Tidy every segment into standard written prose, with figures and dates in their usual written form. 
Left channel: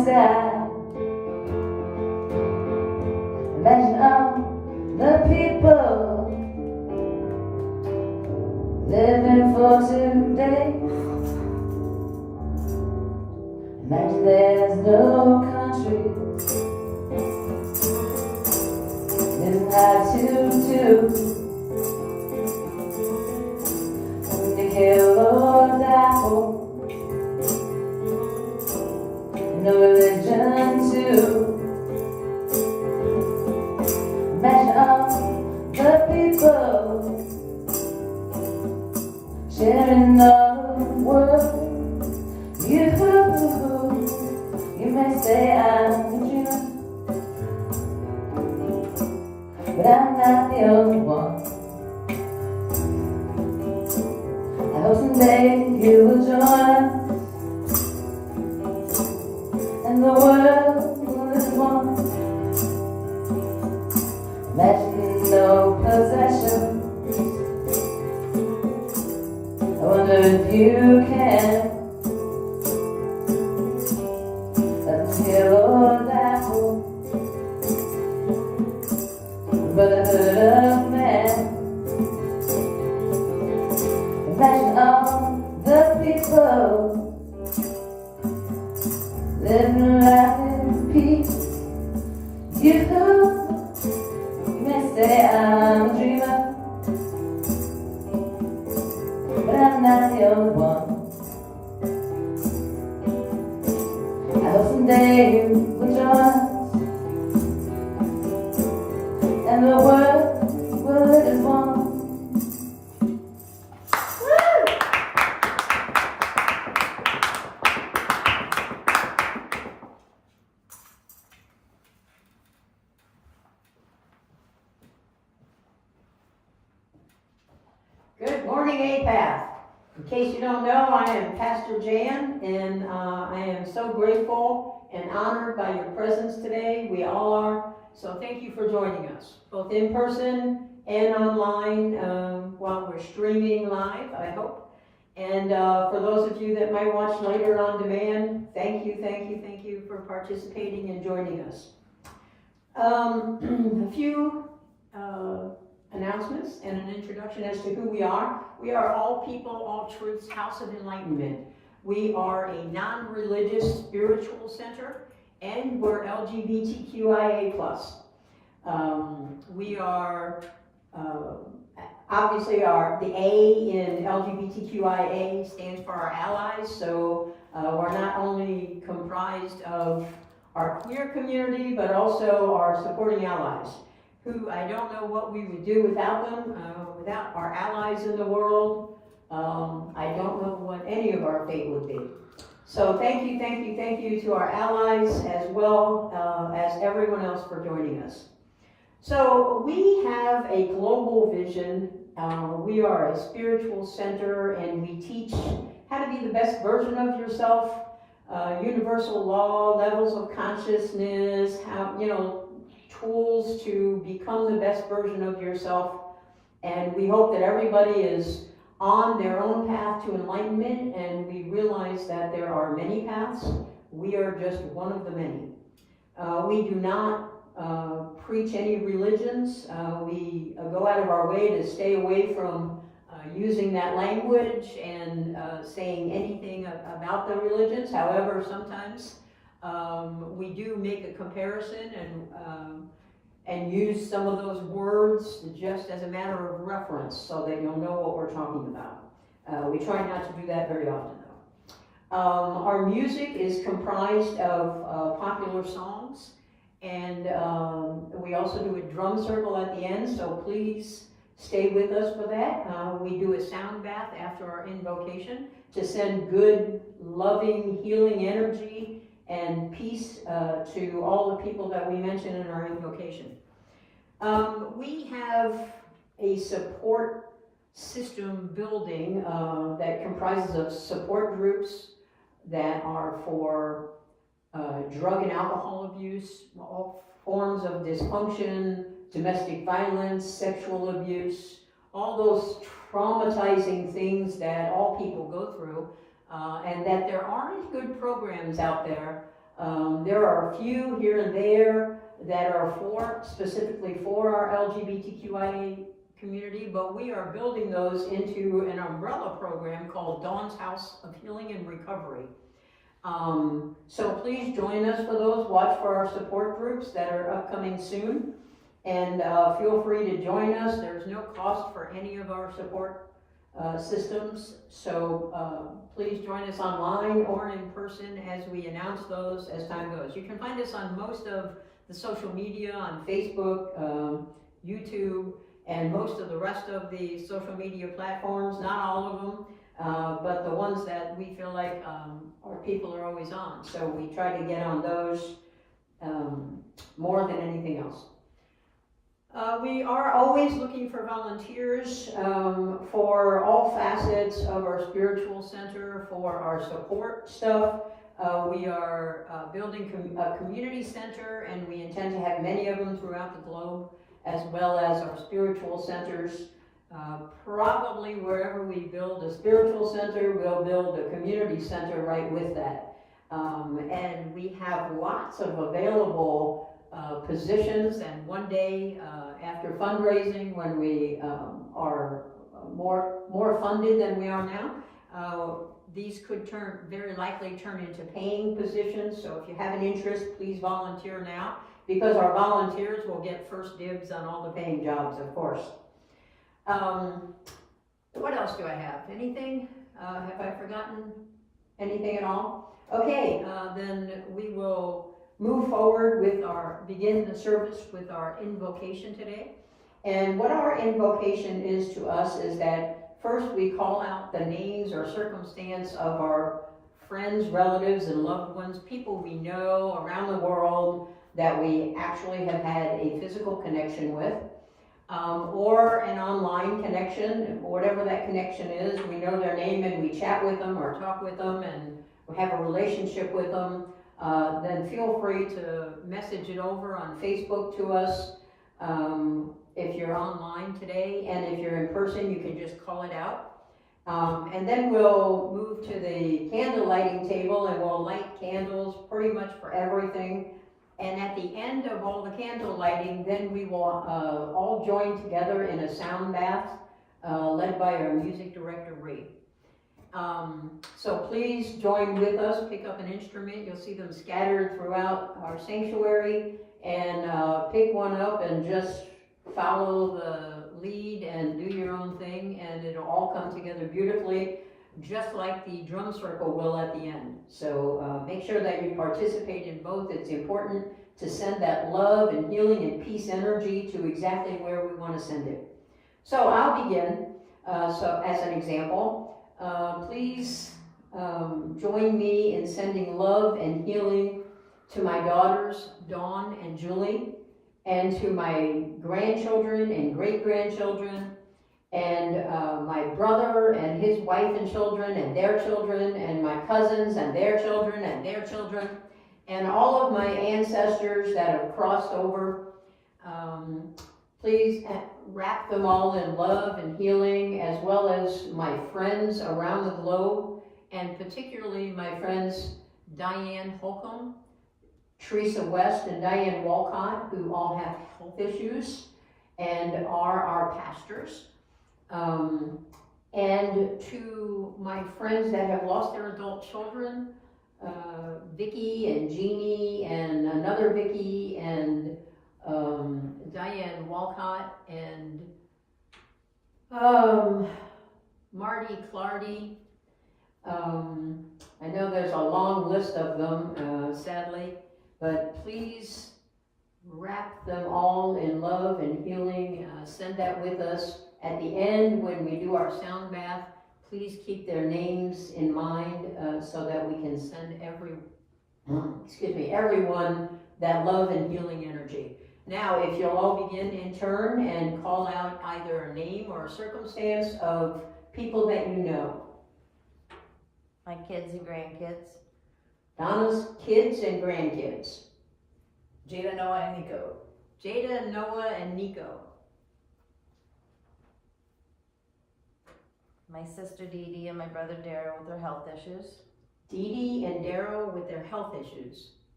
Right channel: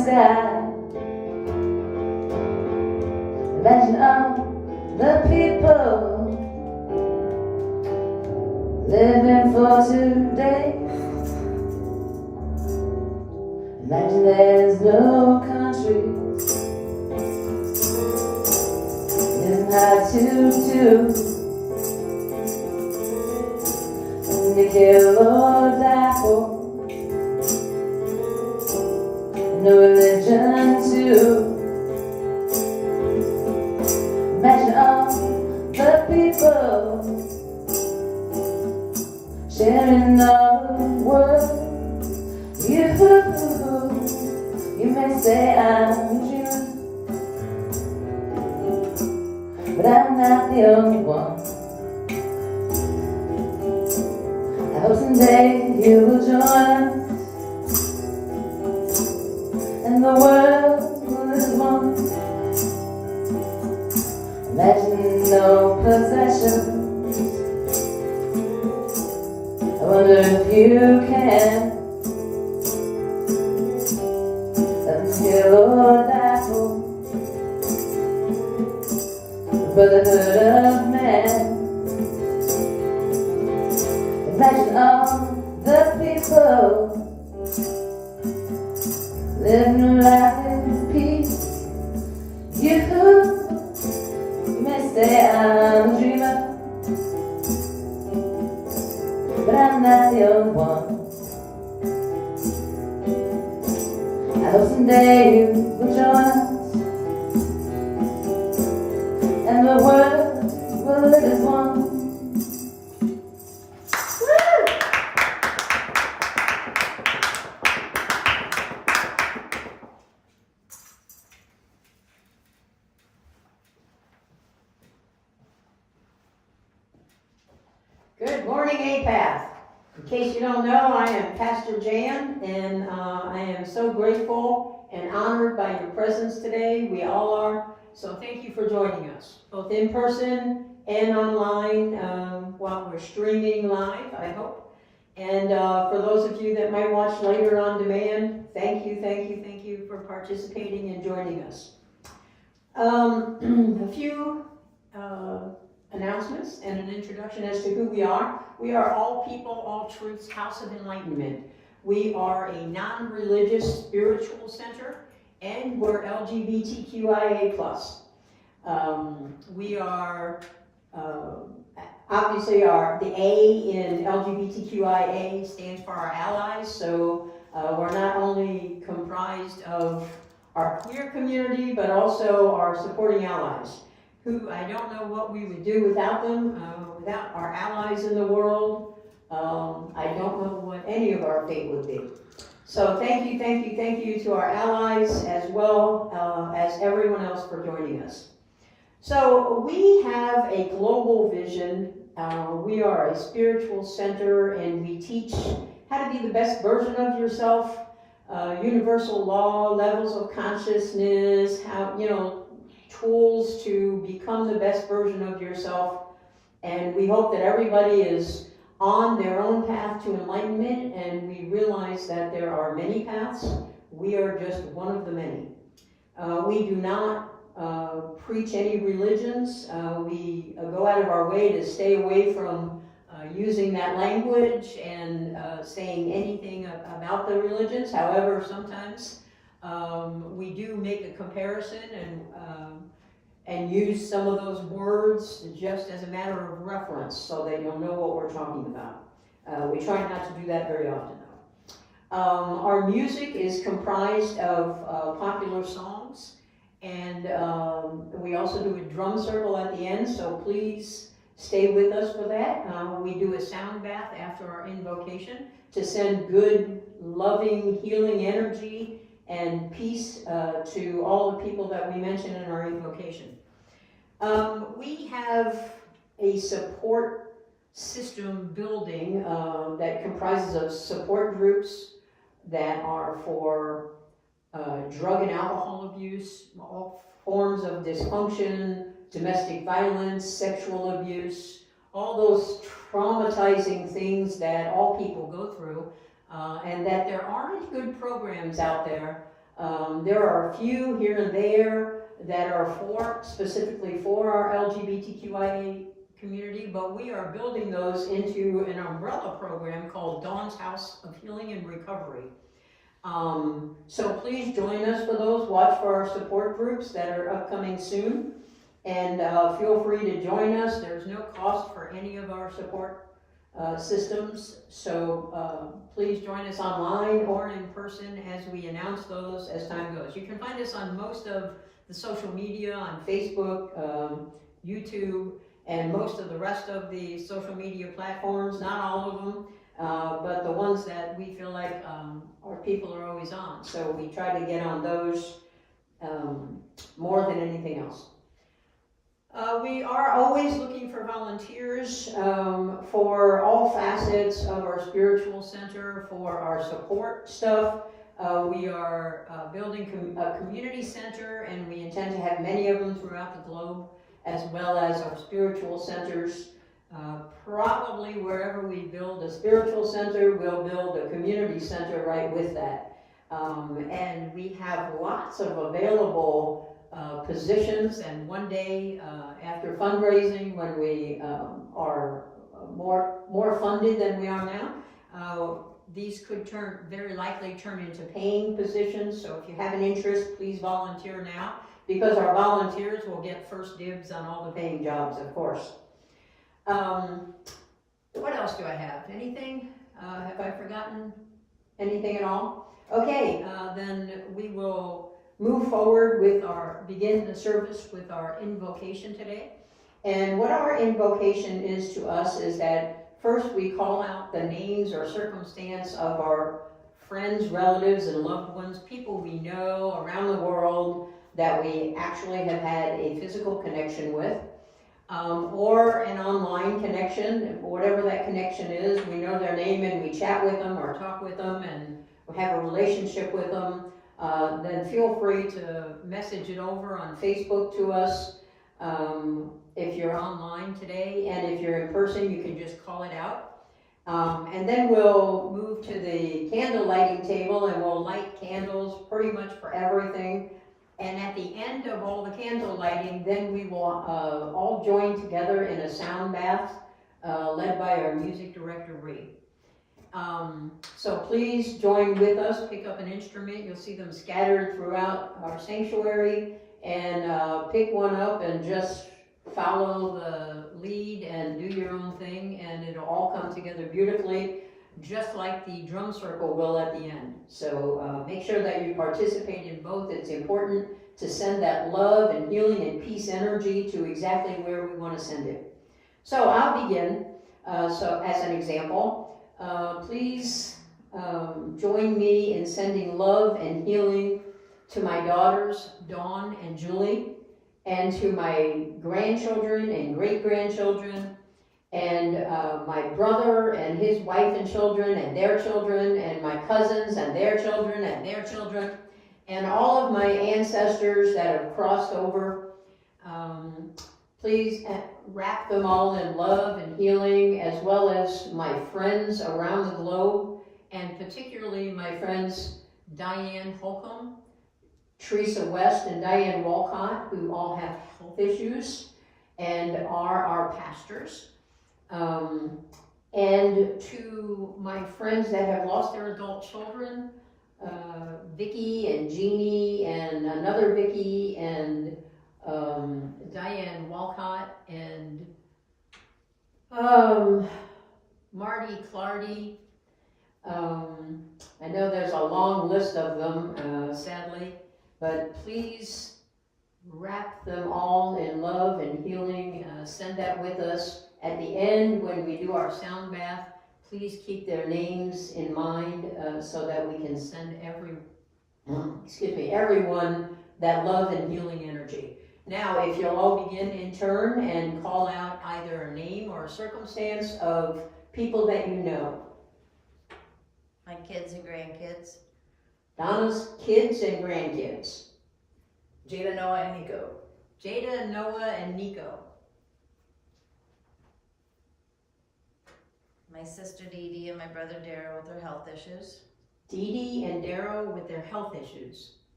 sky. Imagine all the people living for today. Imagine there's no countries. It's not too to kill or die for. No religion too. Imagine all the people sharing all the world. You may say I'm a dreamer, but I'm not the only one. I hope someday you will join us, and the world will live as one. Imagine no possessions. I wonder if you can let them kill or die for the brotherhood of man. Imagine all the people living around in peace. You may say I'm a dreamer, but I'm not the only one. I hope someday you will join us, and the world will live as one. Good morning, Apath. In case you don't know, I am Pastor Jan, and I am so grateful and honored by your presence today. We all are. So thank you for joining us, both in person and online while we're streaming live, I hope. And for those of you that might watch later on demand, thank you for participating and joining us. A few announcements and an introduction as to who we are. We are All People, All Truths House of Enlightenment. We are a non-religious spiritual center, and we're LGBTQIA+. We are obviously the A in LGBTQIA stands for our allies, so we're not only comprised of our queer community, but also our supporting allies, who I don't know what we would do without them, without our allies in the world. I don't know what any of our fate would be. So thank you to our allies as well as everyone else for joining us. So we have a global vision. We are a spiritual center, and we teach how to be the best version of yourself, universal law, levels of consciousness, how, tools to become the best version of yourself. And we hope that everybody is on their own path to enlightenment, and we realize that there are many paths. We are just one of the many. We do not preach any religions. We go out of our way to stay away from using that language and saying anything about the religions. However, sometimes we do make a comparison and use some of those words just as a matter of reference so that you'll know what we're talking about. We try not to do that very often, though. Our music is comprised of popular songs, and we also do a drum circle at the end, so please stay with us for that. We do a sound bath after our invocation to send good, loving, healing energy and peace to all the people that we mention in our invocation. We have a support system building that comprises of support groups that are for drug and alcohol abuse, all forms of dysfunction, domestic violence, sexual abuse, all those traumatizing things that all people go through, and that there aren't good programs out there There are a few here and there that are specifically for our LGBTQIA community, but we are building those into an umbrella program called Dawn's House of Healing and Recovery. So please join us for those. Watch for our support groups that are upcoming soon. And feel free to join us. There's no cost for any of our support systems. So please join us online or in person as we announce those as time goes. You can find us on most of the social media, on Facebook, YouTube, and most of the rest of the social media platforms. Not all of them. But the ones that we feel like our people are always on. So we try to get on those more than anything else. We are always looking for volunteers for all facets of our spiritual center, for our support stuff. We are building a community center, and we intend to have many of them throughout the globe, as well as our spiritual centers. Probably wherever we build a spiritual center, we'll build a community center right with that. And we have lots of available positions, and one day after fundraising, when we are more funded than we are now, these could very likely turn into paying positions. So if you have an interest, please volunteer now, because our volunteers will get first dibs on all the paying jobs, of course. What else do I have? Anything? Have I forgotten anything at all? Okay, then we will move forward with begin the service with our invocation today. And what our invocation is to us is that first we call out the names or circumstance of our friends, relatives, and loved ones, people we know around the world that we actually have had a physical connection with. Or an online connection, whatever that connection is. We know their name and we chat with them or talk with them and we have a relationship with them. Then feel free to message it over on Facebook to us if you're online today, and if you're in person, you can just call it out. And then we'll move to the candle lighting table, and we'll light candles pretty much for everything. And at the end of all the candle lighting, then we will all join together in a sound bath led by our music director, Ree. So please join with us, pick up an instrument. You'll see them scattered throughout our sanctuary, and pick one up and just follow the lead and do your own thing, and it'll all come together beautifully, just like the drum circle will at the end. So make sure that you participate in both. It's important to send that love and healing and peace energy to exactly where we want to send it. So I'll begin. So as an example, please join me in sending love and healing to my daughters, Dawn and Julie, and to my grandchildren and great-grandchildren, and my brother and his wife and children and their children, and my cousins and their children and their children, and all of my ancestors that have crossed over. Please wrap them all in love and healing, as well as my friends around the globe, and particularly my friends Diane Holcomb, Teresa West, and Diane Walcott, who all have health issues and are our pastors. And to my friends that have lost their adult children, Vicki and Jeannie and another Vicki and Diane Walcott and Marty Clardy. I know there's a long list of them, sadly, but please wrap them all in love and healing. Send that with us. At the end, when we do our sound bath, please keep their names in mind so that we can send everyone that love and healing energy. Now, if you'll all begin in turn and call out either a name or a circumstance of people that you know. My kids and grandkids. Donna's kids and grandkids. Jada, Noah, and Nico. Jada, Noah, and Nico. My sister Dee Dee and my brother Darrow with their health issues. Dee Dee and Darrow with their health issues.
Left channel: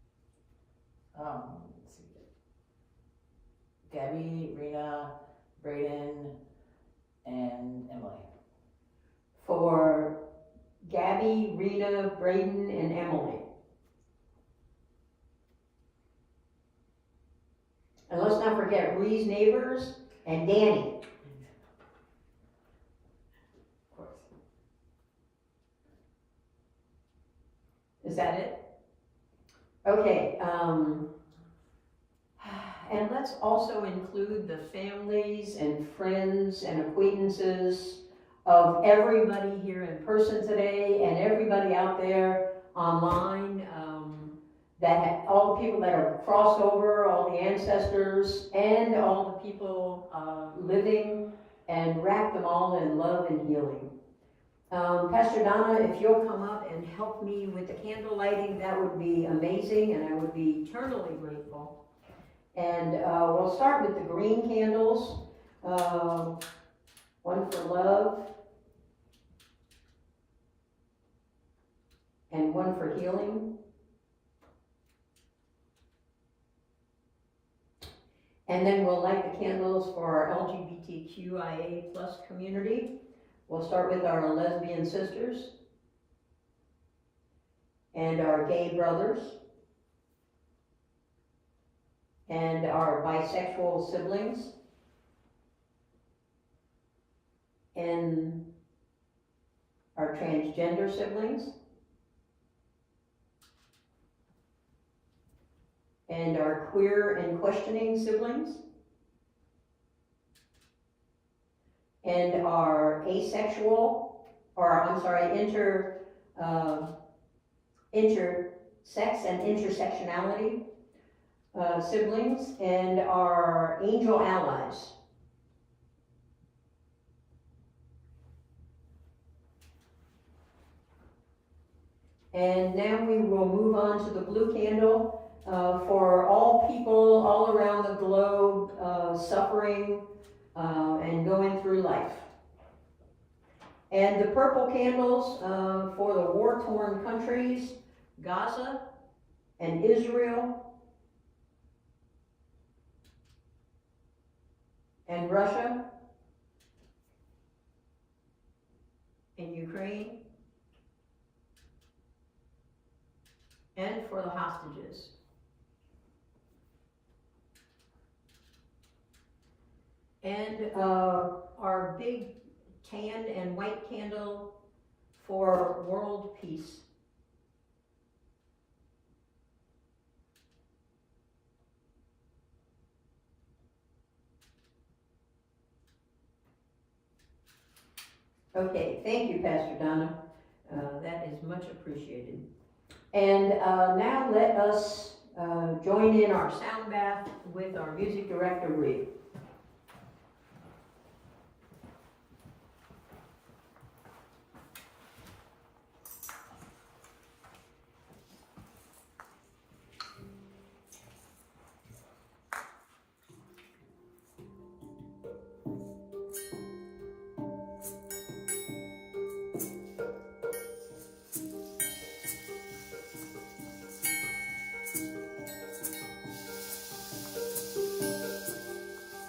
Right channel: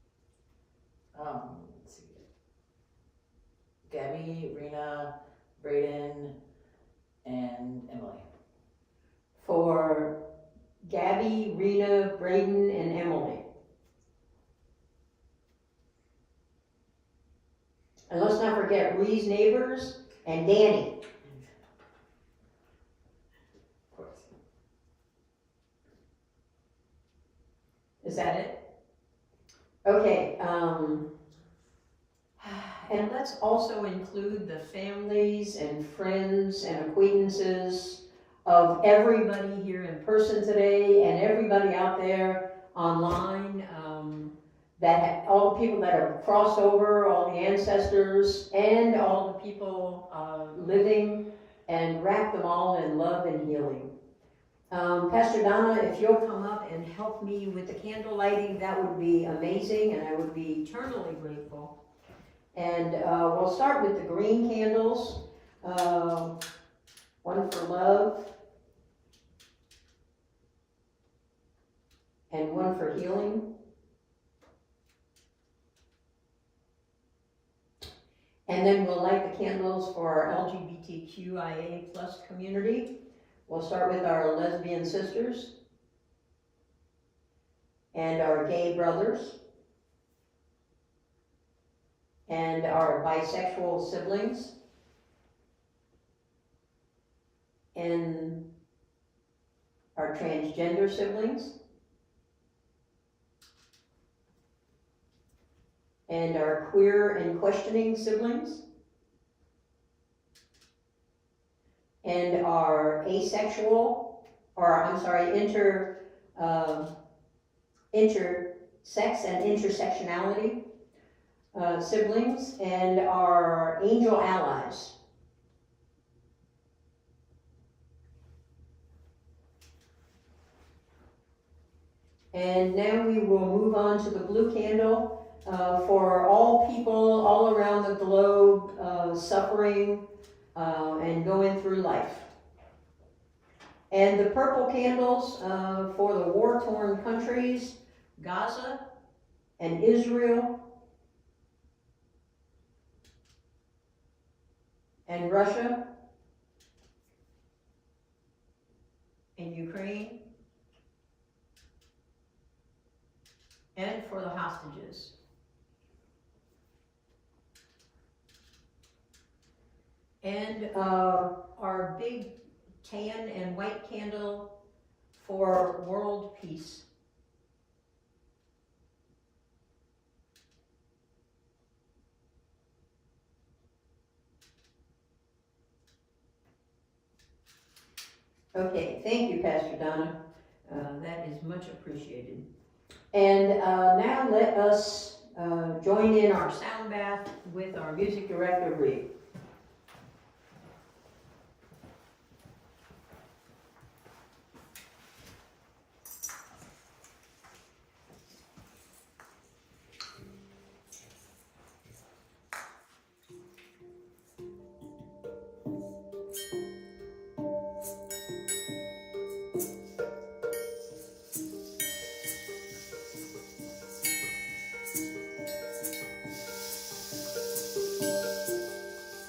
Let's see. Gabby, Rena, Braden, and Emily. For Gabby, Rena, Braden, and Emily. And let's not forget Ree's neighbors and Danny. Of course. Is that it? Okay, and let's also include the families and friends and acquaintances of everybody here in person today and everybody out there online, all the people that have crossed over, all the ancestors, and all the people living, and wrap them all in love and healing. Pastor Donna, if you'll come up and help me with the candle lighting, that would be amazing, and I would be eternally grateful. And we'll start with the green candles, one for love, and one for healing. And then we'll light the candles for our LGBTQIA plus community. We'll start with our lesbian sisters and our gay brothers and our bisexual siblings and our transgender siblings and our queer and questioning siblings and our asexual, or I'm sorry, intersex and intersectionality siblings, and our angel allies. And now we will move on to the blue candle for all people all around the globe suffering and going through life. And the purple candles for the war-torn countries, Gaza and Israel and Russia and Ukraine, and for the hostages. And our big tan and white candle for world peace. Okay, thank you, Pastor Donna. That is much appreciated. And now let us join in our sound bath with our music director, Ree.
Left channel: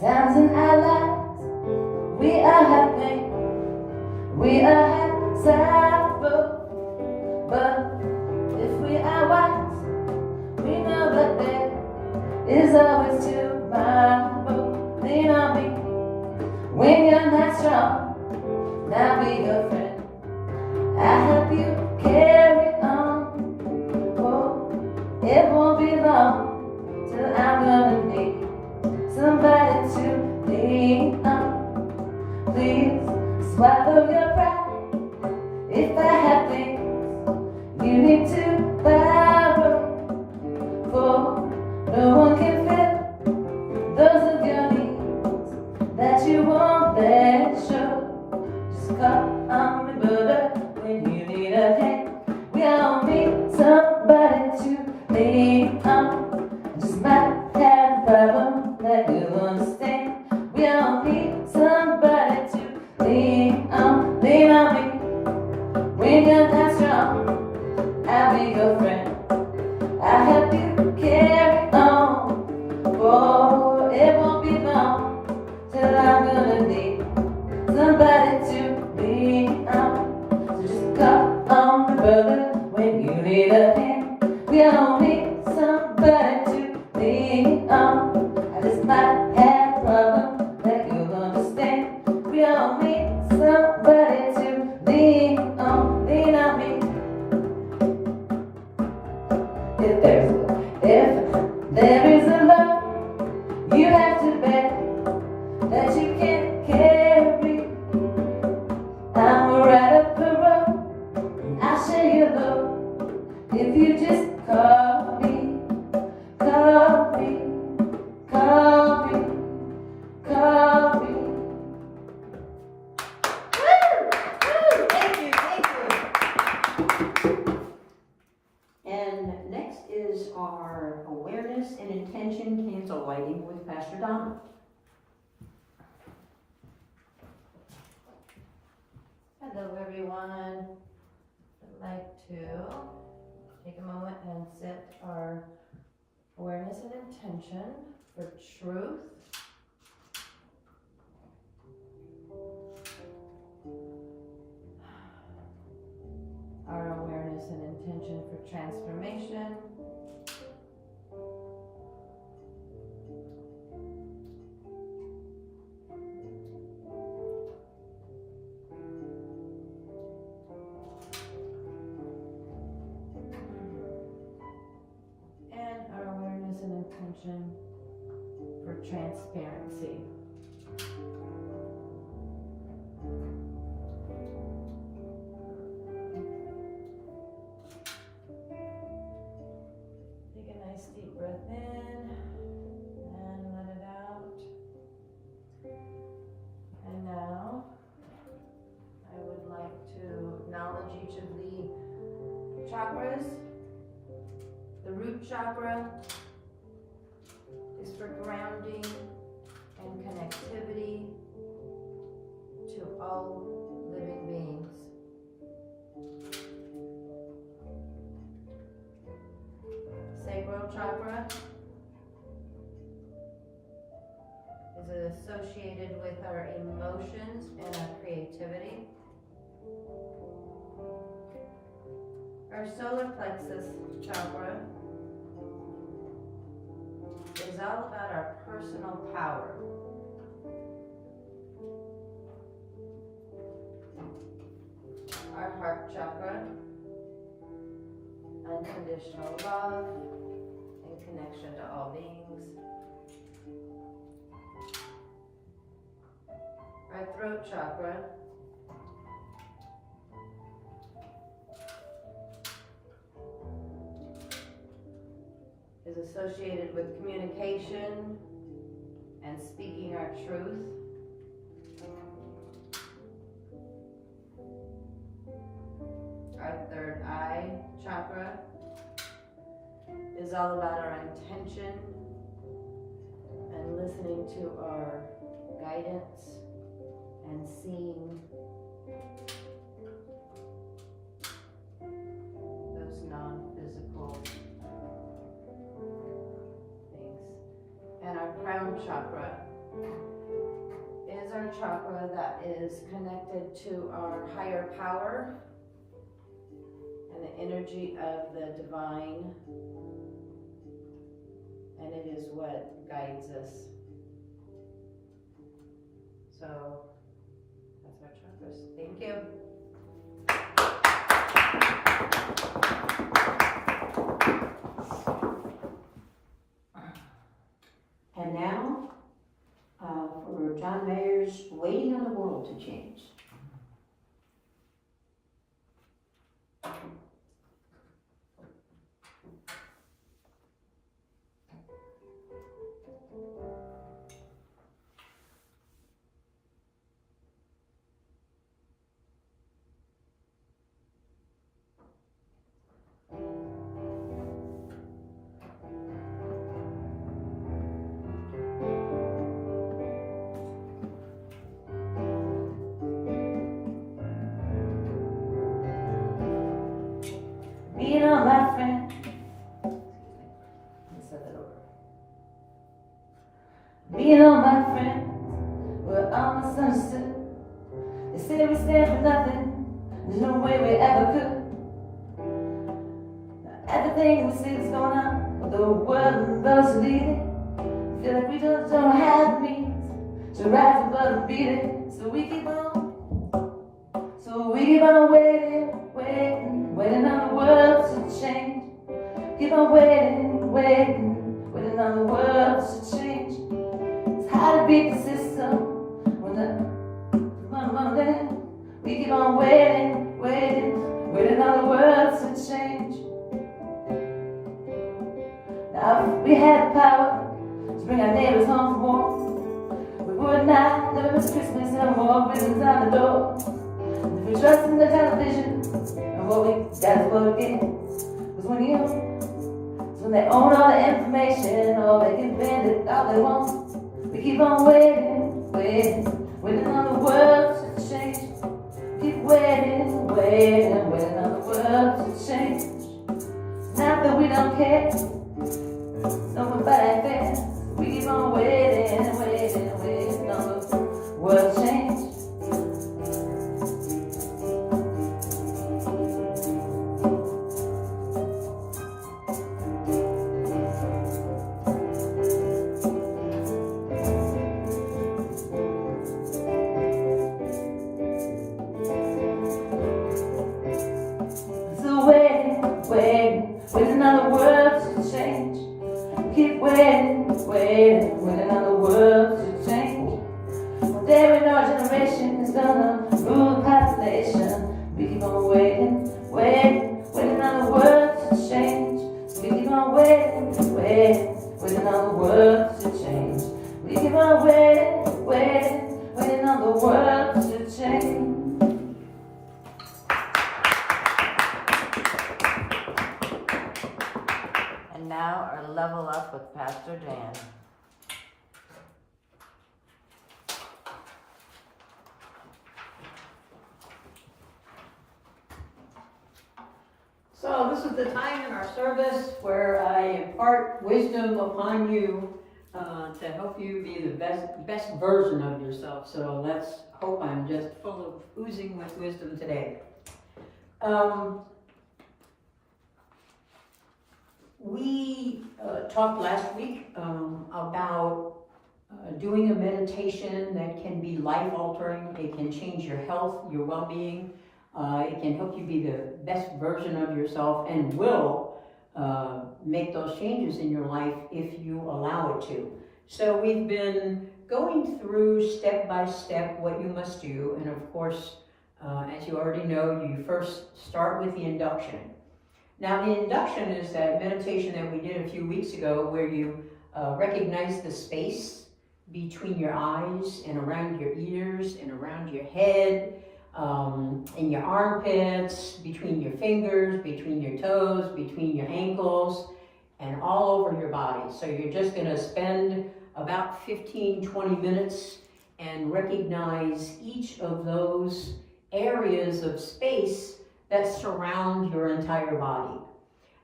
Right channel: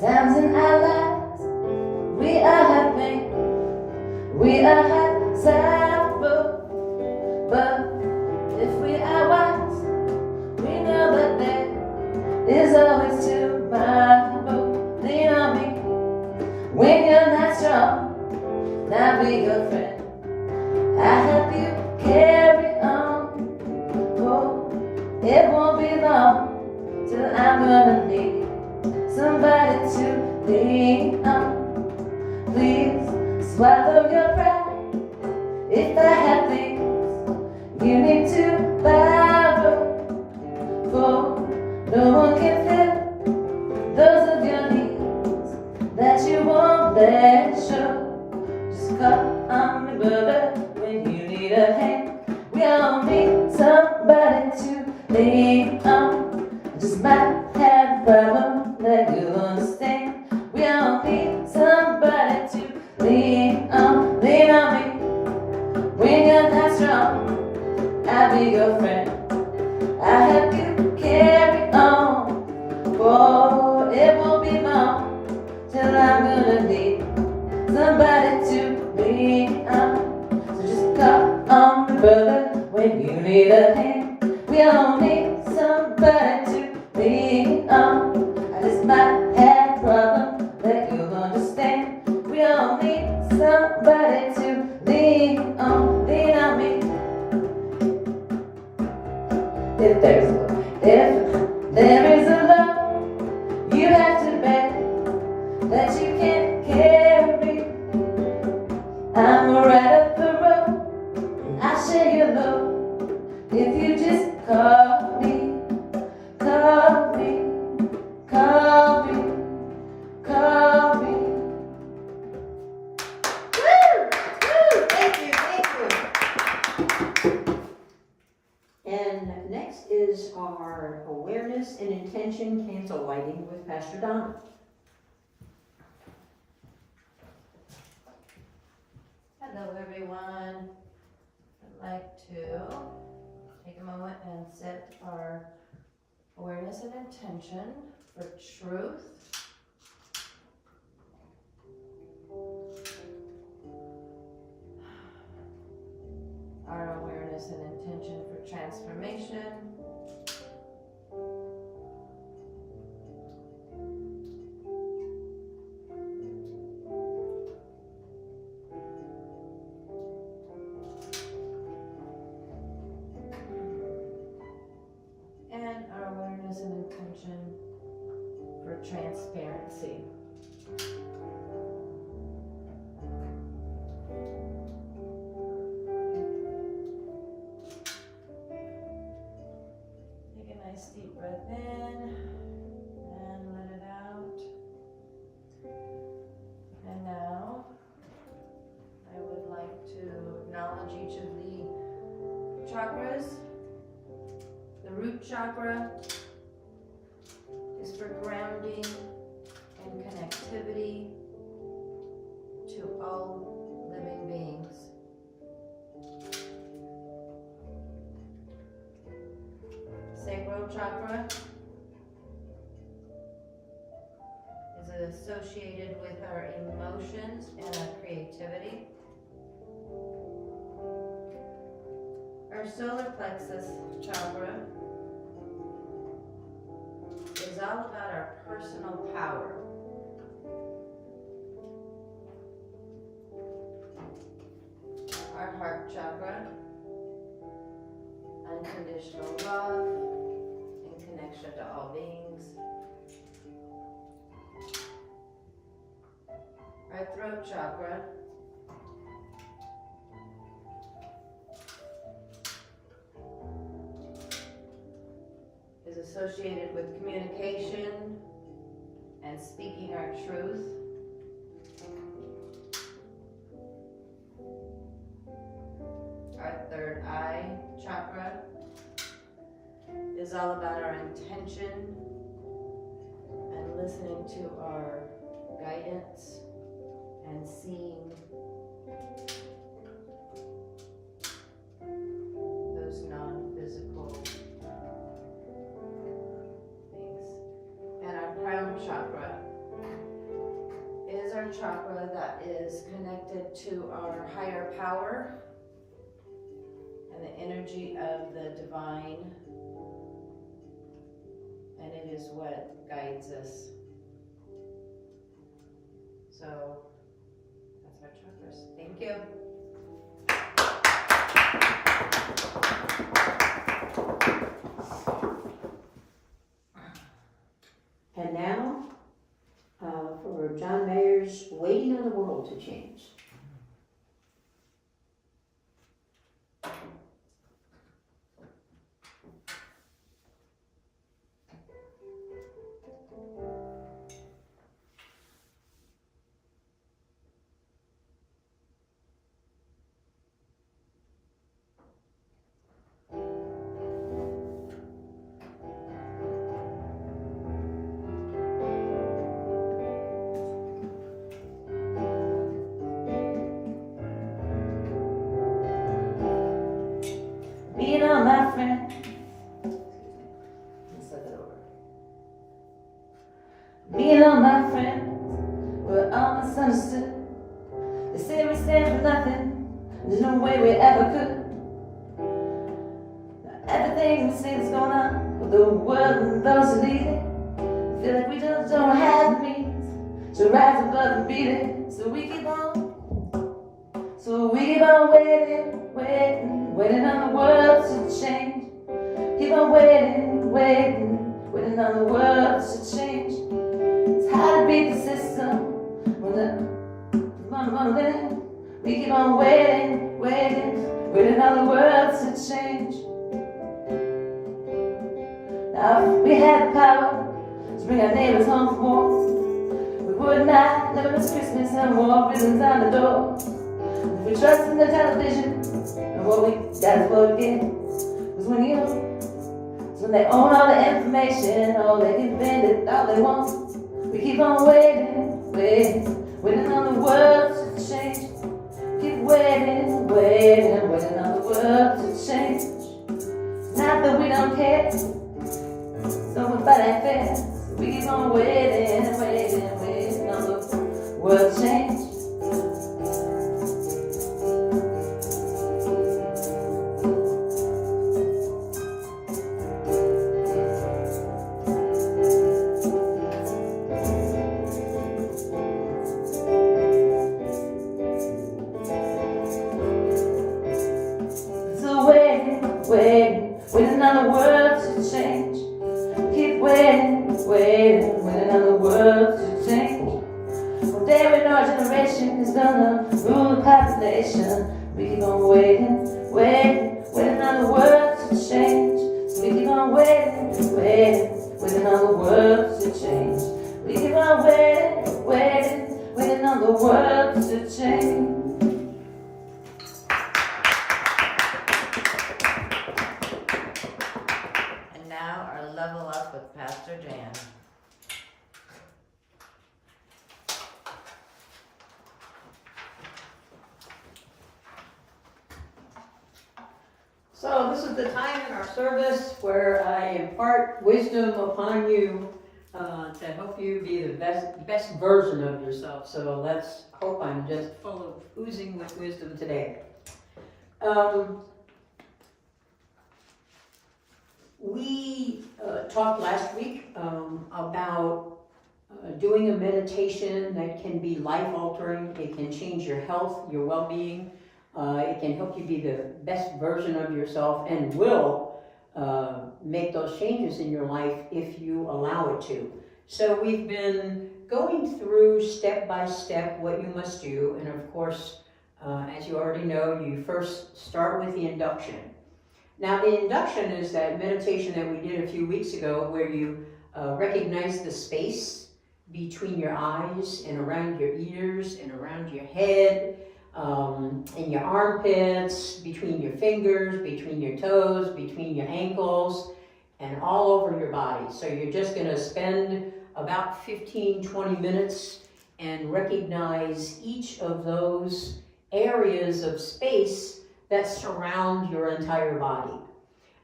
Times in our lives, we are having, we are having sorrow. But if we are wise, we know that there is always tomorrow. Lean on me when you're not strong. I'll be your friend. I'll help you carry on. Oh, it won't be long till I'm gonna need somebody to lean on. Please swallow your pride. If I have things you need to borrow, for no one can fill those of your needs that you won't let show. Just call on me, brother, when you need a hand. We all need somebody to lean on. Just might have a problem that you'll understand. We all need somebody to lean on. Lean on me when you're not strong. I'll be your friend. I'll help you carry on. Oh, it won't be long till I'm gonna need somebody to lean on. So just call on me, brother, when you need a hand. We all need somebody to lean on. I just might have a problem that you'll understand. We all need somebody to lean on. Lean on me. If there is a love you have to bear that you can't carry, I'm right up the road and I'll share your load. If you just call me, call me, call me, call me. Thank you, thank you. And next is our awareness and intention candle lighting with Pastor Donna. Hello, everyone. I'd like to take a moment and set our awareness and intention for truth. Our awareness and intention for transformation. And our awareness and intention for transparency. Take a nice deep breath in and let it out. And now I would like to acknowledge each of the chakras. The root chakra is for grounding and connectivity to all living beings. Sacral chakra is associated with our emotions and our creativity. Our solar plexus chakra is all about our personal power. Our heart chakra, unconditional love and connection to all beings. Our throat chakra is associated with communication and speaking our truth. Our third eye chakra is all about our intention and listening to our guidance and seeing those non-physical things. And our crown chakra is our chakra that is connected to our higher power and the energy of the divine. And it is what guides us. So that's our chakras. Thank you. And now, for John Mayer's Waiting on the World to Change. Being on my friend. Let's start that over. Being on my friends, we're all misunderstood. They say we stand for nothing. There's no way we ever could. Everything we see is going on with the world and those who lead it. Feel like we just don't have the means to rise above and beat it. So we keep on waiting on the world to change. Keep on waiting on the world to change. It's hard to beat the system when the we keep on waiting on the world to change. Now if we had the power to bring our neighbors home from war, we would not never miss Christmas and more ribbons on the door. If we trust in the television, and what we got is what we get. Cause when they own all the information, all they can bend it all they want. We keep on waiting on the world to change. Keep waiting on the world to change. It's not that we don't care, nobody fair. We keep on waiting on the world to change. Waiting on the world to change. Keep waiting on the world to change. One day when our generation is gonna rule the population, we keep on waiting on the world to change. So we keep on waiting on the world to change. We keep on waiting on the world to change. Now our level up with Pastor Jan. So this is the time in our service where I impart wisdom upon you to help you be the best version of yourself. So let's hope I'm just full of oozing with wisdom today. We talked last week about doing a meditation that can be life-altering. It can change your health, your well-being. It can help you be the best version of yourself and will make those changes in your life if you allow it to. So we've been going through step by step what you must do. And of course, as you already know, you first start with the induction. Now, the induction is that meditation that we did a few weeks ago where you recognize the space between your eyes and around your ears and around your head, in your armpits, between your fingers, between your toes, between your ankles, and all over your body. So you're just going to spend about 15-20 minutes and recognize each of those areas of space that surround your entire body.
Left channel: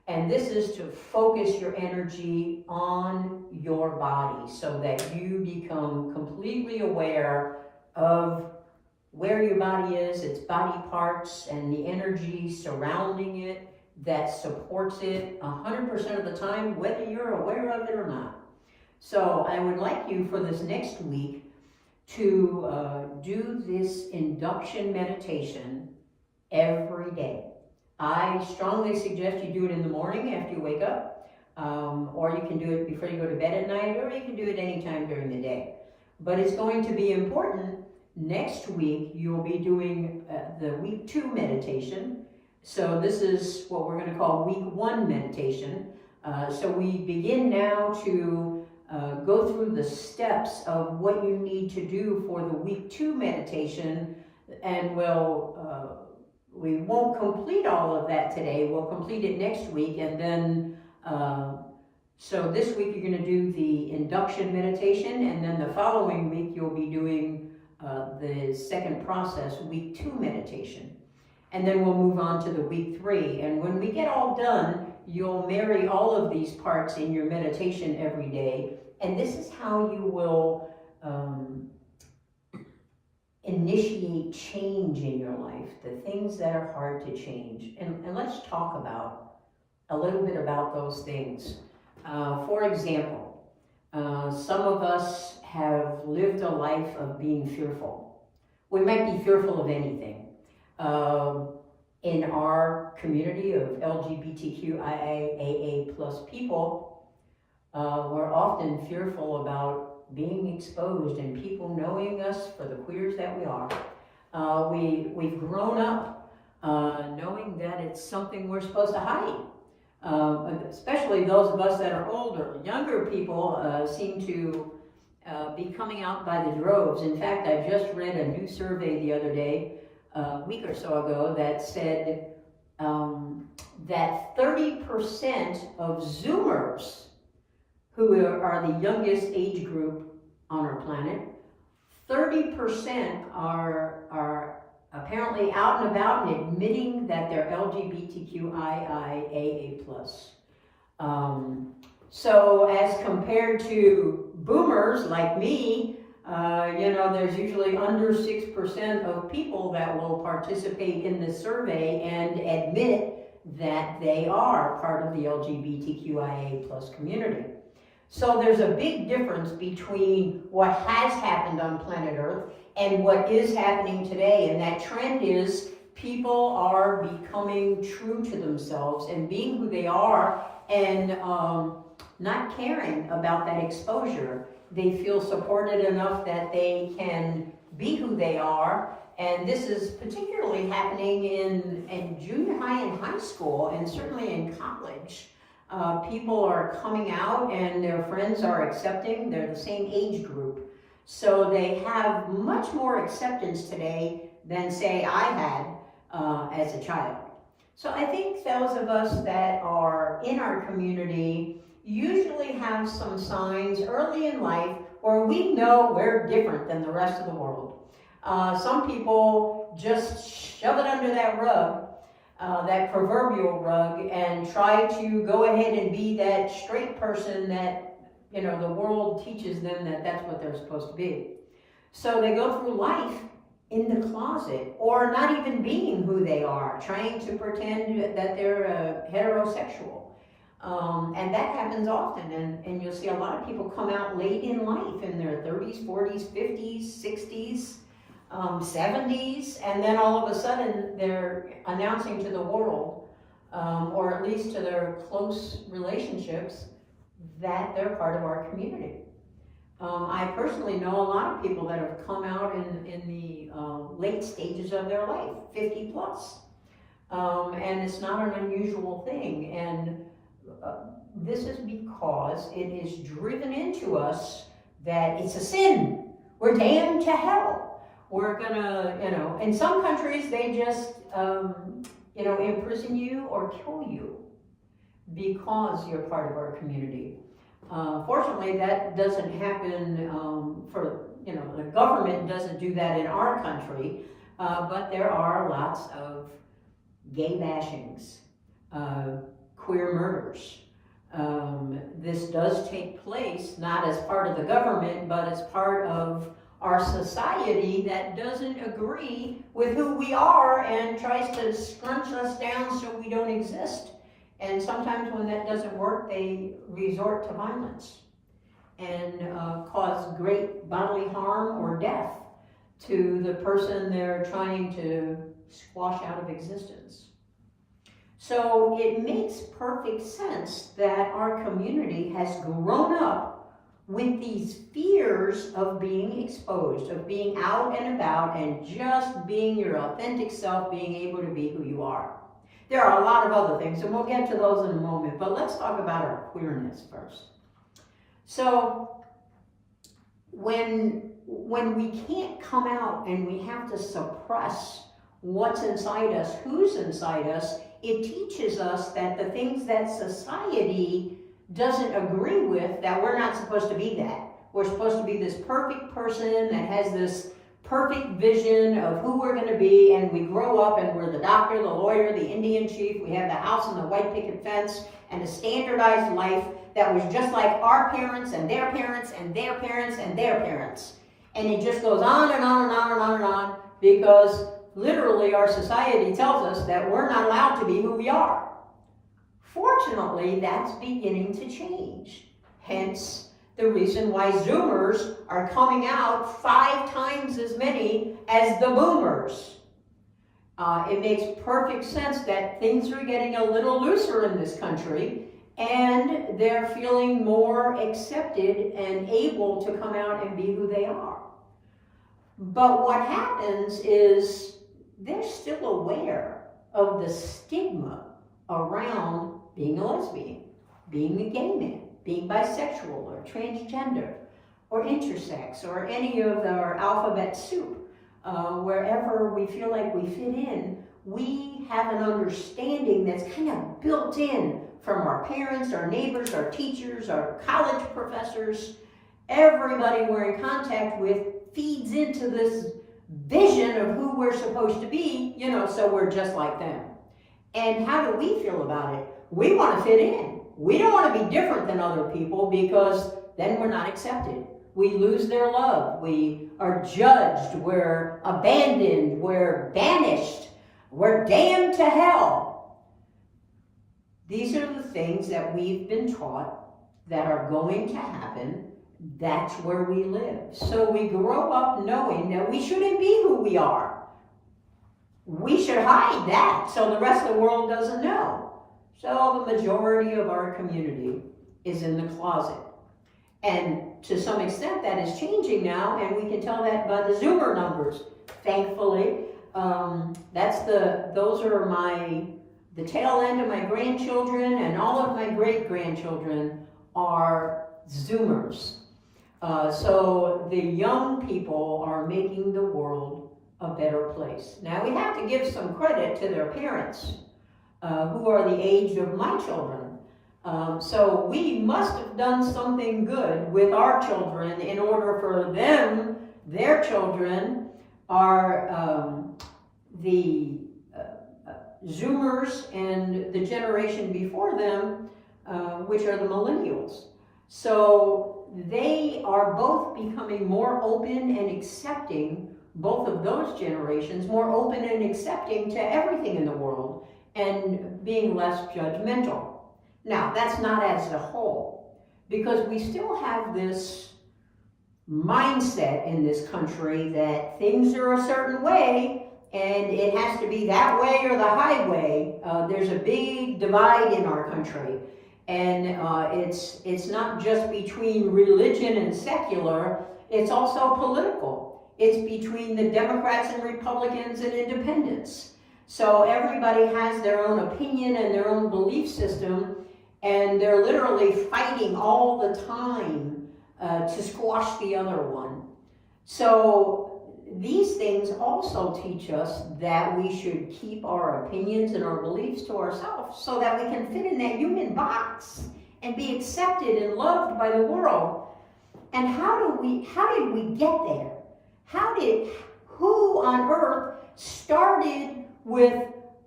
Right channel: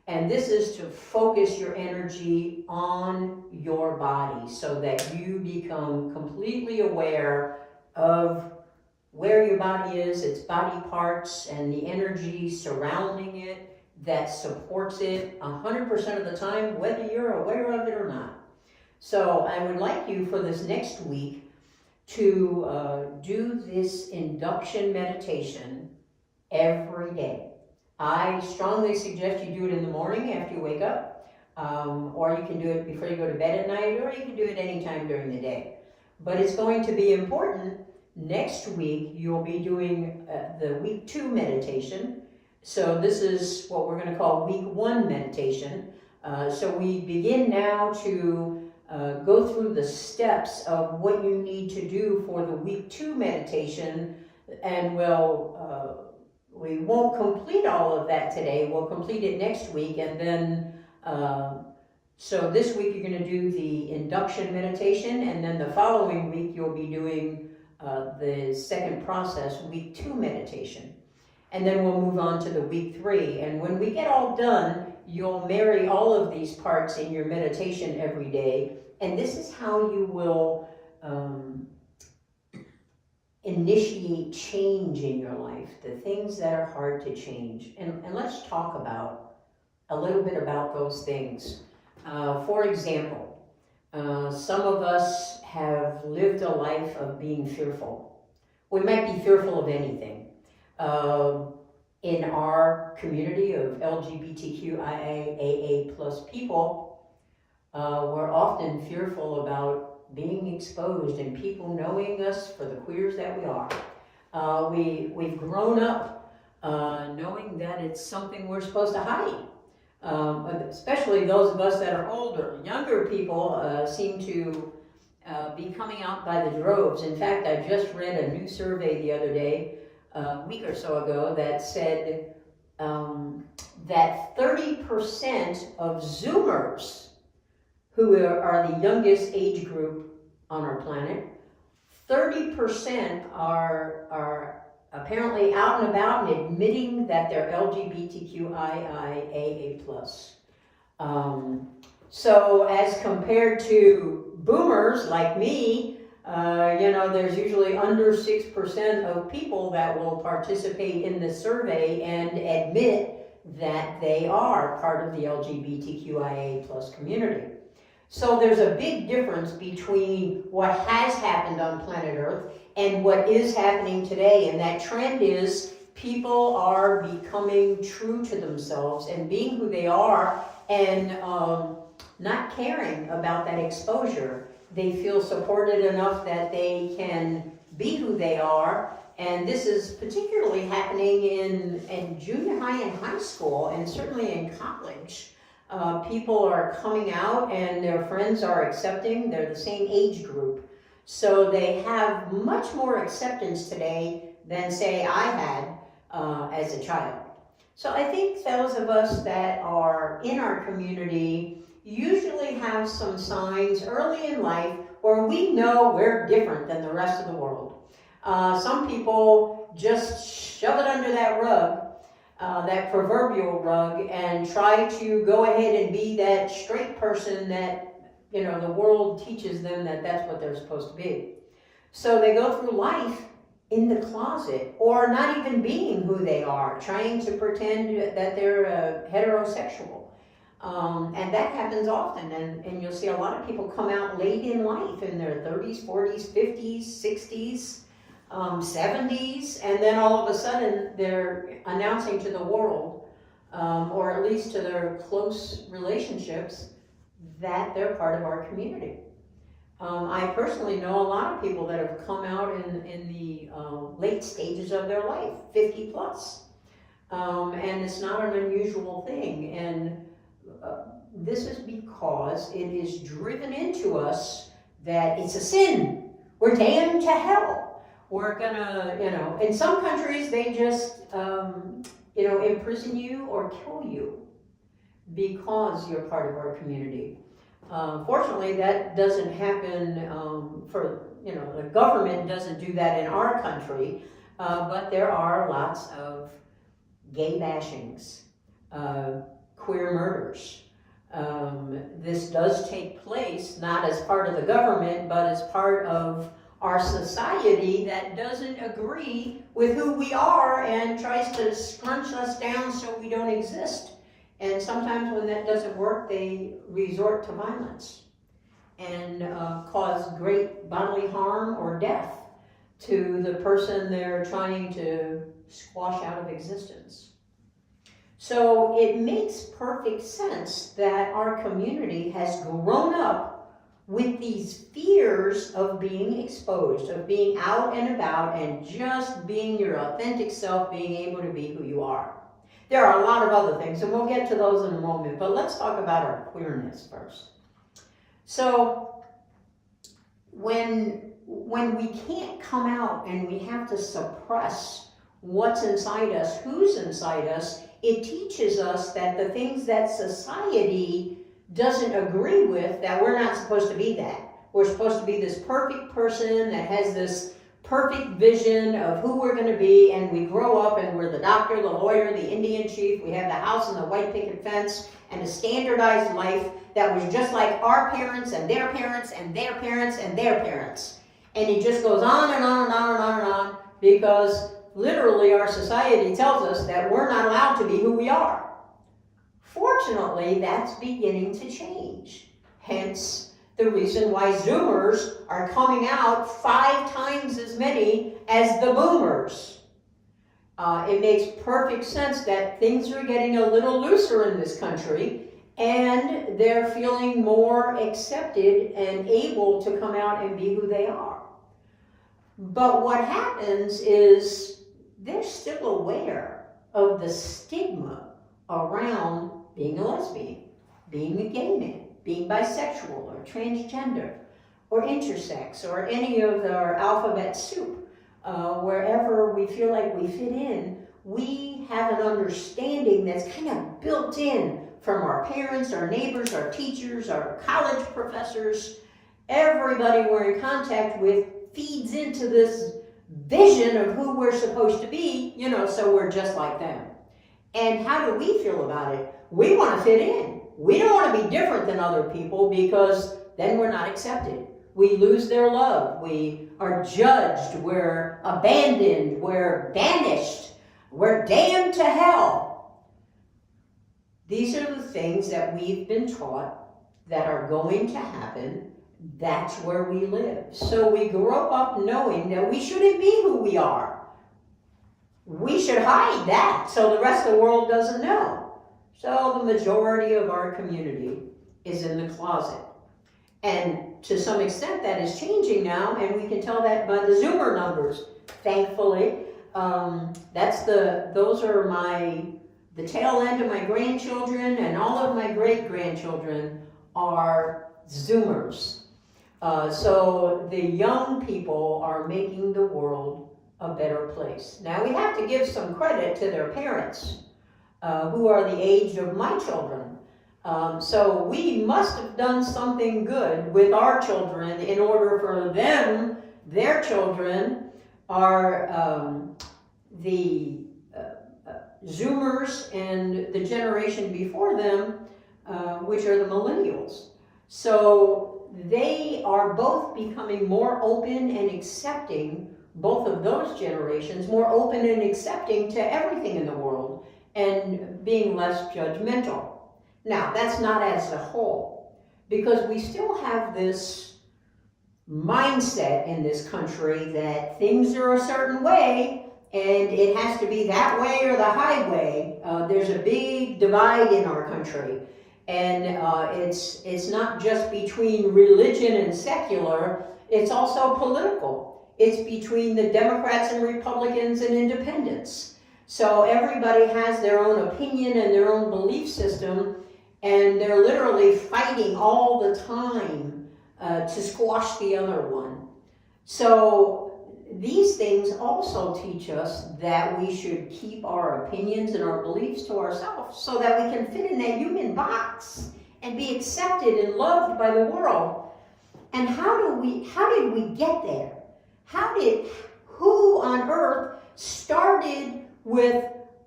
And this is to focus your energy on your body so that you become completely aware of where your body is, its body parts, and the energy surrounding it that supports it 100% of the time, whether you're aware of it or not. So I would like you for this next week to do this induction meditation every day. I strongly suggest you do it in the morning after you wake up, or you can do it before you go to bed at night, or you can do it anytime during the day. But it's going to be important. Next week, you'll be doing the week 2 meditation. So this is what we're going to call week 1 meditation. So we begin now to go through the steps of what you need to do for the week 2 meditation, and we won't complete all of that today. We'll complete it next week, and then so this week you're going to do the induction meditation, and then the following week you'll be doing the second process, week 2 meditation. And then we'll move on to the week 3. And when we get all done, you'll marry all of these parts in your meditation every day. And this is how you will initiate change in your life, the things that are hard to change. And let's talk about a little bit about those things. For example, some of us have lived a life of being fearful. We might be fearful of anything. In our community of LGBTQIA plus people, we're often fearful about being exposed and people knowing us for the queers that we are. We've grown up knowing that it's something we're supposed to hide. Especially those of us that are older. Younger people seem to be coming out by the droves. In fact, I just read a new survey the other day, a week or so ago, that said that 30% of Zoomers, who are the youngest age group on our planet, 30% are apparently out and about and admitting that they're LGBTQIA+. So as compared to boomers like me, there's usually under 6% of people that will participate in the survey and admit that they are part of the LGBTQIA+ community. So there's a big difference between what has happened on planet Earth and what is happening today, and that trend is people are becoming true to themselves and being who they are, and not caring about that exposure. They feel supported enough that they can be who they are, and this is particularly happening in junior high and high school, and certainly in college. People are coming out and their friends are accepting. They're the same age group. So they have much more acceptance today than, say, I had as a child. So I think those of us that are in our community usually have some signs early in life where we know we're different than the rest of the world. Some people just shove it under that rug, that proverbial rug, and try to go ahead and be that straight person that, the world teaches them that that's what they're supposed to be. So they go through life in the closet, or not even being who they are, trying to pretend that they're heterosexual. And that happens often, and you'll see a lot of people come out late in life, in their 30s, 40s, 50s, 60s, 70s, and then all of a sudden they're announcing to the world, or at least to their close relationships, that they're part of our community. I personally know a lot of people that have come out in the late stages of their life, 50 plus. And it's not an unusual thing. And this is because it is driven into us that it's a sin. We're damned to hell. We're gonna, in some countries they just, imprison you or kill you because you're part of our community. Fortunately, that doesn't happen the government doesn't do that in our country, but there are lots of gay bashings, queer murders. This does take place not as part of the government, but as part of our society that doesn't agree with who we are and tries to scrunch us down so we don't exist. And sometimes when that doesn't work, they resort to violence and cause great bodily harm or death to the person they're trying to squash out of existence. So it makes perfect sense that our community has grown up with these fears of being exposed, of being out and about and just being your authentic self, being able to be who you are. There are a lot of other things, and we'll get to those in a moment, but let's talk about our queerness first. So when we can't come out and we have to suppress what's inside us, who's inside us, it teaches us that the things that society doesn't agree with, that we're not supposed to be that. We're supposed to be this perfect person that has this perfect vision of who we're going to be, and we grow up and we're the doctor, the lawyer, the Indian chief, we have the house and the white picket fence, and a standardized life that was just like our parents and their parents and their parents and their parents. And it just goes on and on and on and on and on, because literally our society tells us that we're not allowed to be who we are. Fortunately, that's beginning to change. Hence, the reason why Zoomers are coming out 5 times as many as the Boomers. It makes perfect sense that things are getting a little looser in this country, and they're feeling more accepted and able to come out and be who they are. But what happens is they're still aware of the stigma around being a lesbian, being a gay man, being bisexual or transgender or intersex or any of our alphabet soup. Wherever we feel like we fit in, we have an understanding that's kind of built in from our parents, our neighbors, our teachers, our college professors. Everybody we're in contact with feeds into this vision of who we're supposed to be, so we're just like them. And how do we feel about it? We want to fit in. We don't want to be different than other people, because then we're not accepted. We lose their love. We are judged. We're abandoned. We're banished. We're damned to hell. These are the things that we've been taught that are going to happen. That's where we live. So we grow up knowing that we shouldn't be who we are. We should hide that so the rest of the world doesn't know. So the majority of our community is in the closet. And to some extent that is changing now, and we can tell that by the Zoomer numbers, thankfully. Those are the tail end of my grandchildren, and all of my great-grandchildren are Zoomers. So the young people are making the world a better place. Now we have to give some credit to their parents, who are the age of my children. So we must have done something good with our children in order for them, their children, are the Zoomers and the generation before them, which are the millennials. So they are both becoming more open and accepting, both of those generations, more open and accepting to everything in the world and being less judgmental. Now, that's not as a whole, because we still have this mindset in this country that things are a certain way and it has to be that way or the highway. There's a big divide in our country. And it's not just between religion and secular, it's also political. It's between the Democrats and Republicans and independents. So everybody has their own opinion and their own belief system, and they're literally fighting all the time to squash the other one. So these things also teach us that we should keep our opinions and our beliefs to ourselves so that we can fit in that human box and be accepted and loved by the world. And how did we get there? Who on earth started with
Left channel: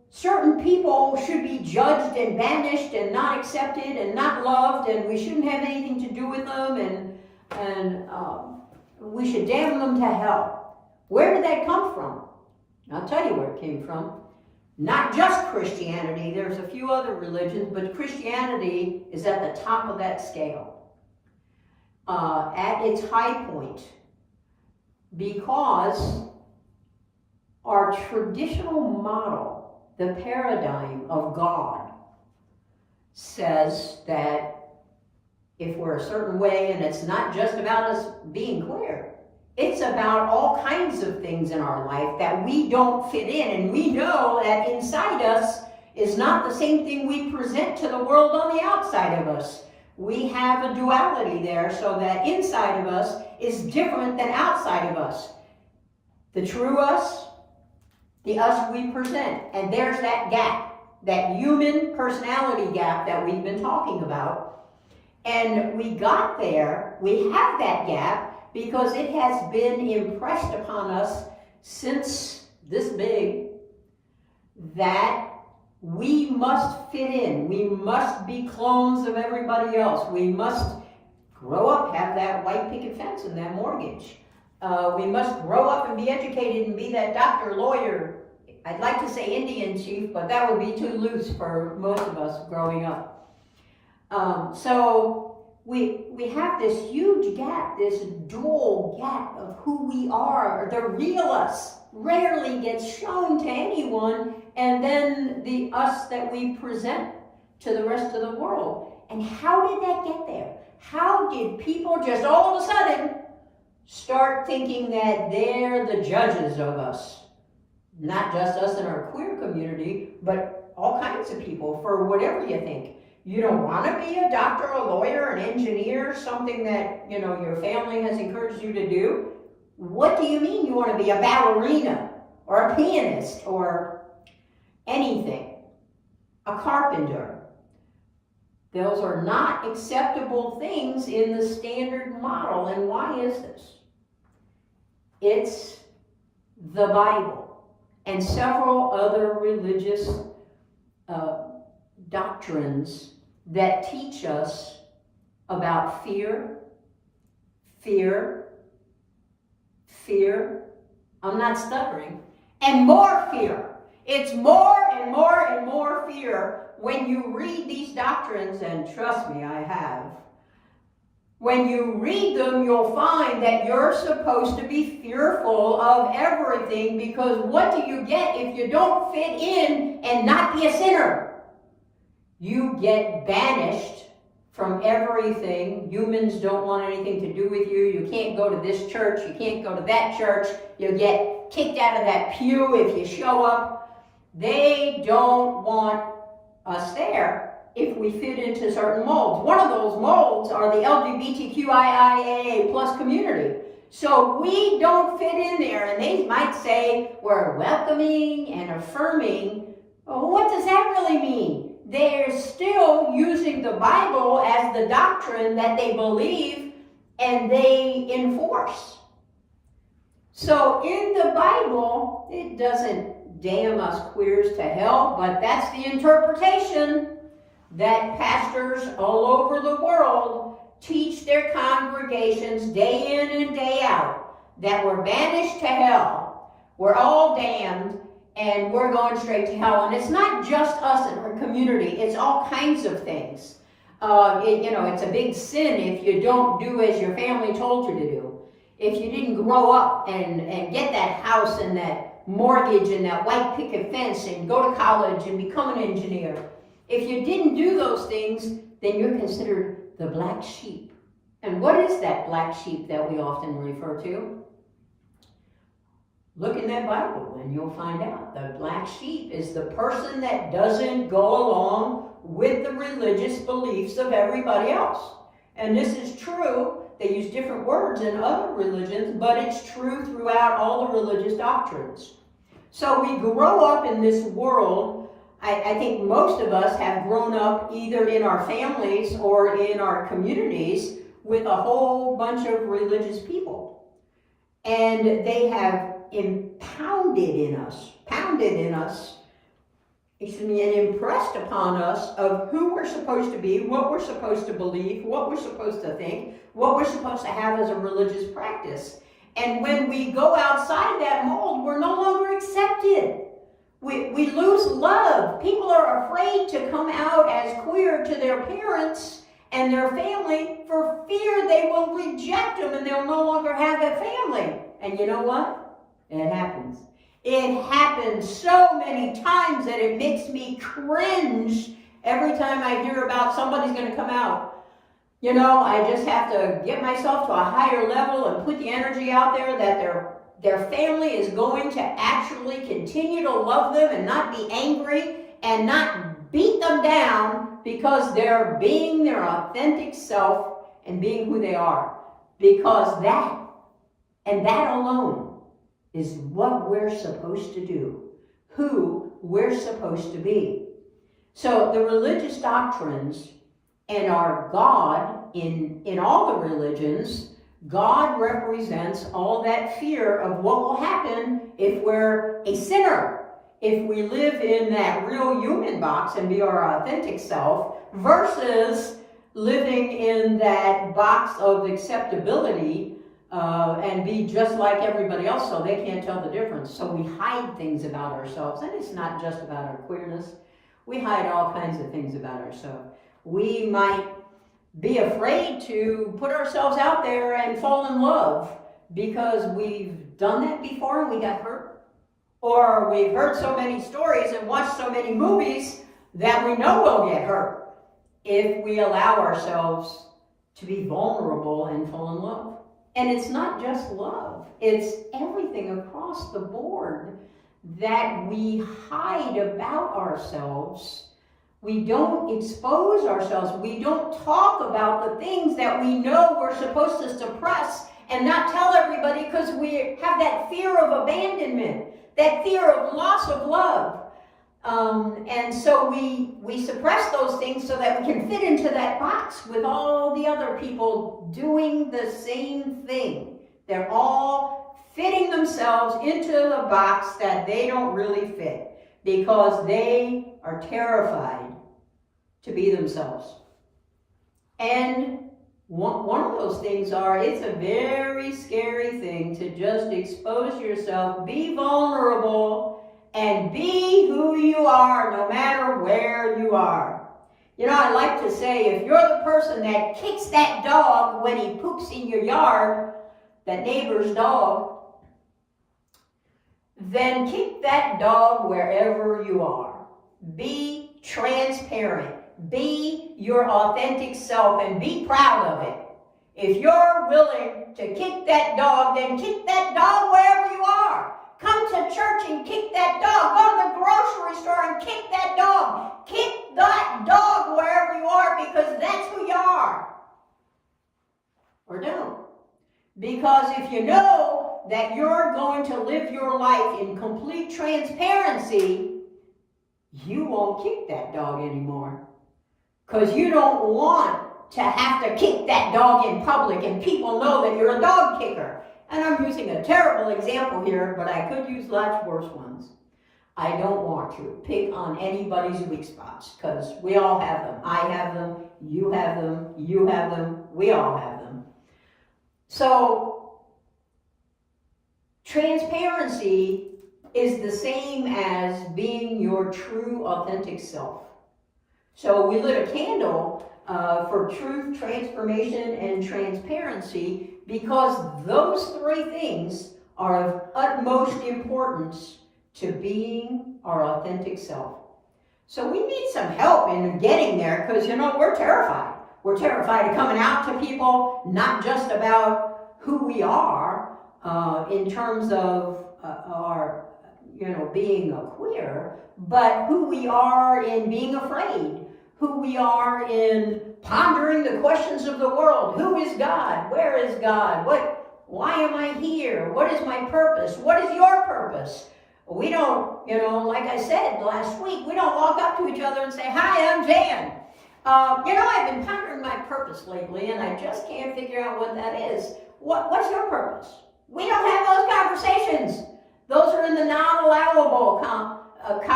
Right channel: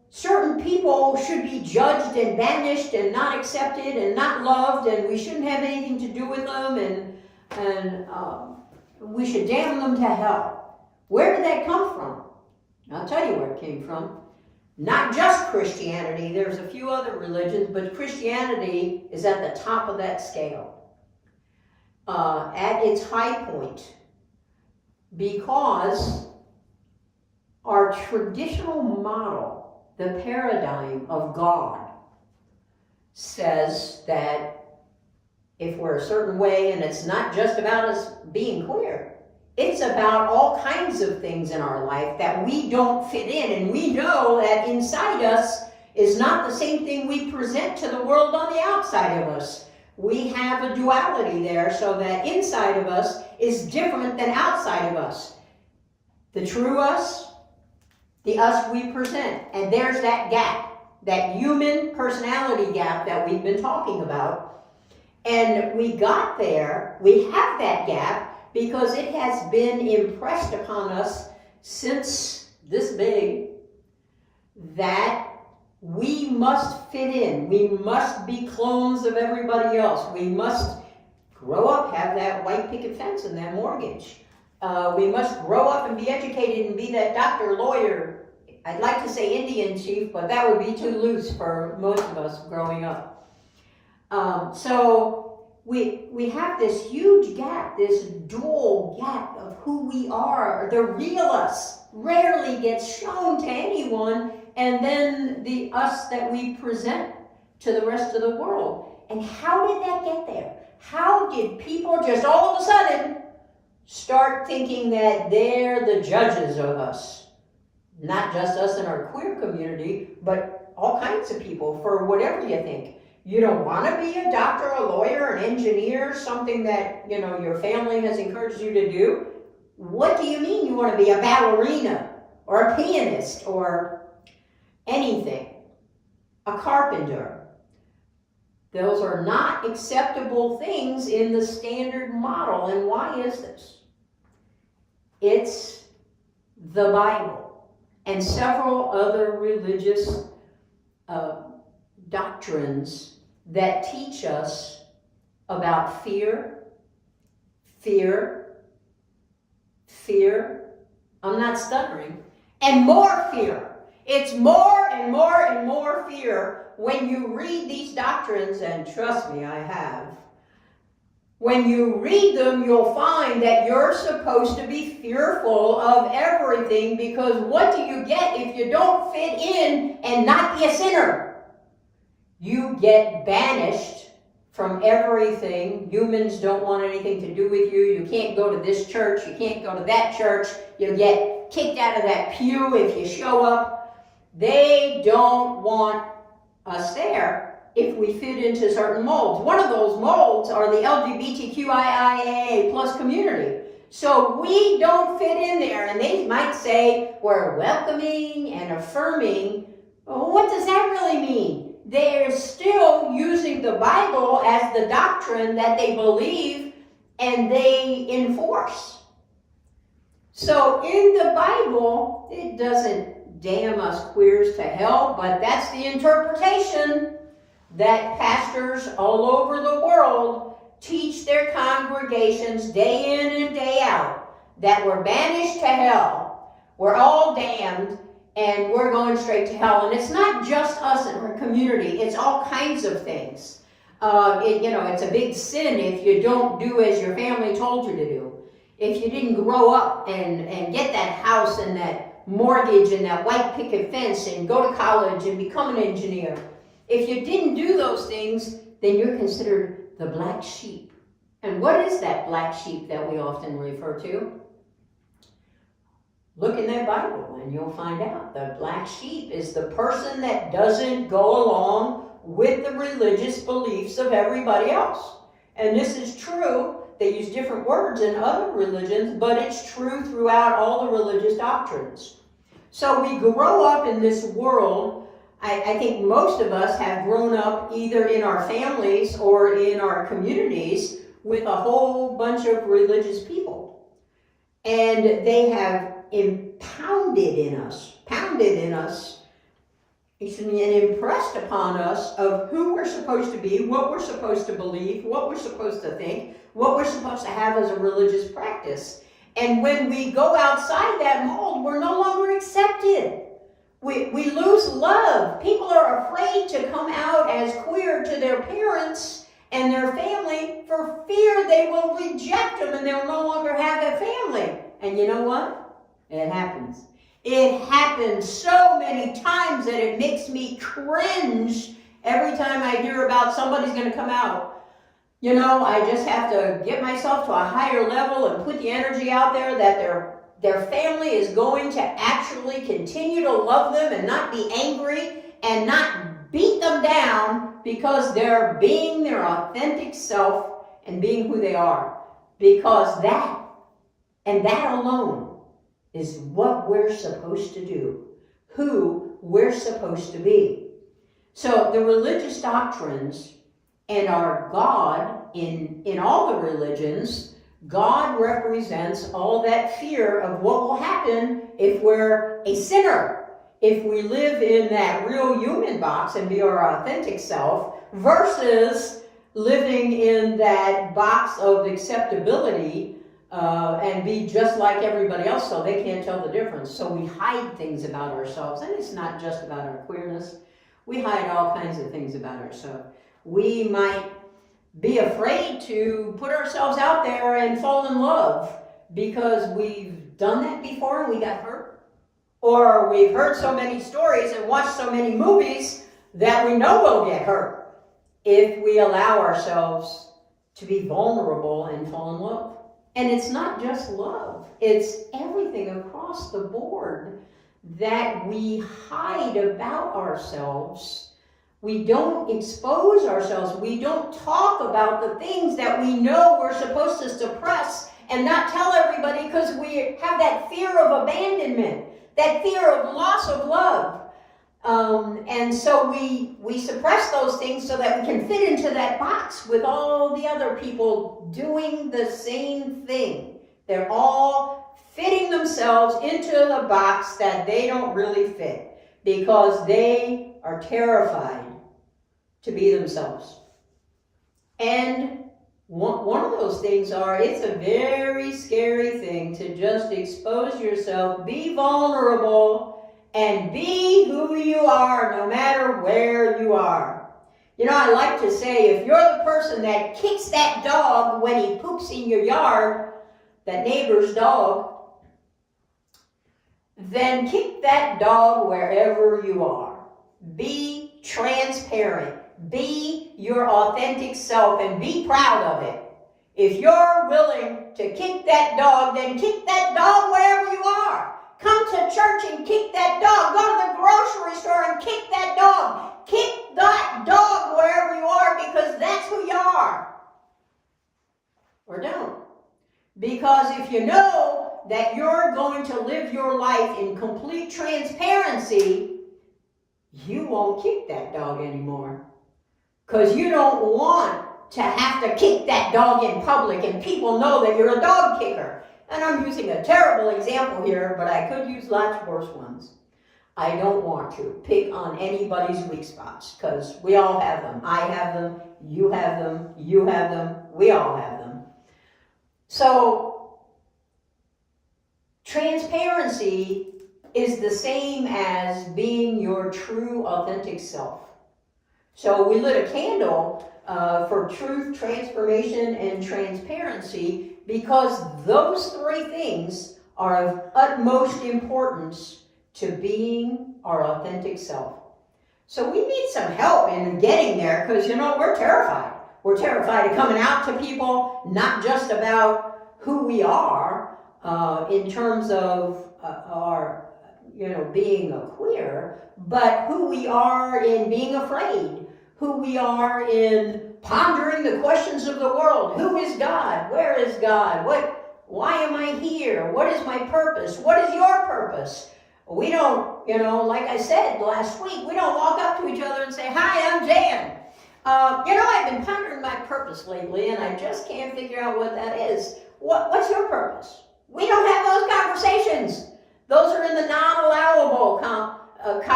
certain people should be judged and banished and not accepted and not loved, and we shouldn't have anything to do with them, and we should damn them to hell. Where did that come from? I'll tell you where it came from. Not just Christianity, there's a few other religions, but Christianity is at the top of that scale. At its high point, because our traditional model, the paradigm of God, says that if we're a certain way, and it's not just about us being queer, it's about all kinds of things in our life that we don't fit in, and we know that inside us is not the same thing we present to the world on the outside of us. We have a duality there, so that inside of us is different than outside of us. The true us, the us we present. And there's that gap, that human personality gap that we've been talking about. And we got there, we have that gap, because it has been impressed upon us since this big that we must fit in. We must be clones of everybody else. We must grow up, have that white picket fence and that mortgage. We must grow up and be educated and be that doctor, lawyer. I'd like to say Indian chief, but that would be too loose for most of us growing up. So we have this huge gap, this dual gap of who we are. The real us rarely gets shown to anyone, and then the us that we present to the rest of the world. And how did that get there? How did people just all of a sudden start thinking that they're the judges of us? Not just us in our queer community, but all kinds of people, for whatever you think. You don't want to be a doctor, a lawyer, an engineer, something that, you know, your family has encouraged you to do. What do you mean you want to be a ballerina or a pianist or anything? A carpenter. Those are not acceptable things in the standard model. And why is this? It's the Bible and several other religious doctrines that teach us about fear, I'm not stuttering, and more fear. It's more and more and more fear when you read these doctrines, and trust me, I have. When you read them, you'll find that you're supposed to be fearful of everything, because what do you get if you don't fit in and not be a sinner? You get banished from everything. Humans don't want anything to do with you. You can't go to this church. You can't go to that church. You get kicked out of that pew if you show up. They don't want us there if we fit into certain molds. One of those molds are the LGBTQIA plus community. So we don't fit in there, and they might say we're welcoming and affirming. Well, what does that really mean? They're still using the Bible as the doctrine that they believe and they enforce. So in the Bible, it doesn't damn us queers to hell, but that's the interpretation that pastors all over the world teach their congregations day in and day out, that we're banished to hell, we're all damned, and we're going straight to hell. And it's not just us in our community, it's all kinds of things. It's a big sin if you don't do as your family told you to do. If you didn't grow up and get that house and that mortgage and that white picket fence and go to college and become an engineer. If you didn't do those things, then you're considered the black sheep. And what is that black sheep that we often refer to? Look in that Bible and you'll find out. The black sheep is the person that doesn't go along with the religious beliefs of everybody else. And this is true. They use different words in other religions, but it's true throughout all the religious doctrines. So we grow up in this world. I think most of us have grown up either in our families or in our communities with a whole bunch of religious people. And they have pounded in us and impressed upon us of who we're supposed to be, what we're supposed to believe, what we're supposed to think, what we're supposed to have as a religious practice. And when we go outside that mold, we're no longer accepted. We lose love. People are afraid to come out as queer to their parents and their family for fear they will reject them and they'll no longer have a family. And you know what? It happens. It happens so many times that it makes me cringe every time I hear about somebody's going to come out. You know, I just have to get myself to a higher level and put the energy out there that their family is going to actually continue to love them and not be angry and not beat them down because they're being their authentic self and being who they are. Because that, and that alone, is what we're supposed to do, who we're supposed to be. So the religious doctrines and our God, in all the religions, God represents all that fear of what will happen if we're a sinner, if we live in that real human box and be our authentic self, versus living in that box of acceptability and be just like everybody else so they can't tell the difference. So we hide things about ourselves, and it's not just about our queerness. We hide all kinds of things about ourselves. We might be afraid to put ourselves out there and fall in love because we've done that before and we got hurt. Or we've heard so many stories and watched so many movies that we know we'll get hurt if we allow ourselves to be vulnerable and fall in love. And it's not just love, it's everything across the board that we hide about ourselves. We don't expose ourselves. We don't talk about the things that we know we're supposed to suppress and not tell everybody because we have that fear of abandonment, that fear of loss of love. And so we suppress those things so that we can fit into that box with all the other people doing the same thing. They're all fitting themselves into the box that they don't really fit because they are terrified to be themselves. And one of those things it's a very scary thing to just expose yourself, be vulnerable, and be who you are no matter where you are. You know, I like to say, if you're the person that kicks that dog when he poops in your yard, that neighbor's dog, then kick that dog wherever you are. Be transparent. Be your authentic self and be proud of it. If you're willing to kick that dog, then kick that dog wherever you are. Come to church and kick that dog. Go to the grocery store and kick that dog. Kick that dog wherever you are because that's who you are. Or don't. Because if you know that you're going to live your life in complete transparency, you won't kick that dog anymore. Because you don't want to have to kick that dog in public and people know that you're a dog kicker. And I'm using a terrible example here, but I could use lots worse ones. I don't want to pick on anybody's weak spots because we all have them. I have them, you have them, you have them, we all have them. So, transparency is the same as being your true, authentic self. So we lit a candle for truth, transformation, and transparency because those three things are of utmost importance to being our authentic self. So we need some help in getting there because, you know, we're terrified. We're terrified of coming out to people, not just about who we are in terms of our, being a queer, but who we are in being afraid, who we are in pondering the questions of the world. Who is God? Where is God? Why am I here? What is my purpose? What is your purpose? We don't, like I said last week, we don't walk up to each other and say, "Hi, I'm Jan. I've been pondering my purpose lately, and I just can't figure out what that is." What's your purpose? We don't have those conversations. Those are in the non-allowable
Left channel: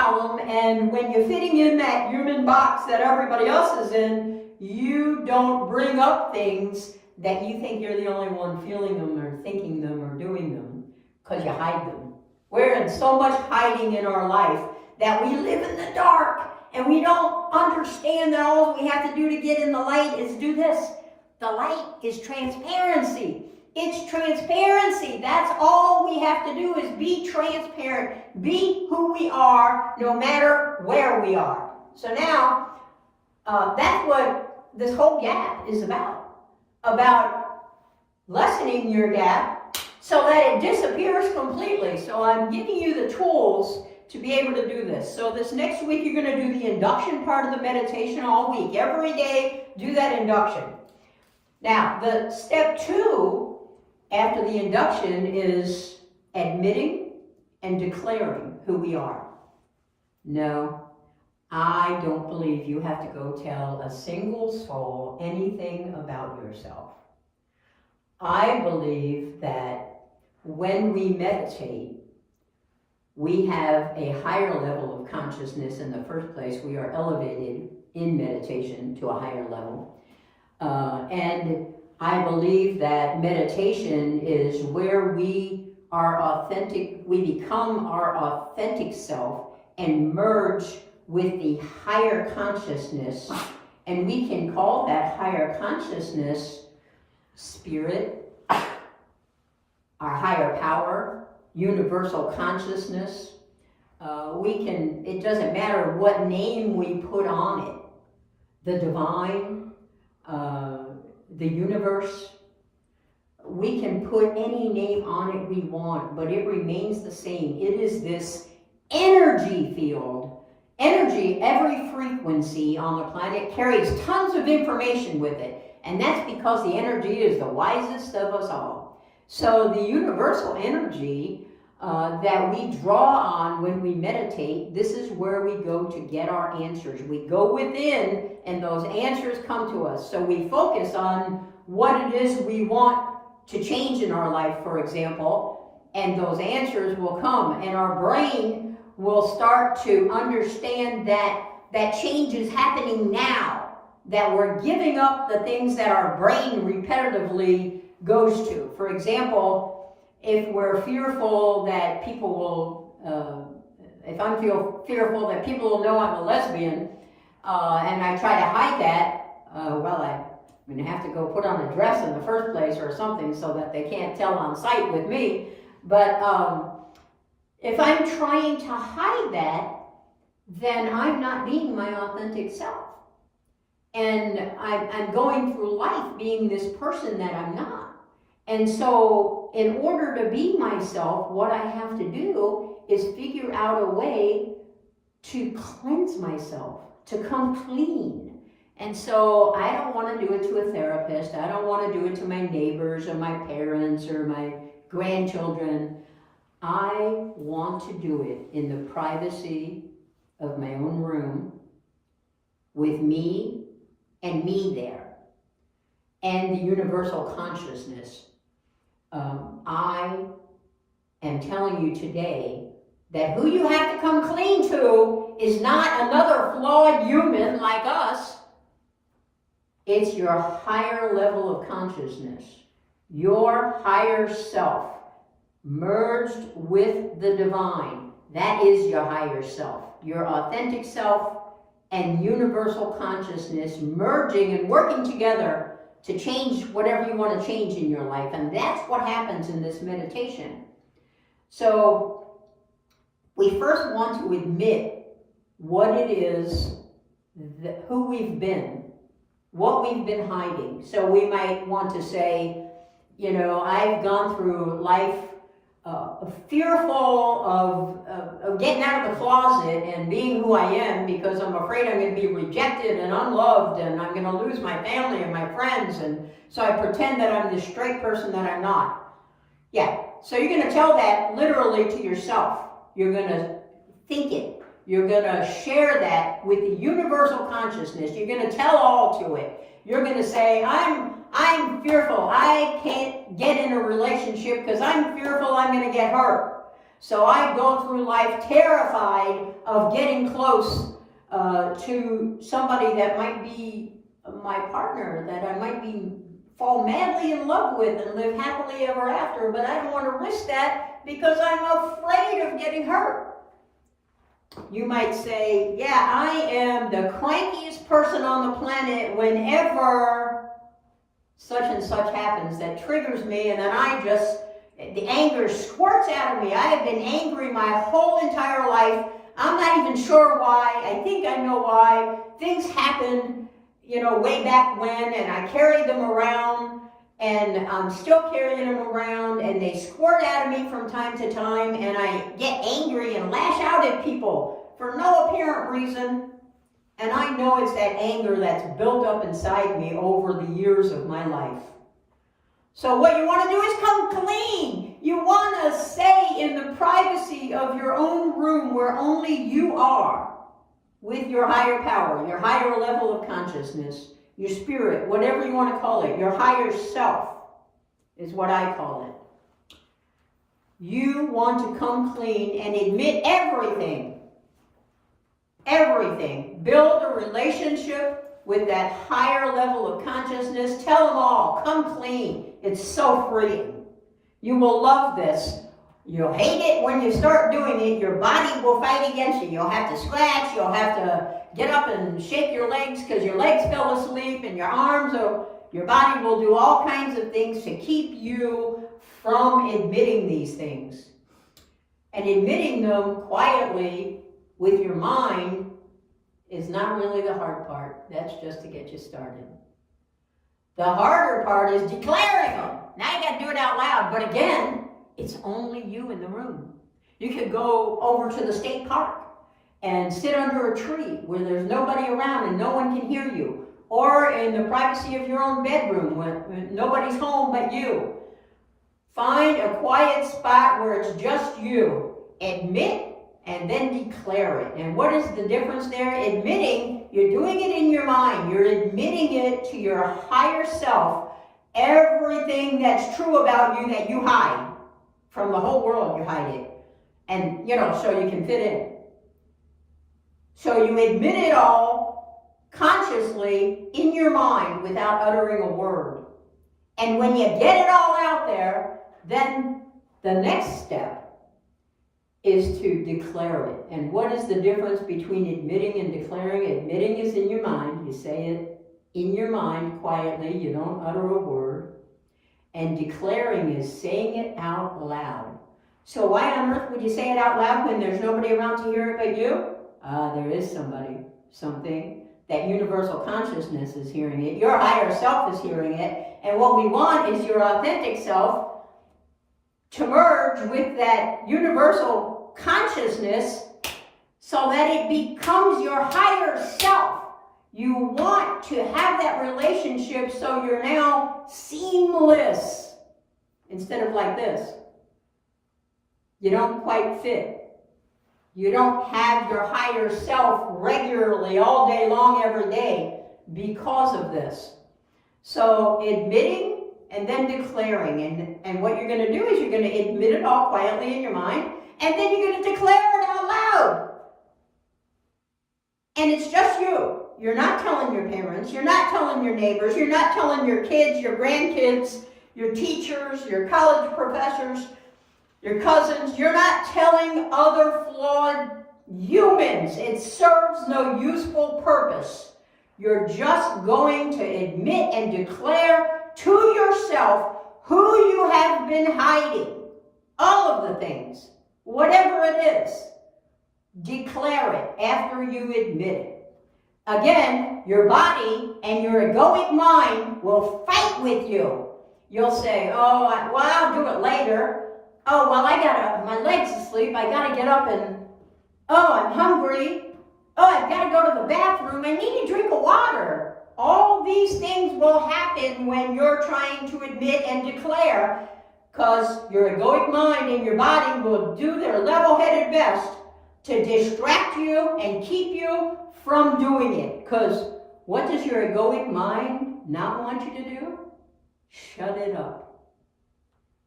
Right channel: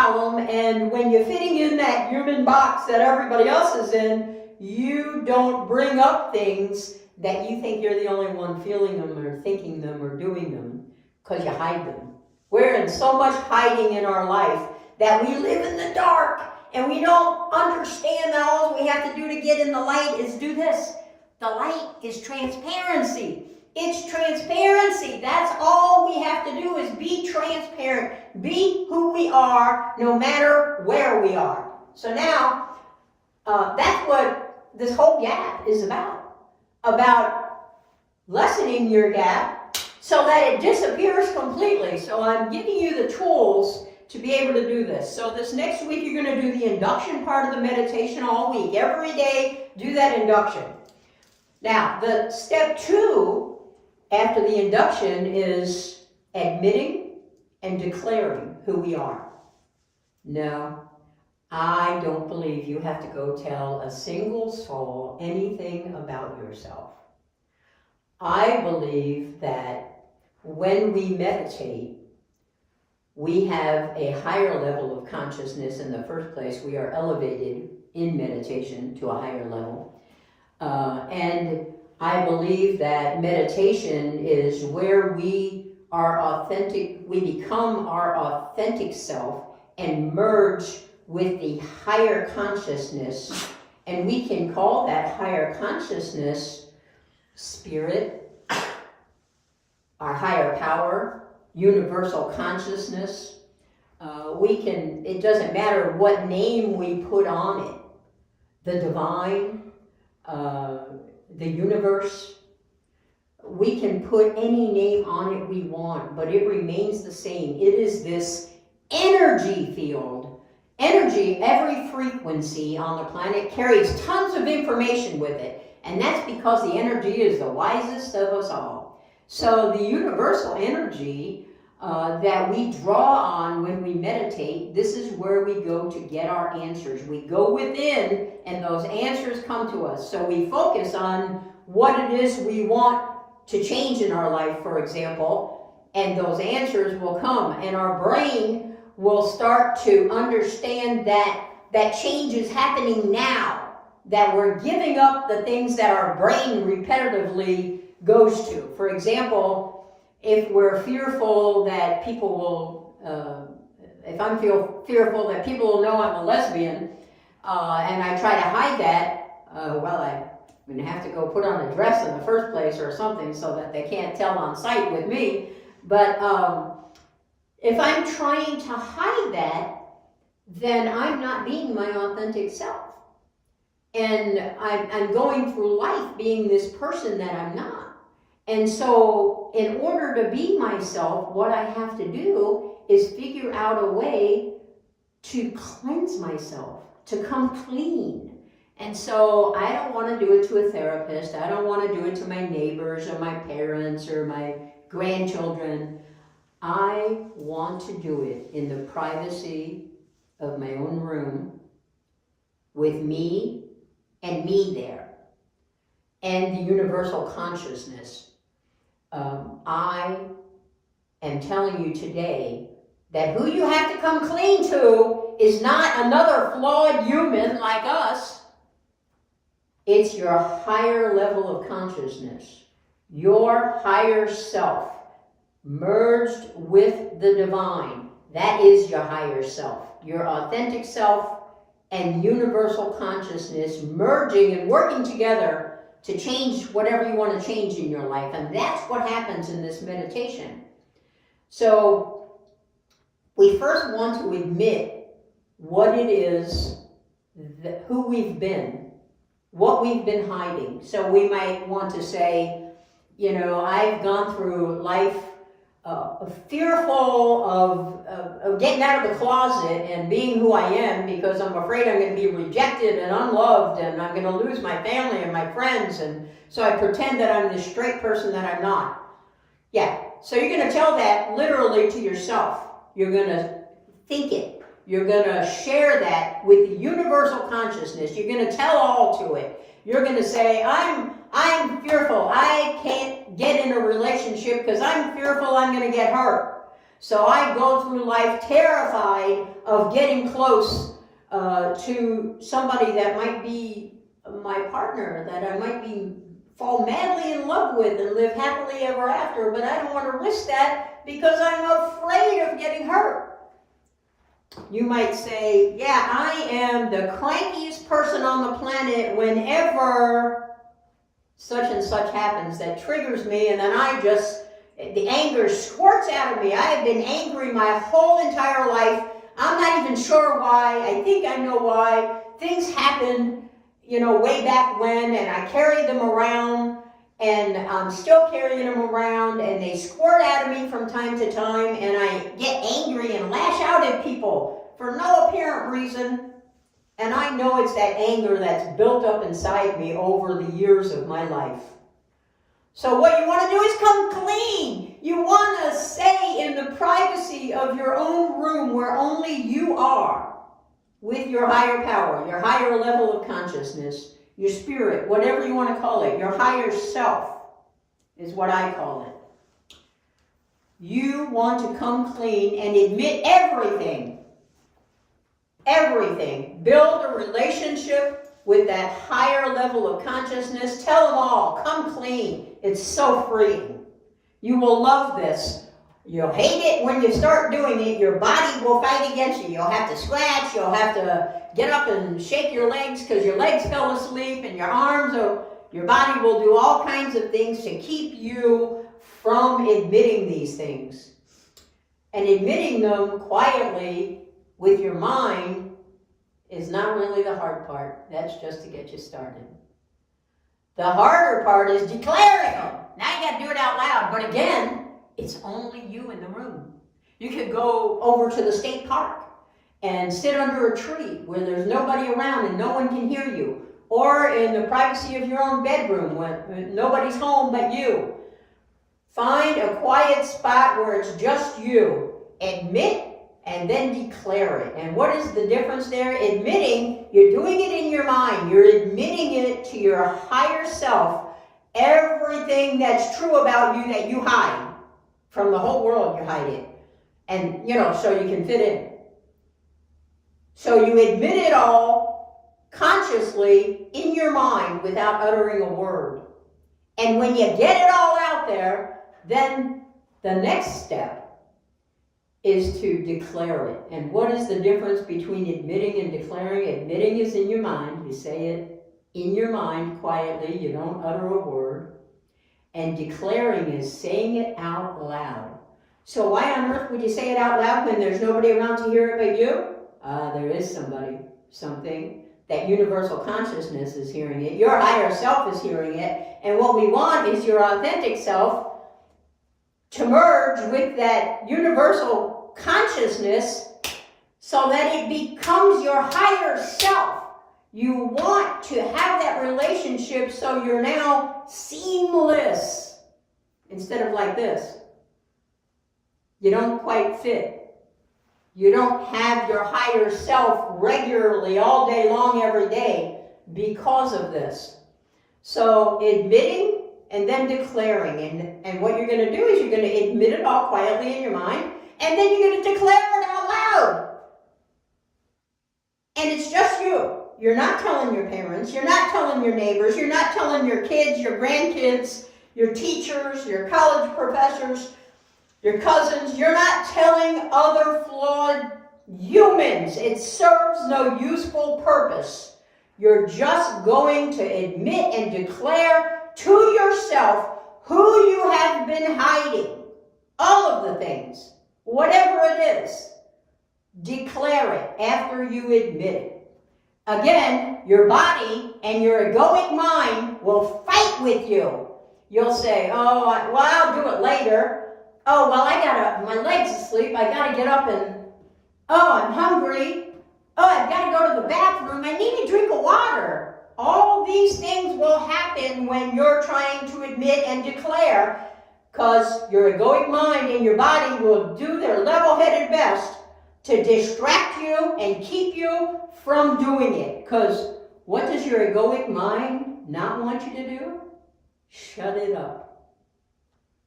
problem, and when you're fitting in that human box that everybody else is in, you don't bring up things that you think you're the only one feeling them or thinking them or doing them, because you hide them. We're in so much hiding in our life that we live in the dark, and we don't understand that all we have to do to get in the light is do this. The light is transparency. It's transparency. That's all we have to do is be transparent. Be who we are, no matter where we are. So now, that's what this whole gap is about lessening your gap so that it disappears completely. So I'm giving you the tools to be able to do this. So this next week, you're going to do the induction part of the meditation all week. Every day, do that induction. Now, the step 2 after the induction is admitting and declaring who we are. No, I don't believe you have to go tell a single soul anything about yourself. I believe that when we meditate, we have a higher level of consciousness in the first place. We are elevated in meditation to a higher level. And I believe that meditation is where we are authentic, we become our authentic self and merge with the higher consciousness. And we can call that higher consciousness spirit, our higher power, universal consciousness. It doesn't matter what name we put on it. The divine, the universe. We can put any name on it we want, but it remains the same. It is this energy field. Energy, every frequency on the planet carries tons of information with it. And that's because the energy is the wisest of us all. So the universal energy that we draw on when we meditate, this is where we go to get our answers. We go within and those answers come to us. So we focus on what it is we want to change in our life, for example, and those answers will come. And our brain will start to understand that change is happening now, that we're giving up the things that our brain repetitively goes to. For example, if we're fearful that people will, if I'm fearful that people will know I'm a lesbian, and I try to hide that, I'm going to have to go put on a dress in the first place or something so that they can't tell on sight with me. But if I'm trying to hide that, then I'm not being my authentic self. And I'm going through life being this person that I'm not. And so in order to be myself, what I have to do is figure out a way to cleanse myself, to come clean. And so I don't want to do it to a therapist. I don't want to do it to my neighbors or my parents or my grandchildren. I want to do it in the privacy of my own room with me and me there and the universal consciousness. I am telling you today that who you have to come clean to is not another flawed human like us. It's your higher level of consciousness, your higher self, merged with the divine. That is your higher self, your authentic self and universal consciousness merging and working together to change whatever you want to change in your life. And that's what happens in this meditation. So we first want to admit what it is, who we've been, what we've been hiding. So we might want to say, I've gone through life fearful of getting out of the closet and being who I am because I'm afraid I'm going to be rejected and unloved and I'm going to lose my family and my friends, and so I pretend that I'm this straight person that I'm not. Yeah, so you're going to tell that literally to yourself. You're going to think it. You're going to share that with the universal consciousness. You're going to tell all to it. You're going to say, I'm fearful. I can't get in a relationship because I'm fearful I'm going to get hurt. So I go through life terrified of getting close to somebody that might be my partner, that I might fall madly in love with and live happily ever after, but I don't want to risk that because I'm afraid of getting hurt. You might say, yeah, I am the crankiest person on the planet whenever such and such happens that triggers me, and then the anger squirts out of me. I have been angry my whole entire life. I'm not even sure why. I think I know why. Things happened, way back when, and I carried them around, and I'm still carrying them around, and they squirt out of me from time to time, and I get angry and lash out at people for no apparent reason. And I know it's that anger that's built up inside me over the years of my life. So what you want to do is come clean. You want to stay in the privacy of your own room where only you are, with your higher power, your higher level of consciousness, your spirit, whatever you want to call it, your higher self is what I call it. You want to come clean and admit everything. Everything. Build a relationship with that higher level of consciousness. Tell them all, come clean. It's so freeing. You will love this. You'll hate it when you start doing it. Your body will fight against you. You'll have to scratch. You'll have to get up and shake your legs because your legs fell asleep, and your arms, or your body will do all kinds of things to keep you from admitting these things. And admitting them quietly with your mind is not really the hard part. That's just to get you started. The harder part is declaring them. Now you got to do it out loud. But again, it's only you in the room. You could go over to the state park and sit under a tree where there's nobody around and no one can hear you. Or in the privacy of your own bedroom when nobody's home but you. Find a quiet spot where it's just you. Admit and then declare it. And what is the difference there? Admitting, you're doing it in your mind. You're admitting it to your higher self. Everything that's true about you that you hide. From the whole world, you hide it. And, so you can fit in. So you admit it all consciously in your mind without uttering a word. And when you get it all out there, then the next step is to declare it. And what is the difference between admitting and declaring? Admitting is in your mind. You say it in your mind quietly. You don't utter a word. And declaring is saying it out loud. So why on earth would you say it out loud when there's nobody around to hear it but you? There is something. That universal consciousness is hearing it. Your higher self is hearing it. And what we want is your authentic self to merge with that universal consciousness so that it becomes your higher self. You want to have that relationship so you're now seamless instead of like this. You don't quite fit. You don't have your higher self regularly all day long every day because of this. So admitting and then declaring. And what you're going to do is you're going to admit it all quietly in your mind, and then you're going to declare it out loud. And it's just you. You're not telling your parents. You're not telling your neighbors. You're not telling your kids, your grandkids, your teachers, your college professors, your cousins. You're not telling other flawed humans. It serves no useful purpose. You're just going to admit and declare to yourself who you have been hiding. All of the things. Whatever it is. Declare it after you admit it. Again, your body and your egoic mind will fight with you. You'll say, I'll do it later. My leg's asleep. I gotta get up and, I'm hungry. I've gotta go to the bathroom. I need a drink of water. All these things will happen when you're trying to admit and declare, because your egoic mind and your body will do their level-headed best to distract you and keep you from doing it. Because what does your egoic mind not want you to do? Shut it up.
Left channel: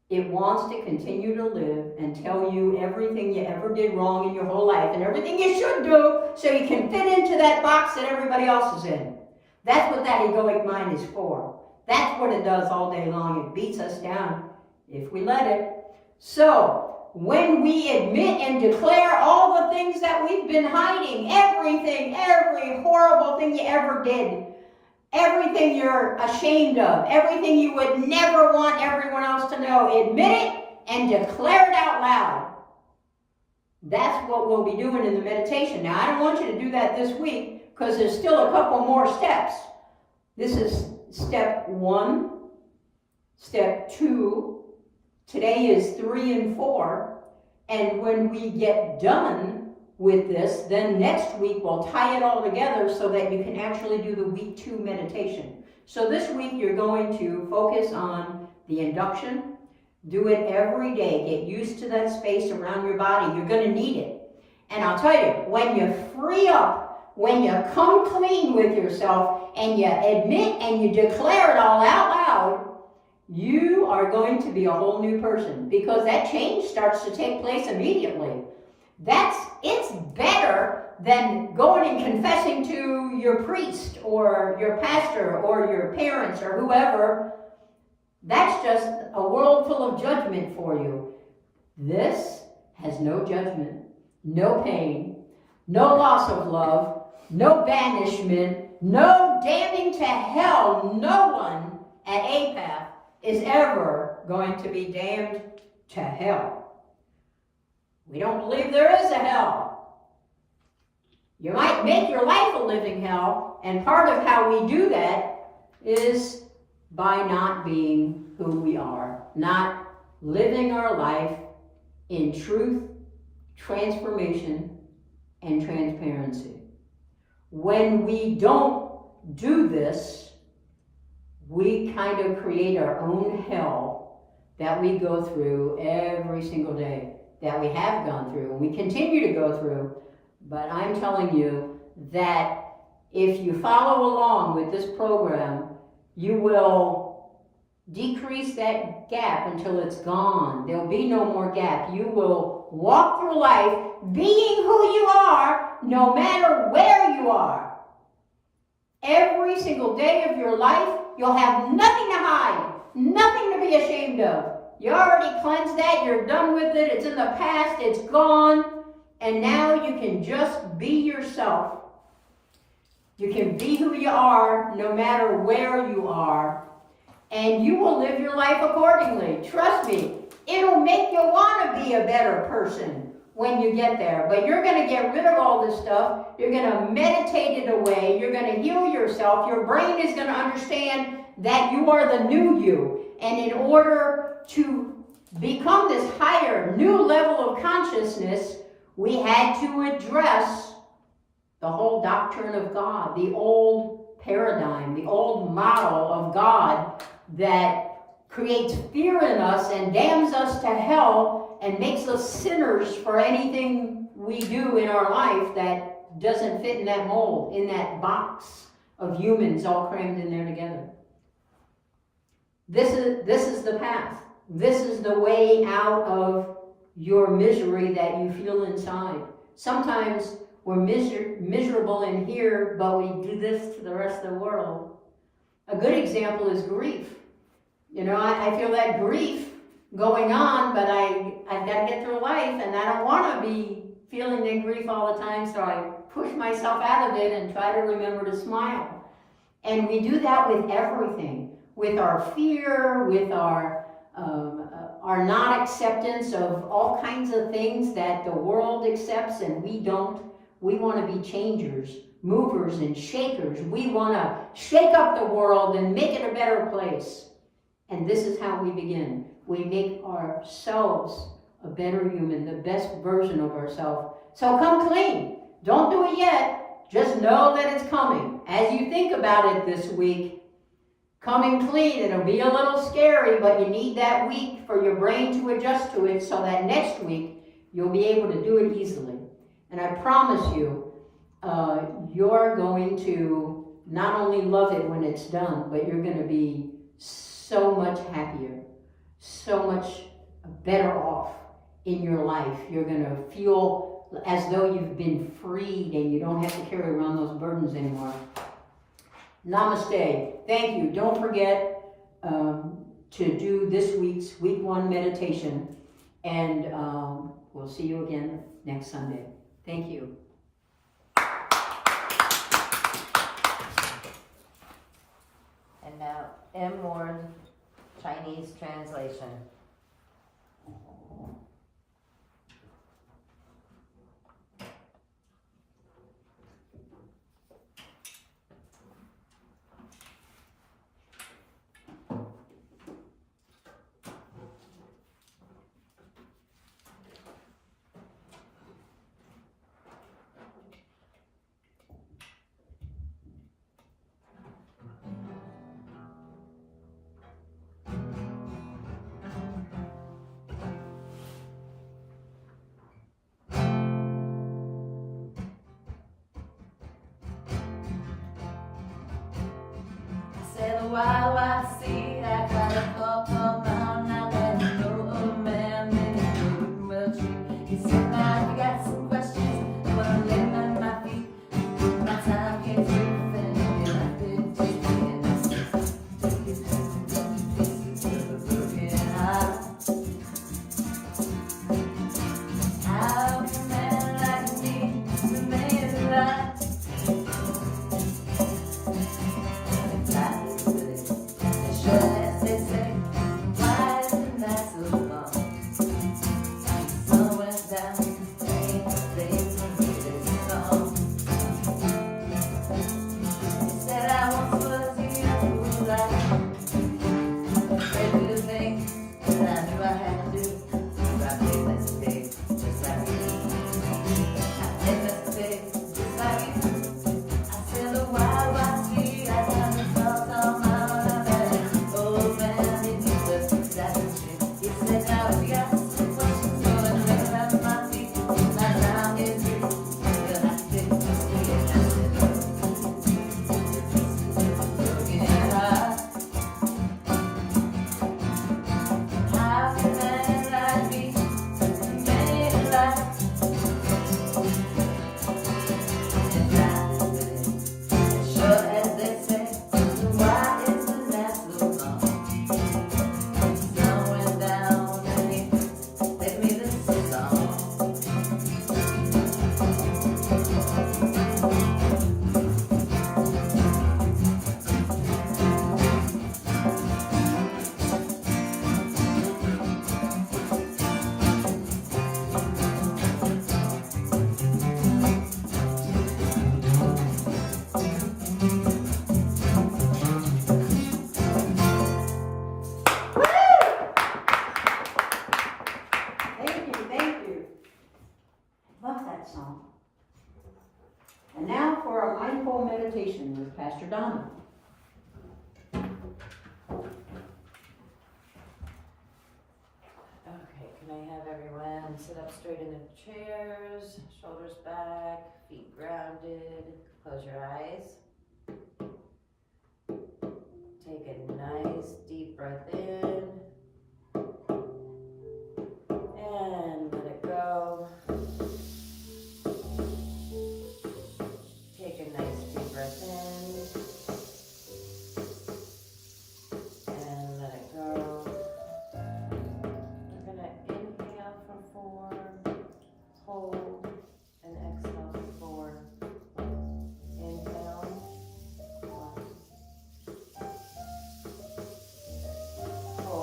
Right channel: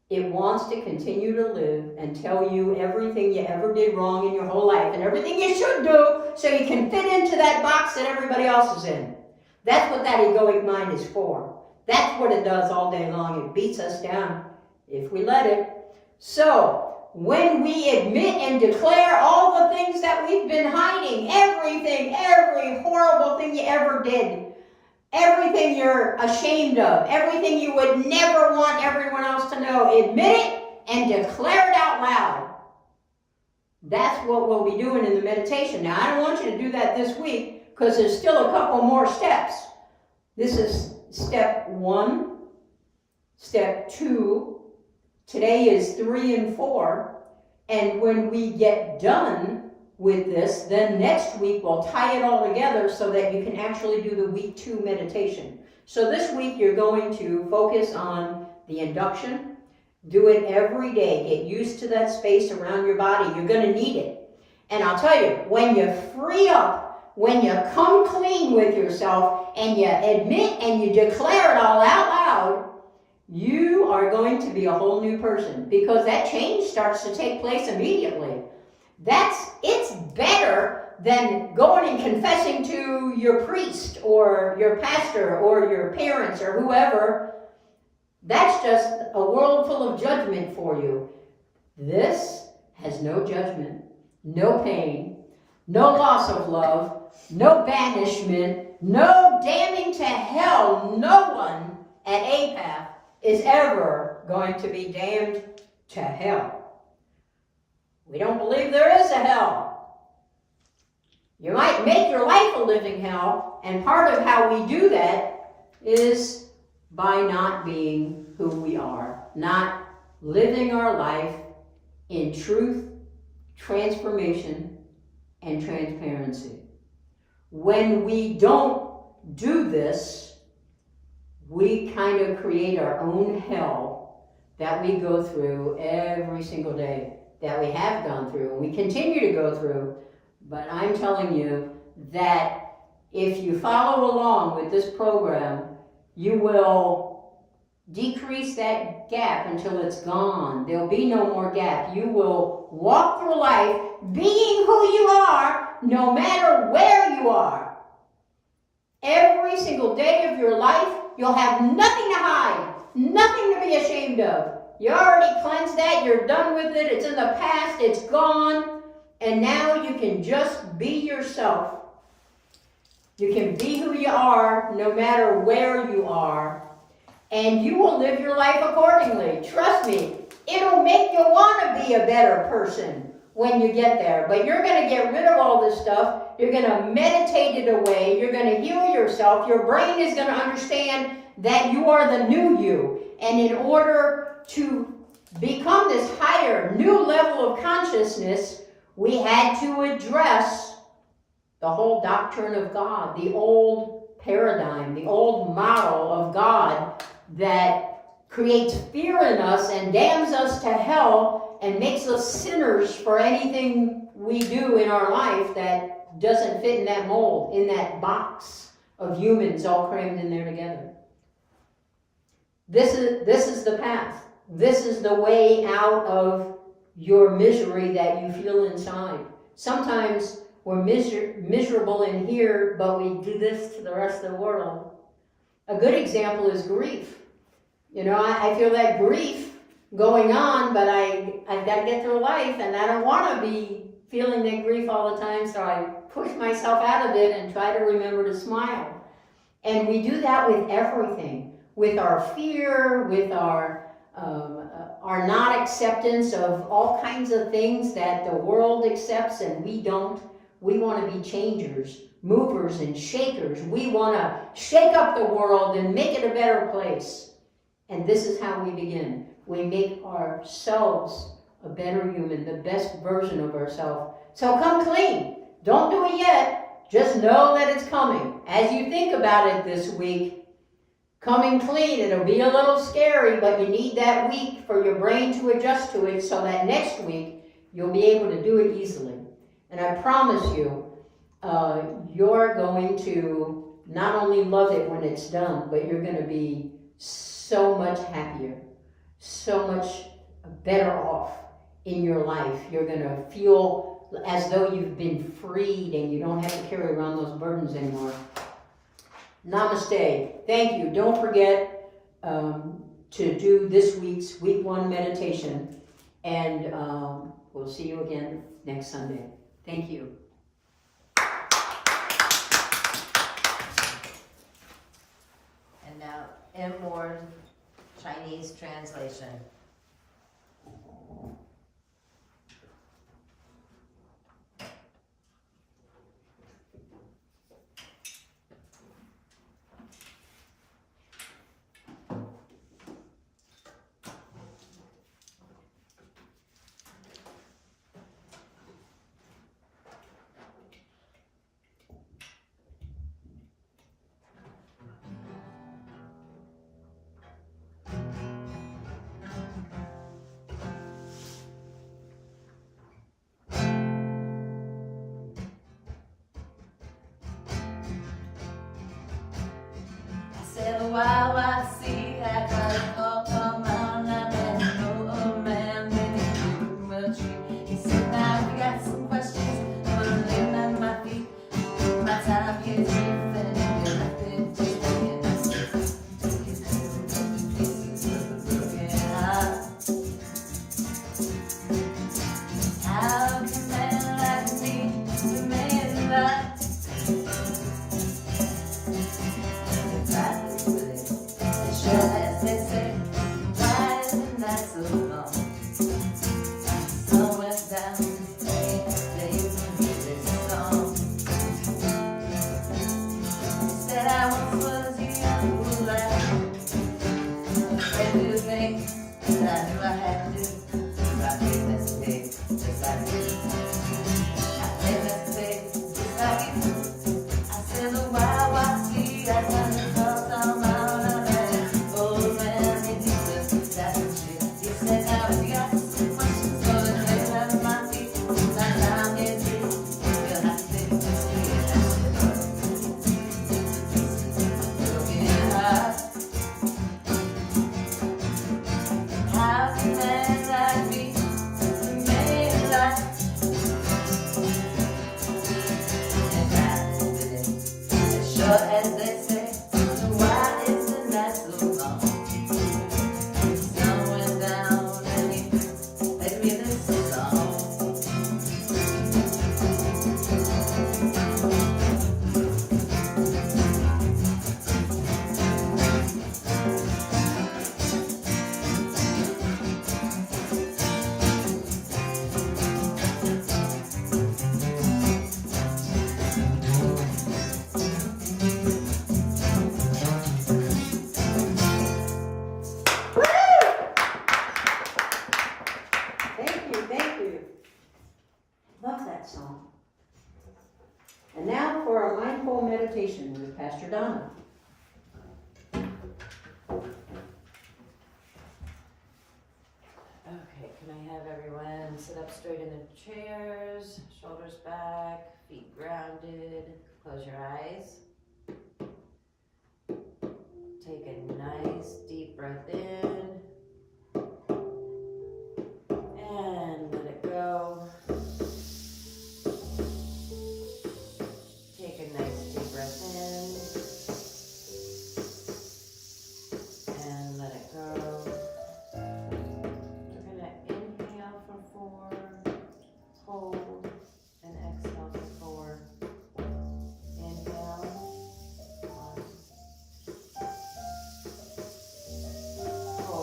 It wants to continue to live and tell you everything you ever did wrong in your whole life and everything you should do so you can fit into that box that everybody else is in. That's what that egoic mind is for. That's what it does all day long. It beats us down if we let it. So, when we admit and declare all the things that we've been hiding, everything, every horrible thing you ever did, everything you're ashamed of, everything you would never want everyone else to know, admit it and declare it out loud. That's what we'll be doing in the meditation. Now, I don't want you to do that this week because there's still a couple more steps. This is step 1, step 2. Today is 3 and 4. And when we get done with this, then next week we'll tie it all together so that you can actually do the week 2 meditation. So this week you're going to focus on the induction. Do it every day. Get used to that space around your body. You're going to need it. And I'll tell you, when you free up, when you come clean with yourself and you admit and you declare it all out loud, you are going to be a whole new person because that change starts to take place immediately. It's better than going and confessing to your priest or your pastor or your parents or whoever. That's just a world full of judgment for you. This has no judgment, no pain, no loss of love, no banishment, no damning to hell. No one at Apath is ever going to be damned to hell. We don't believe there is a hell. You might make your life a living hell, and part of how we do that is by not being who we are, not living our life in truth, transformation, and transparency. When we don't do this, we kind of create our own hell that we go through every single day, that we have gone through and we continue to go through. But I'm telling you that if you follow along with this program, you will decrease that gap until it's gone. There'll be no more gap. You will walk through life being who you are, no matter where you are. Every single day of your life, you'll have nothing to hide, nothing to be ashamed of. You already cleansed that, you're done with it, it's in the past, it's gone, and now you can just be yourself. You can be who you are no matter where you are, and you will live your life accordingly. Trust me, it'll make you want to be a better person when you get there. But you're going to get rid of all this stuff, you're going to meditate it away, you're going to heal yourself, your brain is going to understand that you are the new you. And in order to become this higher, new level of consciousness, we had to address the whole doctrine of God, the old paradigm, the old model of God that creates fear in us and damns us to hell and makes us sinners for anything we do in our life that doesn't fit in that mold, in that box of humans all crammed in there together. This is the path. This is the way out of your misery that you feel inside. Sometimes we're miserable in here, but we do this to the rest of the world. A good example is grief. You know, I feel that grief going on, but I've got to get through life, and I don't want to be feeling that grief all the time, so I push myself out of it and try to remember to smile. And we do that with everything. With our fear, with our not acceptance of all kinds of things that the world accepts and we don't. We want to be changers, movers and shakers. We want to shake up the world and make it a better place. And this is how we begin. We make ourselves a better human, the best version of ourselves. So come clean. Don't do it yet. Just know that it's coming. As you think about it this week, coming clean, it'll be a little scary, but you need that week for your brain to adjust to it so that next week you'll be able to do it easily. And I promise you, you're going to not only love it when it's done, but you're going to be so much happier. so much better off in your life. You're gonna feel as though you've been freed and you don't have to carry around those burdens anymore. Namaste. Thank you. Don't forget to do this week's week 1 meditation, and we'll see you again next Sunday. Thank you. And now, inward Chinese translation. Said, wow, I see, I got a call, come on, I better know, oh man, maybe will treat. He said, now we got some questions, I wanna live on my feet, my time gets how can a man like me remain alive? And now for our mindful meditation with Pastor Donna. Okay, can I have everyone sit up straight in their chairs, shoulders back, feet grounded, close your eyes. Take a nice deep breath in and let it go. Take a nice deep breath in and let it go. We're going to inhale for 4, hold, and exhale for 4. Inhale, 1, hold.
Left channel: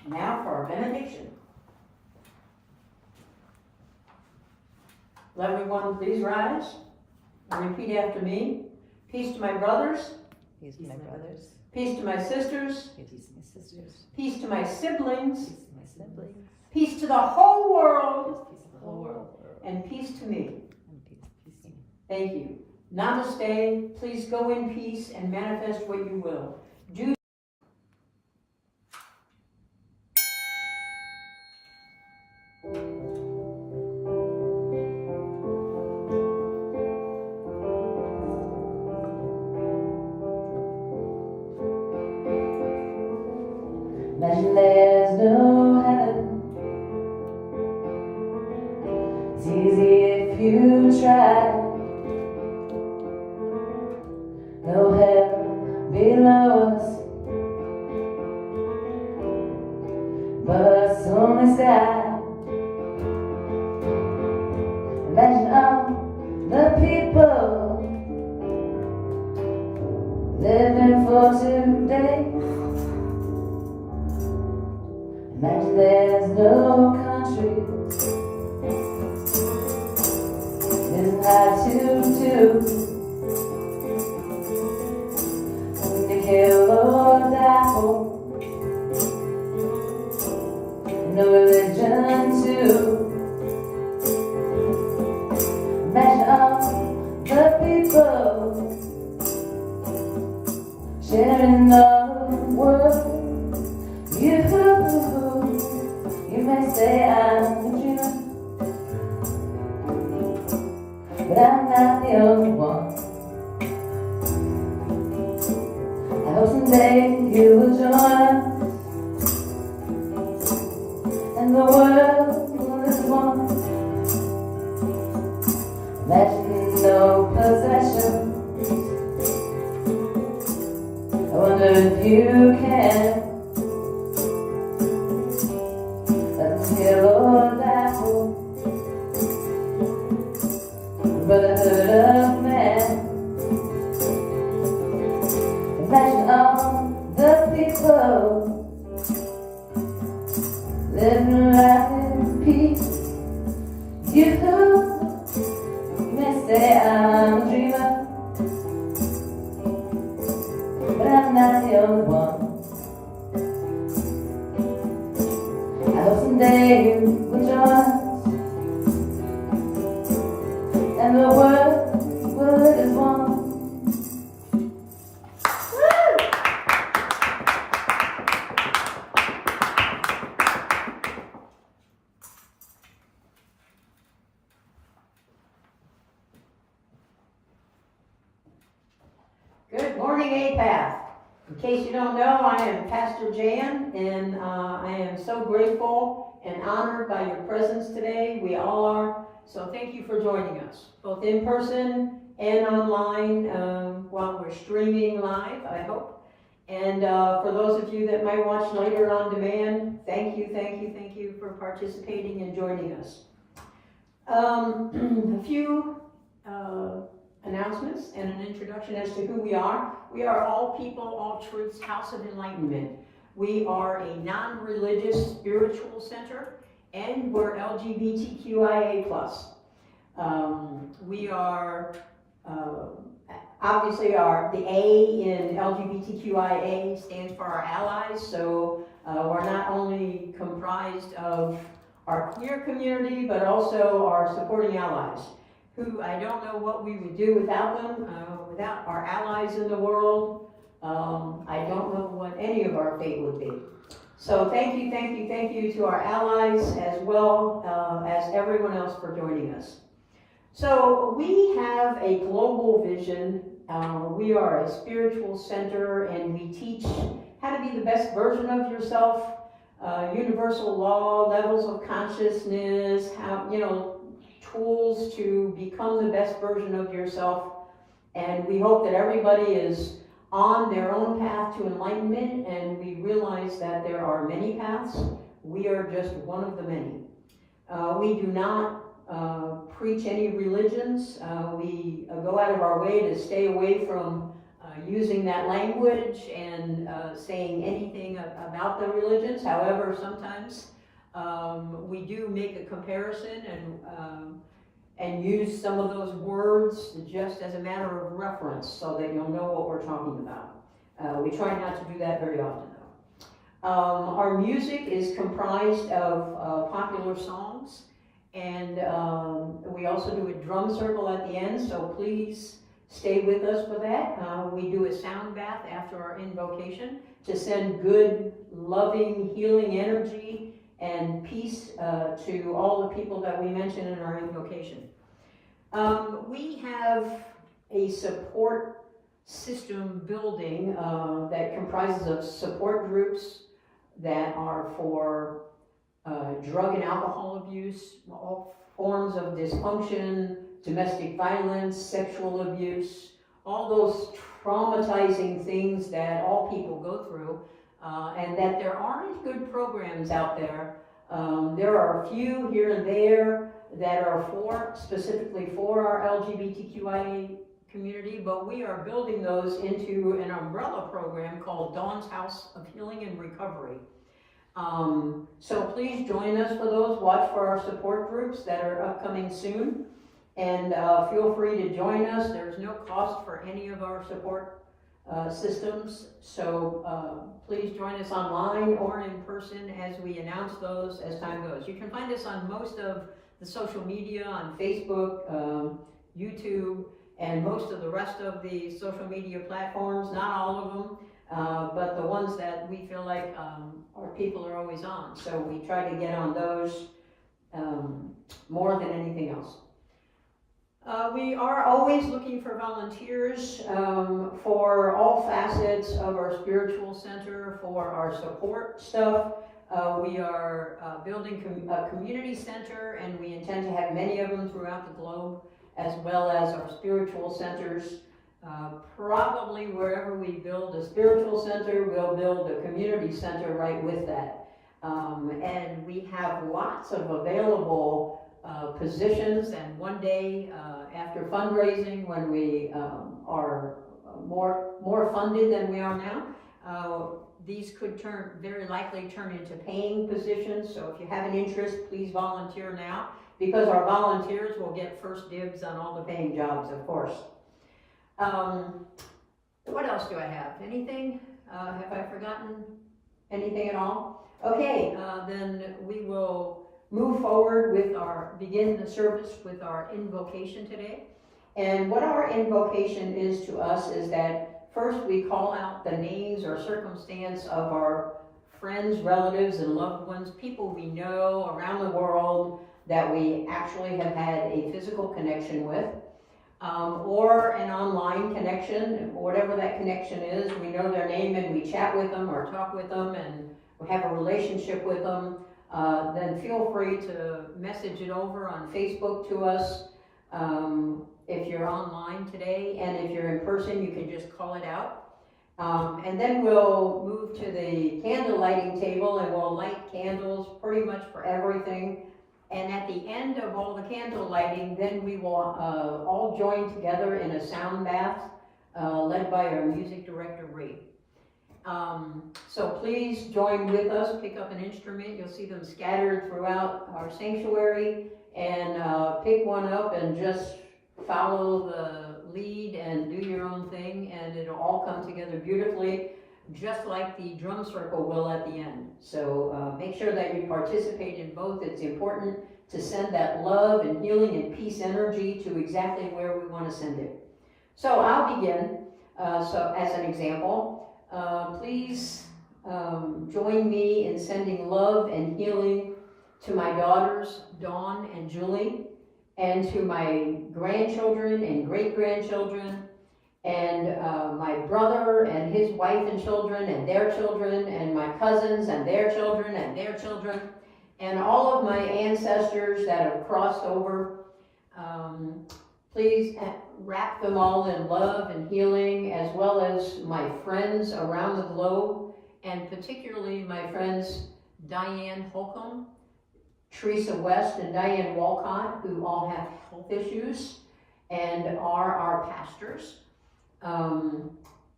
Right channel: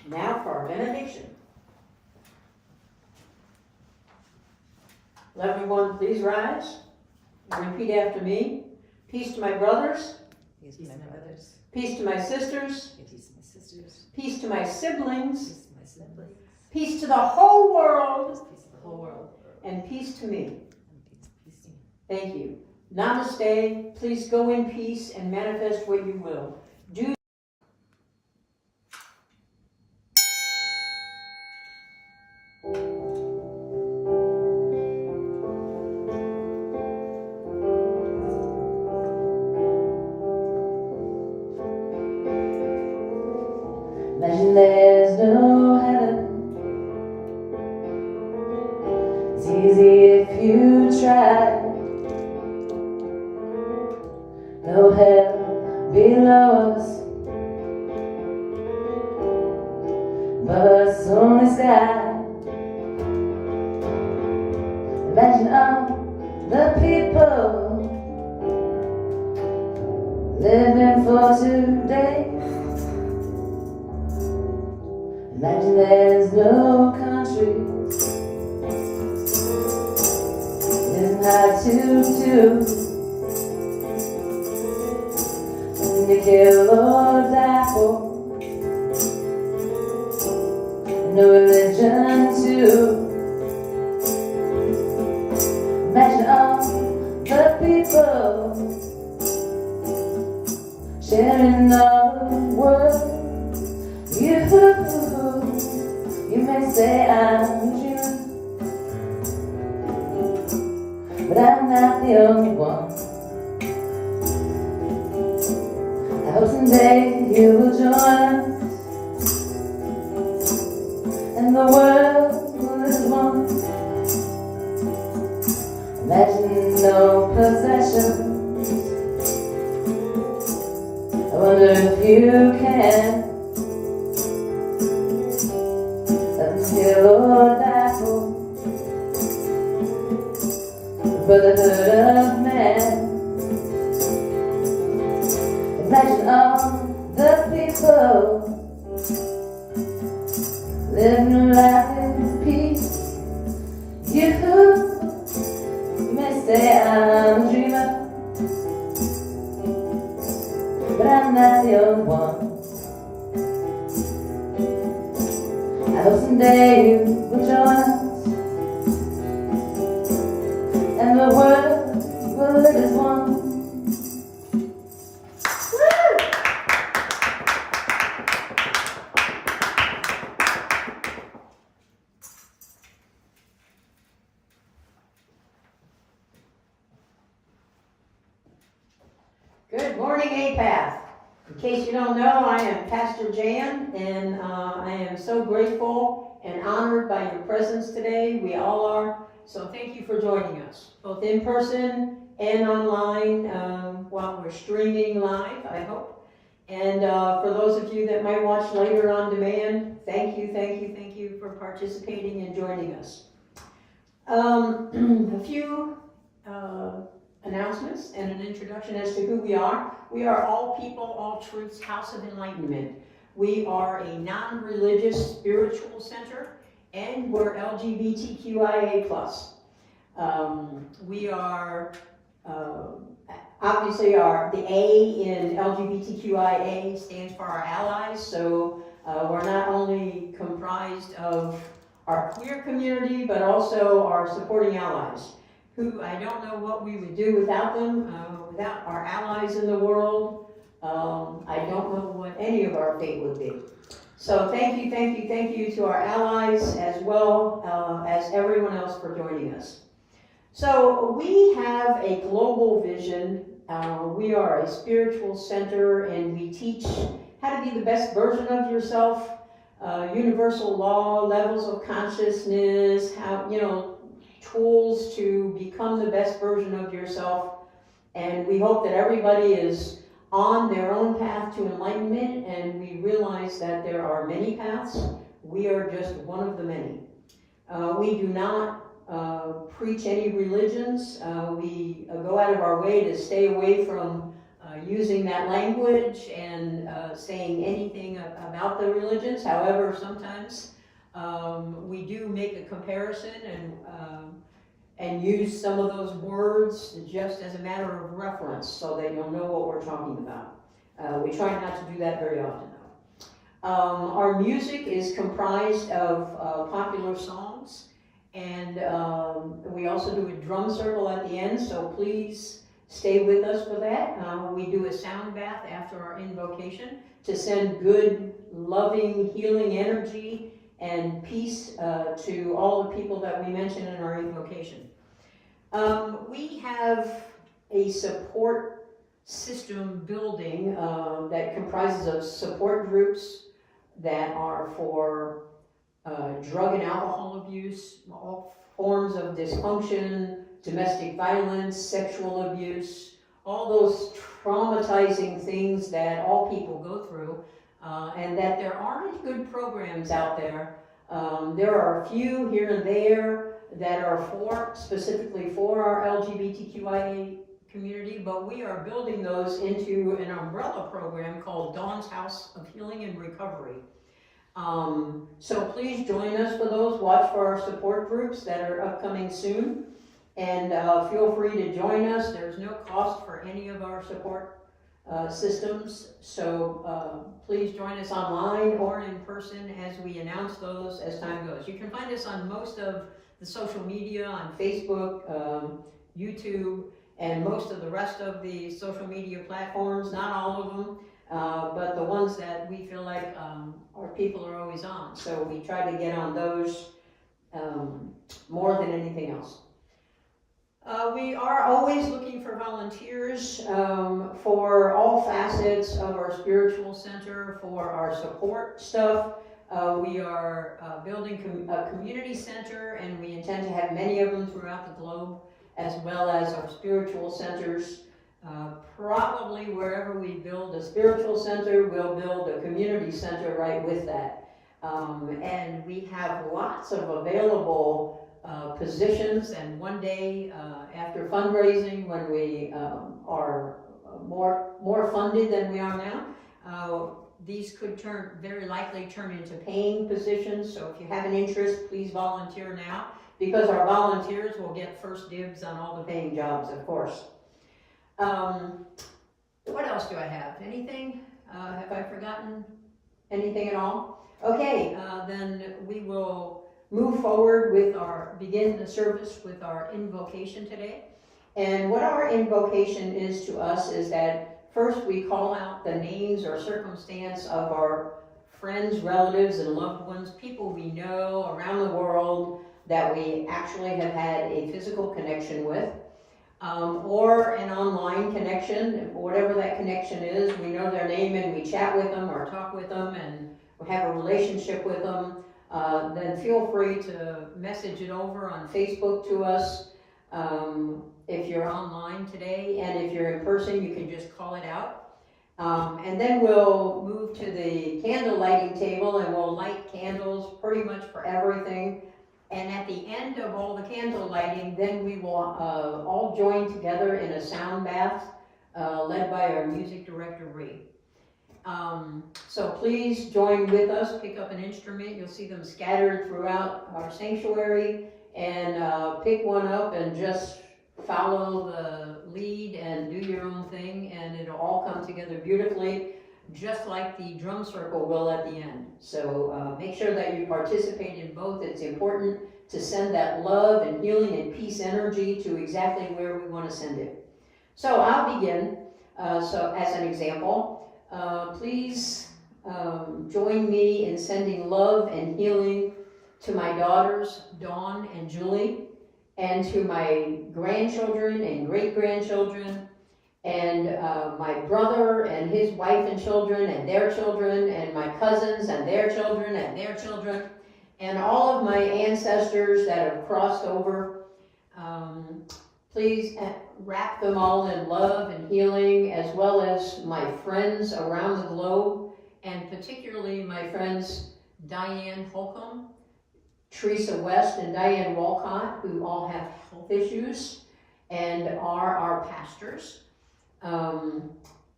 Now for our benediction. Will everyone please rise and repeat after me. Peace to my brothers. Peace to my brothers. Peace to my sisters. Peace to my sisters. Peace to my siblings. Peace to my siblings. Peace to the whole world. Peace to the whole world. And peace to me. And peace to me. Thank you. Namaste. Please go in peace and manifest what you will. Do Imagine there's no heaven. It's easy if you try. No hell below us, but only sky. Imagine all the people living for today. Imagine there's no countries. It's not to kill or die for. No religion too. Imagine all the people sharing all the world. You may say I'm a dreamer, but I'm not the only one. I hope someday you will join us, and the world will live one. Imagine no possessions. I wonder if you can. Brotherhood of man. Imagine all the people living around in peace. You may say I'm a dreamer, but I'm not the only one. I hope someday you will join us, and the world will live as one. Good morning, Apath. In case you don't know, I am Pastor Jan, and I am so grateful and honored by your presence today. We all are. So thank you for joining us, both in person and online while we're streaming live, I hope. And for those of you that might watch later on demand, thank you for participating and joining us. A few announcements and an introduction as to who we are. We are All People, All Truths House of Enlightenment. We are a non-religious spiritual center, and we're LGBTQIA+. We are obviously the A in LGBTQIA stands for our allies, so we're not only comprised of our queer community, but also our supporting allies, who I don't know what we would do without them, without our allies in the world. I don't know what any of our fate would be. So thank you to our allies as well as everyone else for joining us. So we have a global vision. We are a spiritual center, and we teach how to be the best version of yourself, universal law, levels of consciousness, how, tools to become the best version of yourself. And we hope that everybody is on their own path to enlightenment, and we realize that there are many paths. We are just one of the many. We do not preach any religions. We go out of our way to stay away from using that language and saying anything about the religions. However, sometimes we do make a comparison and use some of those words just as a matter of reference so that you'll know what we're talking about. We try not to do that very often though. Our music is comprised of popular songs, and we also do a drum circle at the end, so please stay with us for that. We do a sound bath after our invocation to send good, loving, healing energy and peace to all the people that we mentioned in our invocation. We have a support system building that comprises of support groups that are for drug and alcohol abuse, all forms of dysfunction, domestic violence, sexual abuse, all those traumatizing things that all people go through, and that there aren't good programs out there. There are a few here and there that are specifically for our LGBTQIA community, but we are building those into an umbrella program called Dawn's House of Healing and Recovery. So please join us for those. Watch for our support groups that are upcoming soon, and feel free to join us. There's no cost for any of our support systems, so please join us online or in person as we announce those as time goes. You can find us on most of the social media, on Facebook, YouTube, and most of the rest of the social media platforms, not all of them, but the ones that we feel like our people are always on. So we try to get on those more than anything else. We are always looking for volunteers for all facets of our spiritual center, for our support stuff. We are building a community center, and we intend to have many of them throughout the globe, as well as our spiritual centers. Probably wherever we build a spiritual center, we'll build a community center right with that. And we have lots of available positions, and one day after fundraising, when we are more funded than we are now, these could very likely turn into paying positions. So if you have an interest, please volunteer now, because our volunteers will get first dibs on all the paying jobs, of course. What else do I have? Anything? Have I forgotten anything at all? Okay, then we will move forward with begin the service with our invocation today. And what our invocation is to us is that first we call out the names or circumstance of our friends, relatives, and loved ones, people we know around the world that we actually have had a physical connection with, or an online connection, whatever that connection is. We know their name and we chat with them or talk with them and we have a relationship with them. Then feel free to message it over on Facebook to us if you're online today, and if you're in person, you can just call it out. And then we'll move to the candle lighting table, and we'll light candles pretty much for everything. And at the end of all the candle lighting, then we will all join together in a sound bath led by our music director, Ree. So please join with us, pick up an instrument. You'll see them scattered throughout our sanctuary, and pick one up and just follow the lead and do your own thing, and it'll all come together beautifully, just like the drum circle will at the end. So make sure that you participate in both. It's important to send that love and healing and peace energy to exactly where we want to send it. So I'll begin. So as an example, please join me in sending love and healing to my daughters, Dawn and Julie, and to my grandchildren and great-grandchildren, and my brother and his wife and children and their children, and my cousins and their children and their children, and all of my ancestors that have crossed over. Please wrap them all in love and healing, as well as my friends around the globe, and particularly my friends Diane Holcomb, Teresa West, and Diane Walcott, who all have health issues and are our pastors.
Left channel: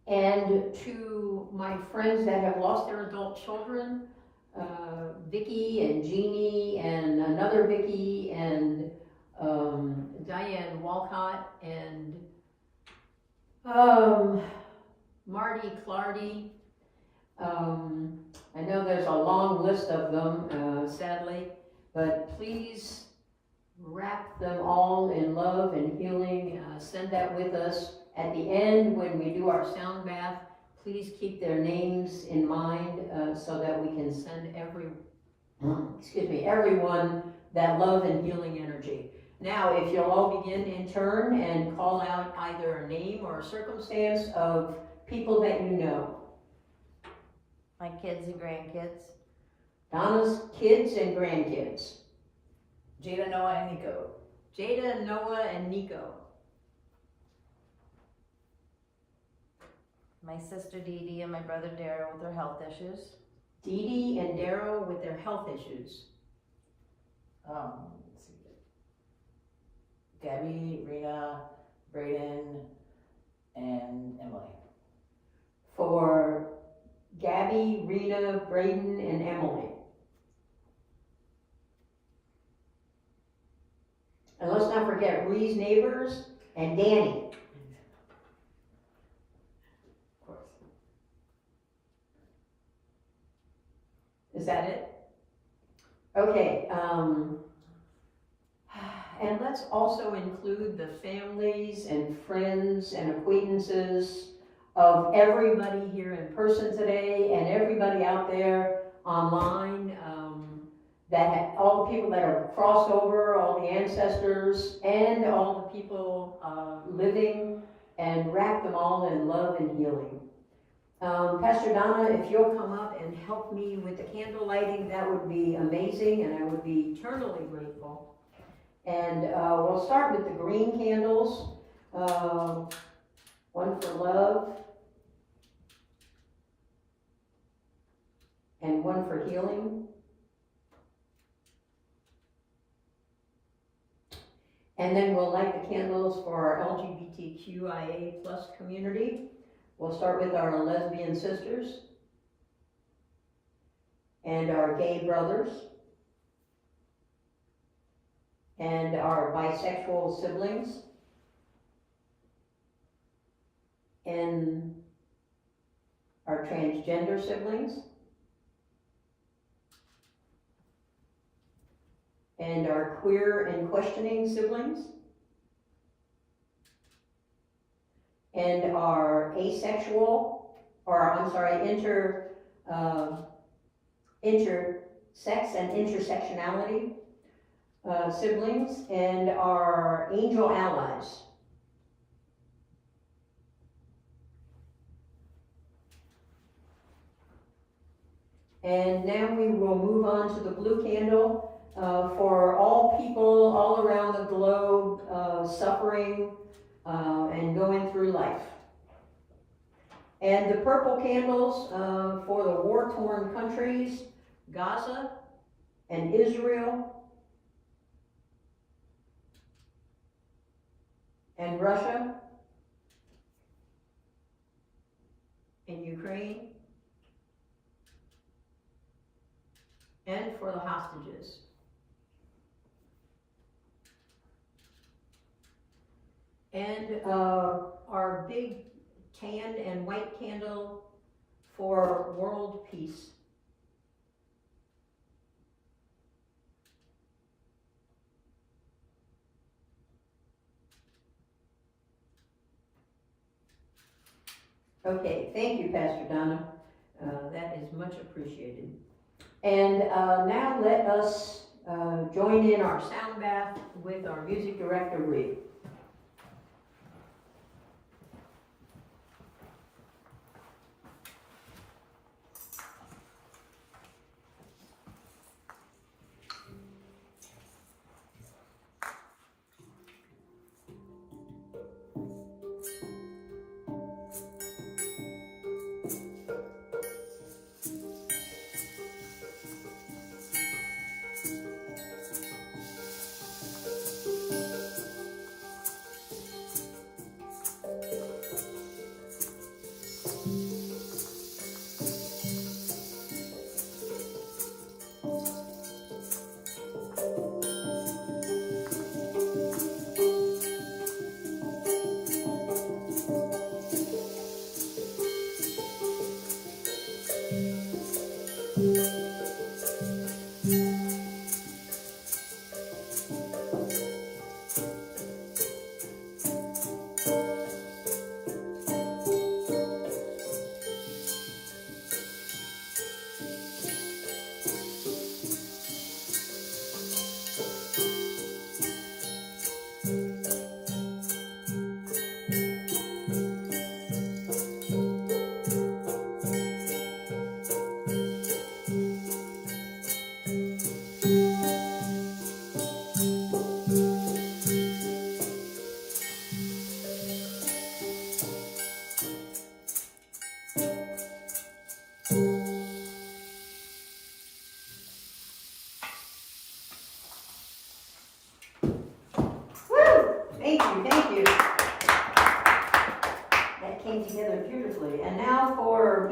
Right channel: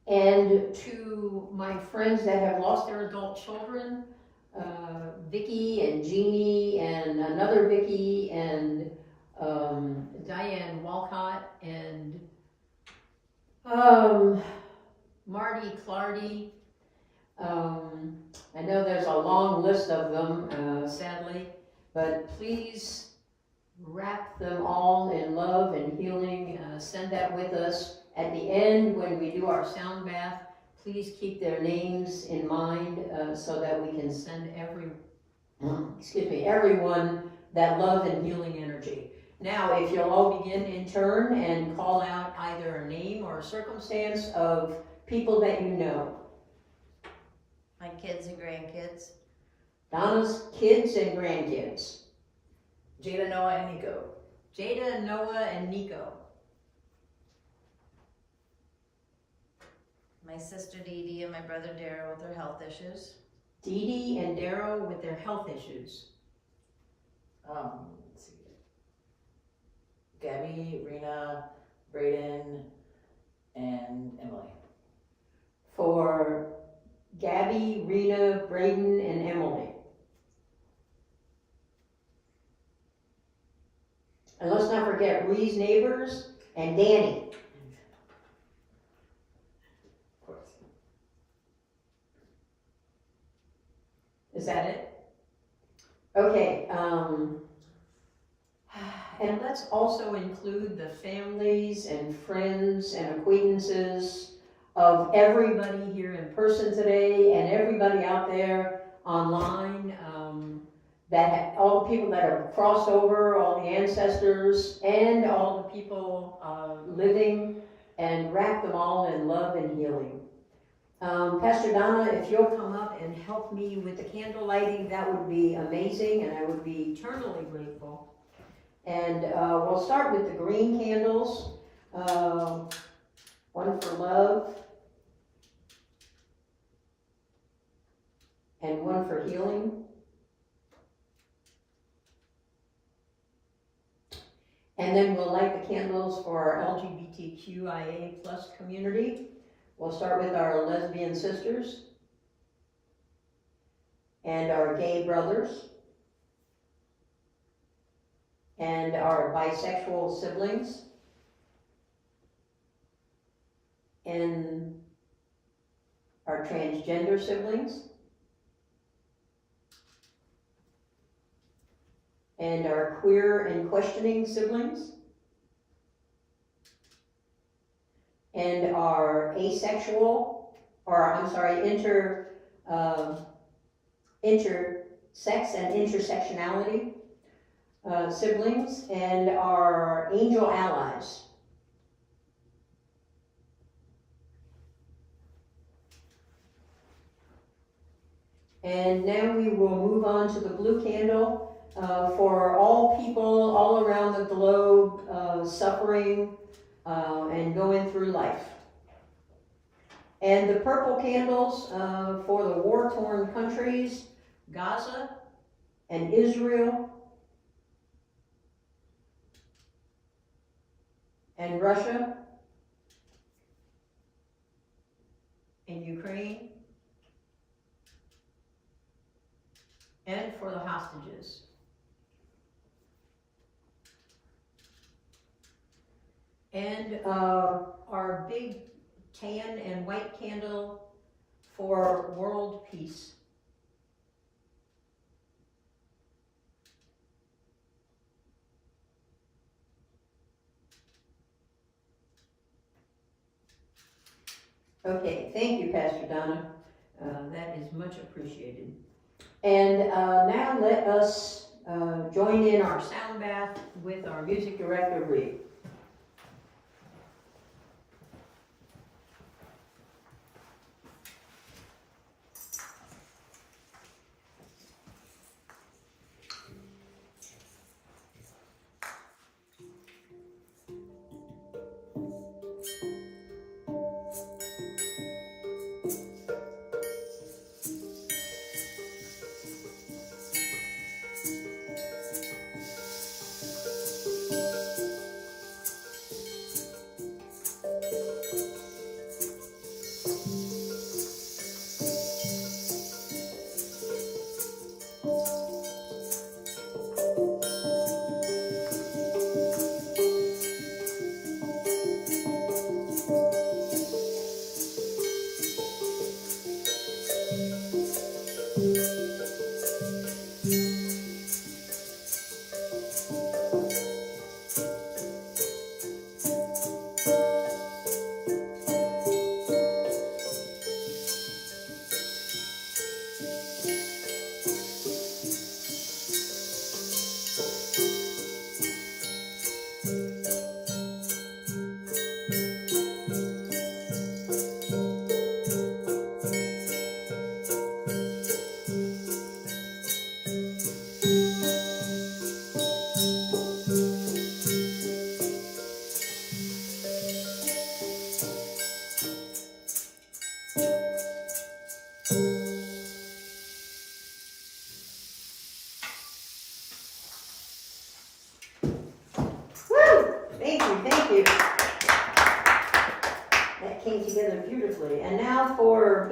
And to my friends that have lost their adult children, Vicky and Jeannie and another Vicky and Diane Walcott and Marty Clardy. I know there's a long list of them, sadly, but please wrap them all in love and healing. Send that with us. At the end, when we do our sound bath, please keep their names in mind so that we can send everyone that love and healing energy. Now, if you'll all begin in turn and call out either a name or a circumstance of people that you know. My kids and grandkids. Donna's kids and grandkids. Jada, Noah, and Nico. Jada, Noah, and Nico. My sister Dee Dee and my brother Daryl with their health issues. Dee Dee and Daryl with their health issues. Let's see. Gabby, Rena, Braden, and Emily. For Gabby, Rena, Braden, and Emily. And let's not forget Ree's neighbors and Danny. Of course. Is that it? Okay, and let's also include the families and friends and acquaintances of everybody here in person today and everybody out there online, all the people that have crossed over, all the ancestors, and all the people living, and wrap them all in love and healing. Pastor Donna, if you'll come up and help me with the candle lighting, that would be amazing, and I would be eternally grateful. And we'll start with the green candles, one for love, and one for healing. And then we'll light the candles for our LGBTQIA+ community. We'll start with our lesbian sisters and our gay brothers and our bisexual siblings and our transgender siblings and our queer and questioning siblings and our asexual, intersex and intersectionality siblings, and our angel allies. And now we will move on to the blue candle for all people all around the globe suffering and going through life. And the purple candles for the war-torn countries, Gaza and Israel and Russia and Ukraine, and for the hostages. And our big tan and white candle for world peace. Okay, thank you, Pastor Donna. That is much appreciated. And now let us join in our sound bath with our music director, Ree.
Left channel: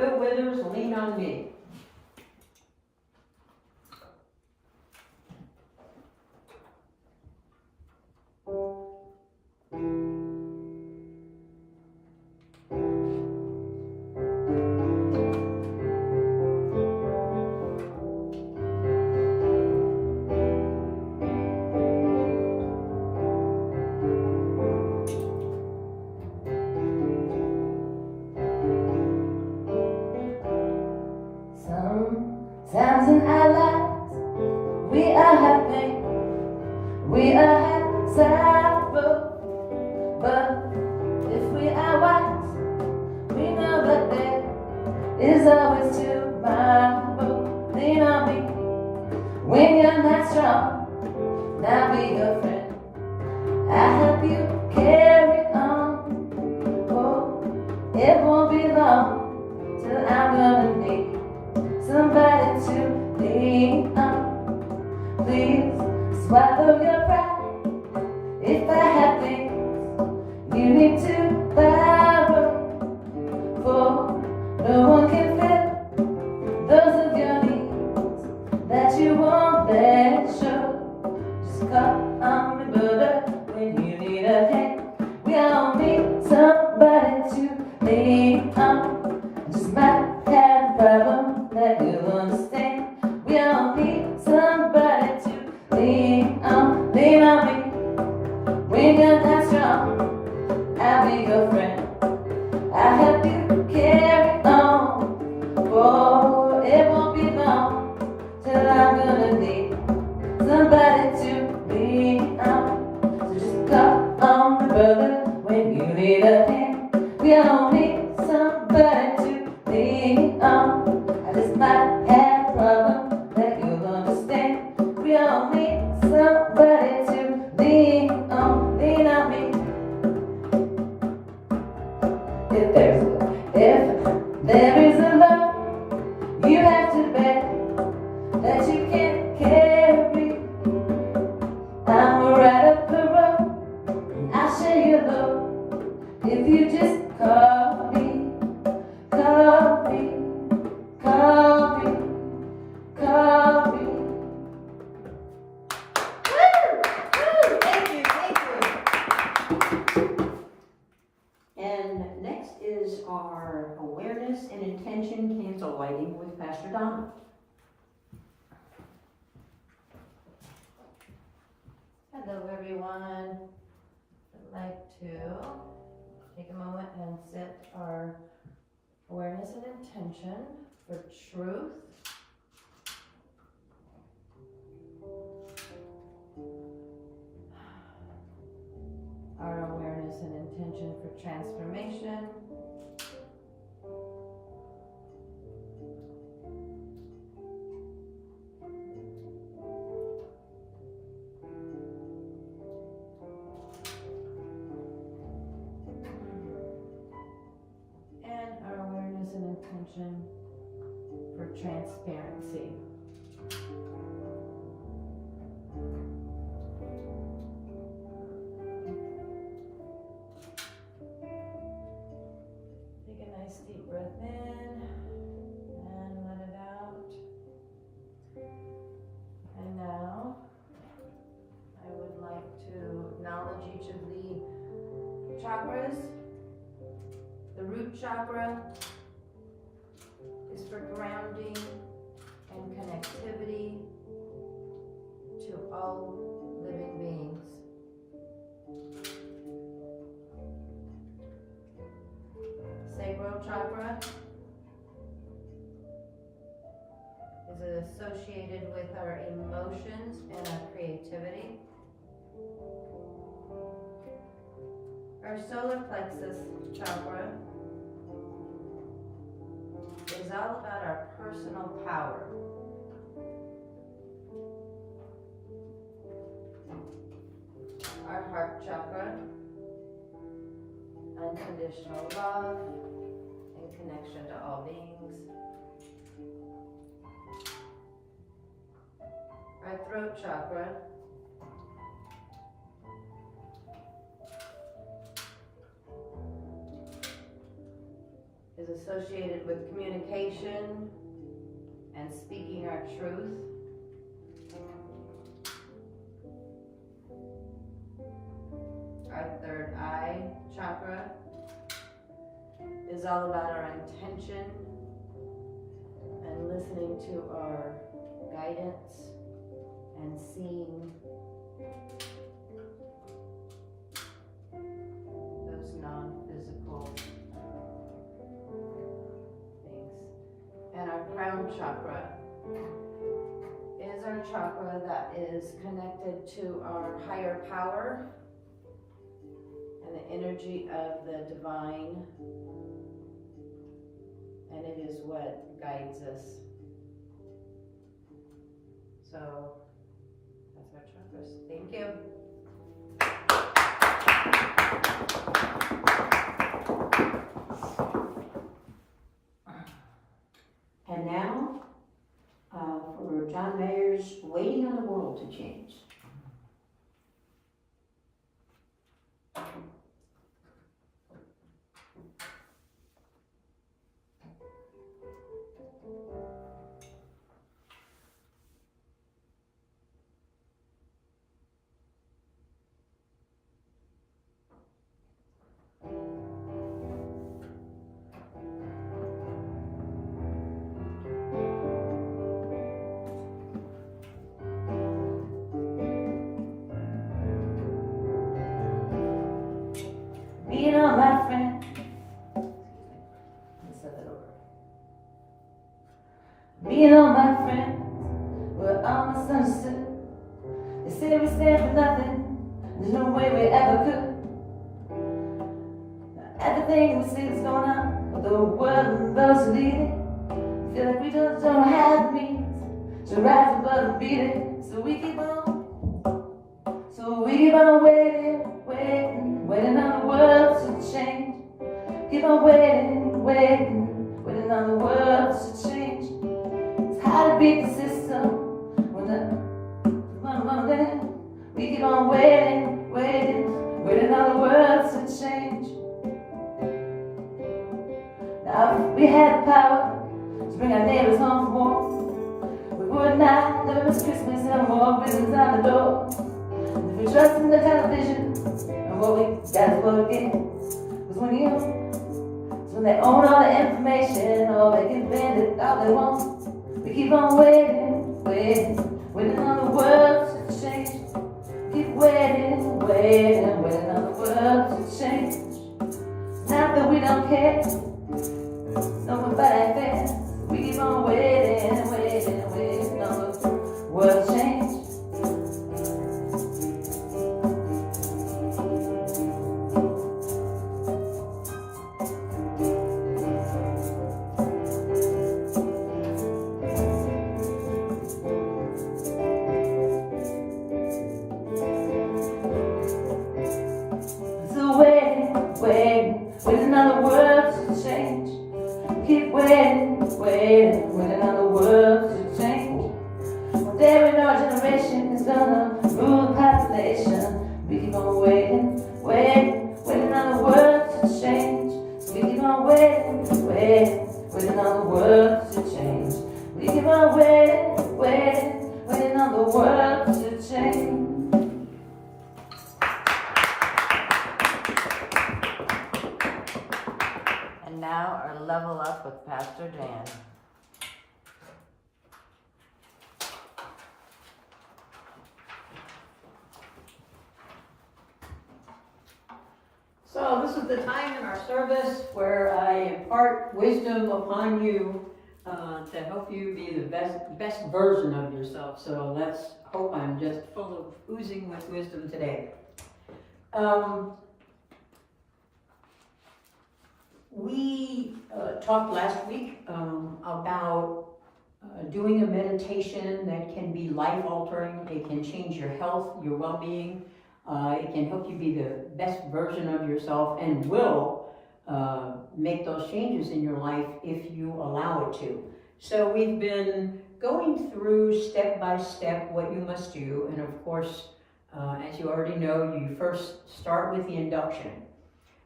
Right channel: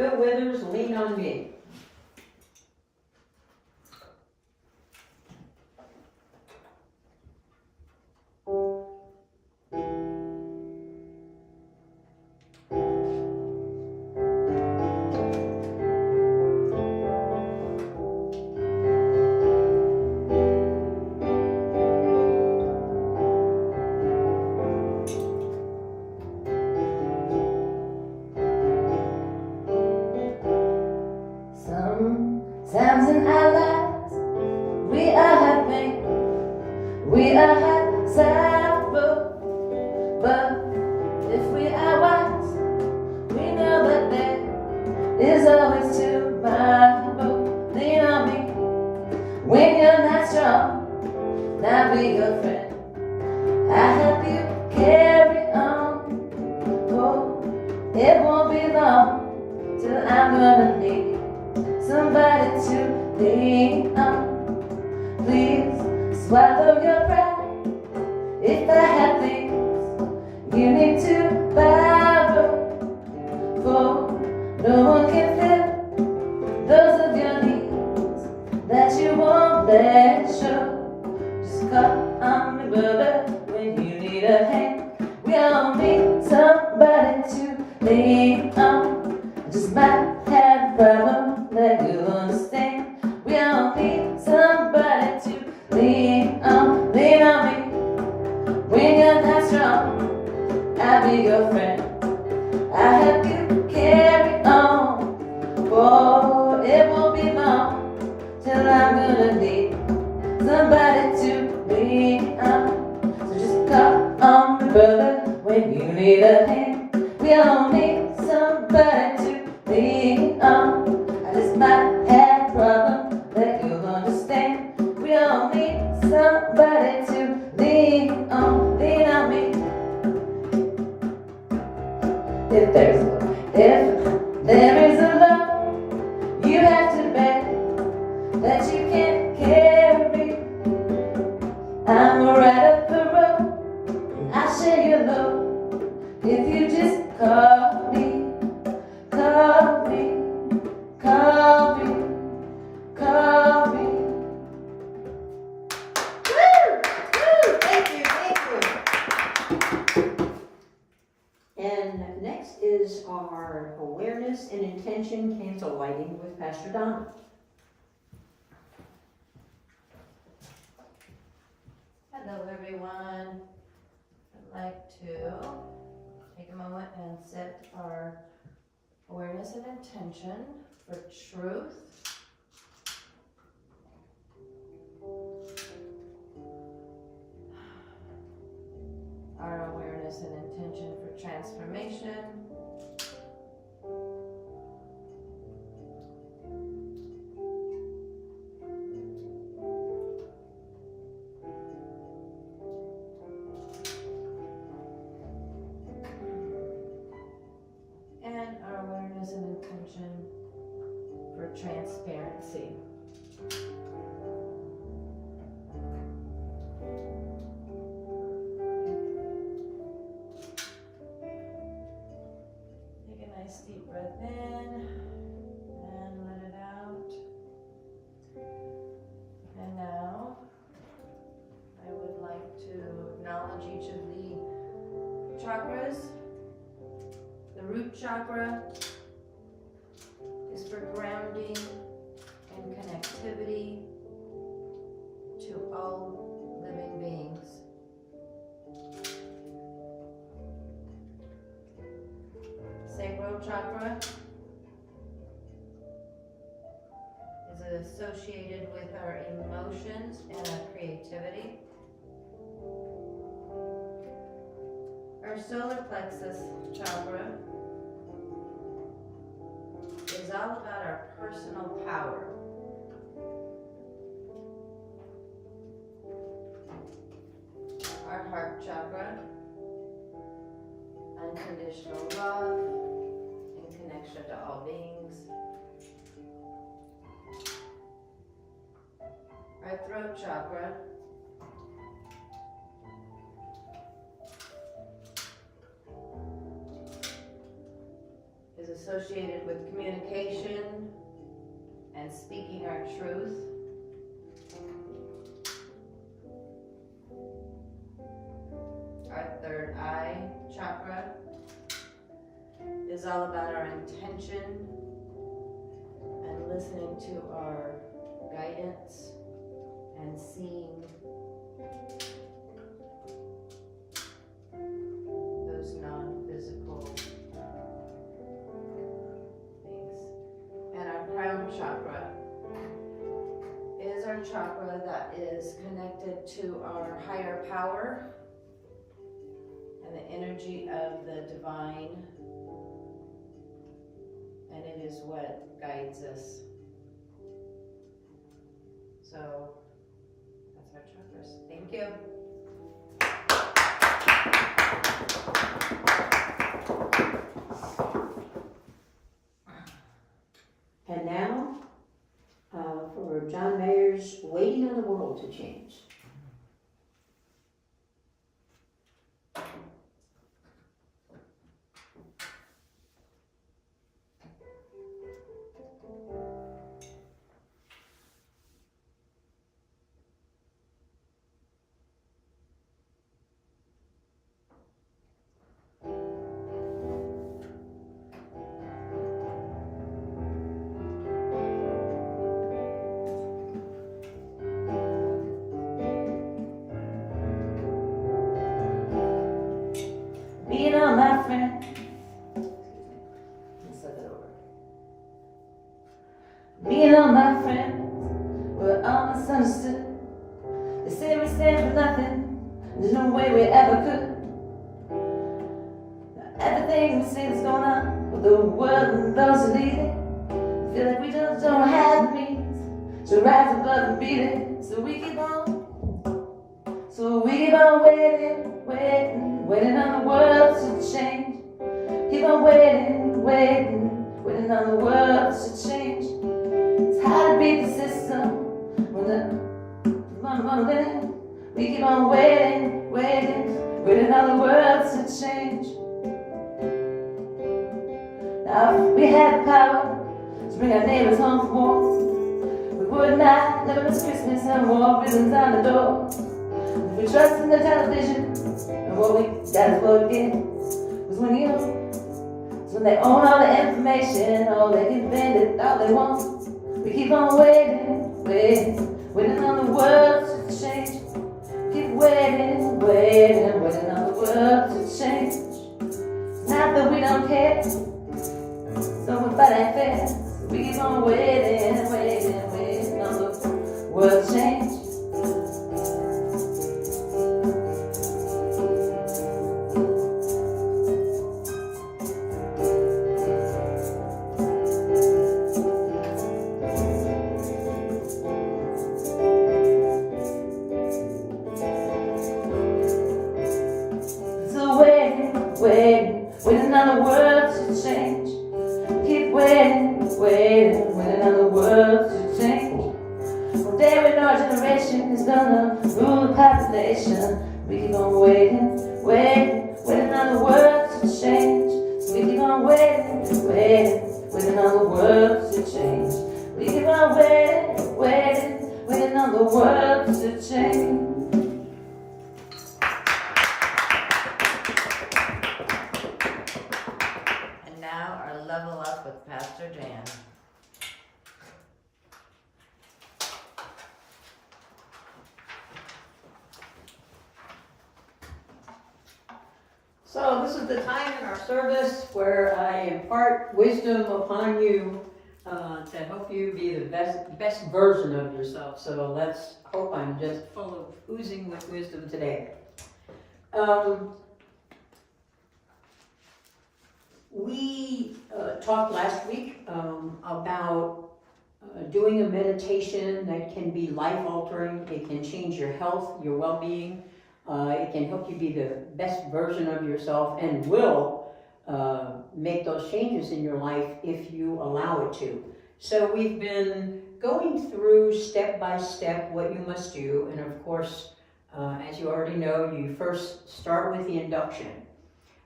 Bill Withers, Lean on Me. Sometimes in our lives, we are happy, we are happy, but if we are wise, we know that there is always tomorrow. Lean on me when you're not strong, I'll be your friend. I help you carry on. Oh, it won't be long till I'm gonna need somebody to lean on. Please swallow your pride. If I have things you need to borrow, for no one can fill those of your needs that you won't let show. Just call on me, brother, when you need a hand. We all need somebody to lean on. Just might have a problem that you'll understand. We all need somebody to lean on. Lean on me when you're not strong, I'll be your friend. I help you carry on. Oh, it won't be long till I'm gonna need somebody to lean on. So just call on me, brother, when you need a hand. We all need somebody to lean on. I just might have a problem that you'll understand. We all need somebody to lean on. Lean on me. If there is a love you have to bear that you can't carry, I'm right up the road and I'll share your load. If you just call me, call me, call me, call me. Thank you. And next is our awareness and intention candle lighting with Pastor Donna. Hello, everyone. I'd like to take a moment and set our awareness and intention for truth. Our awareness and intention for transformation. And our awareness and intention for transparency. Take a nice deep breath in and let it out. And now I would like to acknowledge each of the chakras. The root chakra is for grounding and connectivity to all living beings. Sacral chakra is associated with our emotions and our creativity. Our solar plexus chakra is all about our personal power. Our heart chakra, unconditional love and connection to all beings. Our throat chakra is associated with communication and speaking our truth. Our third eye chakra is all about our intention and listening to our guidance and seeing those non-physical things. And our crown chakra is our chakra that is connected to our higher power and the energy of the divine, and it is what guides us. So that's our chakras. Thank you. And now, for John Mayer's Waiting on the World to Change. Being all my friend. Let's start that over. Being all my friends, we're all misunderstood. They say we stand for nothing, there's no way we ever could. Everything we see is going on with the world and those who lead it. Feel like we just don't have the means to rise above and beat it. So we keep on waiting on the world to change. Keep on waiting on the world to change. It's hard to beat the system when the moment we keep on waiting on the world to change. Now if we had the power to bring our neighbors home from war, we would not never miss Christmas and more ribbons on the door. If we trust in the television, and what we got is what we get. Was when they own all the information, all they can bend it, all they want. We keep on waiting on the world to change. Keep waiting on the world to change. Not that we don't care, nobody cares. We keep on waiting on the world to change. Waiting on the world to change. Keep waiting on the world to change. One day when our generation is gonna rule the population, we keep on waiting on the world to change. So we keep on waiting on the world to change. We keep on waiting on the world to change. Now our level up with Pastor Dan. So this is the time in our service where I impart wisdom upon you to help you be the best version of yourself. So let's hope I'm just full of oozing with wisdom today. We talked last week about doing a meditation that can be life-altering. It can change your health, your well-being. It can help you be the best version of yourself and will make those changes in your life if you allow it to. So we've been going through step by step what you must do. And of course, as you already know, you first start with the induction.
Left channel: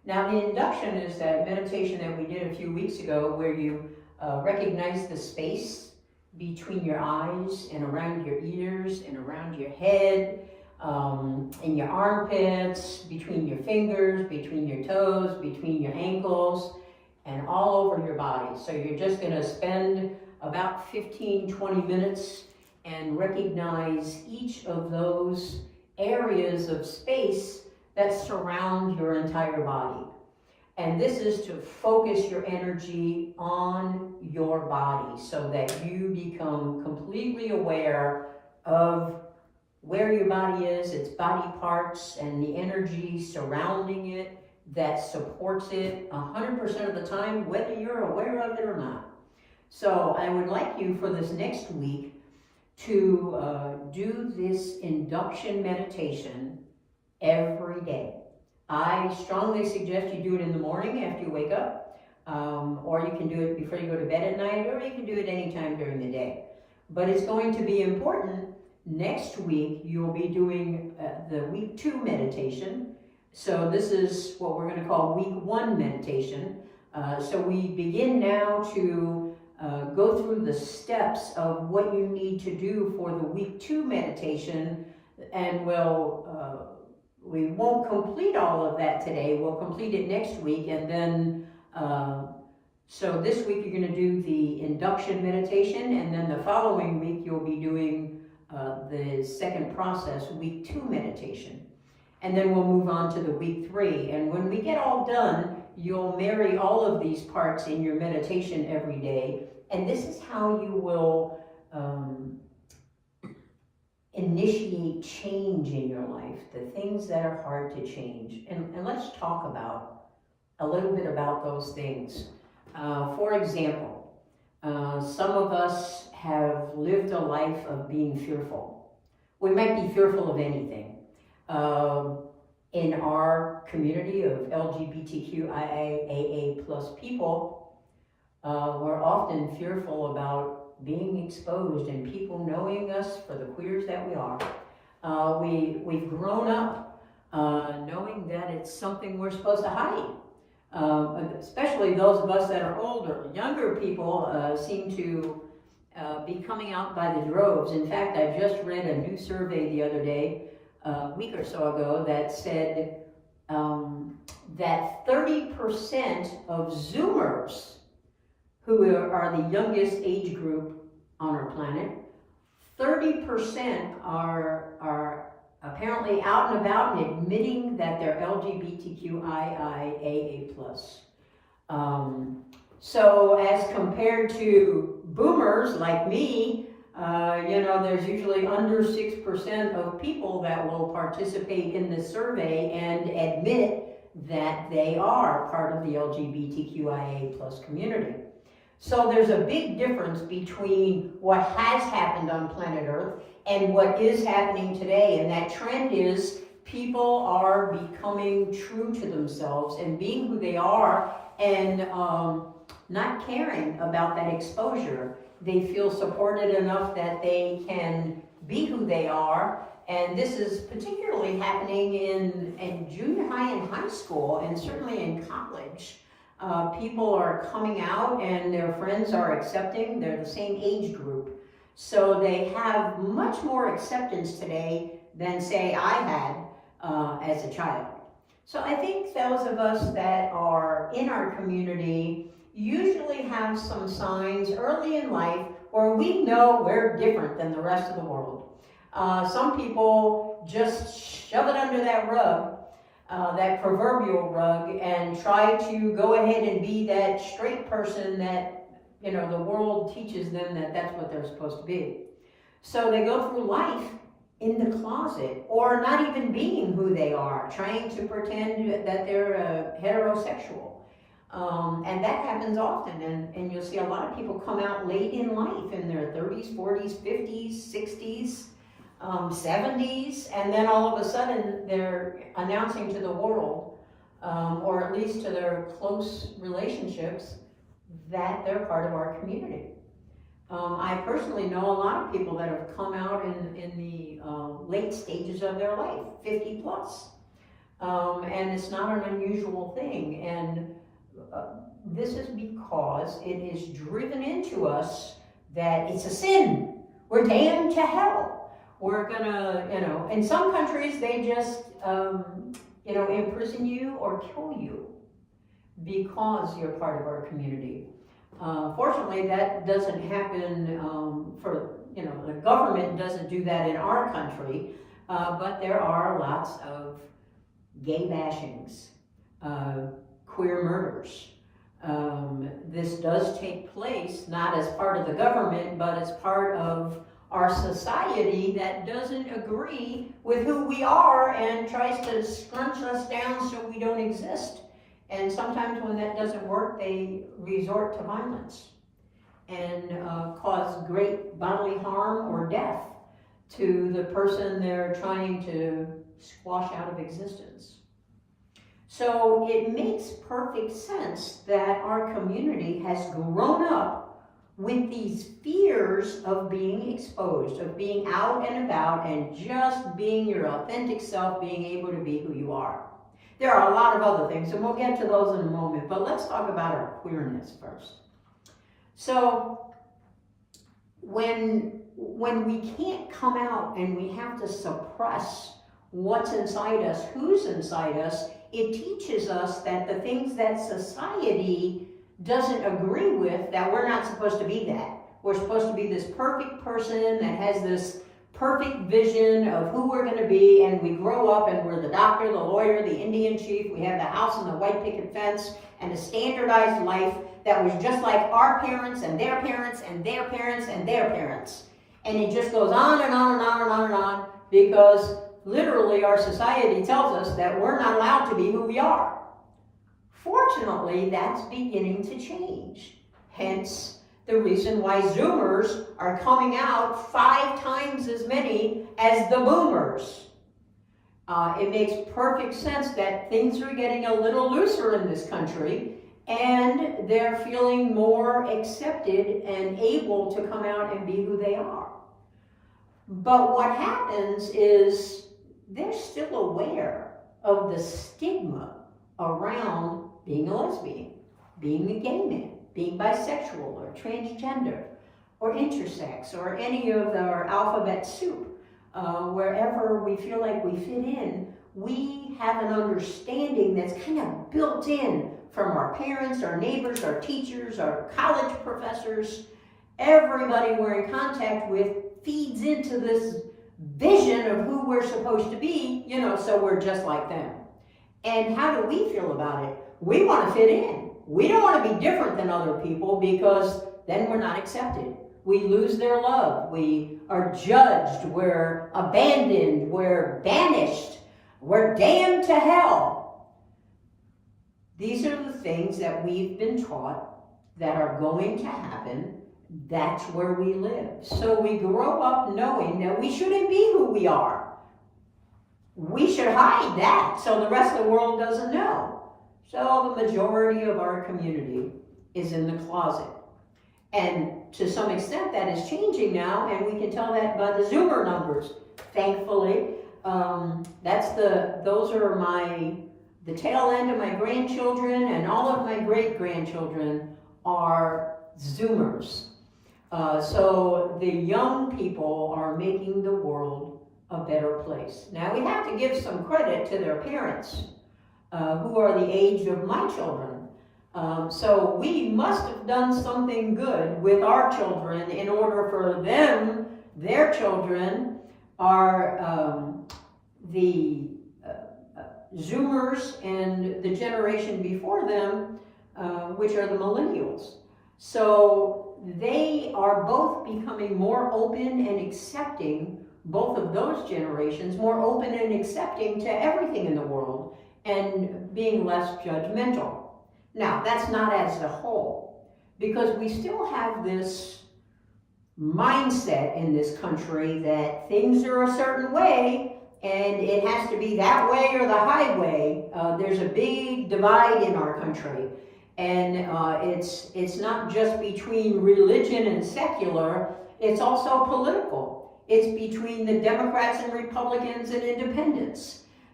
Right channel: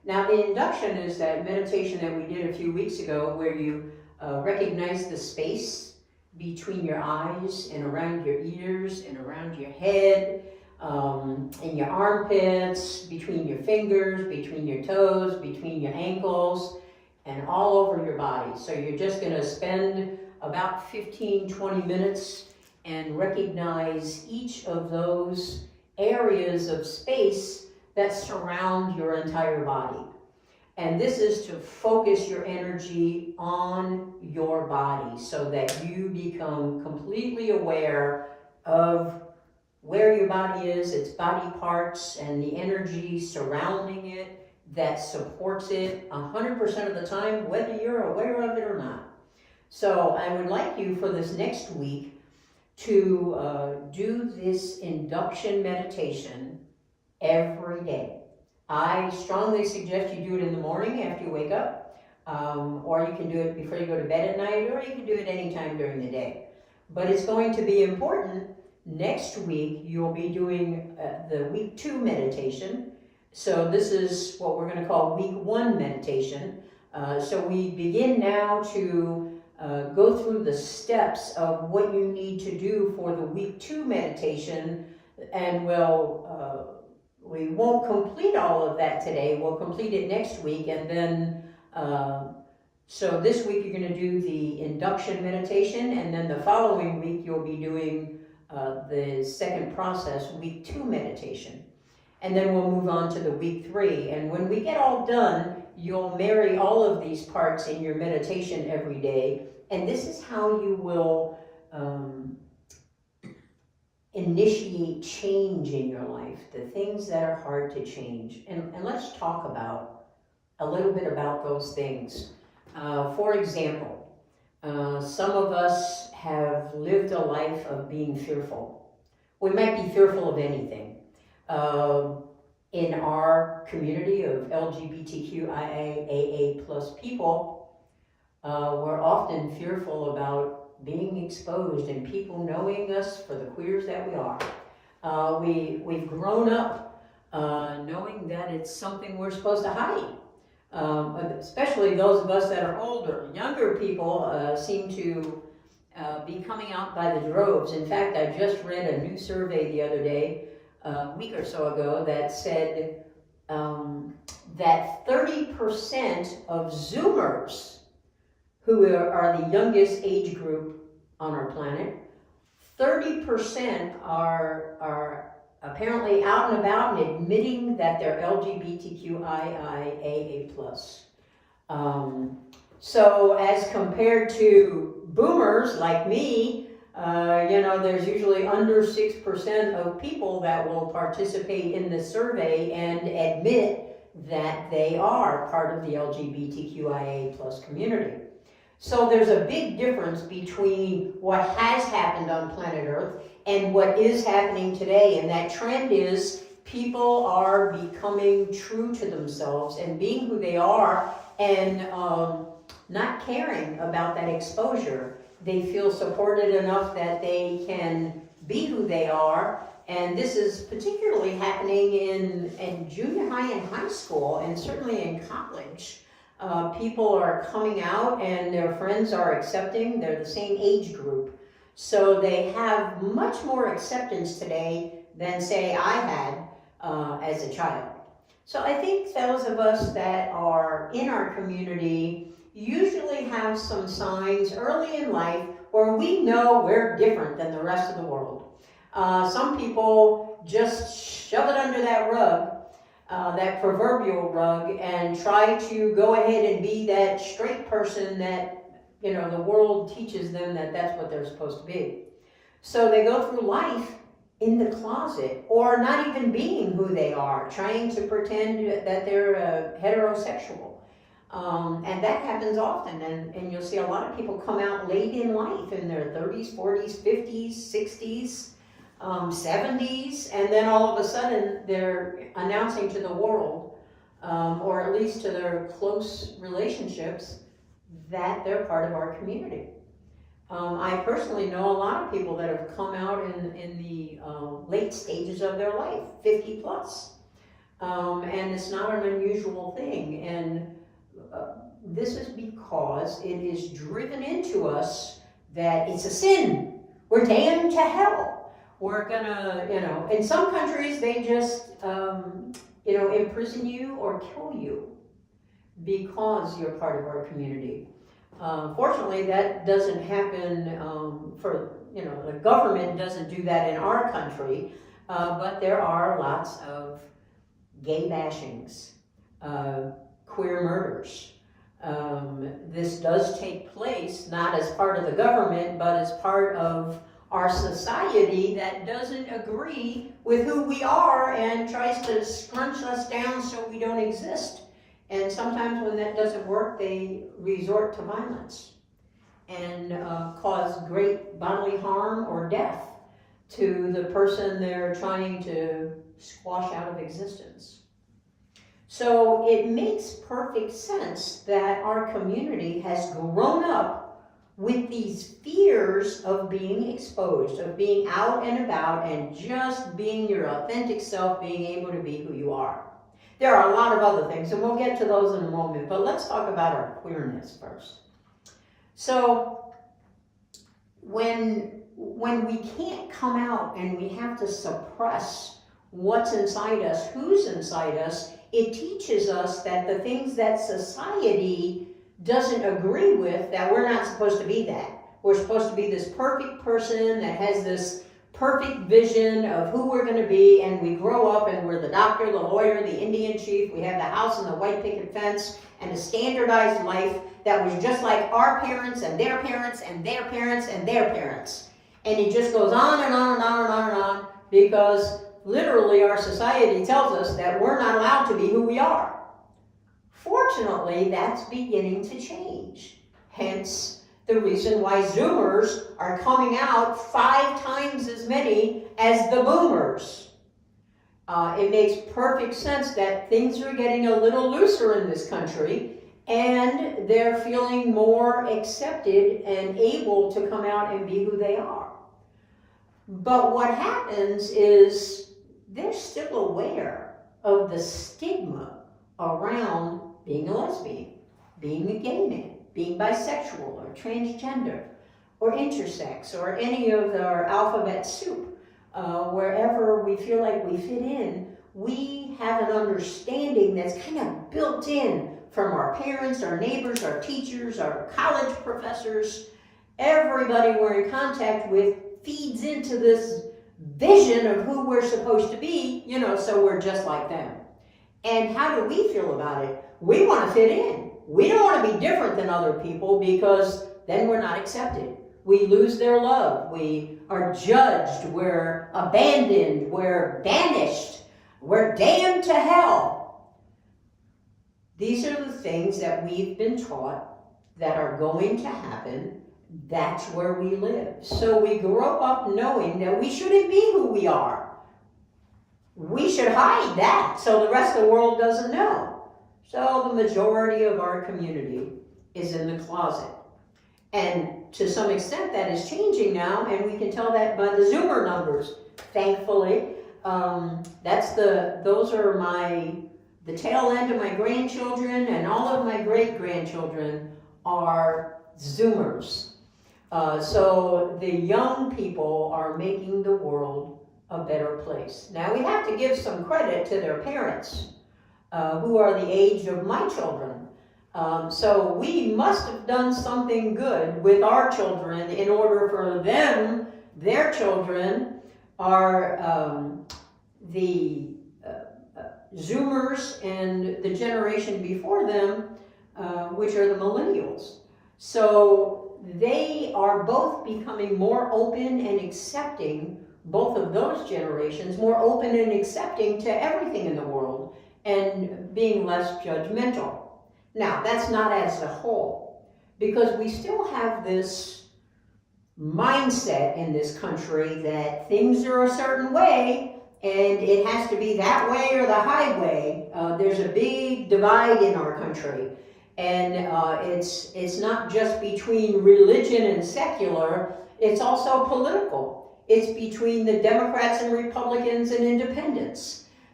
Now, the induction is that meditation that we did a few weeks ago where you recognize the space between your eyes and around your ears and around your head, in your armpits, between your fingers, between your toes, between your ankles, and all over your body. So you're just going to spend about 15-20 minutes and recognize each of those areas of space that surround your entire body. And this is to focus your energy on your body so that you become completely aware of where your body is, its body parts, and the energy surrounding it that supports it 100% of the time, whether you're aware of it or not. So I would like you for this next week to do this induction meditation every day. I strongly suggest you do it in the morning after you wake up, or you can do it before you go to bed at night, or you can do it anytime during the day. But it's going to be important. Next week, you'll be doing the week 2 meditation. So this is what we're going to call week 1 meditation. So we begin now to go through the steps of what you need to do for the week 2 meditation, and we won't complete all of that today. We'll complete it next week, and then so this week you're going to do the induction meditation, and then the following week you'll be doing the second process, week 2 meditation. And then we'll move on to the week 3. And when we get all done, you'll marry all of these parts in your meditation every day. And this is how you will initiate change in your life, the things that are hard to change. And let's talk about a little bit about those things. For example, some of us have lived a life of being fearful. We might be fearful of anything. In our community of LGBTQIA plus people, we're often fearful about being exposed and people knowing us for the queers that we are. We've grown up knowing that it's something we're supposed to hide. Especially those of us that are older. Younger people seem to be coming out by the droves. In fact, I just read a new survey the other day, a week or so ago, that said that 30% of Zoomers, who are the youngest age group on our planet, 30% are apparently out and about and admitting that they're LGBTQIA+. So as compared to boomers like me, there's usually under 6% of people that will participate in this survey and admit that they are part of the LGBTQIA+ community. So there's a big difference between what has happened on planet Earth and what is happening today, and that trend is people are becoming true to themselves and being who they are, and not caring about that exposure. They feel supported enough that they can be who they are, and this is particularly happening in junior high and high school, and certainly in college. People are coming out and their friends are accepting. They're the same age group. So they have much more acceptance today than, say, I had as a child. So I think those of us that are in our community usually have some signs early in life where we know we're different than the rest of the world. Some people just shove it under that rug, that proverbial rug, and try to go ahead and be that straight person that, the world teaches them that that's what they're supposed to be. So they go through life in the closet, or not even being who they are, trying to pretend that they're heterosexual. And that happens often, and you'll see a lot of people come out late in life, in their 30s, 40s, 50s, 60s, 70s, and then all of a sudden they're announcing to the world, or at least to their close relationships, that they're part of our community. I personally know a lot of people that have come out in the late stages of their life, 50 plus. And it's not an unusual thing. And this is because it is driven into us that it's a sin. We're damned to hell. We're gonna, in some countries they just, imprison you or kill you because you're part of our community. Fortunately, that doesn't happen the government doesn't do that in our country, but there are lots of gay bashings, queer murders. This does take place not as part of the government, but as part of our society that doesn't agree with who we are and tries to scrunch us down so we don't exist. And sometimes when that doesn't work, they resort to violence and cause great bodily harm or death to the person they're trying to squash out of existence. So it makes perfect sense that our community has grown up with these fears of being exposed, of being out and about and just being your authentic self, being able to be who you are. There are a lot of other things, and we'll get to those in a moment, but let's talk about our queerness first. So when we can't come out and we have to suppress what's inside us, who's inside us, it teaches us that the things that society doesn't agree with, that we're not supposed to be that. We're supposed to be this perfect person that has this perfect vision of who we're going to be, and we grow up and we're the doctor, the lawyer, the Indian chief, we have the house and the white picket fence, and a standardized life that was just like our parents and their parents and their parents and their parents. And it just goes on and on and on and on and on, because literally our society tells us that we're not allowed to be who we are. Fortunately, that's beginning to change. Hence, the reason why Zoomers are coming out 5 times as many as the Boomers. It makes perfect sense that things are getting a little looser in this country, and they're feeling more accepted and able to come out and be who they are. But what happens is they're still aware of the stigma around being a lesbian, being a gay man, being bisexual or transgender or intersex or any of our alphabet soup. Wherever we feel like we fit in, we have an understanding that's kind of built in from our parents, our neighbors, our teachers, our college professors. Everybody we're in contact with feeds into this vision of who we're supposed to be, so we're just like them. And how do we feel about it? We want to fit in. We don't want to be different than other people, because then we're not accepted. We lose their love. We are judged. We're abandoned. We're banished. We're damned to hell. These are the things that we've been taught that are going to happen. That's where we live. So we grow up knowing that we shouldn't be who we are. We should hide that so the rest of the world doesn't know. So the majority of our community is in the closet. And to some extent that is changing now, and we can tell that by the Zoomer numbers, thankfully. Those are the tail end of my grandchildren, and all of my great-grandchildren are Zoomers. So the young people are making the world a better place. Now we have to give some credit to their parents, who are the age of my children. So we must have done something good with our children in order for them, their children, are the Zoomers and the generation before them, which are the millennials. So they are both becoming more open and accepting, both of those generations, more open and accepting to everything in the world and being less judgmental. Now, that's not as a whole, because we still have this mindset in this country that things are a certain way and it has to be that way or the highway. There's a big divide in our country. And it's not just between religion and secular, it's also political. It's between the Democrats and Republicans and independents.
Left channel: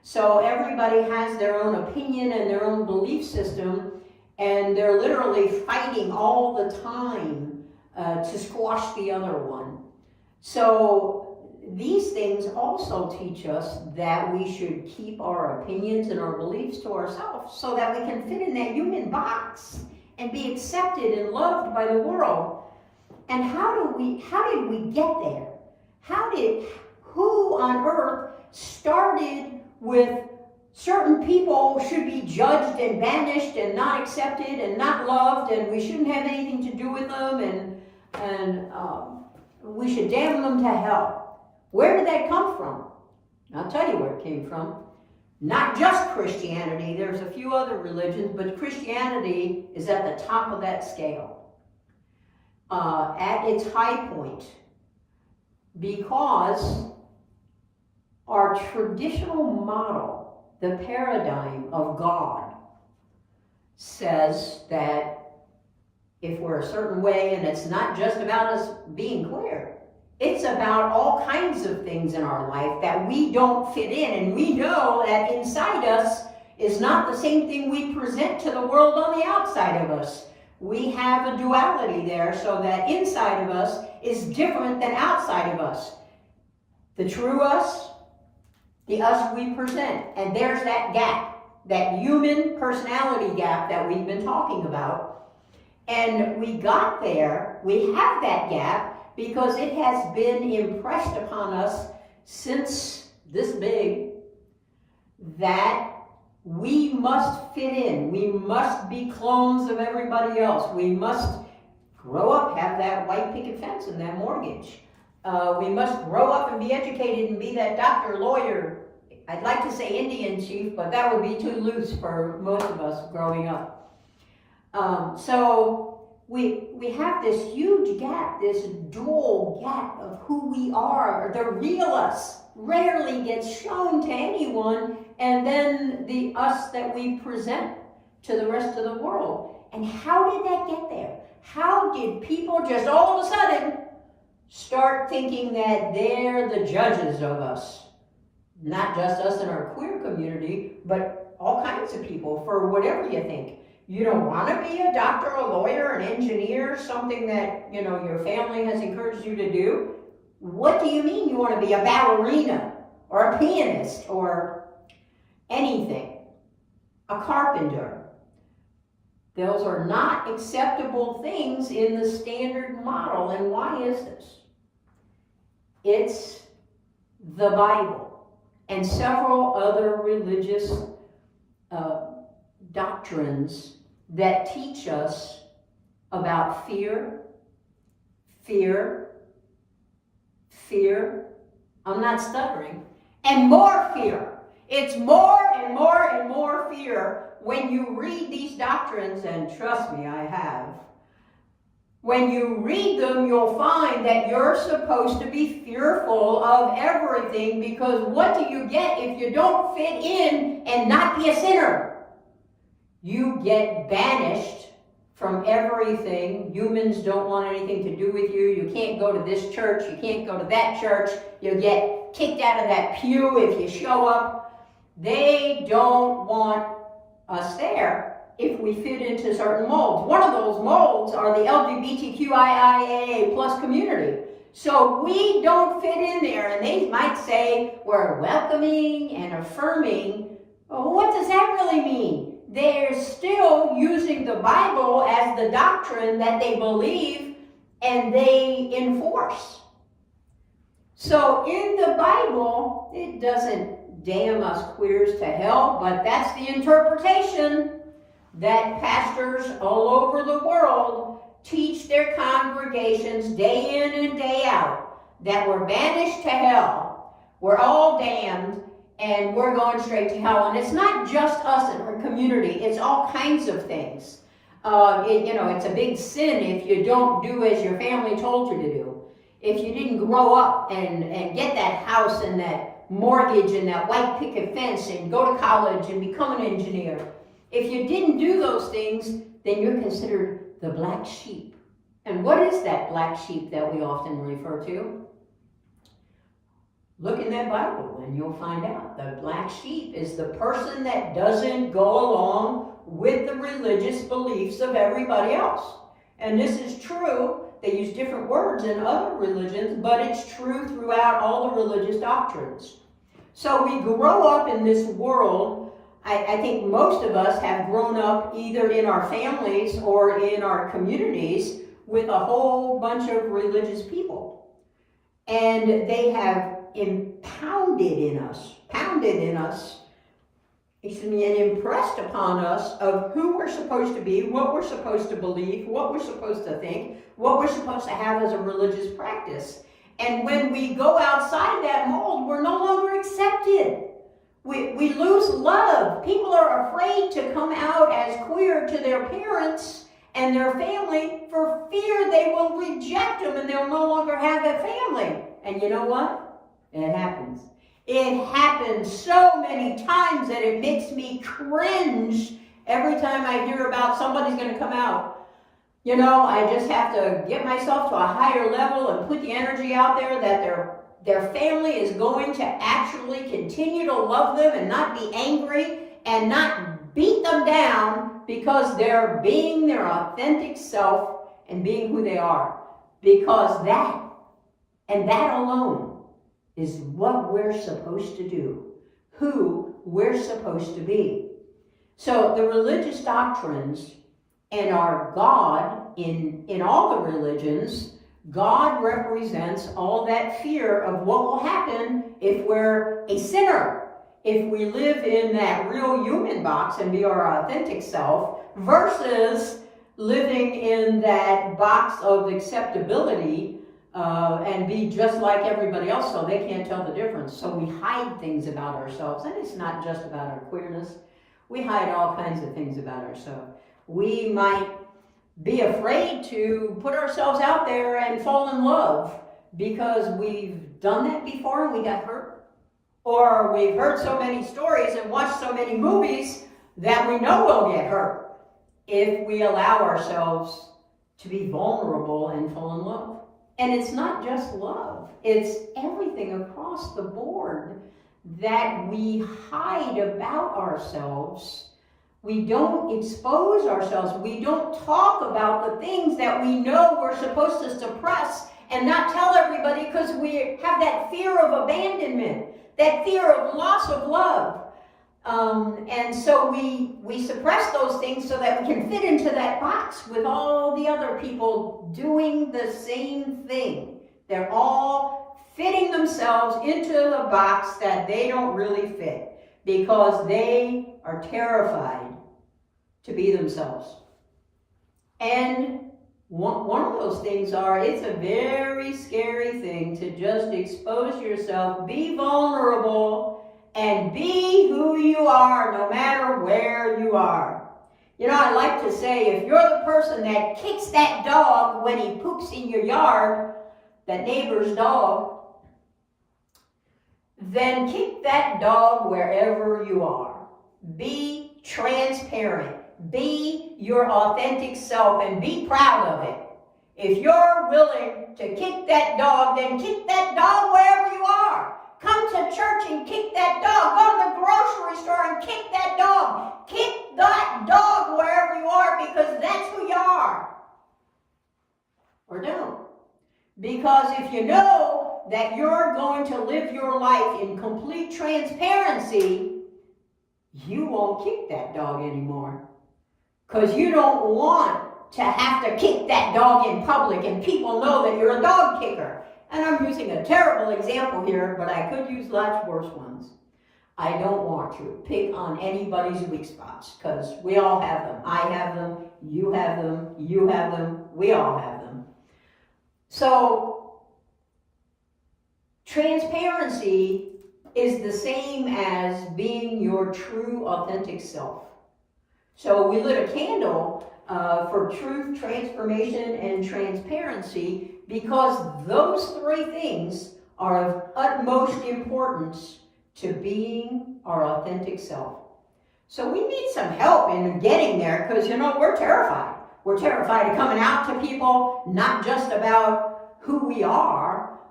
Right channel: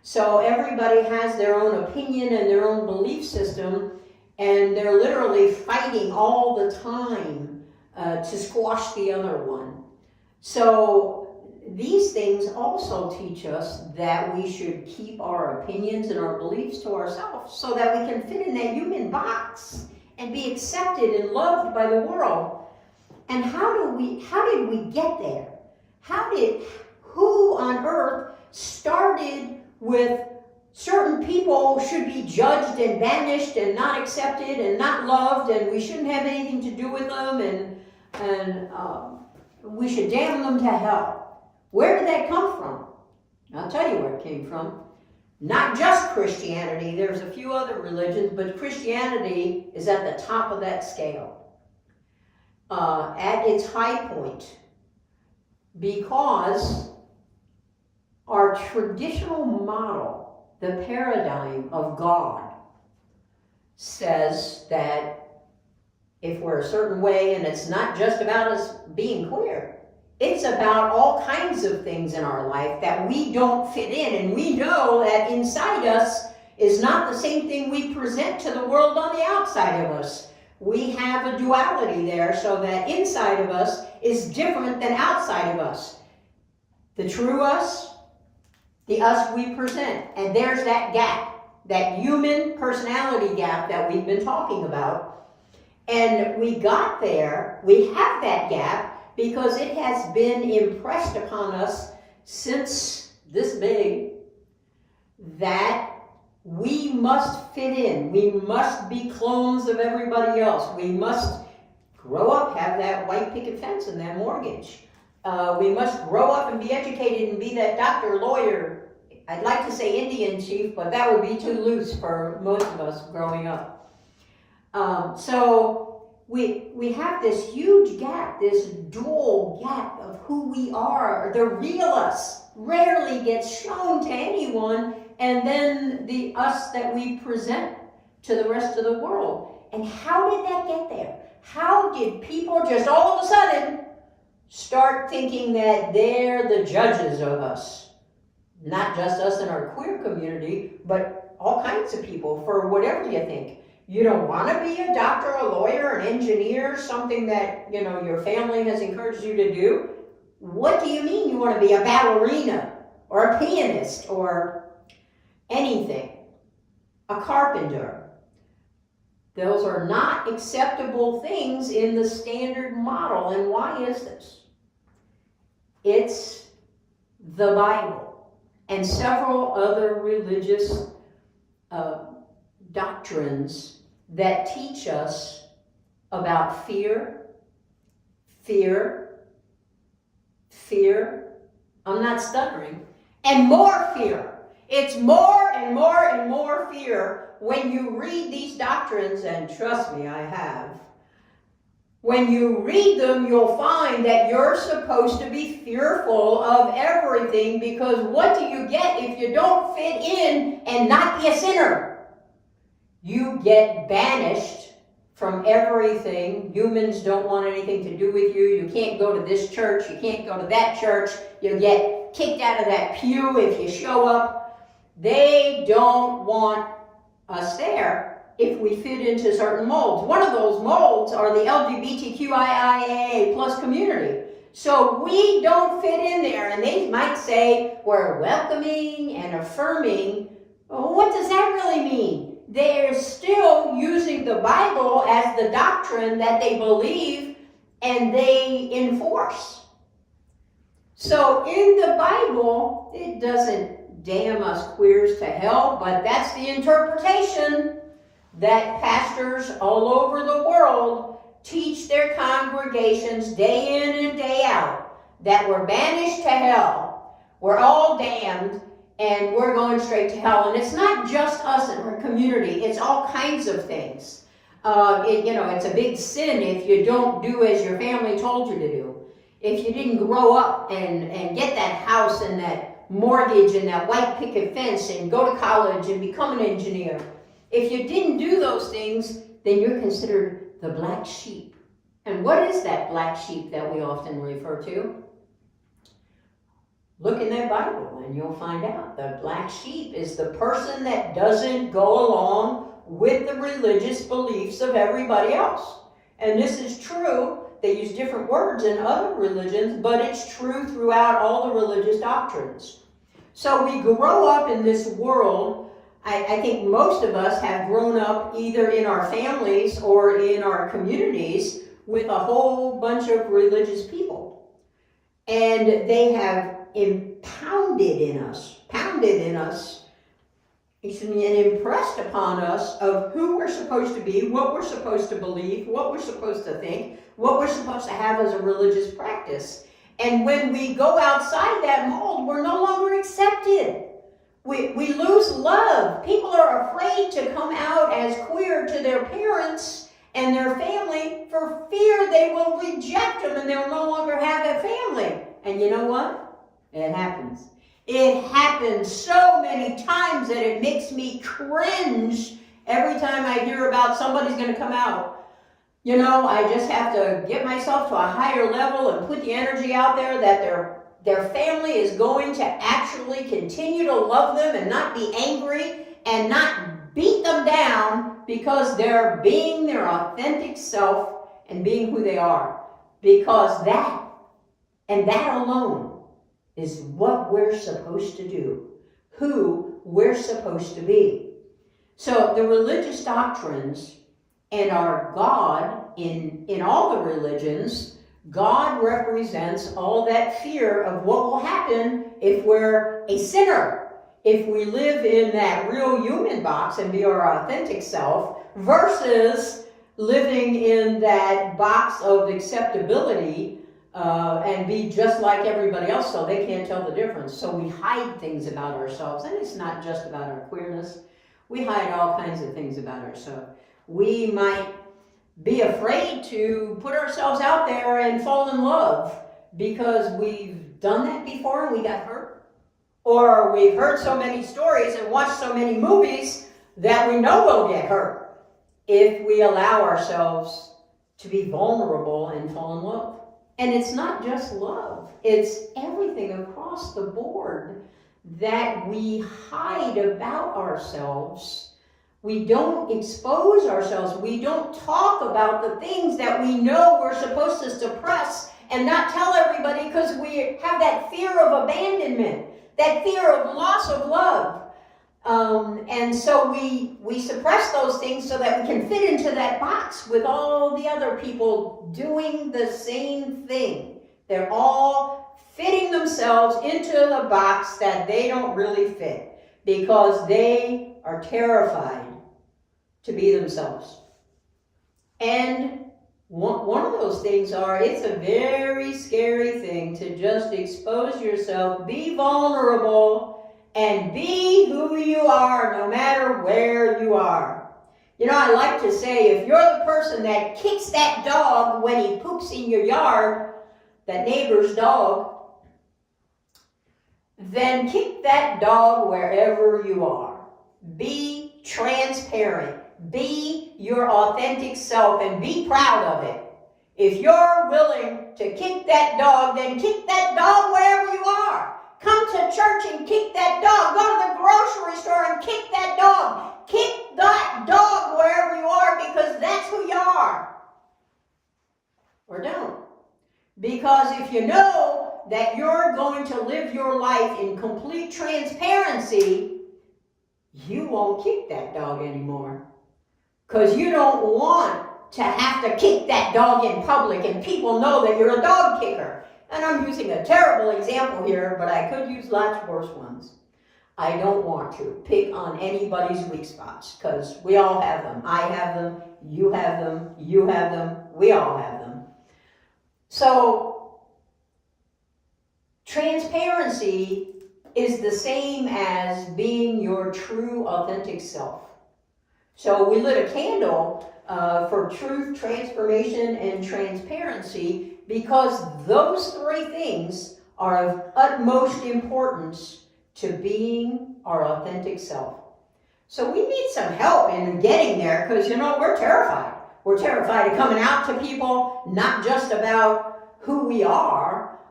So everybody has their own opinion and their own belief system, and they're literally fighting all the time to squash the other one. So these things also teach us that we should keep our opinions and our beliefs to ourselves so that we can fit in that human box and be accepted and loved by the world. And how did we get there? Who on earth started with certain people should be judged and banished and not accepted and not loved, and we shouldn't have anything to do with them, and we should damn them to hell? Where did that come from? I'll tell you where it came from. Not just Christianity. There's a few other religions, but Christianity is at the top of that scale. At its high point. Because our traditional model, the paradigm of God, says that if we're a certain way, and it's not just about us being queer, it's about all kinds of things in our life that we don't fit in, and we know that inside us is not the same thing we present to the world on the outside of us. We have a duality there, so that inside of us is different than outside of us. The true us, the us we present. And there's that gap, that human personality gap that we've been talking about. And we got there, we have that gap, because it has been impressed upon us since this big that we must fit in. We must be clones of everybody else. We must grow up, have that white picket fence and that mortgage. We must grow up and be educated and be that doctor, lawyer. I'd like to say Indian chief, but that would be too loose for most of us growing up. So we have this huge gap, this dual gap of who we are. The real us rarely gets shown to anyone, and then the us that we present to the rest of the world. And how did that get there? How did people just all of a sudden start thinking that they're the judges of us? Not just us in our queer community, but all kinds of people, for whatever you think. You don't want to be a doctor, a lawyer, an engineer, something that, you know, your family has encouraged you to do. What do you mean you want to be a ballerina or a pianist or anything? A carpenter. Those are not acceptable things in the standard model. And why is this? It's the Bible and several other religious doctrines that teach us about fear, I'm not stuttering, and more fear. It's more and more and more fear when you read these doctrines, and trust me, I have. When you read them, you'll find that you're supposed to be fearful of everything, because what do you get if you don't fit in and not be a sinner? You get banished from everything. Humans don't want anything to do with you. You can't go to this church. You can't go to that church. You get kicked out of that pew if you show up. They don't want us there if we fit into certain molds. One of those molds are the LGBTQIA plus community. So we don't fit in there, and they might say we're welcoming and affirming. Well, what does that really mean? They're still using the Bible as the doctrine that they believe and they enforce. So in the Bible, it doesn't damn us queers to hell, but that's the interpretation that pastors all over the world teach their congregations day in and day out, that we're banished to hell, we're all damned, and we're going straight to hell. And it's not just us in our community, it's all kinds of things. It's a big sin if you don't do as your family told you to do. If you didn't grow up and get that house and that mortgage and that white picket fence and go to college and become an engineer. If you didn't do those things, then you're considered the black sheep. And what is that black sheep that we often refer to? Look in that Bible and you'll find out the black sheep is the person that doesn't go along with the religious beliefs of everybody else. And this is true. They use different words in other religions, but it's true throughout all the religious doctrines. So we grow up in this world. I think most of us have grown up either in our families or in our communities with a whole bunch of religious people. And they have pounded in us, and impressed upon us of who we're supposed to be, what we're supposed to believe, what we're supposed to think, what we're supposed to have as a religious practice. And when we go outside that mold, we're no longer accepted. We lose love. People are afraid to come out as queer to their parents and their family for fear they will reject them and they'll no longer have a family. And you know what? It happens. It happens so many times that it makes me cringe every time I hear about somebody's going to come out. You know, I just have to get myself to a higher level and put the energy out there that their family is going to actually continue to love them and not be angry and not beat them down because they're being their authentic self and being who they are. Because that, and that alone, is what we're supposed to do, who we're supposed to be. So the religious doctrines and our God, in all the religions, God represents all that fear of what will happen if we're a sinner, if we live in that real human box and be our authentic self, versus living in that box of acceptability and be just like everybody else so they can't tell the difference. So we hide things about ourselves, and it's not just about our queerness. We hide all kinds of things about ourselves. We might be afraid to put ourselves out there and fall in love because we've done that before and we got hurt. Or we've heard so many stories and watched so many movies that we know we'll get hurt if we allow ourselves to be vulnerable and fall in love. And it's not just love, it's everything across the board that we hide about ourselves. We don't expose ourselves. We don't talk about the things that we know we're supposed to suppress and not tell everybody because we have that fear of abandonment, that fear of loss of love. And so we suppress those things so that we can fit into that box with all the other people doing the same thing. They're all fitting themselves into the box that they don't really fit because they are terrified to be themselves. And one of those things it's a very scary thing to just expose yourself, be vulnerable, and be who you are no matter where you are. You know, I like to say, if you're the person that kicks that dog when he poops in your yard, that neighbor's dog, then kick that dog wherever you are. Be transparent. Be your authentic self and be proud of it. If you're willing to kick that dog, then kick that dog wherever you are. Come to church and kick that dog. Go to the grocery store and kick that dog. Kick that dog wherever you are because that's who you are. Or don't. Because if you know that you're going to live your life in complete transparency, you won't kick that dog anymore. Because you don't want to have to kick that dog in public and people know that you're a dog kicker. And I'm using a terrible example here, but I could use lots worse ones. I don't want to pick on anybody's weak spots because we all have them. I have them, you have them, you have them, we all have them. So, transparency is the same as being your true, authentic self. So we lit a candle for truth, transformation, and transparency because those three things are of utmost importance to being our authentic self. So we need some help in getting there because, you know, we're terrified. We're terrified of coming out to people, not just about who we are,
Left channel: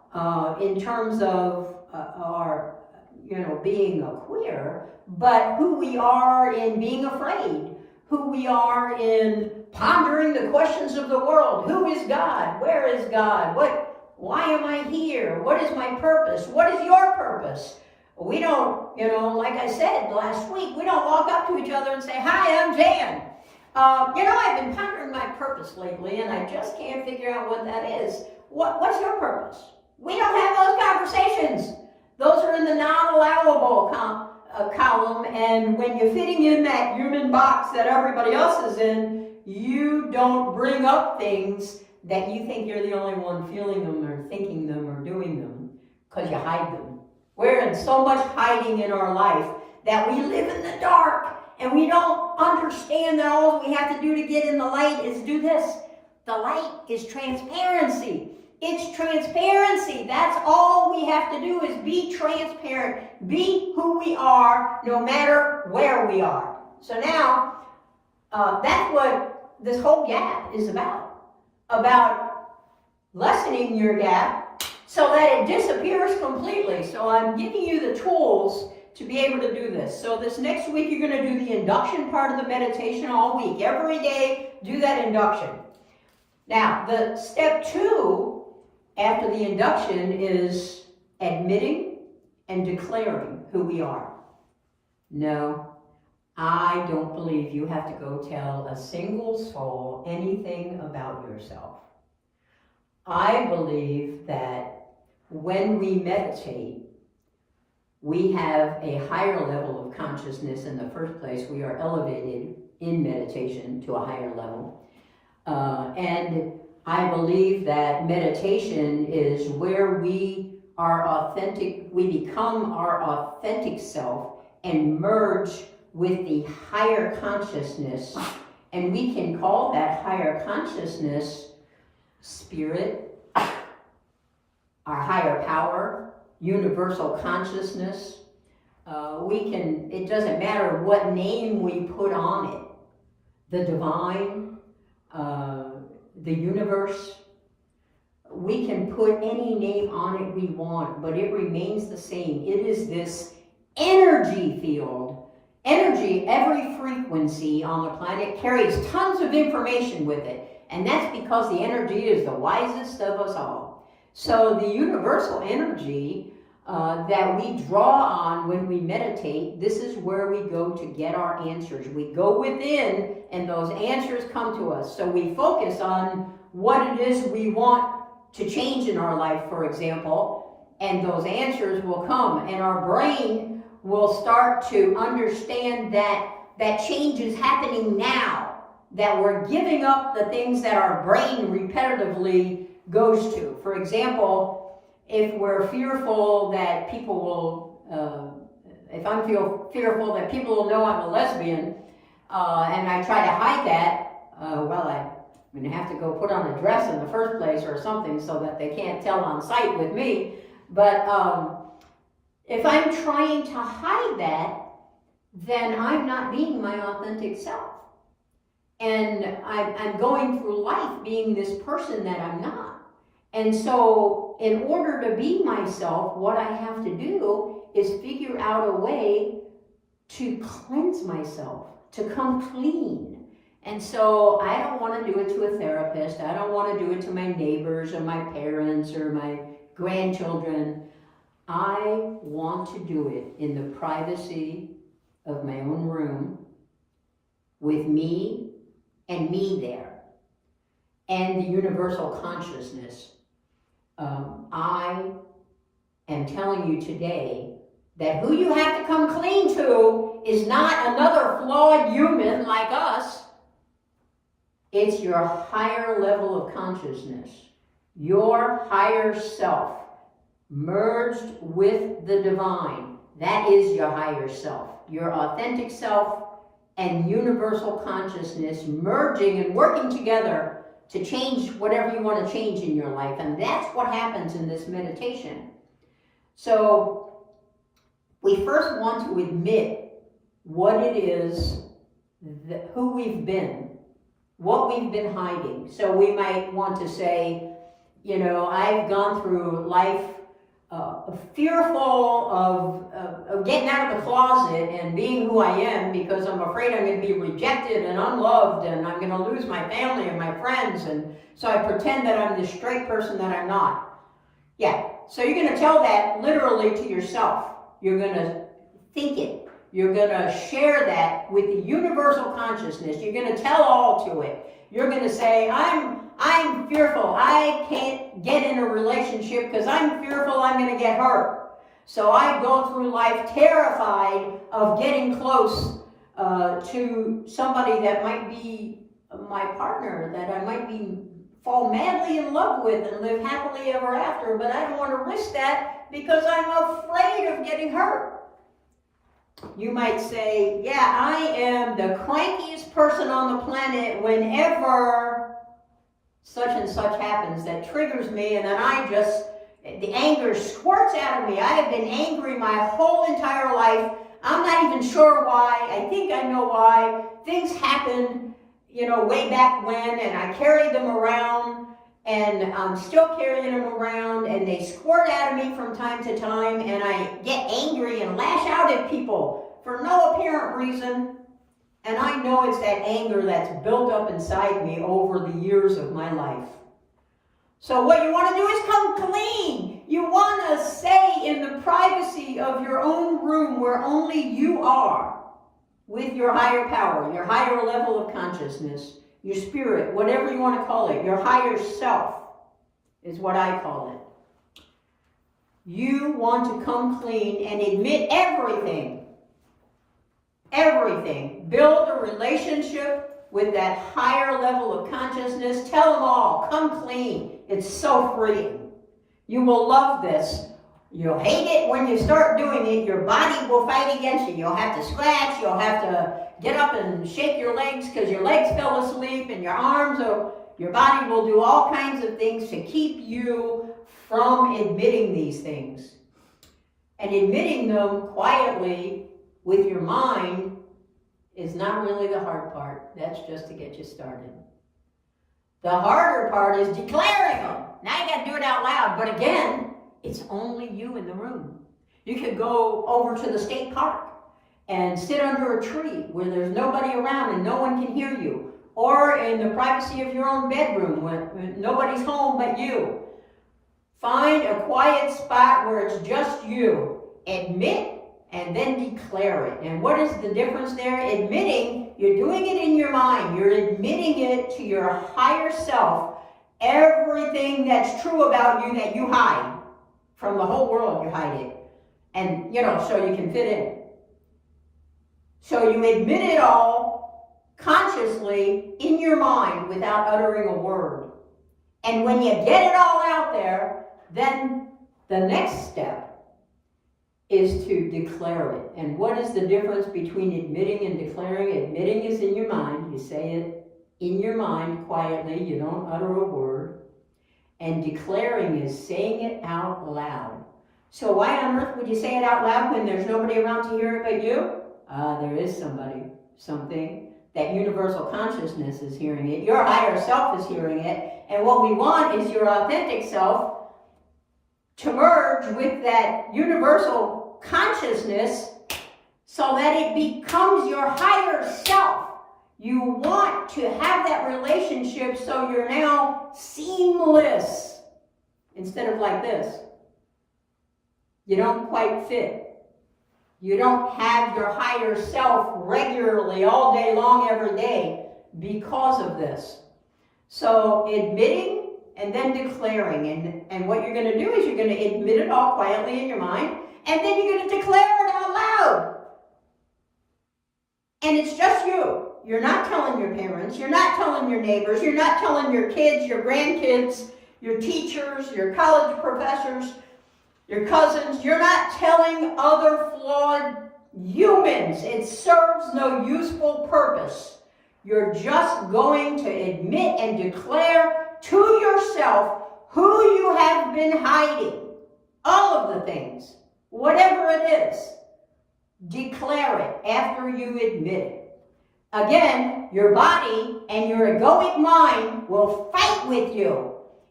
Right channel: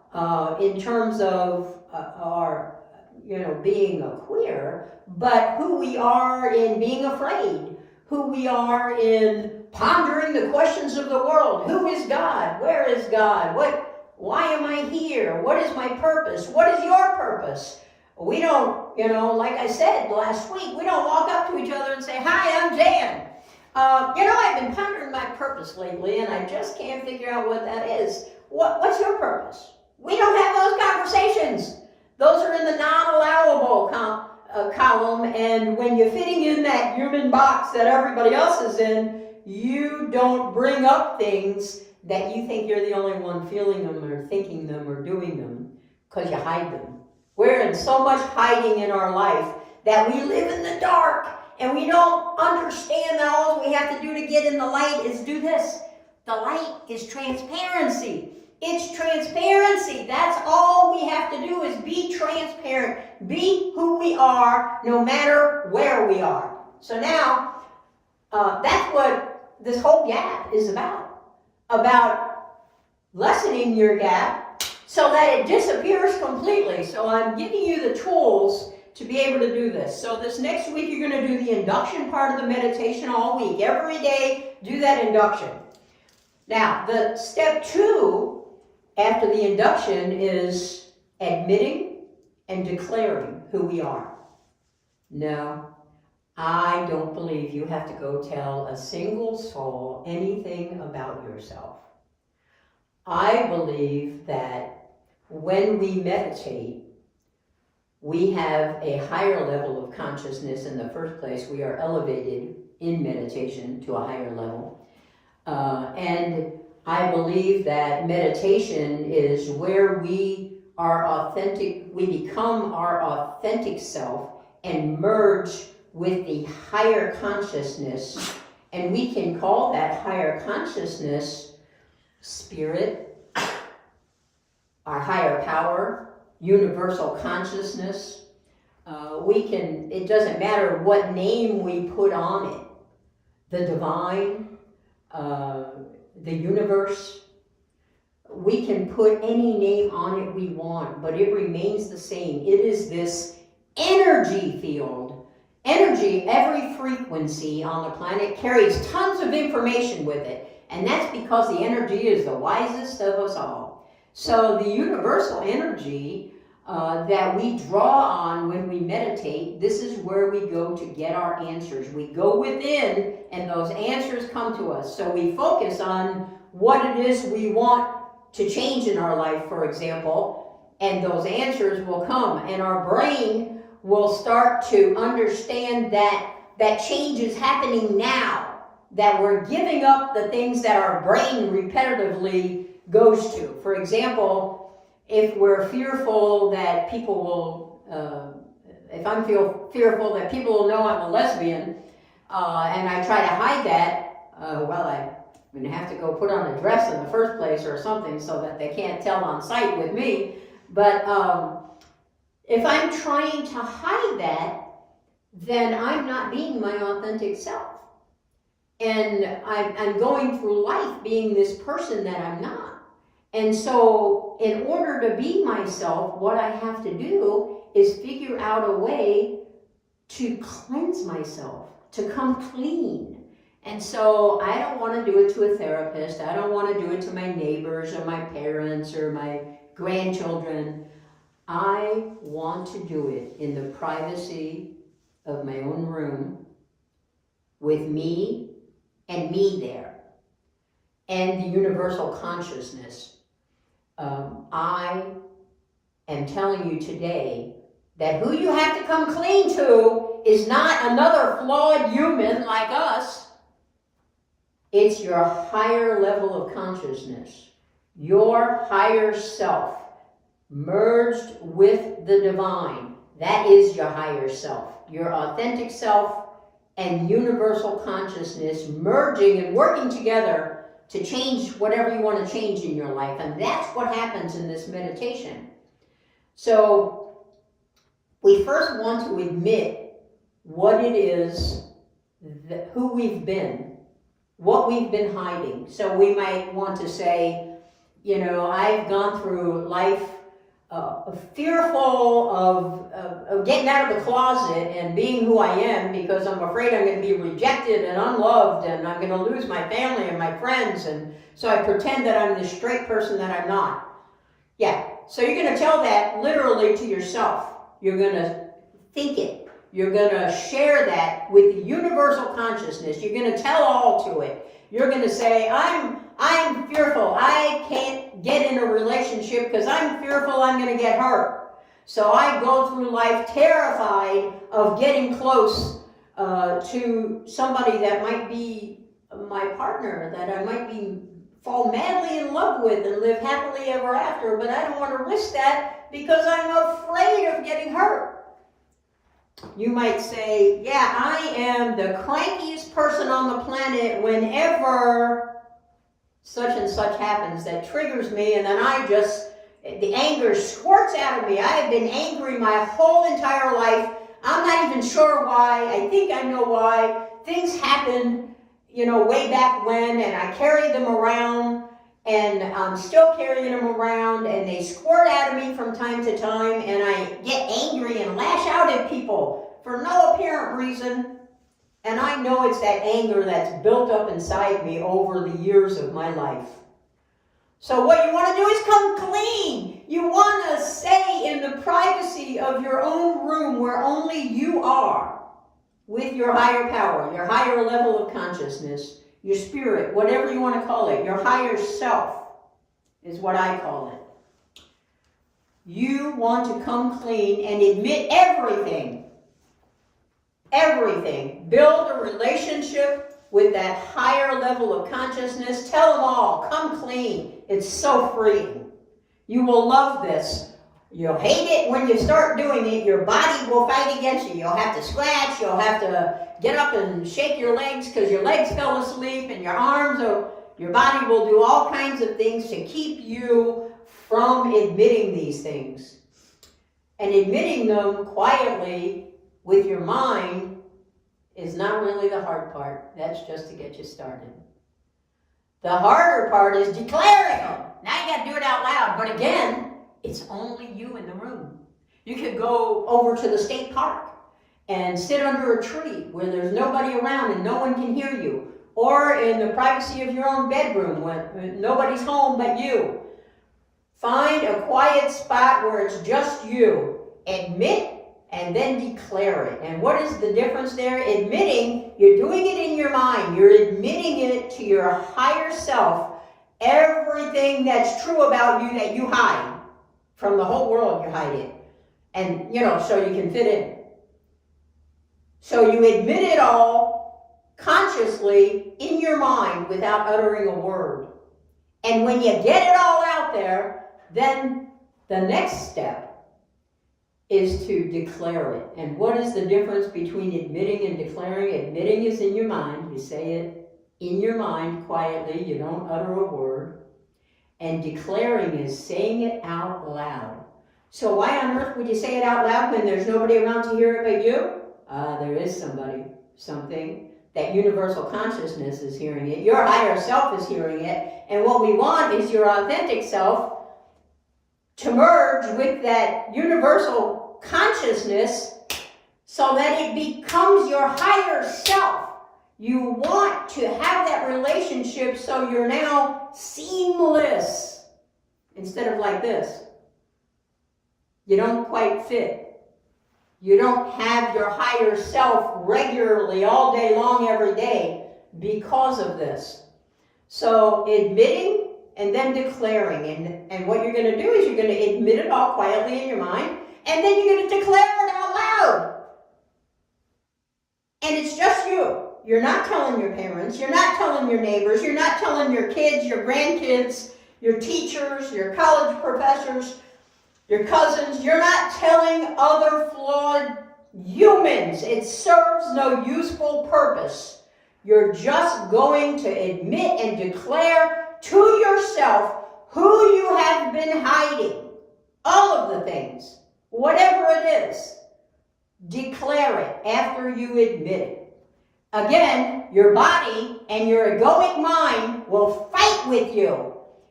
in terms of our, being a queer, but who we are in being afraid, who we are in pondering the questions of the world. Who is God? Where is God? Why am I here? What is my purpose? What is your purpose? We don't, like I said last week, we don't walk up to each other and say, "Hi, I'm Jan." I've been pondering my purpose lately, and I just can't figure out what that is. What's your purpose? We don't have those conversations. Those are in the non-allowable column, and when you're fitting in that human box that everybody else is in, you don't bring up things that you think you're the only one feeling them or thinking them or doing them, because you hide them. We're in so much hiding in our life that we live in the dark, and we don't understand that all we have to do to get in the light is do this. The light is transparency. It's transparency. That's all we have to do is be transparent. Be who we are, no matter where we are. So now, that's what this whole gap is about lessening your gap so that it disappears completely. So I'm giving you the tools to be able to do this. So this next week, you're going to do the induction part of the meditation all week. Every day, do that induction. Now, the step 2 after the induction is admitting and declaring who we are. No, I don't believe you have to go tell a single soul anything about yourself. I believe that when we meditate, we have a higher level of consciousness in the first place. We are elevated in meditation to a higher level. And I believe that meditation is where we are authentic, we become our authentic self and merge with the higher consciousness. And we can call that higher consciousness spirit, our higher power, universal consciousness. It doesn't matter what name we put on it. The divine, the universe. We can put any name on it we want, but it remains the same. It is this energy field. Energy, every frequency on the planet carries tons of information with it. And that's because the energy is the wisest of us all. So the universal energy that we draw on when we meditate, this is where we go to get our answers. We go within and those answers come to us. So we focus on what it is we want to change in our life, for example, and those answers will come. And our brain will start to understand that change is happening now, that we're giving up the things that our brain repetitively goes to. For example, if we're fearful that people will, if I'm fearful that people will know I'm a lesbian, and I try to hide that, I'm going to have to go put on a dress in the first place or something so that they can't tell on sight with me. But if I'm trying to hide that, then I'm not being my authentic self. And I'm going through life being this person that I'm not. And so in order to be myself, what I have to do is figure out a way to cleanse myself, to come clean. And so I don't want to do it to a therapist. I don't want to do it to my neighbors or my parents or my grandchildren. I want to do it in the privacy of my own room with me and me there and the universal consciousness. I am telling you today that who you have to come clean to is not another flawed human like us. It's your higher level of consciousness, your higher self, merged with the divine. That is your higher self, your authentic self and universal consciousness merging and working together to change whatever you want to change in your life. And that's what happens in this meditation. So we first want to admit what it is, who we've been, what we've been hiding. So we might want to say, I've gone through life fearful of getting out of the closet and being who I am, because I'm afraid I'm going to be rejected and unloved, and I'm going to lose my family and my friends, and so I pretend that I'm this straight person that I'm not. Yeah, so you're going to tell that literally to yourself. You're going to think it. You're going to share that with the universal consciousness. You're going to tell all to it. You're going to say, I'm fearful. I can't get in a relationship because I'm fearful I'm going to get hurt. So I go through life terrified of getting close to somebody that might be my partner, that I might fall madly in love with and live happily ever after, but I don't want to risk that because I'm afraid of getting hurt. You might say, yeah, I am the crankiest person on the planet whenever such and such happens that triggers me, and then the anger squirts out of me. I have been angry my whole entire life. I'm not even sure why. I think I know why. Things happened, way back when, and I carried them around, and I'm still carrying them around, and they squirt out of me from time to time, and I get angry and lash out at people for no apparent reason. And I know it's that anger that's built up inside me over the years of my life. So what you want to do is come clean. You want to stay in the privacy of your own room where only you are, with your higher power, your higher level of consciousness, your spirit, whatever you want to call it, your higher self is what I call it. You want to come clean and admit everything. Everything. Build a relationship with that higher level of consciousness. Tell them all. Come clean. It's so freeing. You will love this. You'll hate it when you start doing it. Your body will fight against you. You'll have to scratch. You'll have to get up and shake your legs because your legs fell asleep, and your arms, or your body will do all kinds of things to keep you from admitting these things. And admitting them quietly with your mind is not really the hard part. That's just to get you started. The harder part is declaring them. Now you got to do it out loud. But again, it's only you in the room. You could go over to the state park and sit under a tree where there's nobody around and no one can hear you. Or in the privacy of your own bedroom when nobody's home but you. Find a quiet spot where it's just you. Admit and then declare it. And what is the difference there? Admitting, you're doing it in your mind. You're admitting it to your higher self. Everything that's true about you that you hide. From the whole world you hide it. And, so you can fit in. So you admit it all consciously in your mind without uttering a word. And when you get it all out there, then the next step is to declare it. And what is the difference between admitting and declaring? Admitting is in your mind. You say it in your mind quietly. You don't utter a word. And declaring is saying it out loud. So why on earth would you say it out loud when there's nobody around to hear it but you? There is something. That universal consciousness is hearing it. Your higher self is hearing it. And what we want is your authentic self to merge with that universal consciousness so that it becomes your higher self. You want to have that relationship so you're now seamless instead of like this. You don't quite fit. You don't have your higher self regularly all day long every day because of this. So admitting and then declaring. And what you're going to do is you're going to admit it all quietly in your mind, and then you're going to declare it out loud. And it's just you. You're not telling your parents. You're not telling your neighbors. You're not telling your kids, your grandkids, your teachers, your college professors, your cousins. You're not telling other flawed humans. It serves no useful purpose. You're just going to admit and declare to yourself who you have been hiding. All of the things. Whatever it is. Declare it after you admit it. Again, your body and your egoic mind will fight with you.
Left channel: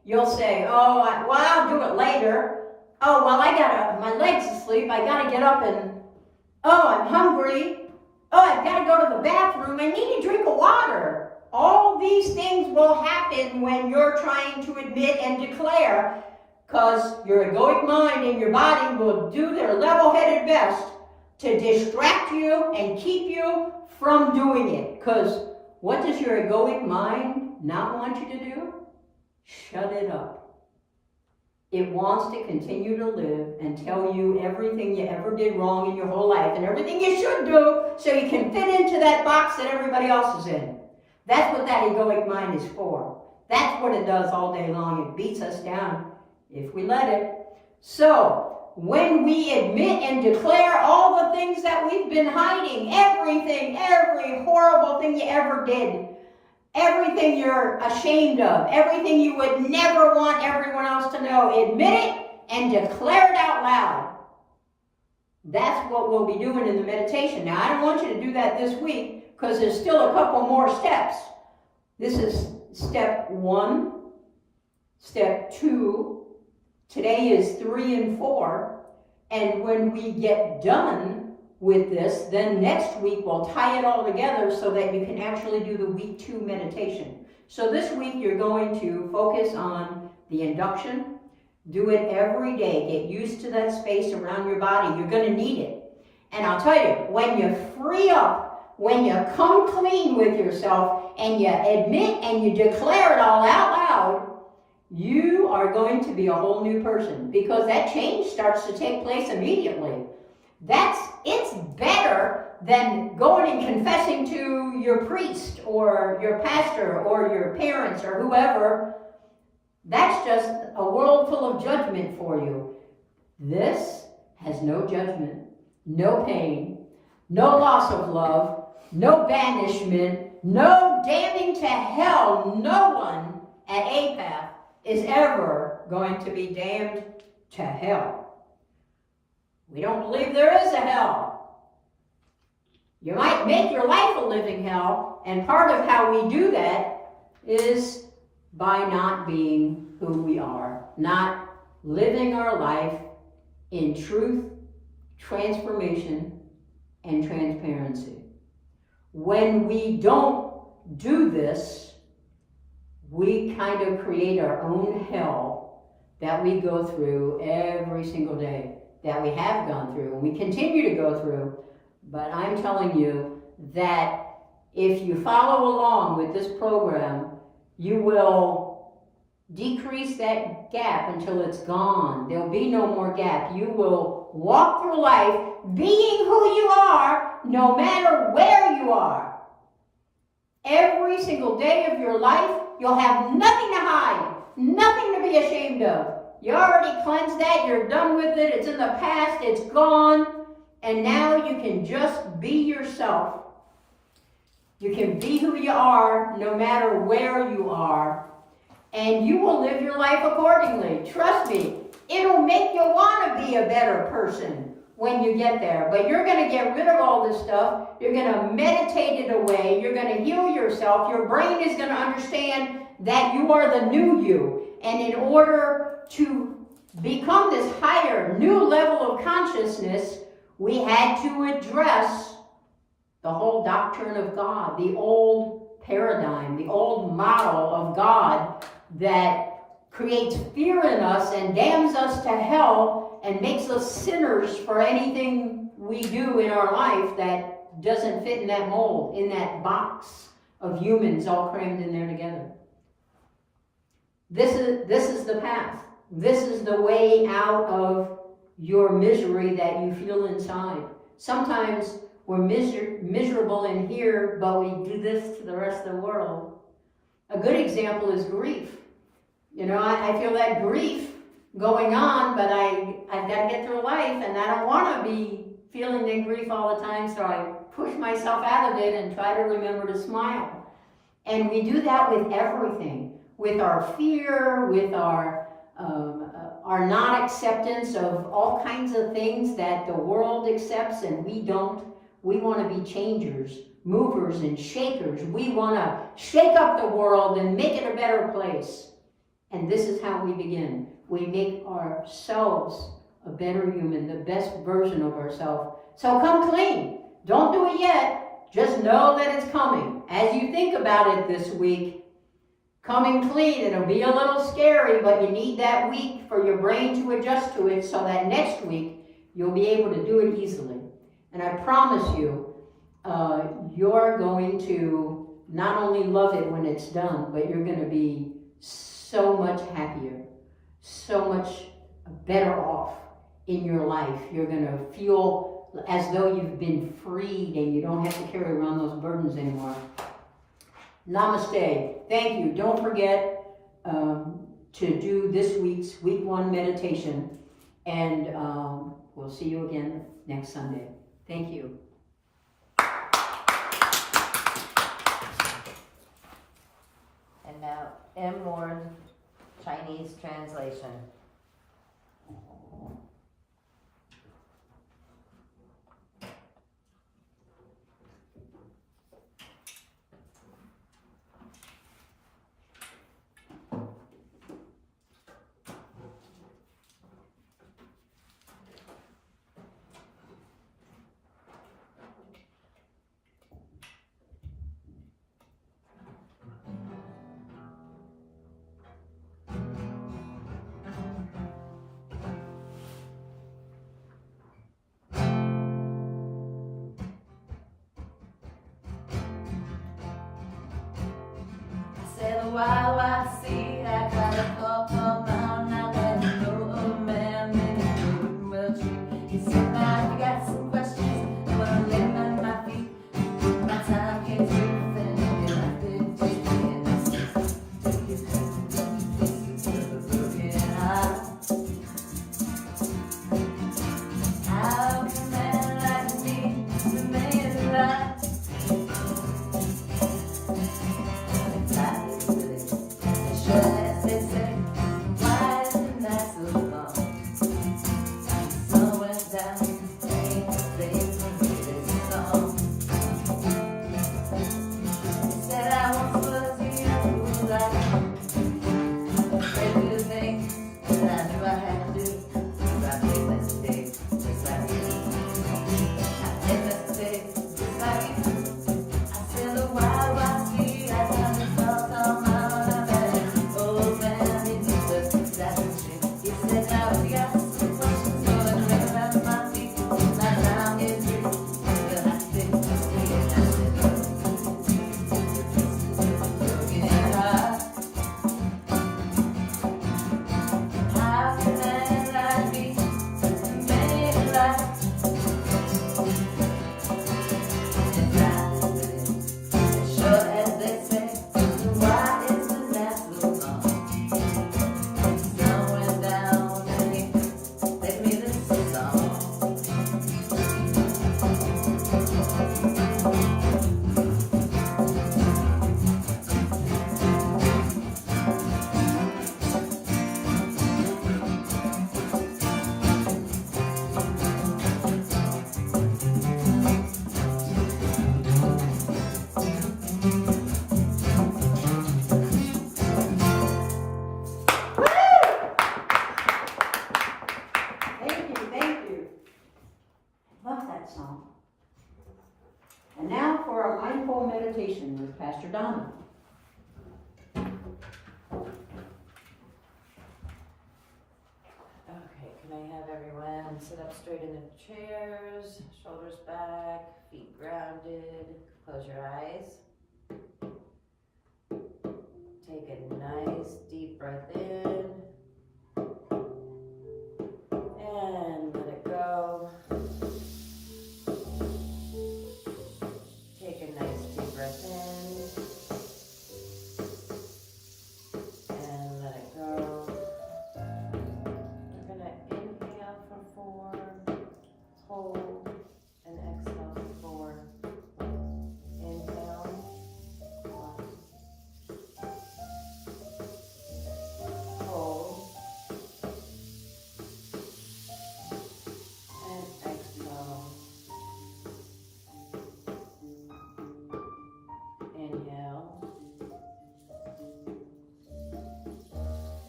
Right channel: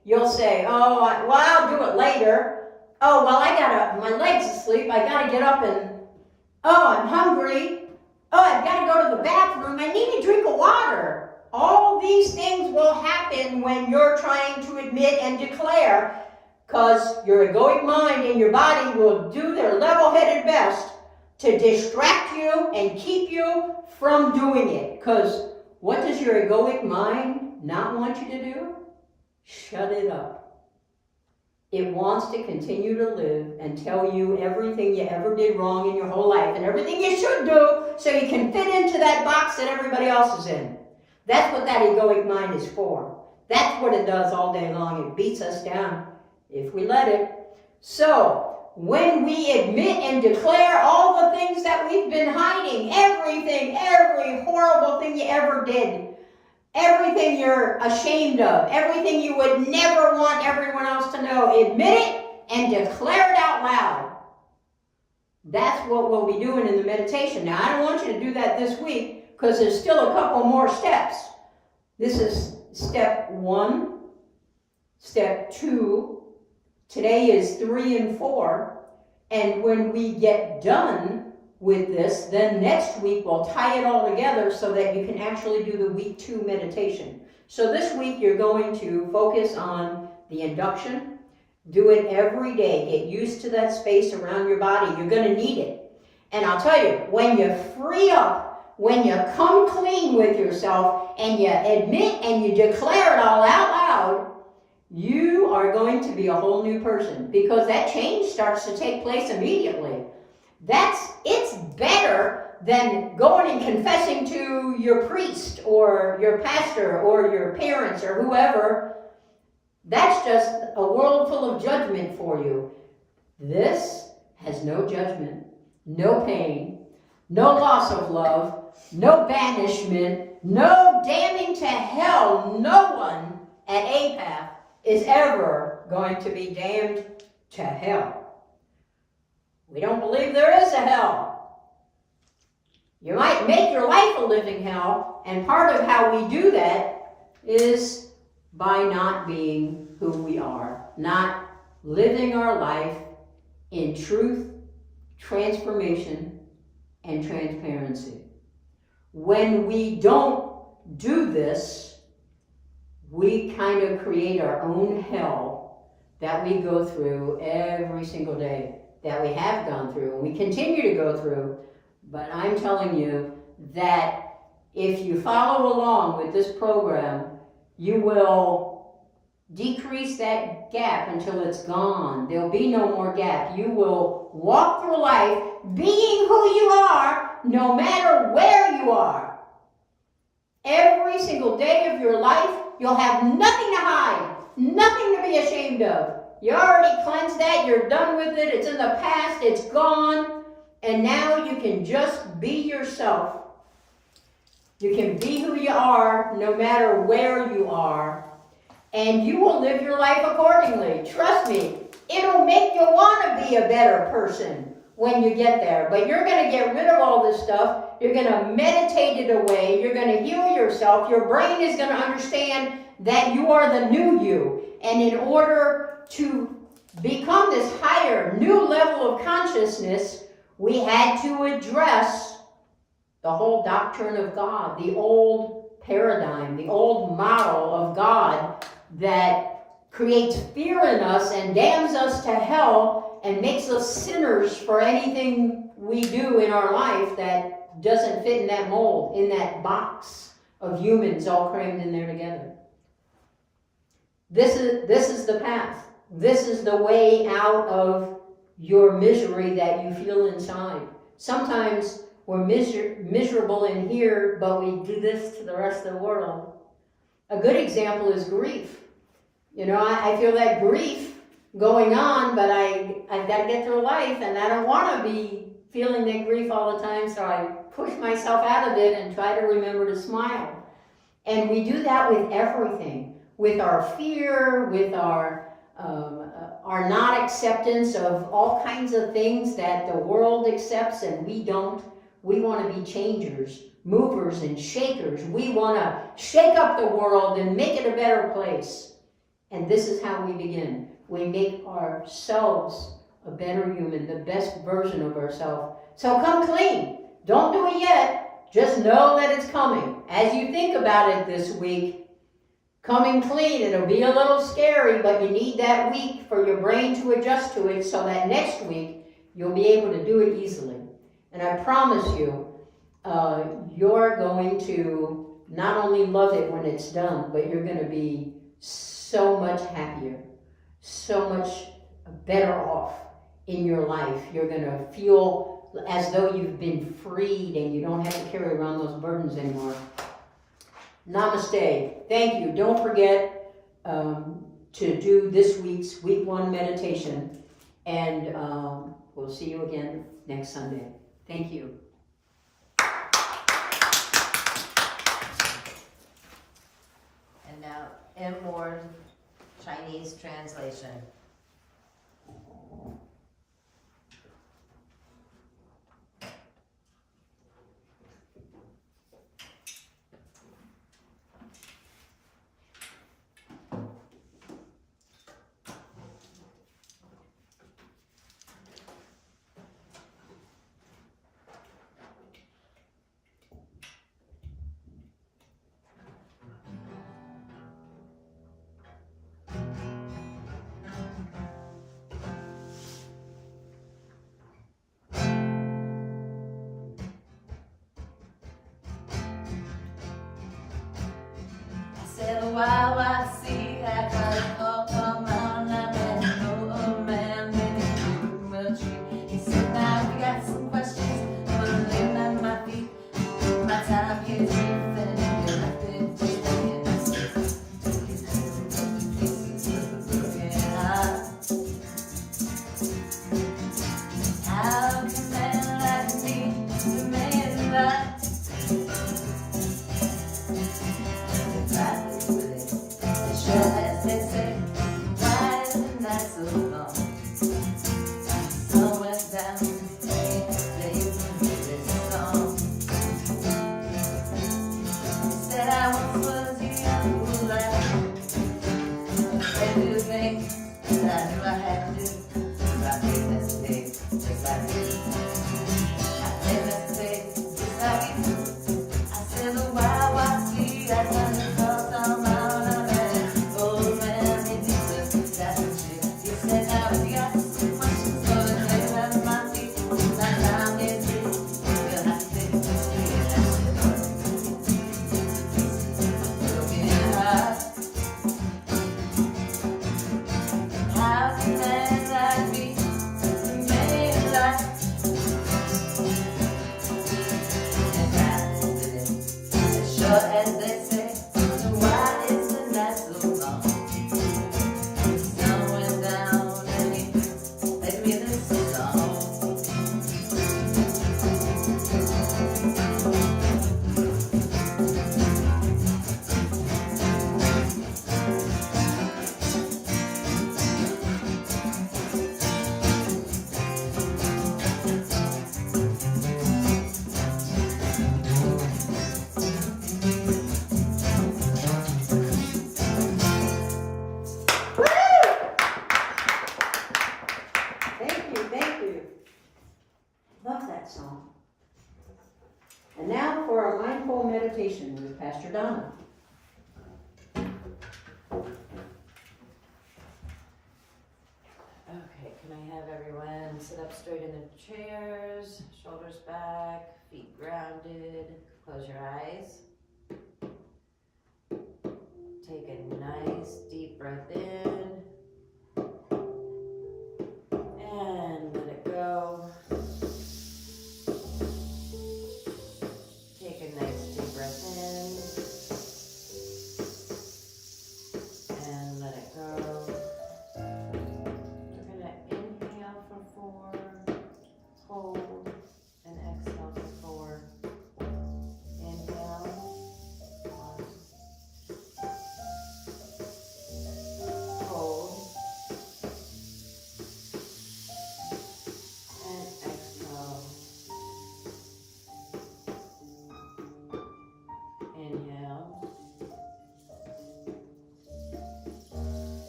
You'll say, oh, well, I'll do it later. Oh, well, my leg's asleep. I gotta get up and, oh, I'm hungry. Oh, I've gotta go to the bathroom. I need a drink of water. All these things will happen when you're trying to admit and declare, because your egoic mind and your body will do their level-headed best to distract you and keep you from doing it. Because what does your egoic mind not want you to do? Shut it up. It wants to continue to live and tell you everything you ever did wrong in your whole life and everything you should do so you can fit into that box that everybody else is in. That's what that egoic mind is for. That's what it does all day long. It beats us down if we let it. So, when we admit and declare all the things that we've been hiding, everything, every horrible thing you ever did, everything you're ashamed of, everything you would never want everyone else to know, admit it and declare it out loud. That's what we'll be doing in the meditation. Now, I don't want you to do that this week because there's still a couple more steps. This is step 1, step 2. Today is 3 and 4. And when we get done with this, then next week we'll tie it all together so that you can actually do the week 2 meditation. So this week you're going to focus on the induction. Do it every day. Get used to that space around your body. You're going to need it. And I'll tell you, when you free up, when you come clean with yourself and you admit and you declare it all out loud, you are going to be a whole new person because that change starts to take place immediately. It's better than going and confessing to your priest or your pastor or your parents or whoever. That's just a world full of judgment for you. This has no judgment, no pain, no loss of love, no banishment, no damning to hell. No one at Apath is ever going to be damned to hell. We don't believe there is a hell. You might make your life a living hell, and part of how we do that is by not being who we are, not living our life in truth, transformation, and transparency. When we don't do this, we kind of create our own hell that we go through every single day, that we have gone through, and we continue to go through. But I'm telling you that if you follow along with this program, you will decrease that gap until it's gone. There'll be no more gap. You will walk through life being who you are, no matter where you are. Every single day of your life, you'll have nothing to hide, nothing to be ashamed of. You already cleansed that, you're done with it, it's in the past, it's gone, and now you can just be yourself. You can be who you are, no matter where you are, and you will live your life accordingly. Trust me, it'll make you want to be a better person when you get there. But you're going to get rid of all this stuff. You're going to meditate it away. You're going to heal yourself. Your brain is going to understand that you are the new you. And in order to become this higher, new level of consciousness, we had to address the whole doctrine of God, the old paradigm, the old model of God that creates fear in us and damns us to hell and makes us sinners for anything we do in our life that doesn't fit in that mold, in that box of humans all crammed in there together. This is the path. This is the way out of your misery that you feel inside. Sometimes we're miserable in here, but we do this to the rest of the world. A good example is grief. You know, I feel that grief going on, but I've got to get through life, and I don't want to be feeling that grief all the time, so I push myself out of it and try to remember to smile. And we do that with everything, with our fear, with our not acceptance of all kinds of things that the world accepts and we don't. We want to be changers, movers and shakers. We want to shake up the world and make it a better place. And this is how we begin. We make ourselves a better human, the best version of ourselves. So come clean. Don't do it yet. Just know that it's coming. As you think about it this week, coming clean, it'll be a little scary, but you need that week for your brain to adjust to it so that next week you'll be able to do it easily. And I promise you, you're going to not only love it when it's done, but you're going to be so much happier, so much better off in your life. You're going to feel as though you've been freed and you don't have to carry around those burdens anymore. Namaste. Thank you. Don't forget to do this week's week 1 meditation, and we'll see you again next Sunday. Thank you. And now, inward Chinese translation. Said, wow, I see, I got a call from mom, now that you know, oh man, maybe you will treat. He said, now we got some questions, I wanna lay on my feet. My time gets through, then you get how can a man like me remain alive? And now for our mindful meditation with Pastor Donna. Okay, can I have everyone sit up straight in their chairs, shoulders back, feet grounded, close your eyes. Take a nice deep breath in and let it go. Take a nice deep breath in and let it go. We're going to inhale for 4, hold, and exhale for 4. Inhale, 1, hold, and exhale. Inhale,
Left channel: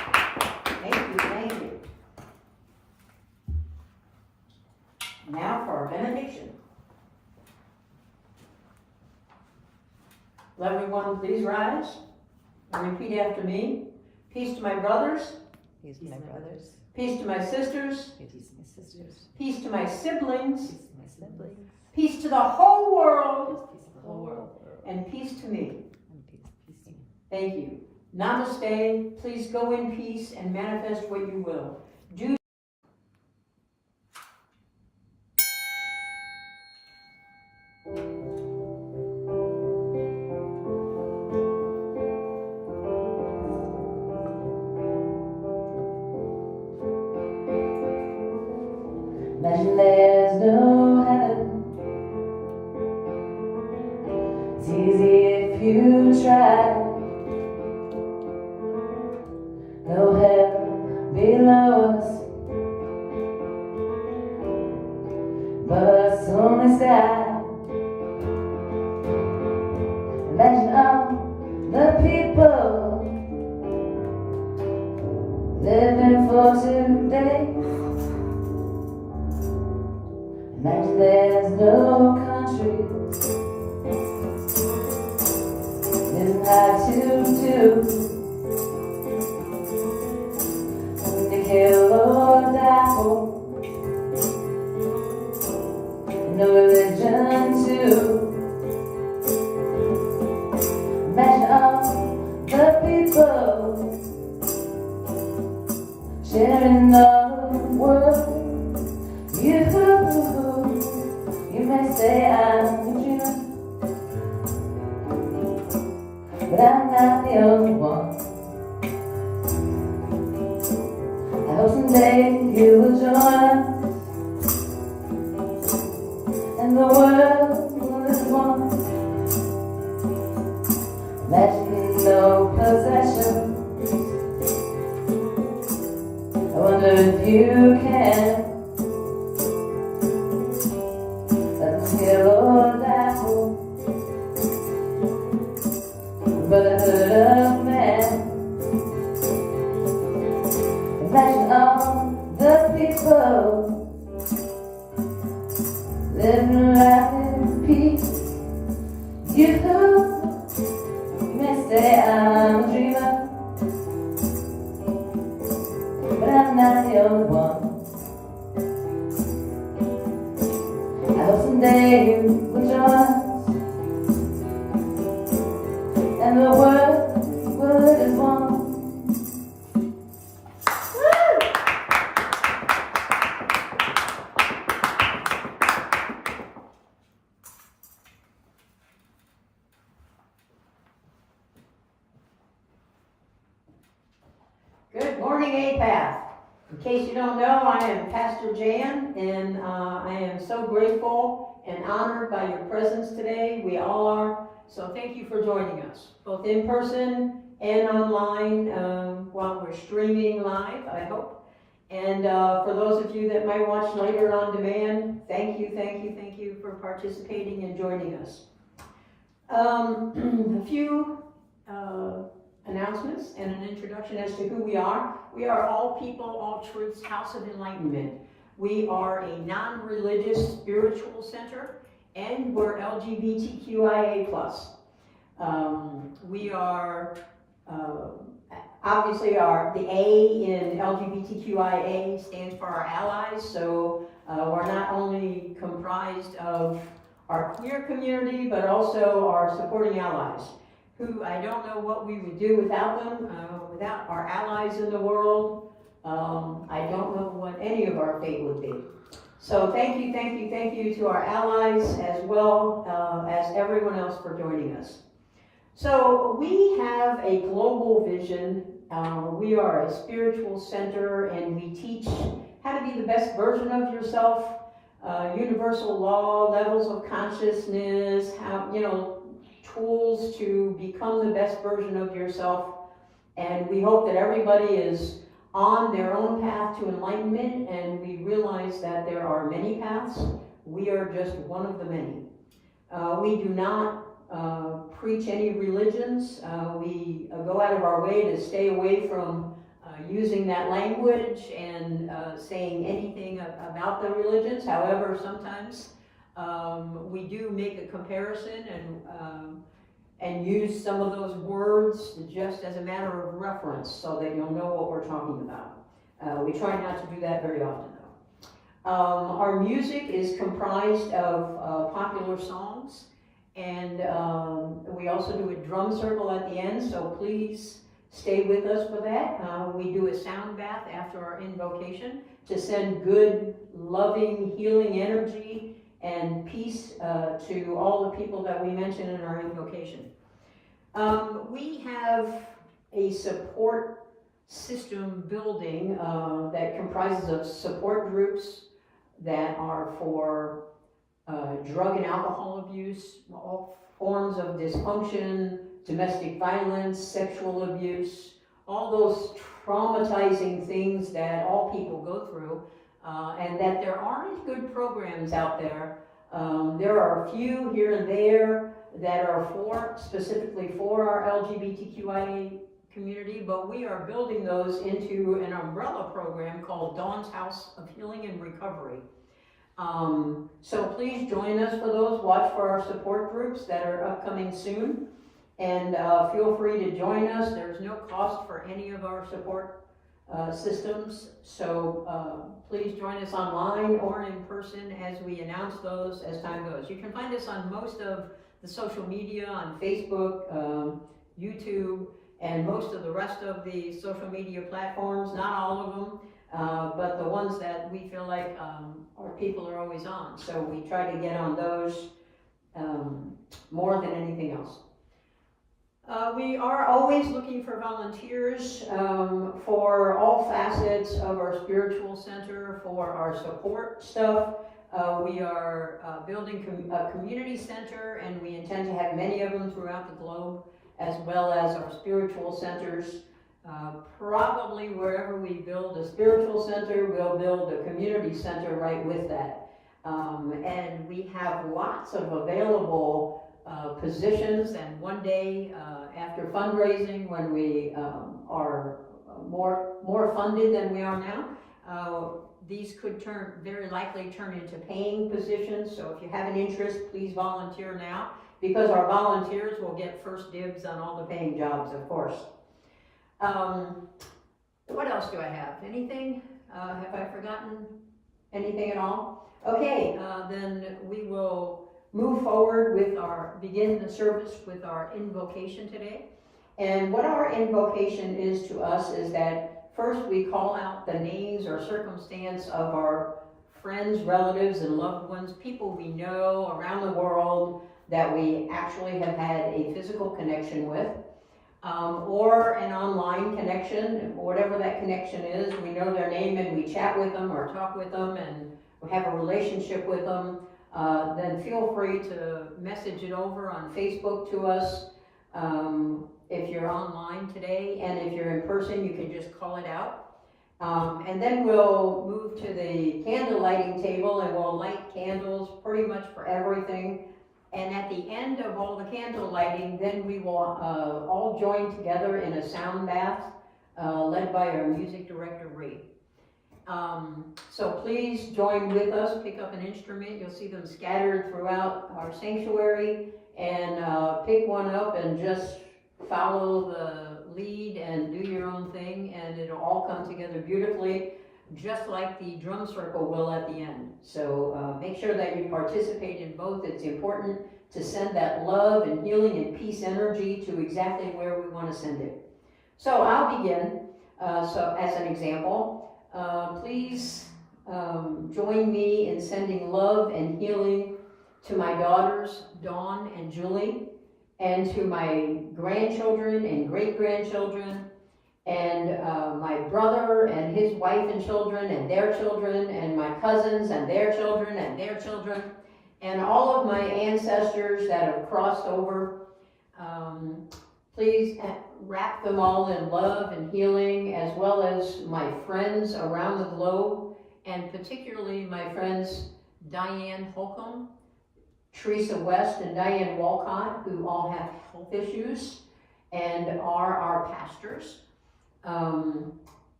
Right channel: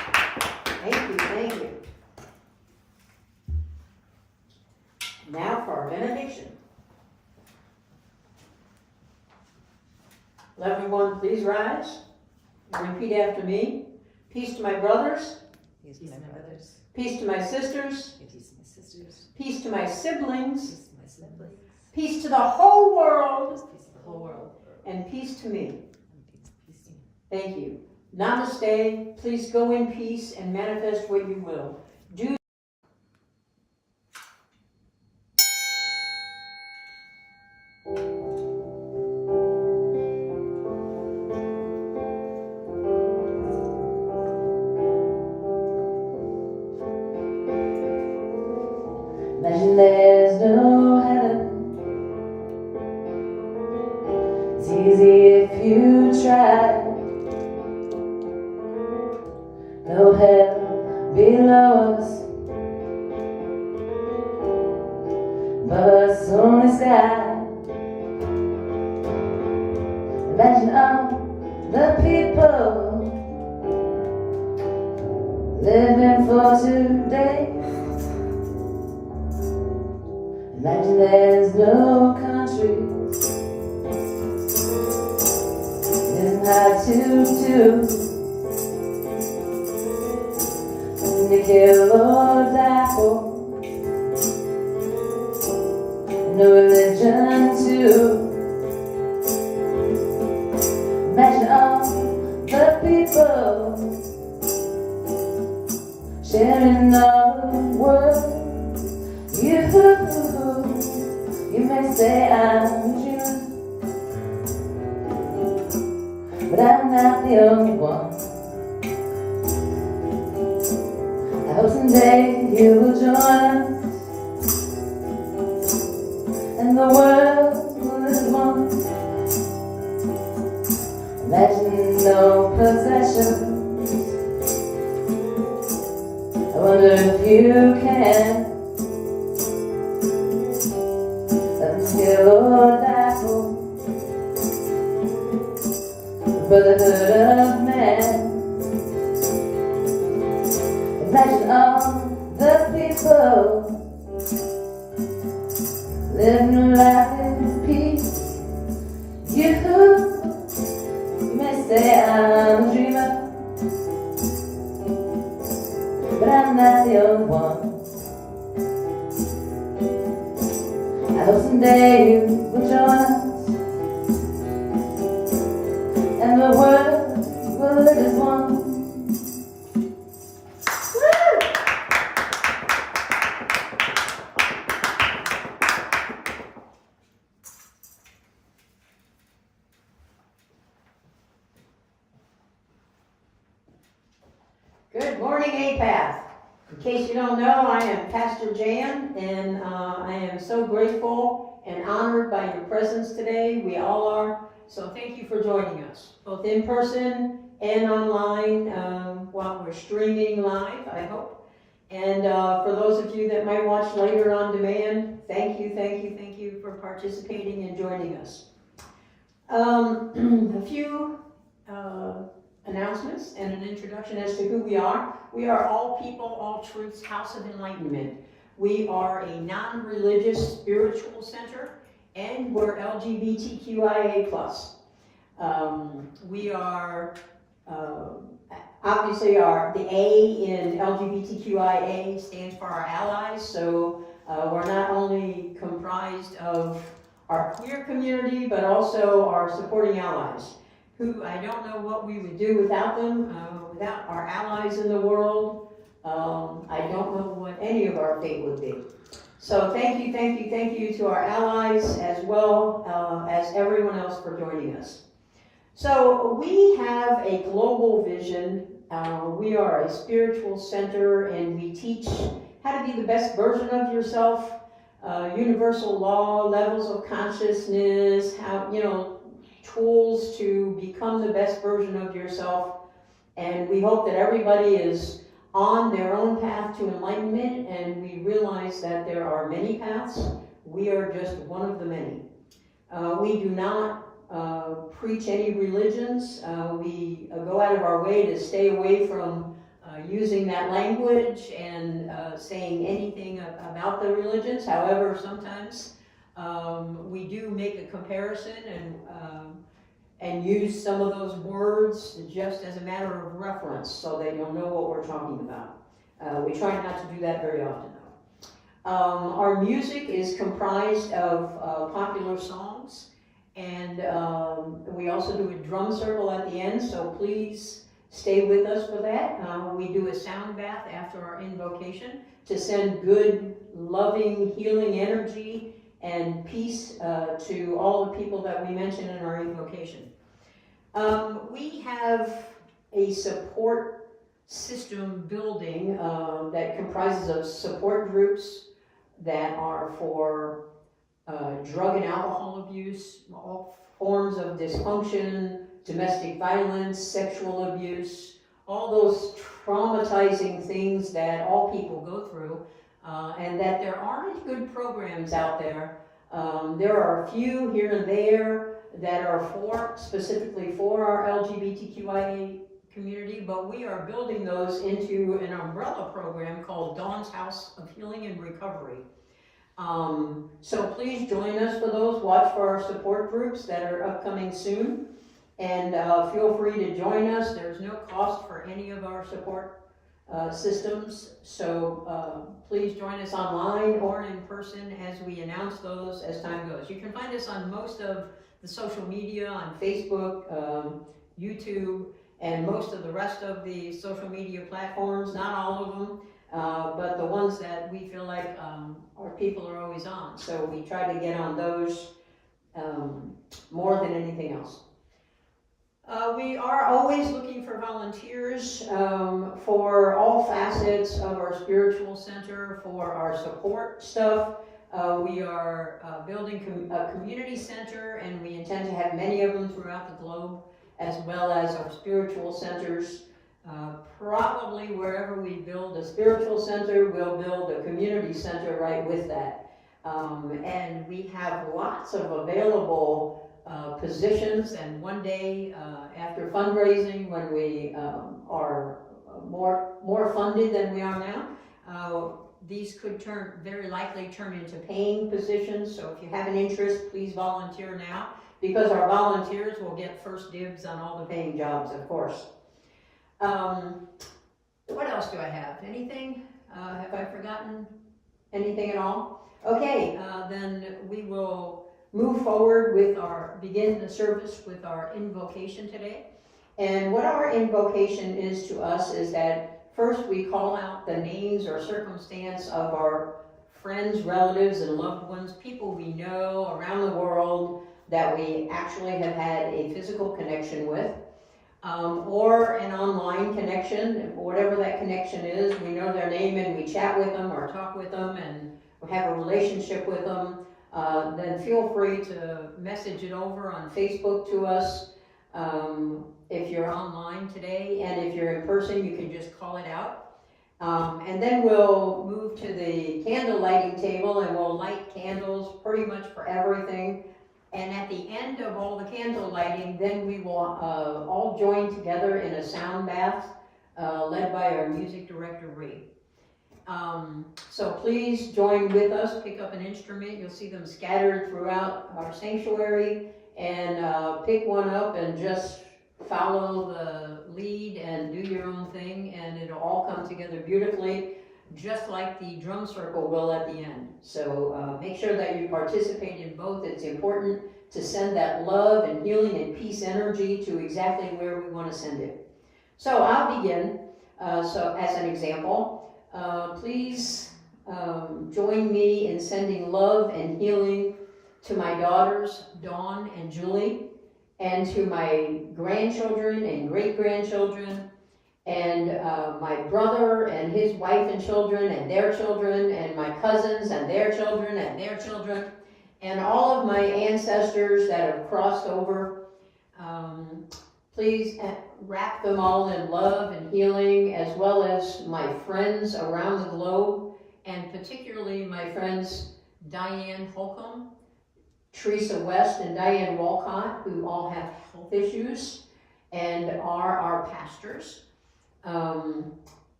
Now for our benediction. Will everyone please rise and repeat after me. Peace to my brothers. Peace to my brothers. Peace to my sisters. Peace to my sisters. Peace to my siblings. Peace to my siblings. Peace to the whole world. Peace to the whole world. And peace to me. And peace to me. Thank you. Namaste. Please go in peace and manifest what you will. Do Imagine there's no heaven. It's easy if you try. No hell below us, but only sky. Imagine all the people living for today. Imagine there's no countries. It's not to to kill or die for. No religion too. Imagine all the people sharing all the world. You may say I'm a dreamer, but I'm not the only one. I hope someday you will join us, and the world will live as one. Imagine no possessions. I wonder if you can. Brotherhood of man. Imagine all the people living life in peace. You may say I'm a dreamer, but I'm not the only one. I hope someday you will join us, and the world will live as one. Good morning, Apath. In case you don't know, I am Pastor Jan, and I am so grateful and honored by your presence today. We all are. So thank you for joining us, both in person and online while we're streaming live, I hope. And for those of you that might watch later on demand, thank you for participating and joining us. A few announcements and an introduction as to who we are. We are All People, All Truths House of Enlightenment. We are a non-religious spiritual center, and we're LGBTQIA+. We are obviously the A in LGBTQIA stands for our allies, so we're not only comprised of our queer community, but also our supporting allies, who I don't know what we would do without them, without our allies in the world. I don't know what any of our fate would be. So thank you to our allies as well as everyone else for joining us. So we have a global vision. We are a spiritual center, and we teach how to be the best version of yourself, universal law, levels of consciousness, how, tools to become the best version of yourself. And we hope that everybody is on their own path to enlightenment, and we realize that there are many paths. We are just one of the many. We do not preach any religions. We go out of our way to stay away from using that language and saying anything about the religions. However, sometimes we do make a comparison and use some of those words just as a matter of reference so that you'll know what we're talking about. We try not to do that very often though. Our music is comprised of popular songs, and we also do a drum circle at the end, so please stay with us for that. We do a sound bath after our invocation to send good, loving, healing energy and peace to all the people that we mentioned in our invocation. We have a support system building that comprises of support groups that are for drug and alcohol abuse, all forms of dysfunction, domestic violence, sexual abuse, all those traumatizing things that all people go through, and that there aren't good programs out there. There are a few here and there that are specifically for our LGBTQIA community, but we are building those into an umbrella program called Dawn's House of Healing and Recovery. So please join us for those. Watch for our support groups that are upcoming soon, and feel free to join us. There's no cost for any of our support systems, so please join us online or in person as we announce those as time goes. You can find us on most of the social media, on Facebook, YouTube, and most of the rest of the social media platforms, not all of them, but the ones that we feel like our people are always on. So we try to get on those more than anything else. We are always looking for volunteers for all facets of our spiritual center, for our support stuff. We are building a community center, and we intend to have many of them throughout the globe, as well as our spiritual centers. Probably wherever we build a spiritual center, we'll build a community center right with that. And we have lots of available positions, and one day after fundraising, when we are more funded than we are now, these could very likely turn into paying positions. So if you have an interest, please volunteer now, because our volunteers will get first dibs on all the paying jobs, of course. What else do I have? Anything? Have I forgotten anything at all? Okay, then we will move forward with begin the service with our invocation today. And what our invocation is to us is that first we call out the names or circumstance of our friends, relatives, and loved ones, people we know around the world that we actually have had a physical connection with, or an online connection, whatever that connection is. We know their name and we chat with them or talk with them and we have a relationship with them. Then feel free to message it over on Facebook to us if you're online today, and if you're in person, you can just call it out. And then we'll move to the candle lighting table, and we'll light candles pretty much for everything. And at the end of all the candle lighting, then we will all join together in a sound bath led by our music director, Ree. So please join with us, pick up an instrument. You'll see them scattered throughout our sanctuary, and pick one up and just follow the lead and do your own thing, and it'll all come together beautifully, just like the drum circle will at the end. So make sure that you participate in both. It's important to send that love and healing and peace energy to exactly where we want to send it. So I'll begin. So as an example, please join me in sending love and healing to my daughters, Dawn and Julie, and to my grandchildren and great-grandchildren, and my brother and his wife and children and their children, and my cousins and their children and their children, and all of my ancestors that have crossed over. Please wrap them all in love and healing, as well as my friends around the globe, and particularly my friends Diane Holcomb, Teresa West, and Diane Walcott, who all have health issues and are our pastors.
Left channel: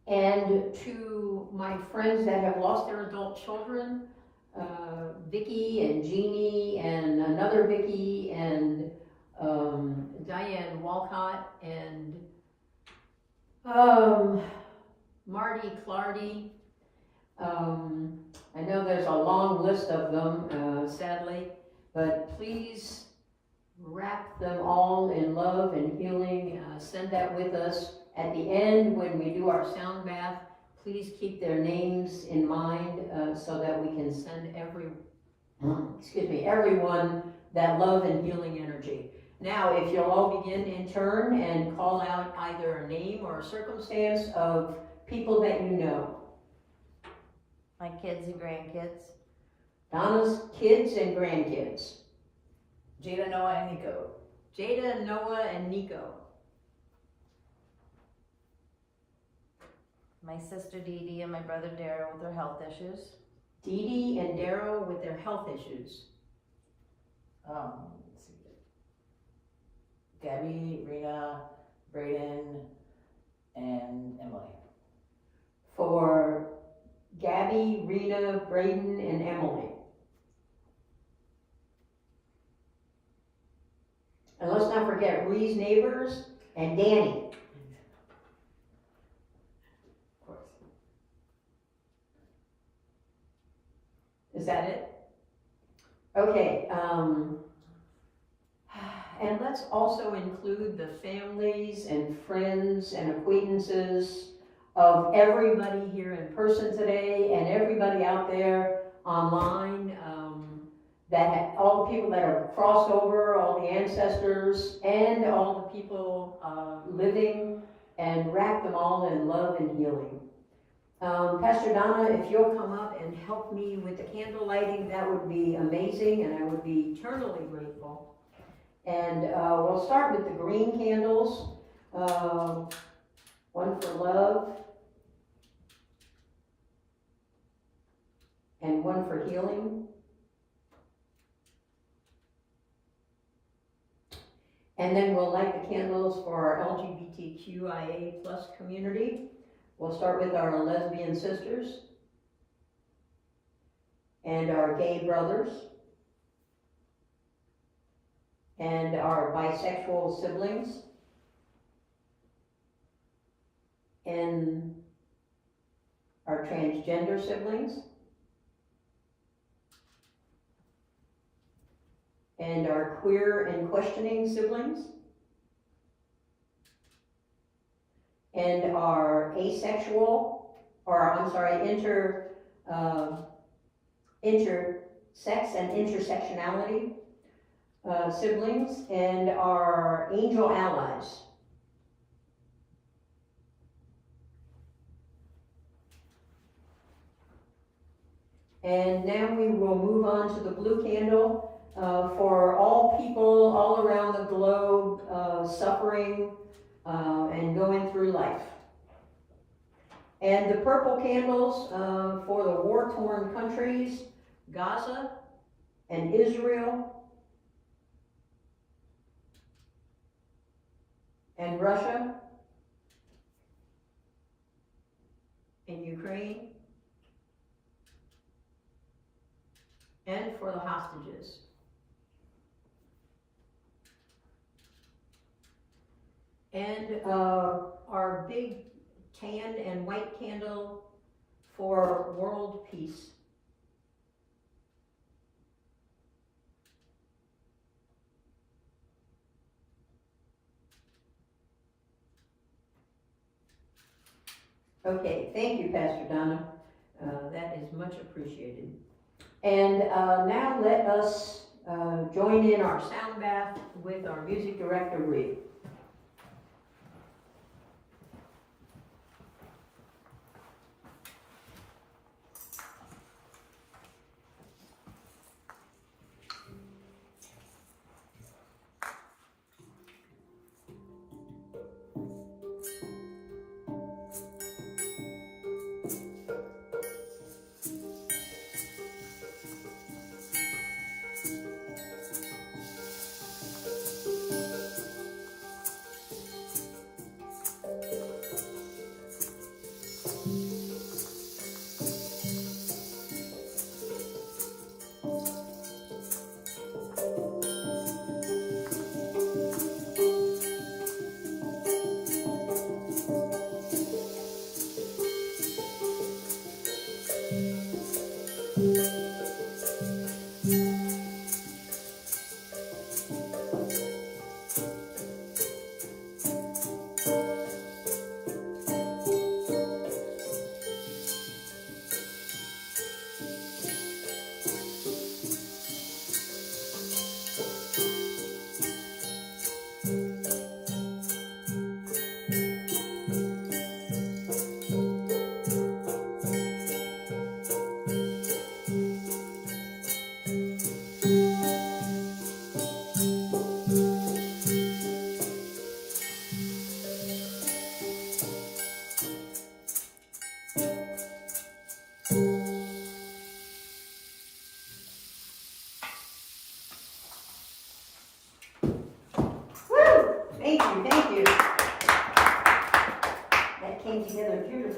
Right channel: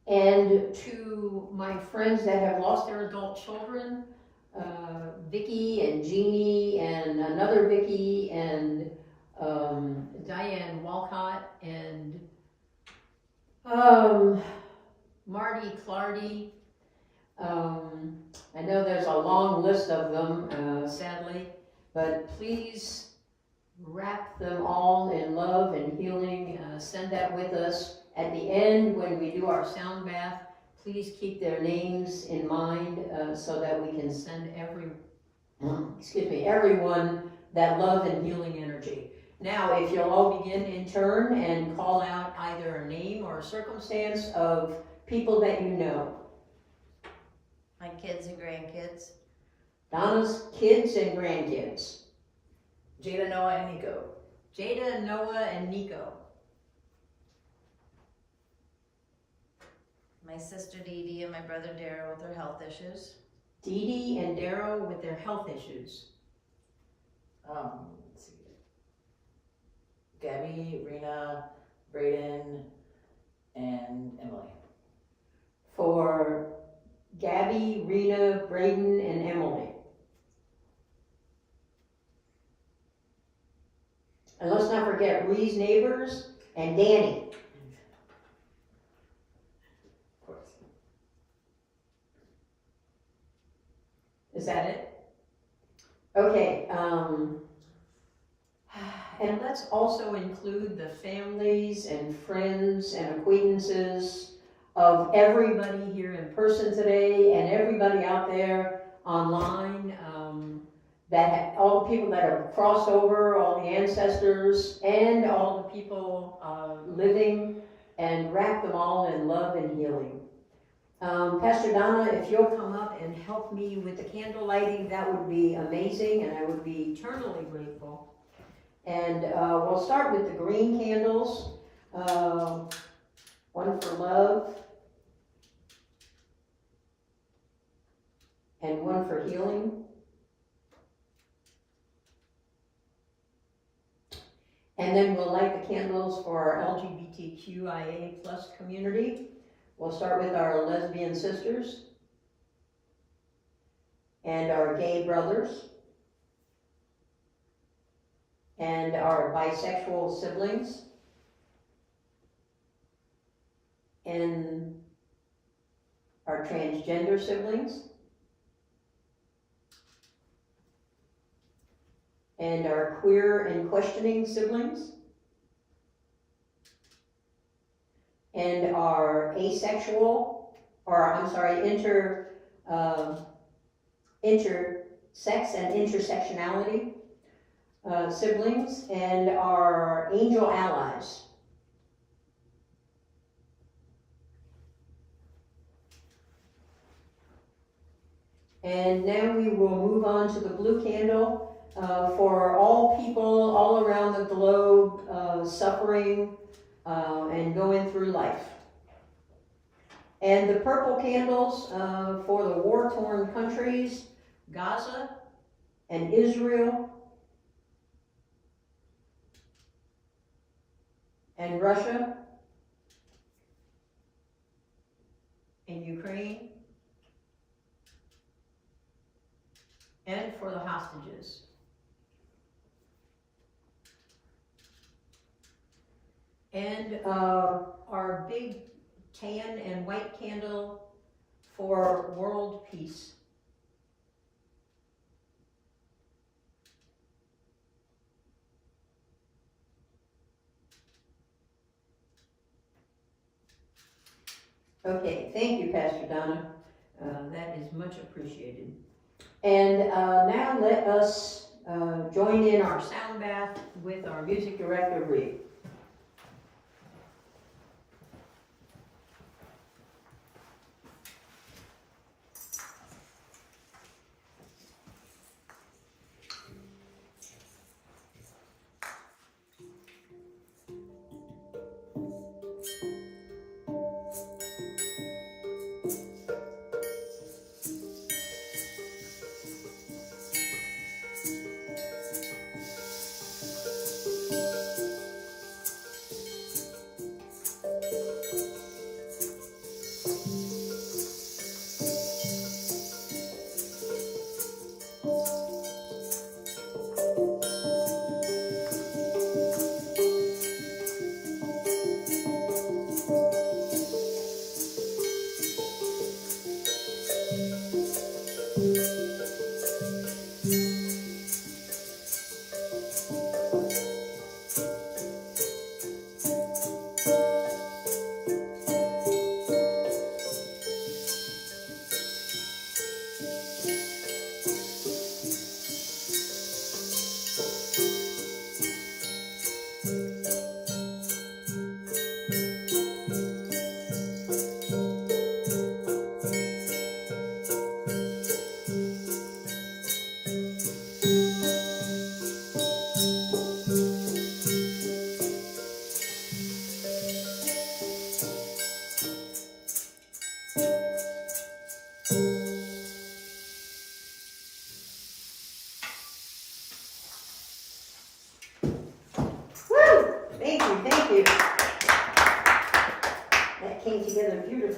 And to my friends that have lost their adult children, Vicky and Jeannie and another Vicky and Diane Walcott and Marty Clardy. I know there's a long list of them, sadly, but please wrap them all in love and healing. Send that with us. At the end, when we do our sound bath, please keep their names in mind so that we can send everyone that love and healing energy. Now, if you'll all begin in turn and call out either a name or a circumstance of people that you know. My kids and grandkids. Donna's kids and grandkids. Jada, Noah, and Nico. Jada, Noah, and Nico. My sister Dee Dee and my brother Dara with their health issues. Dee Dee and Darrow with their health issues. Let's see. Gabby, Rena, Braden, and Emily. For Gabby, Rena, Braden, and Emily. And let's not forget Ree's neighbors and Danny. Of course. Is that it? Okay, and let's also include the families and friends and acquaintances of everybody here in person today and everybody out there online, all the people that have crossed over, all the ancestors, and all the people living, and wrap them all in love and healing. Pastor Donna, if you'll come up and help me with the candle lighting, that would be amazing, and I would be eternally grateful. And we'll start with the green candles, one for love, and one for healing. And then we'll light the candles for our LGBTQIA+ community. We'll start with our lesbian sisters and our gay brothers and our bisexual siblings and our transgender siblings and our queer and questioning siblings and our asexual, intersex and intersectionality siblings, and our angel allies. And now we will move on to the blue candle for all people all around the globe suffering and going through life. And the purple candles for the war-torn countries, Gaza and Israel and Russia and Ukraine, and for the hostages. And our big tan and white candle for world peace. Okay, thank you, Pastor Donna. That is much appreciated. And now let us join in our sound bath with our music director, Ree.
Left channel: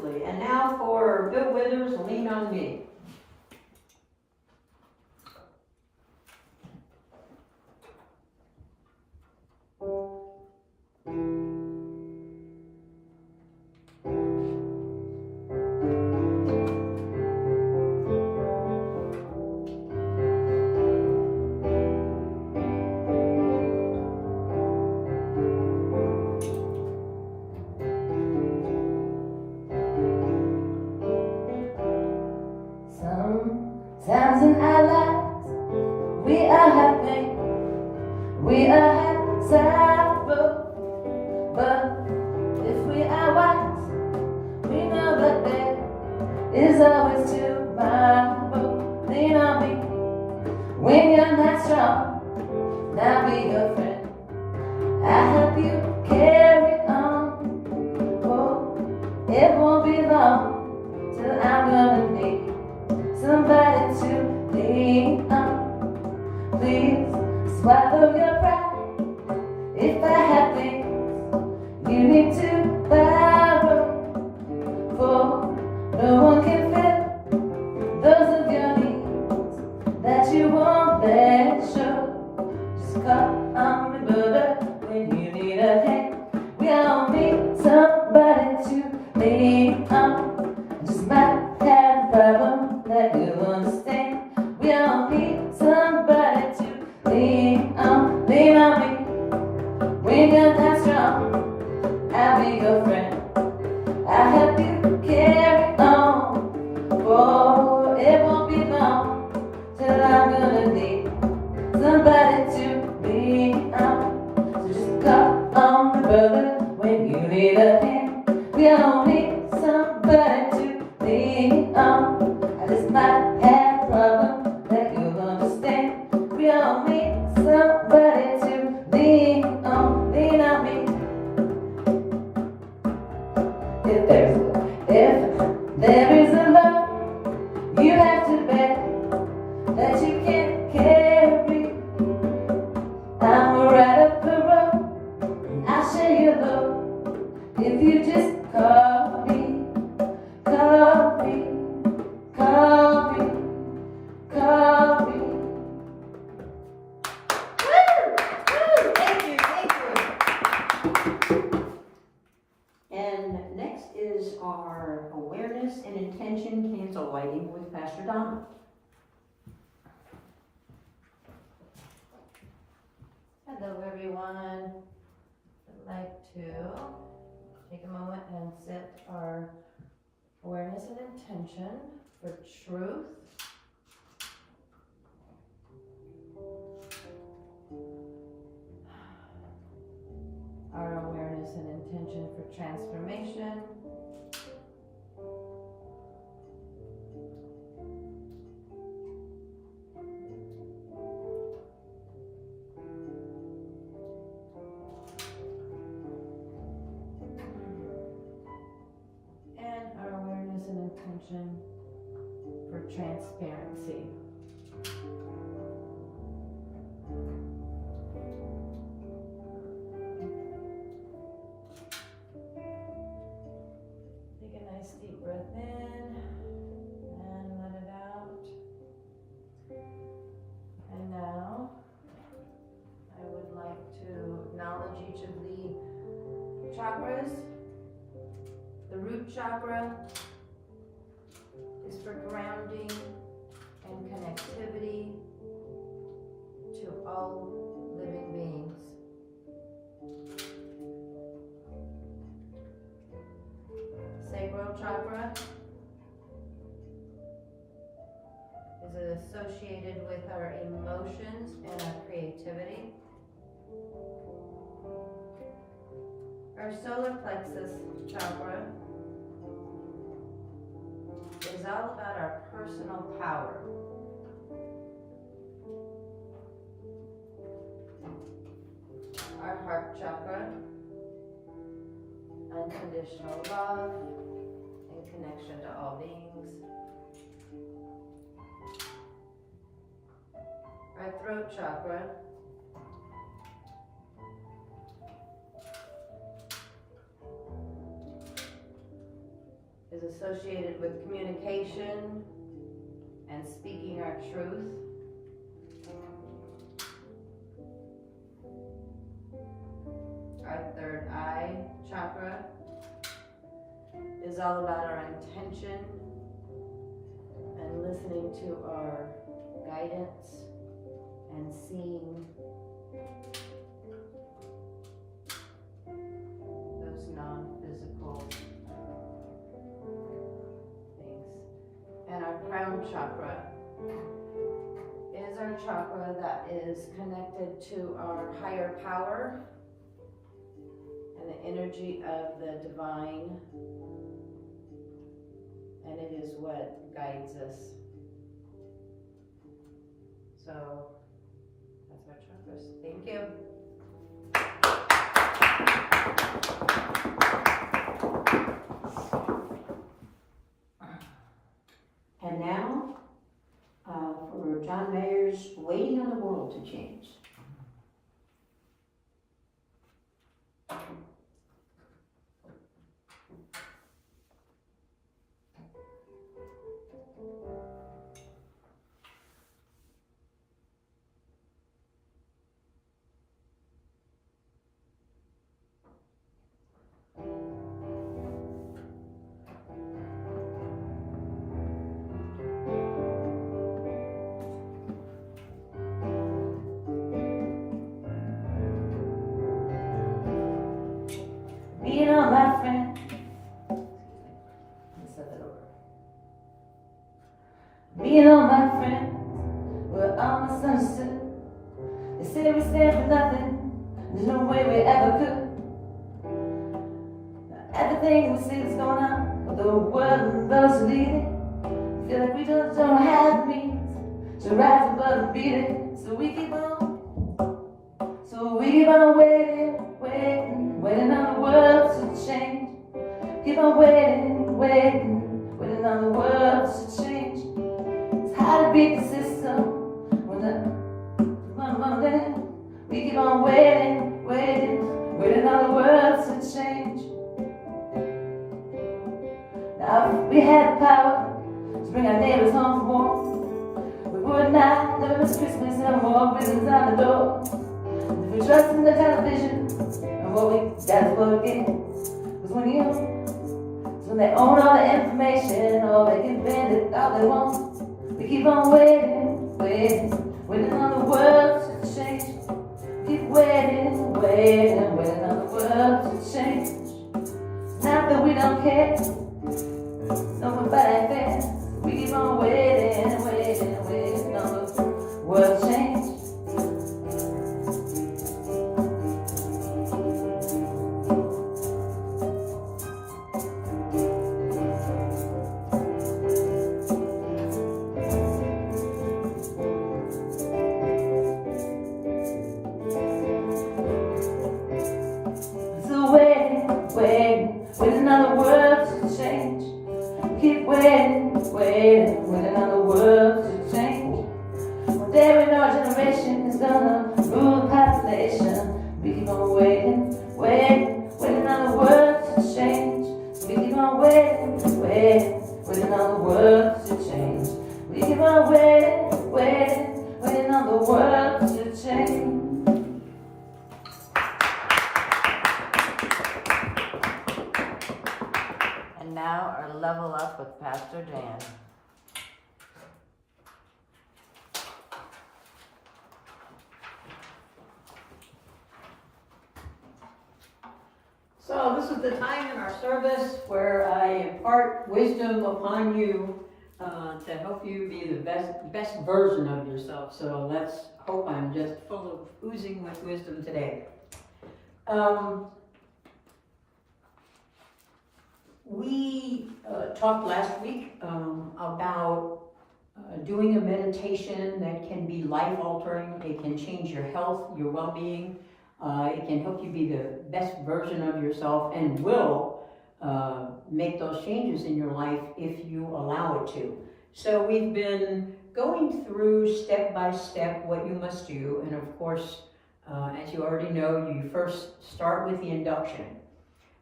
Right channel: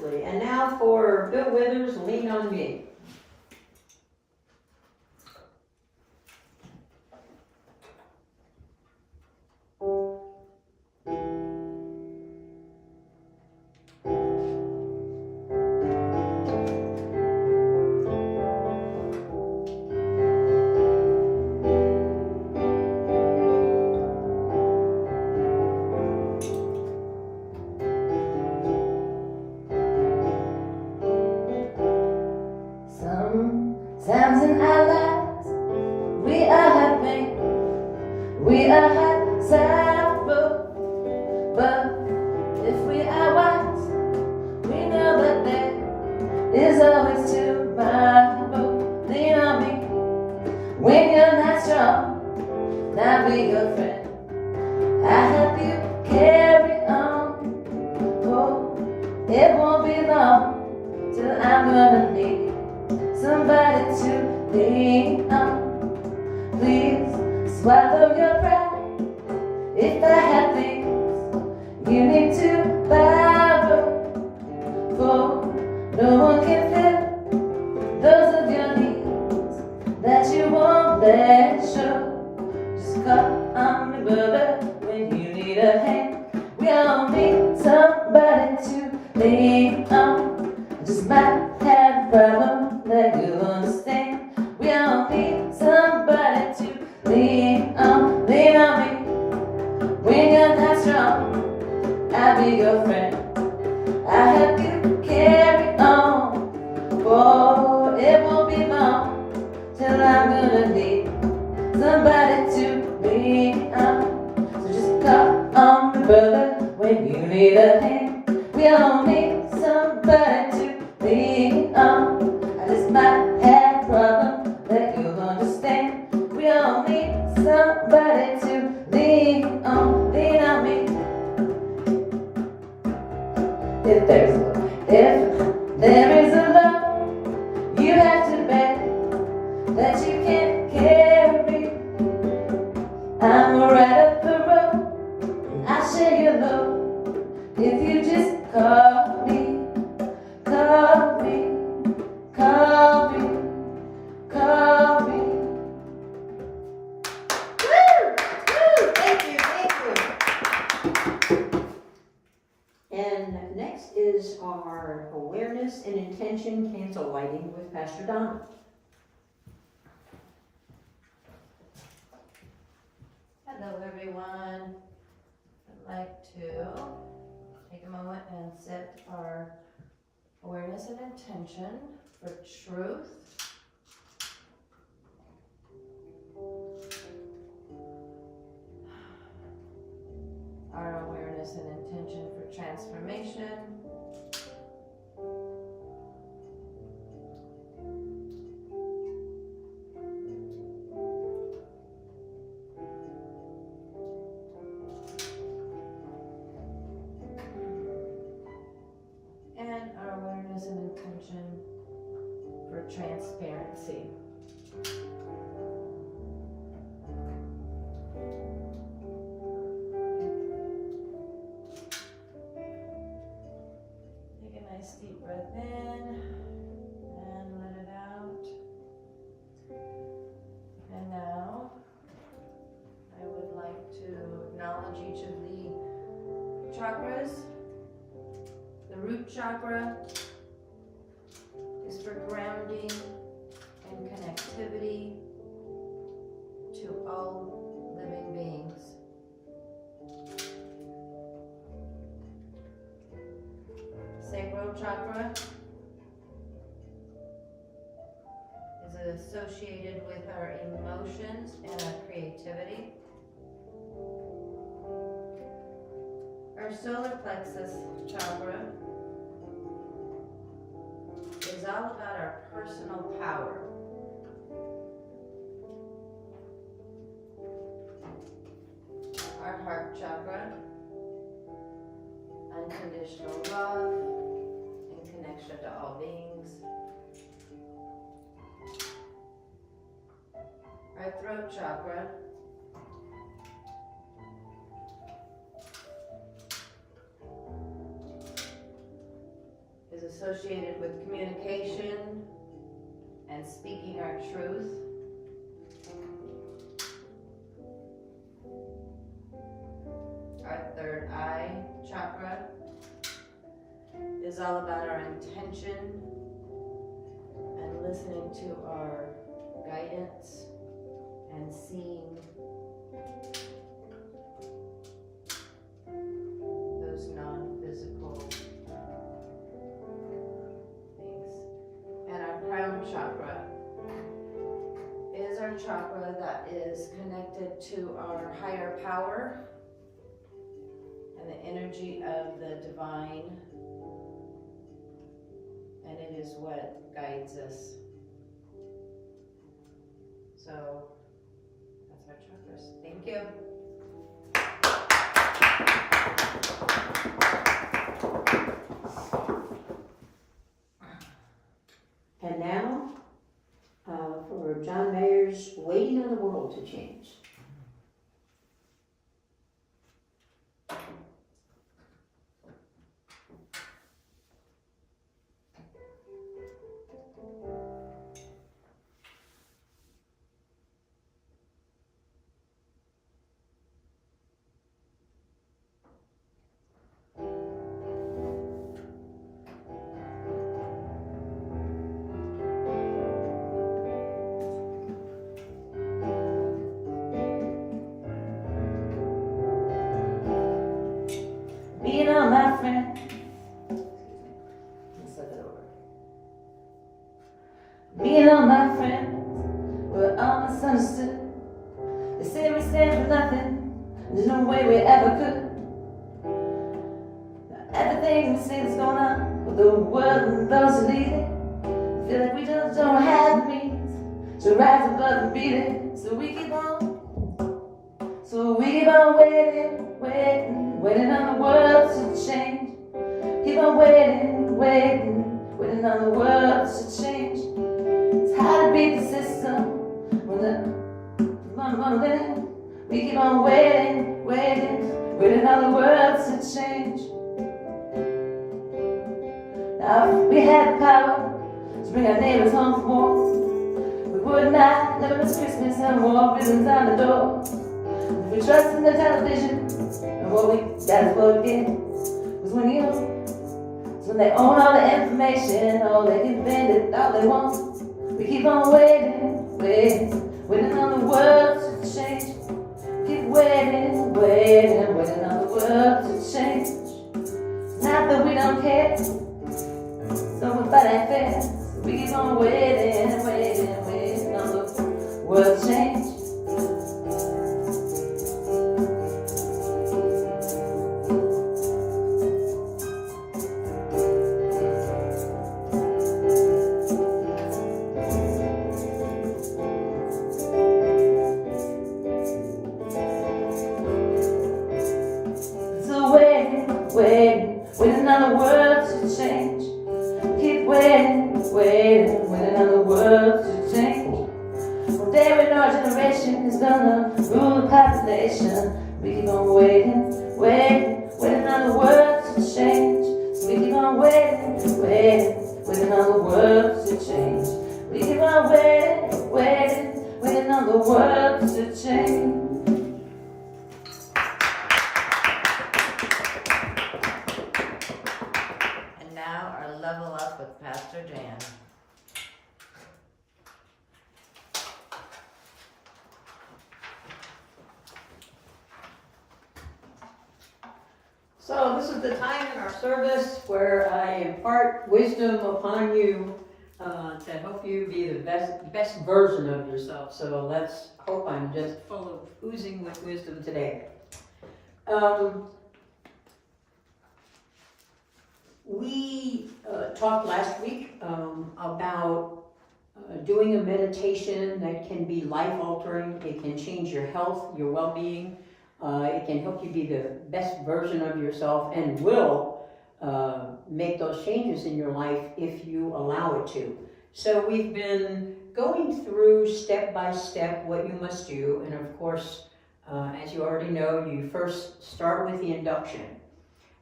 tremendously. And now for Bill Withers, Lean on Me. Sometimes in our lives, we are happy, we are suffering, but if we are wise, we know that there is always tomorrow. Lean on me when you're not strong, I'll be your friend. I help you carry on. Oh, it won't be long till I'm gonna need somebody to lean on. Please swallow your pride. If I have things you need to borrow, for no one can fill those of your needs that you won't let show. Just call on me, brother, when you need a hand. We all need somebody to lean on. Just might have a problem that you'll understand. We all need somebody to lean on. Lean on me when you're not strong, I'll be your friend. I help you carry on. Oh, it won't be long till I'm gonna need somebody to lean on. So just call on me, brother, when you need a hand. We all need somebody to lean on. I just might have a problem that you'll understand. We all need somebody to lean on. Lean on me. If there is a love you have to bear that you can't carry, I'm right up the road and I'll share your load. If you just call me, call me, call me, call me. Thank you. And next is our awareness and intention candle lighting with Pastor Donna. Hello everyone. I'd like to take a moment and set our awareness and intention for truth. Our awareness and intention for transformation. And our awareness and intention for transparency. Take a nice deep breath in and let it out. And now I would like to acknowledge each of the chakras. The root chakra is for grounding and connectivity to all living beings. Sacral chakra is associated with our emotions and our creativity. Our solar plexus chakra is all about our personal power. Our heart chakra, unconditional love and connection to all beings. Our throat chakra is associated with communication and speaking our truth. Our third eye chakra is all about our intention and listening to our guidance and seeing those non-physical things. And our crown chakra is our chakra that is connected to our higher power and the energy of the divine, and it is what guides us. So that's our chakras. Thank you. And now, for John Mayer's Waiting on the World to Change. Being on my friend. Let's start that over. Being on my friend, we're all misunderstood. They say we stand for nothing, there's no way we ever could. Now, everything we see that's going on with the world and those who lead it, feel like we just don't have the means to rise above and beat it. So we keep on waiting on the world to change. Keep on waiting on the world to change. It's hard to beat the system when we keep on waiting on the world to change. Now if we had the power to bring our neighbors home from war, we would not never miss Christmas and more ribbons on the door. If we trust in the television, and what we got plugged in was when they own all the information, all they can bend it all they want. We keep on waiting on the world to change. Keep waiting on the world to change. Not that we don't care, nobody cares. We keep on waiting on the world to change. Waiting on the world to change. Keep waiting on the world to change. One day when our generation is gonna rule the population, we keep on waiting on the world to change. We keep on waiting on the world to change. We keep on waiting on the world to change. Now our level up with Pastor Jan. So this is the time in our service where I impart wisdom upon you to help you be the best version of yourself. So let's hope I'm just full of oozing with wisdom today. We talked last week about doing a meditation that can be life-altering. It can change your health, your well-being. It can help you be the best version of yourself and will make those changes in your life if you allow it to. So we've been going through step by step what you must do. And of course, as you already know, you first start with the induction.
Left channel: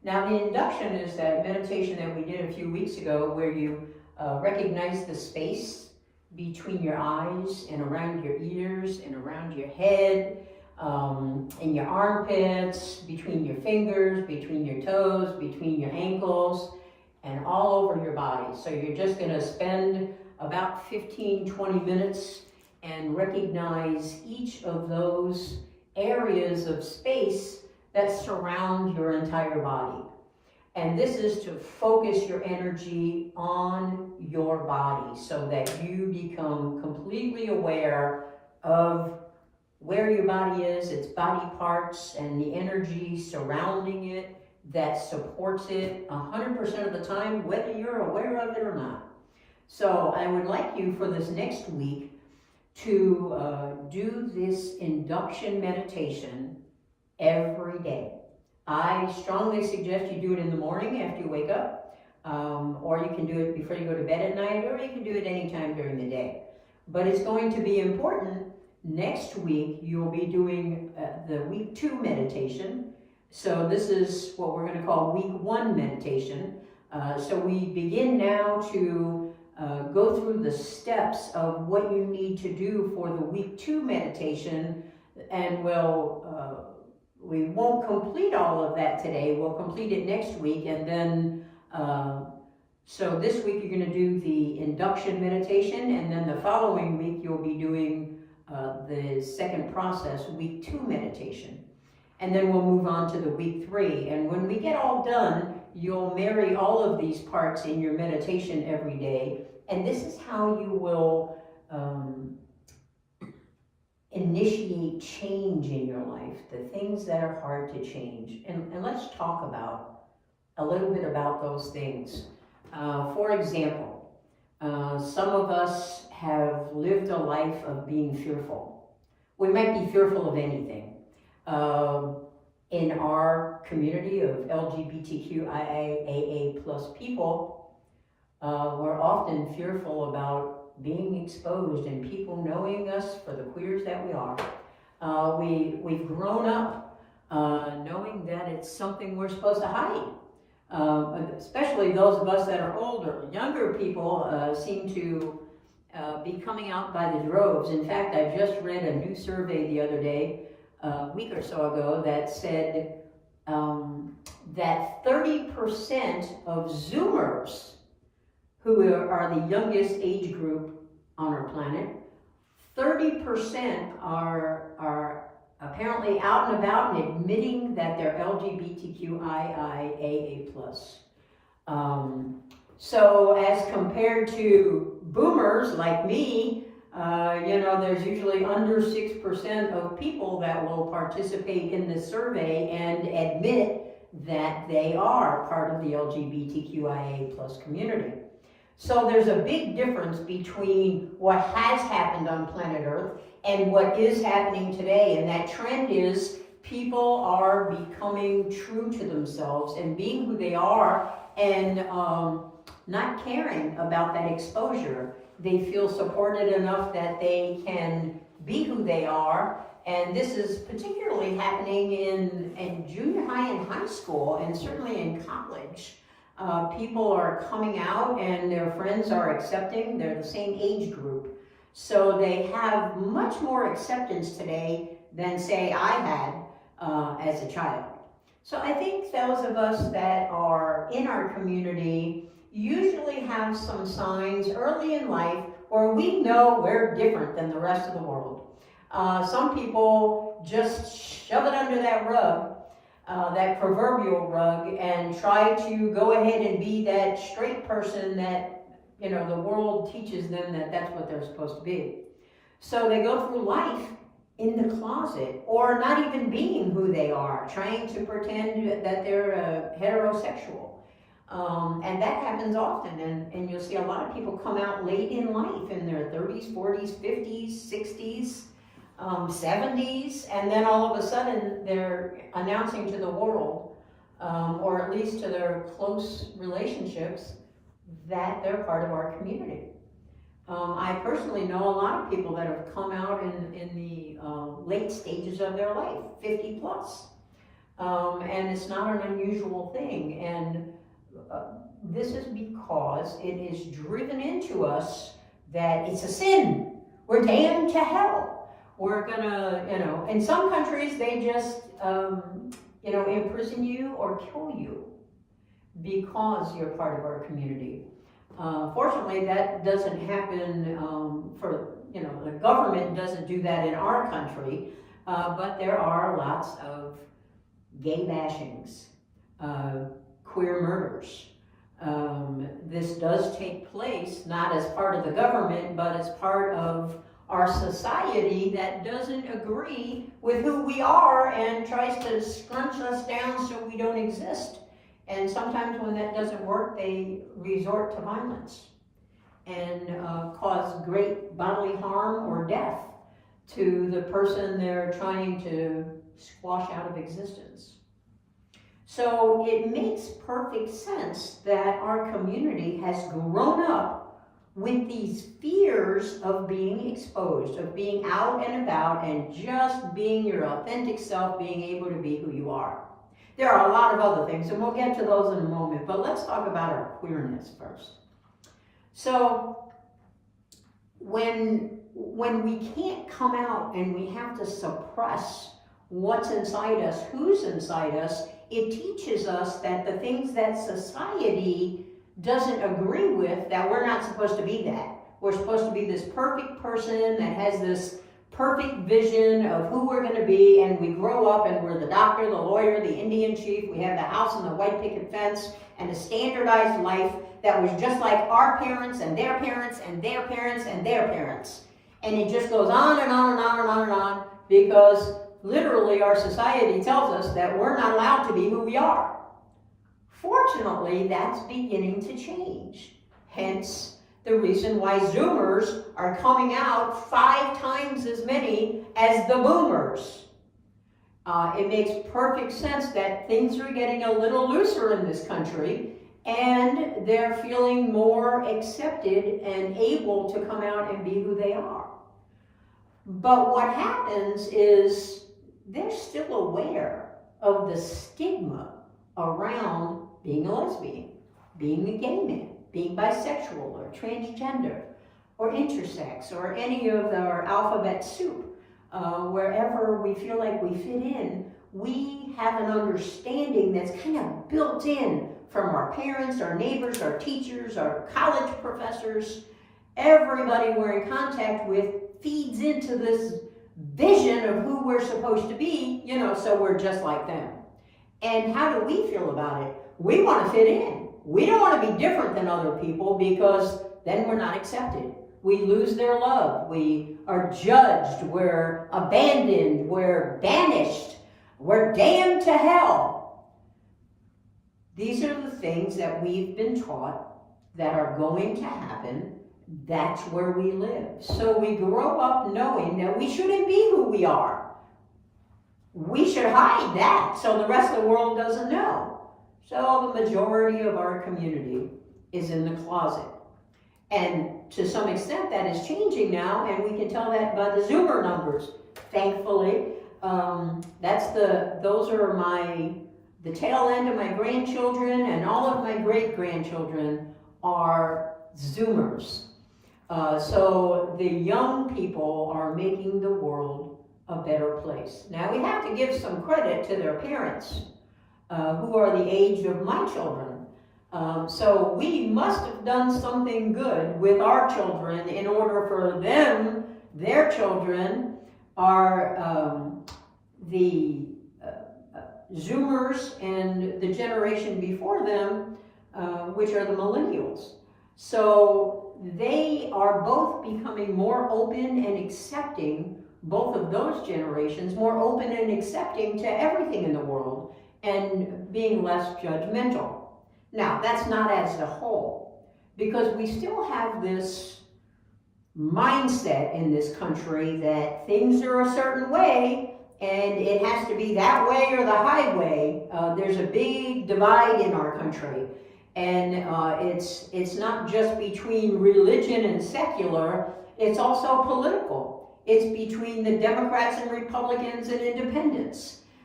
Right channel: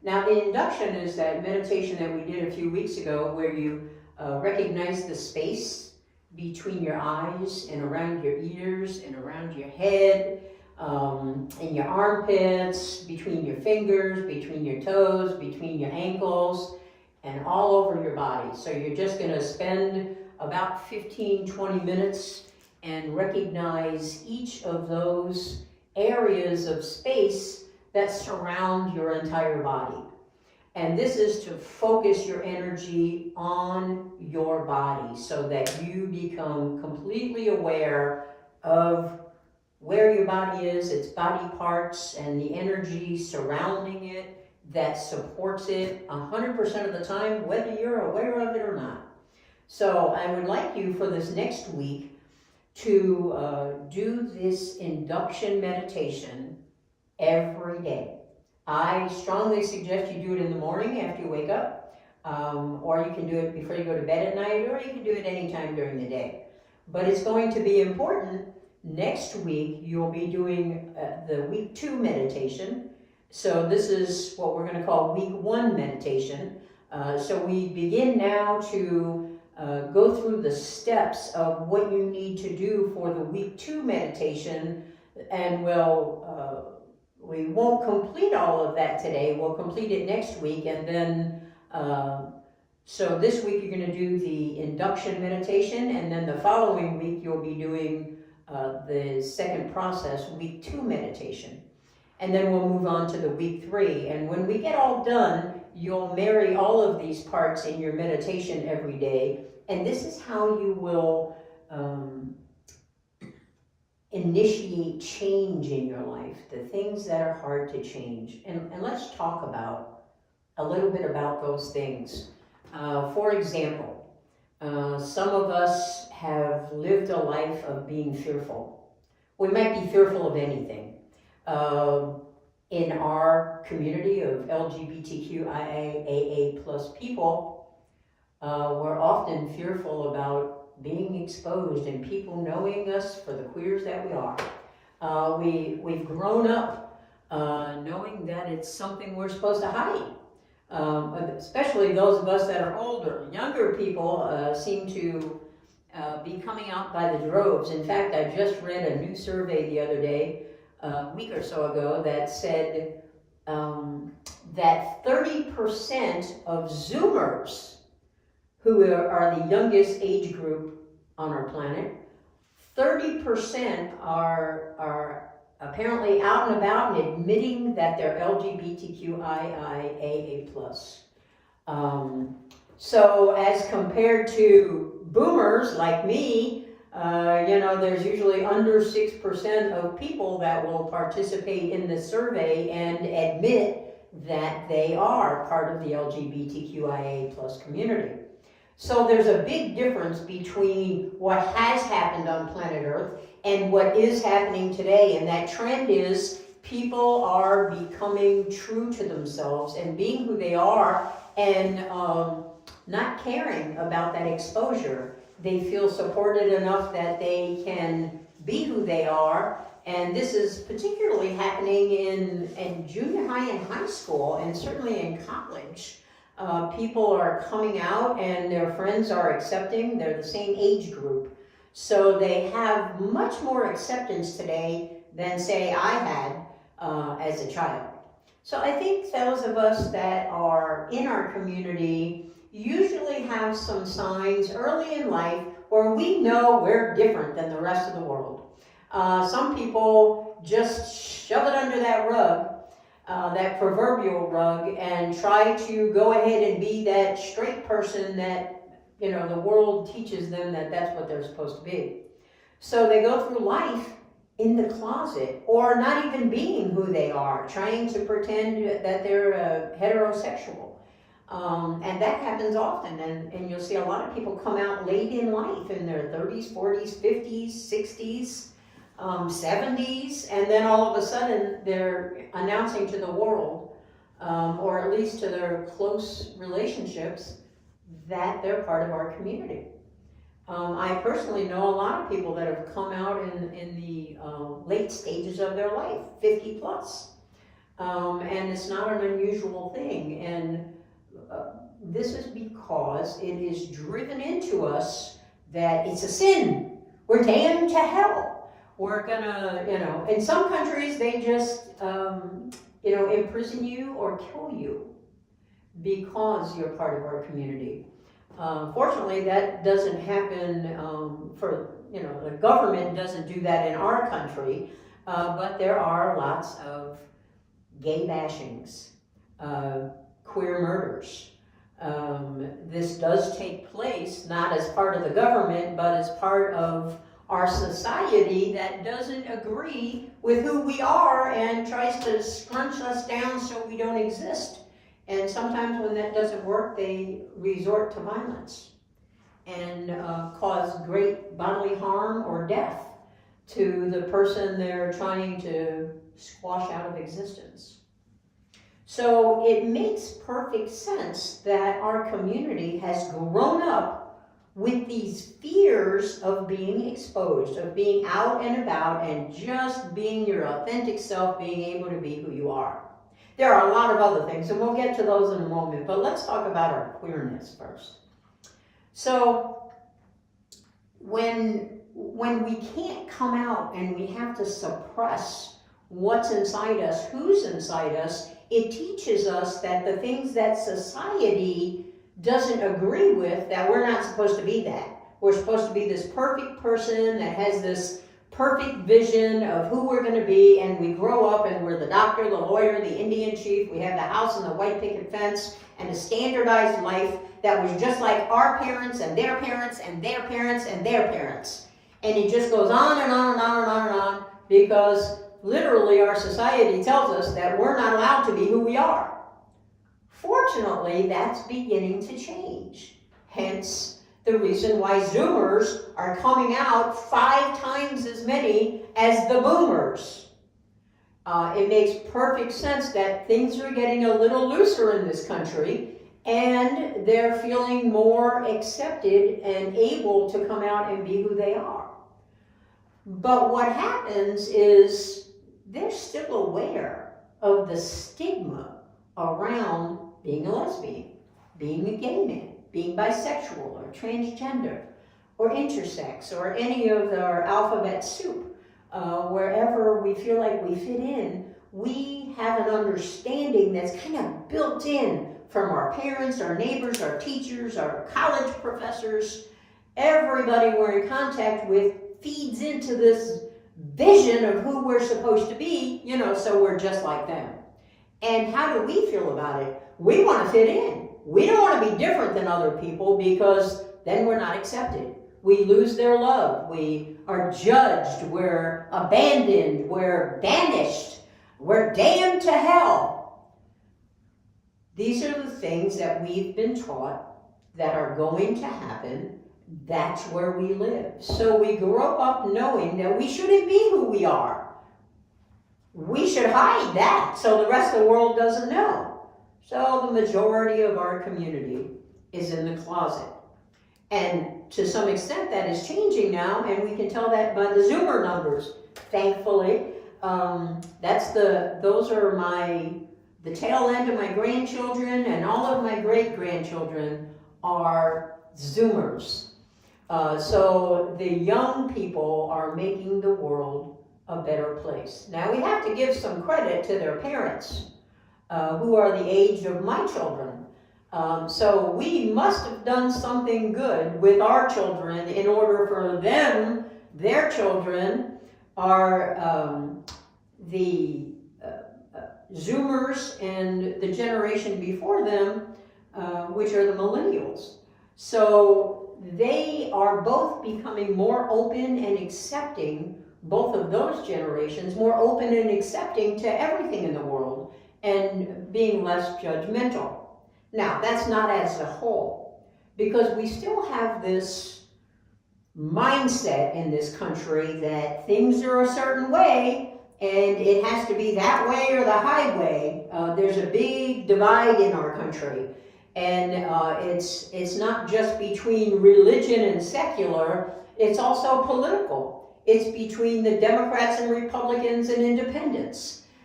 Now, the induction is that meditation that we did a few weeks ago where you recognize the space between your eyes and around your ears and around your head, in your armpits, between your fingers, between your toes, between your ankles, and all over your body. So you're just going to spend about 15-20 minutes and recognize each of those areas of space that surround your entire body. And this is to focus your energy on your body so that you become completely aware of where your body is, its body parts, and the energy surrounding it that supports it 100% of the time, whether you're aware of it or not. So I would like you for this next week to do this induction meditation every day. I strongly suggest you do it in the morning after you wake up, or you can do it before you go to bed at night, or you can do it anytime during the day. But it's going to be important. Next week, you'll be doing the week 2 meditation. So this is what we're going to call week 1 meditation. So we begin now to go through the steps of what you need to do for the week 2 meditation, and we won't complete all of that today. We'll complete it next week, and then so this week you're going to do the induction meditation, and then the following week you'll be doing the second process, week 2 meditation. And then we'll move on to the week 3. And when we get all done, you'll marry all of these parts in your meditation every day. And this is how you will initiate change in your life, the things that are hard to change. And let's talk about a little bit about those things. For example, some of us have lived a life of being fearful. We might be fearful of anything. In our community of LGBTQIA plus people, we're often fearful about being exposed and people knowing us for the queers that we are. We've grown up knowing that it's something we're supposed to hide. Especially those of us that are older. Younger people seem to be coming out by the droves. In fact, I just read a new survey the other day, a week or so ago, that said that 30% of Zoomers, who are the youngest age group on our planet, 30% are apparently out and about and admitting that they're LGBTQIA+. So as compared to boomers like me, there's usually under 6% of people that will participate in the survey and admit that they are part of the LGBTQIA+ community. So there's a big difference between what has happened on planet Earth and what is happening today, and that trend is people are becoming true to themselves and being who they are, and not caring about that exposure. They feel supported enough that they can be who they are, and this is particularly happening in junior high and high school, and certainly in college. People are coming out and their friends are accepting. They're the same age group. So they have much more acceptance today than, say, I had as a child. So I think those of us that are in our community usually have some signs early in life where we know we're different than the rest of the world. Some people just shove it under that rug, that proverbial rug, and try to go ahead and be that straight person that, the world teaches them that that's what they're supposed to be. So they go through life in the closet, or not even being who they are, trying to pretend that they're heterosexual. And that happens often, and you'll see a lot of people come out late in life, in their 30s, 40s, 50s, 60s, 70s, and then all of a sudden they're announcing to the world, or at least to their close relationships, that they're part of our community. I personally know a lot of people that have come out in the late stages of their life, 50 plus. And it's not an unusual thing. And this is because it is driven into us that it's a sin. We're damned to hell. We're gonna, in some countries they just, imprison you or kill you because you're part of our community. Fortunately, that doesn't happen the government doesn't do that in our country, but there are lots of gay bashings, queer murders. This does take place not as part of the government, but as part of our society that doesn't agree with who we are and tries to scrunch us down so we don't exist. And sometimes when that doesn't work, they resort to violence and cause great bodily harm or death to the person they're trying to squash out of existence. So it makes perfect sense that our community has grown up with these fears of being exposed, of being out and about and just being your authentic self, being able to be who you are. There are a lot of other things, and we'll get to those in a moment, but let's talk about our queerness first. So when we can't come out and we have to suppress what's inside us, who's inside us, it teaches us that the things that society doesn't agree with, that we're not supposed to be that. We're supposed to be this perfect person that has this perfect vision of who we're going to be, and we grow up and we're the doctor, the lawyer, the Indian chief, we have the house and the white picket fence, and a standardized life that was just like our parents and their parents and their parents and their parents. And it just goes on and on and on and on and on, because literally our society tells us that we're not allowed to be who we are. Fortunately, that's beginning to change. Hence, the reason why Zoomers are coming out 5 times as many as the Boomers. It makes perfect sense that things are getting a little looser in this country, and they're feeling more accepted and able to come out and be who they are. But what happens is they're still aware of the stigma around being a lesbian, being a gay man, being bisexual or transgender or intersex or any of our alphabet soup. Wherever we feel like we fit in, we have an understanding that's kind of built in from our parents, our neighbors, our teachers, our college professors. Everybody we're in contact with feeds into this vision of who we're supposed to be, so we're just like them. And how do we feel about it? We want to fit in. We don't want to be different than other people, because then we're not accepted. We lose their love. We are judged. We're abandoned. We're banished. We're damned to hell. These are the things that we've been taught that are going to happen. That's where we live. So we grow up knowing that we shouldn't be who we are. We should hide that so the rest of the world doesn't know. So the majority of our community is in the closet. And to some extent that is changing now, and we can tell that by the Zoomer numbers, thankfully. Those are the tail end of my grandchildren, and all of my great-grandchildren are Zoomers. So the young people are making the world a better place. Now we have to give some credit to their parents, who are the age of my children. So we must have done something good with our children in order for them, their children, are the Zoomers and the generation before them, which are the millennials. So they are both becoming more open and accepting, both of those generations, more open and accepting to everything in the world and being less judgmental. Now, that's not as a whole, because we still have this mindset in this country that things are a certain way and it has to be that way or the highway. There's a big divide in our country. And it's not just between religion and secular, it's also political. It's between the Democrats and Republicans and independents.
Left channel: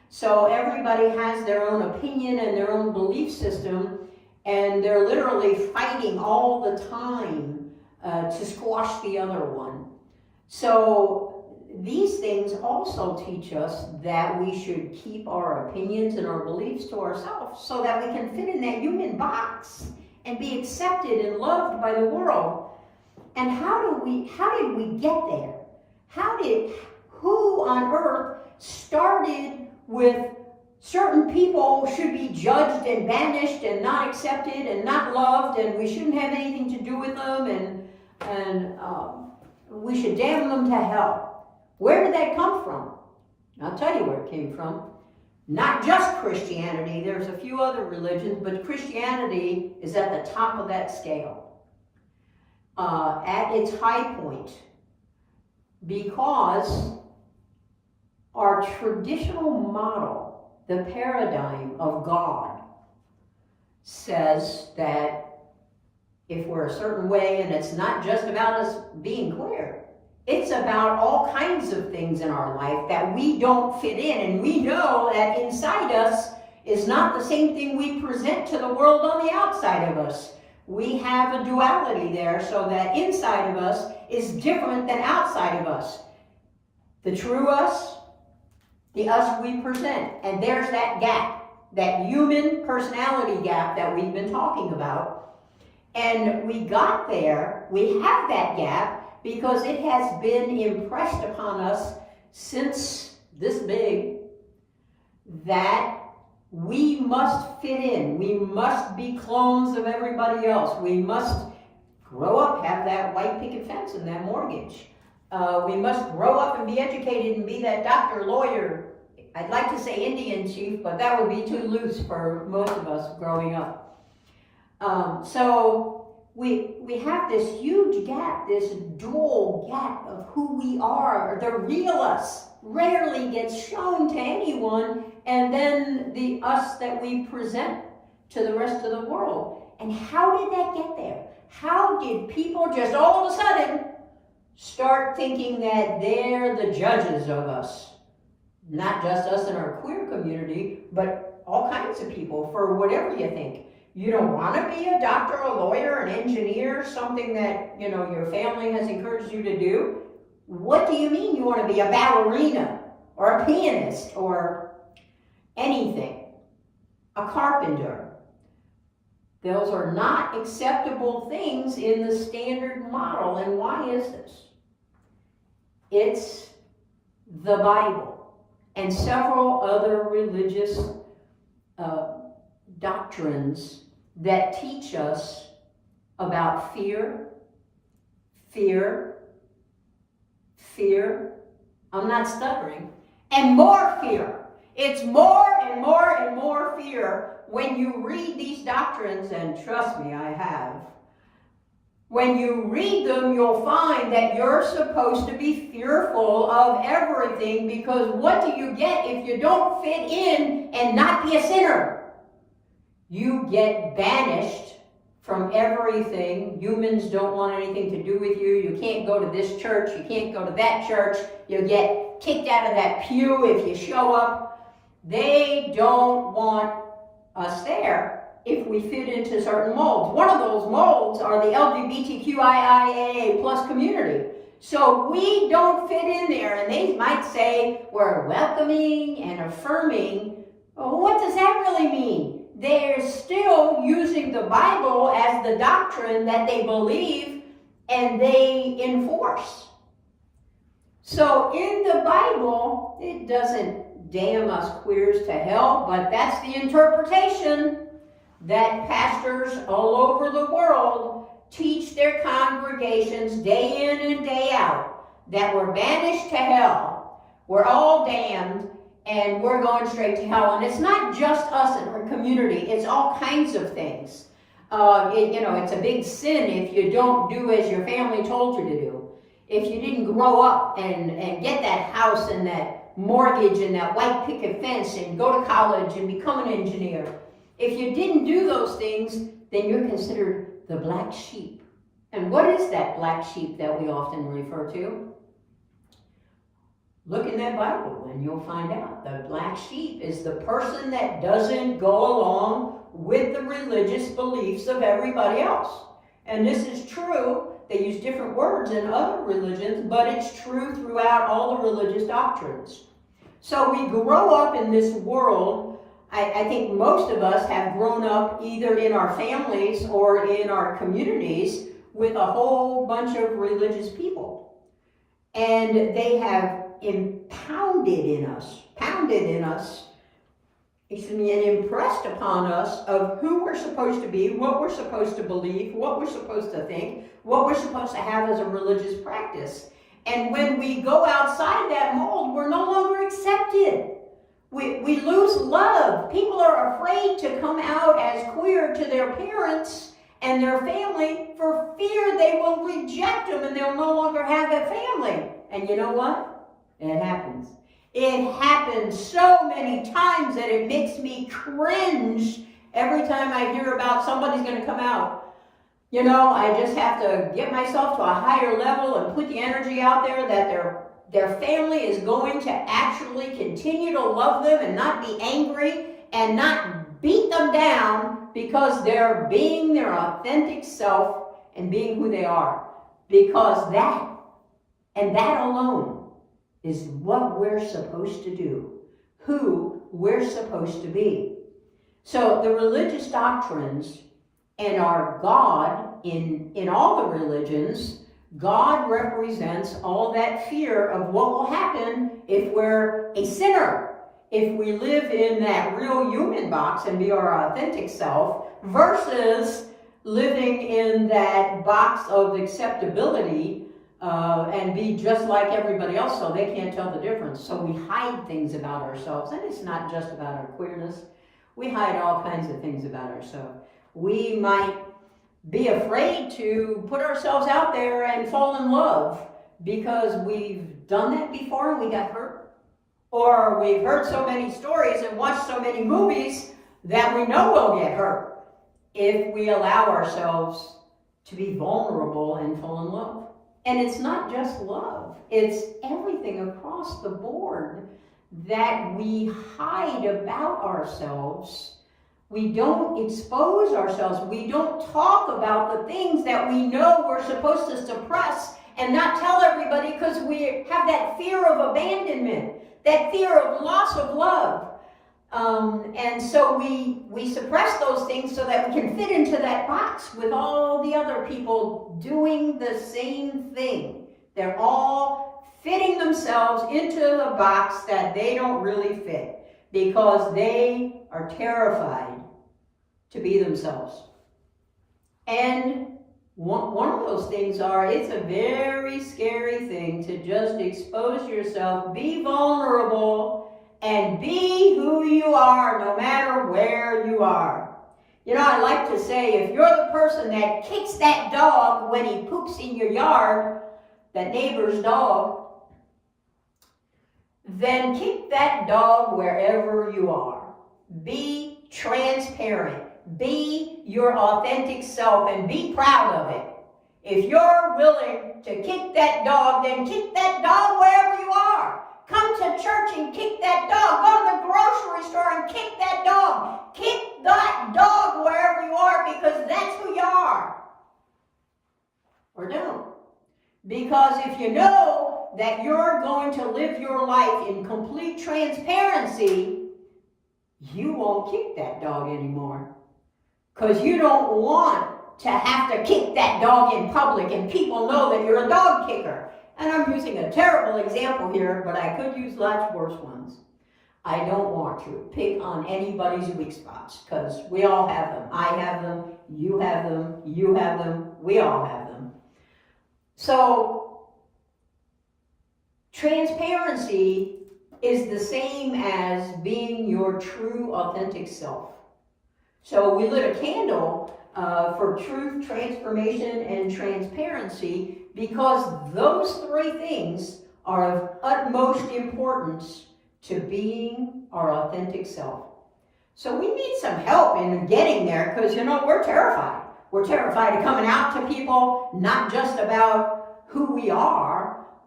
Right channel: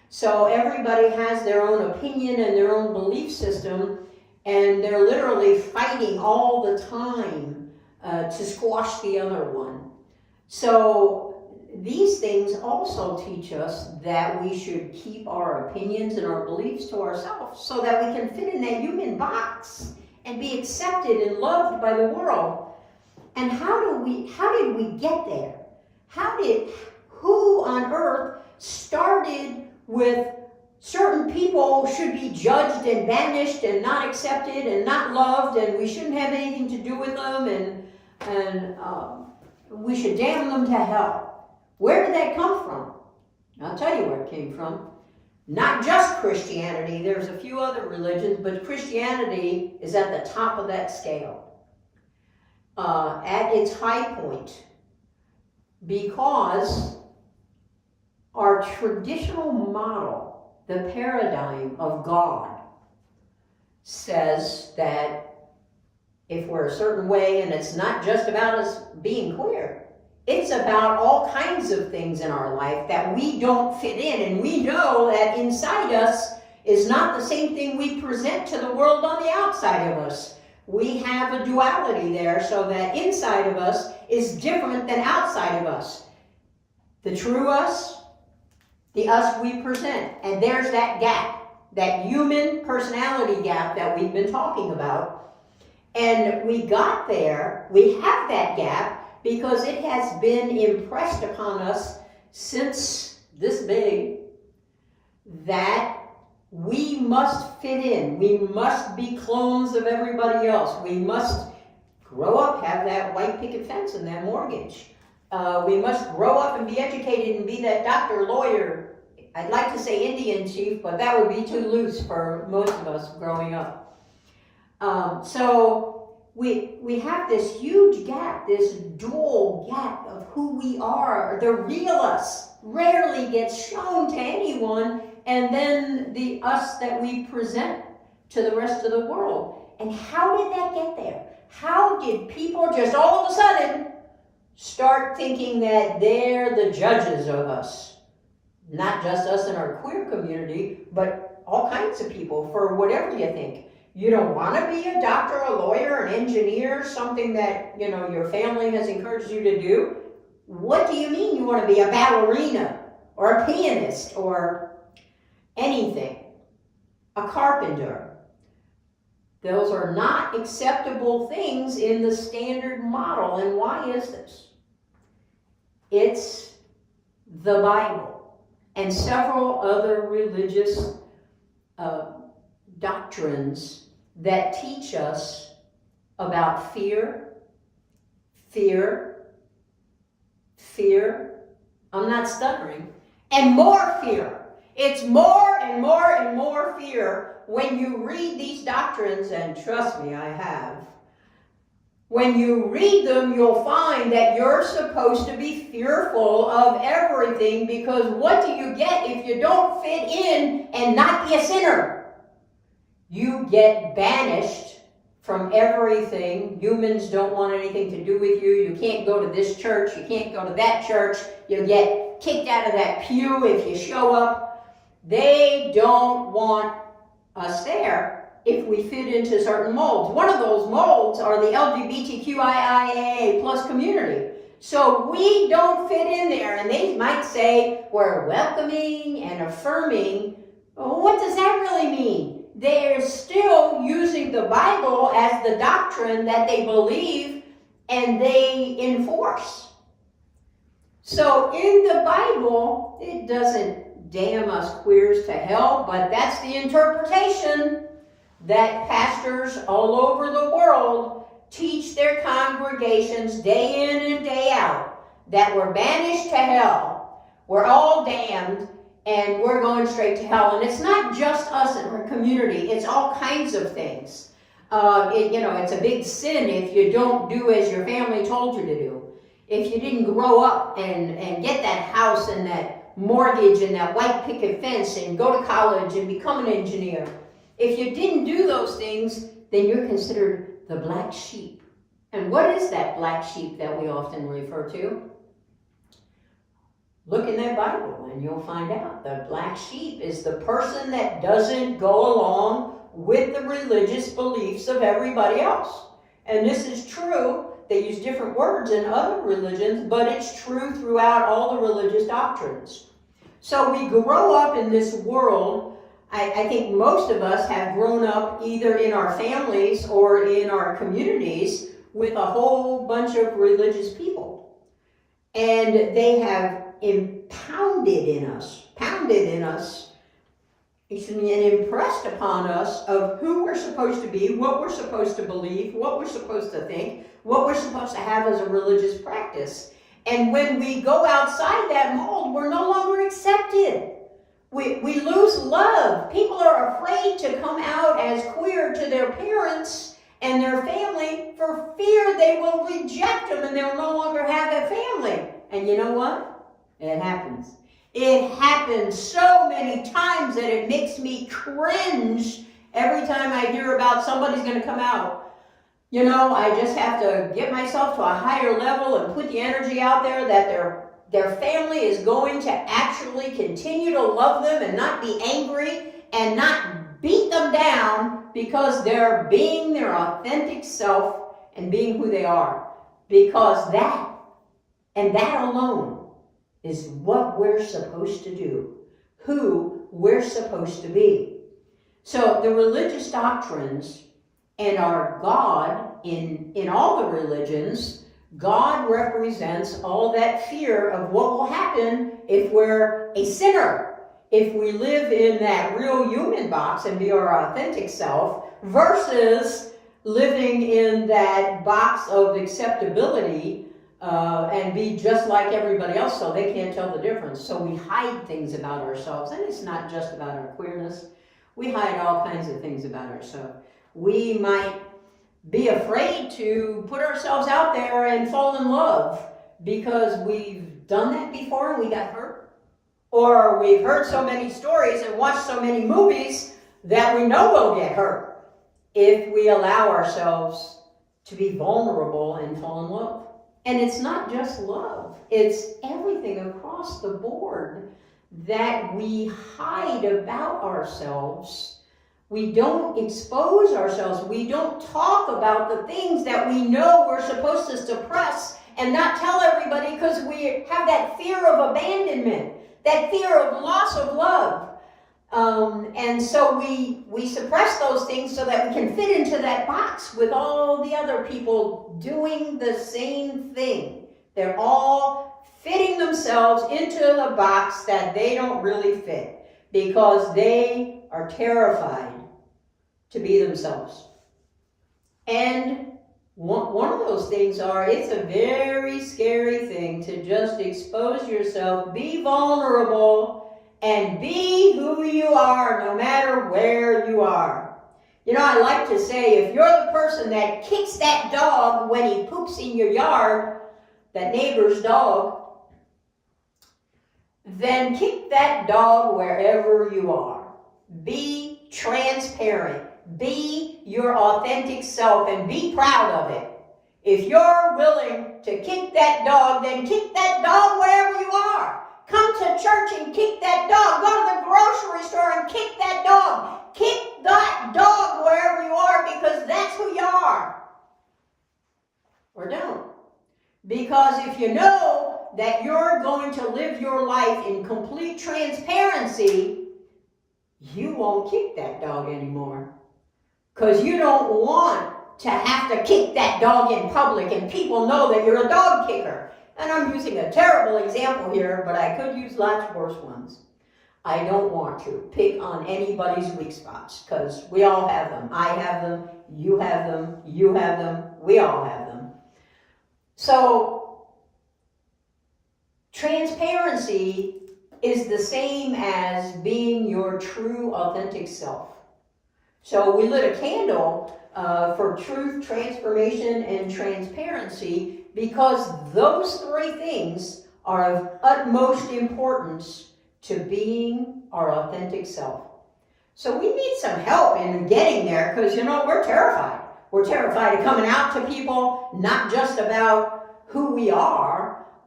So everybody has their own opinion and their own belief system, and they're literally fighting all the time to squash the other one. So these things also teach us that we should keep our opinions and our beliefs to ourselves so that we can fit in that human box and be accepted and loved by the world. And how did we get there? Who on earth started with certain people should be judged and banished and not accepted and not loved, and we shouldn't have anything to do with them, and we should damn them to hell? Where did that come from? I'll tell you where it came from. Not just Christianity. There's a few other religions, but Christianity is at the top of that scale. At its high point. Because our traditional model, the paradigm of God, says that if we're a certain way, and it's not just about us being queer, it's about all kinds of things in our life that we don't fit in, and we know that inside us is not the same thing we present to the world on the outside of us. We have a duality there, so that inside of us is different than outside of us. The true us, the us we present. And there's that gap, that human personality gap that we've been talking about. And we got there, we have that gap, because it has been impressed upon us since this big that we must fit in. We must be clones of everybody else. We must grow up, have that white picket fence and that mortgage. We must grow up and be educated and be that doctor, lawyer. I'd like to say Indian chief, but that would be too loose for most of us growing up. So we have this huge gap, this dual gap of who we are. The real us rarely gets shown to anyone, and then the us that we present to the rest of the world. And how did that get there? How did people just all of a sudden start thinking that they're the judges of us? Not just us in our queer community, but all kinds of people, for whatever you think. You don't want to be a doctor, a lawyer, an engineer, something that, you know, your family has encouraged you to do. What do you mean you want to be a ballerina or a pianist or anything? A carpenter. Those are not acceptable things in the standard model. And why is this? It's the Bible and several other religious doctrines that teach us about fear, I'm not stuttering, and more fear. It's more and more and more fear when you read these doctrines, and trust me, I have. When you read them, you'll find that you're supposed to be fearful of everything, because what do you get if you don't fit in and not be a sinner? You get banished from everything. Humans don't want anything to do with you. You can't go to this church. You can't go to that church. You get kicked out of that pew if you show up. They don't want us there if we fit into certain molds. One of those molds are the LGBTQIA plus community. So we don't fit in there, and they might say we're welcoming and affirming. Well, what does that really mean? They're still using the Bible as the doctrine that they believe and they enforce. So in the Bible, it doesn't damn us queers to hell, but that's the interpretation that pastors all over the world teach their congregations day in and day out, that we're banished to hell, we're all damned, and we're going straight to hell. And it's not just us in our community, it's all kinds of things. It's a big sin if you don't do as your family told you to do. If you didn't grow up and get that house and that mortgage and that white picket fence and go to college and become an engineer. If you didn't do those things, then you're considered the black sheep. And what is that black sheep that we often refer to? Look in that Bible and you'll find out the black sheep is the person that doesn't go along with the religious beliefs of everybody else. And this is true. They use different words in other religions, but it's true throughout all the religious doctrines. So we grow up in this world. I think most of us have grown up either in our families or in our communities with a whole bunch of religious people. And they have pounded in us, and impressed upon us of who we're supposed to be, what we're supposed to believe, what we're supposed to think, what we're supposed to have as a religious practice. And when we go outside that mold, we're no longer accepted. We lose love. People are afraid to come out as queer to their parents and their family for fear they will reject them and they'll no longer have a family. And you know what? It happens. It happens so many times that it makes me cringe every time I hear about somebody's going to come out. You know, I just have to get myself to a higher level and put the energy out there that their family is going to actually continue to love them and not be angry and not beat them down because they're being their authentic self and being who they are. Because that, and that alone, is what we're supposed to do, who we're supposed to be. So the religious doctrines and our God, in all the religions, God represents all that fear of what will happen if we're a sinner, if we live in that real human box and be our authentic self, versus living in that box of acceptability and be just like everybody else so they can't tell the difference. So we hide things about ourselves, and it's not just about our queerness. We hide all kinds of things about ourselves. We might be afraid to put ourselves out there and fall in love because we've done that before and we got hurt. Or we've heard so many stories and watched so many movies that we know we'll get hurt if we allow ourselves to be vulnerable and fall in love. And it's not just love, it's everything across the board that we hide about ourselves. We don't expose ourselves. We don't talk about the things that we know we're supposed to suppress and not tell everybody because we have that fear of abandonment, that fear of loss of love. And so we suppress those things so that we can fit into that box with all the other people doing the same thing. They're all fitting themselves into a box that they don't really fit because they are terrified to be themselves. And one of those things it's a very scary thing to just expose yourself, be vulnerable, and be who you are no matter where you are. You know, I like to say, if you're the person that kicks that dog when he poops in your yard, that neighbor's dog, then kick that dog wherever you are. Be transparent. Be your authentic self and be proud of it. If you're willing to kick that dog, then kick that dog wherever you are. Come to church and kick that dog. Go to the grocery store and kick that dog. Kick that dog wherever you are because that's who you are. Or don't. Because if you know that you're going to live your life in complete transparency, you won't kick that dog anymore. Because you don't want to have to kick that dog in public and people know that you're a dog kicker. And I'm using a terrible example here, but I could use lots worse ones. I don't want to pick on anybody's weak spots, because we all have them. I have them, you have them, you have them, we all have them. So, transparency is the same as being your true, authentic self. So we lit a candle for truth, transformation, and transparency because those three things are of utmost importance to being our authentic self. So we need some help in getting there because, you know, we're terrified. We're terrified of coming out to people, not just about who we are,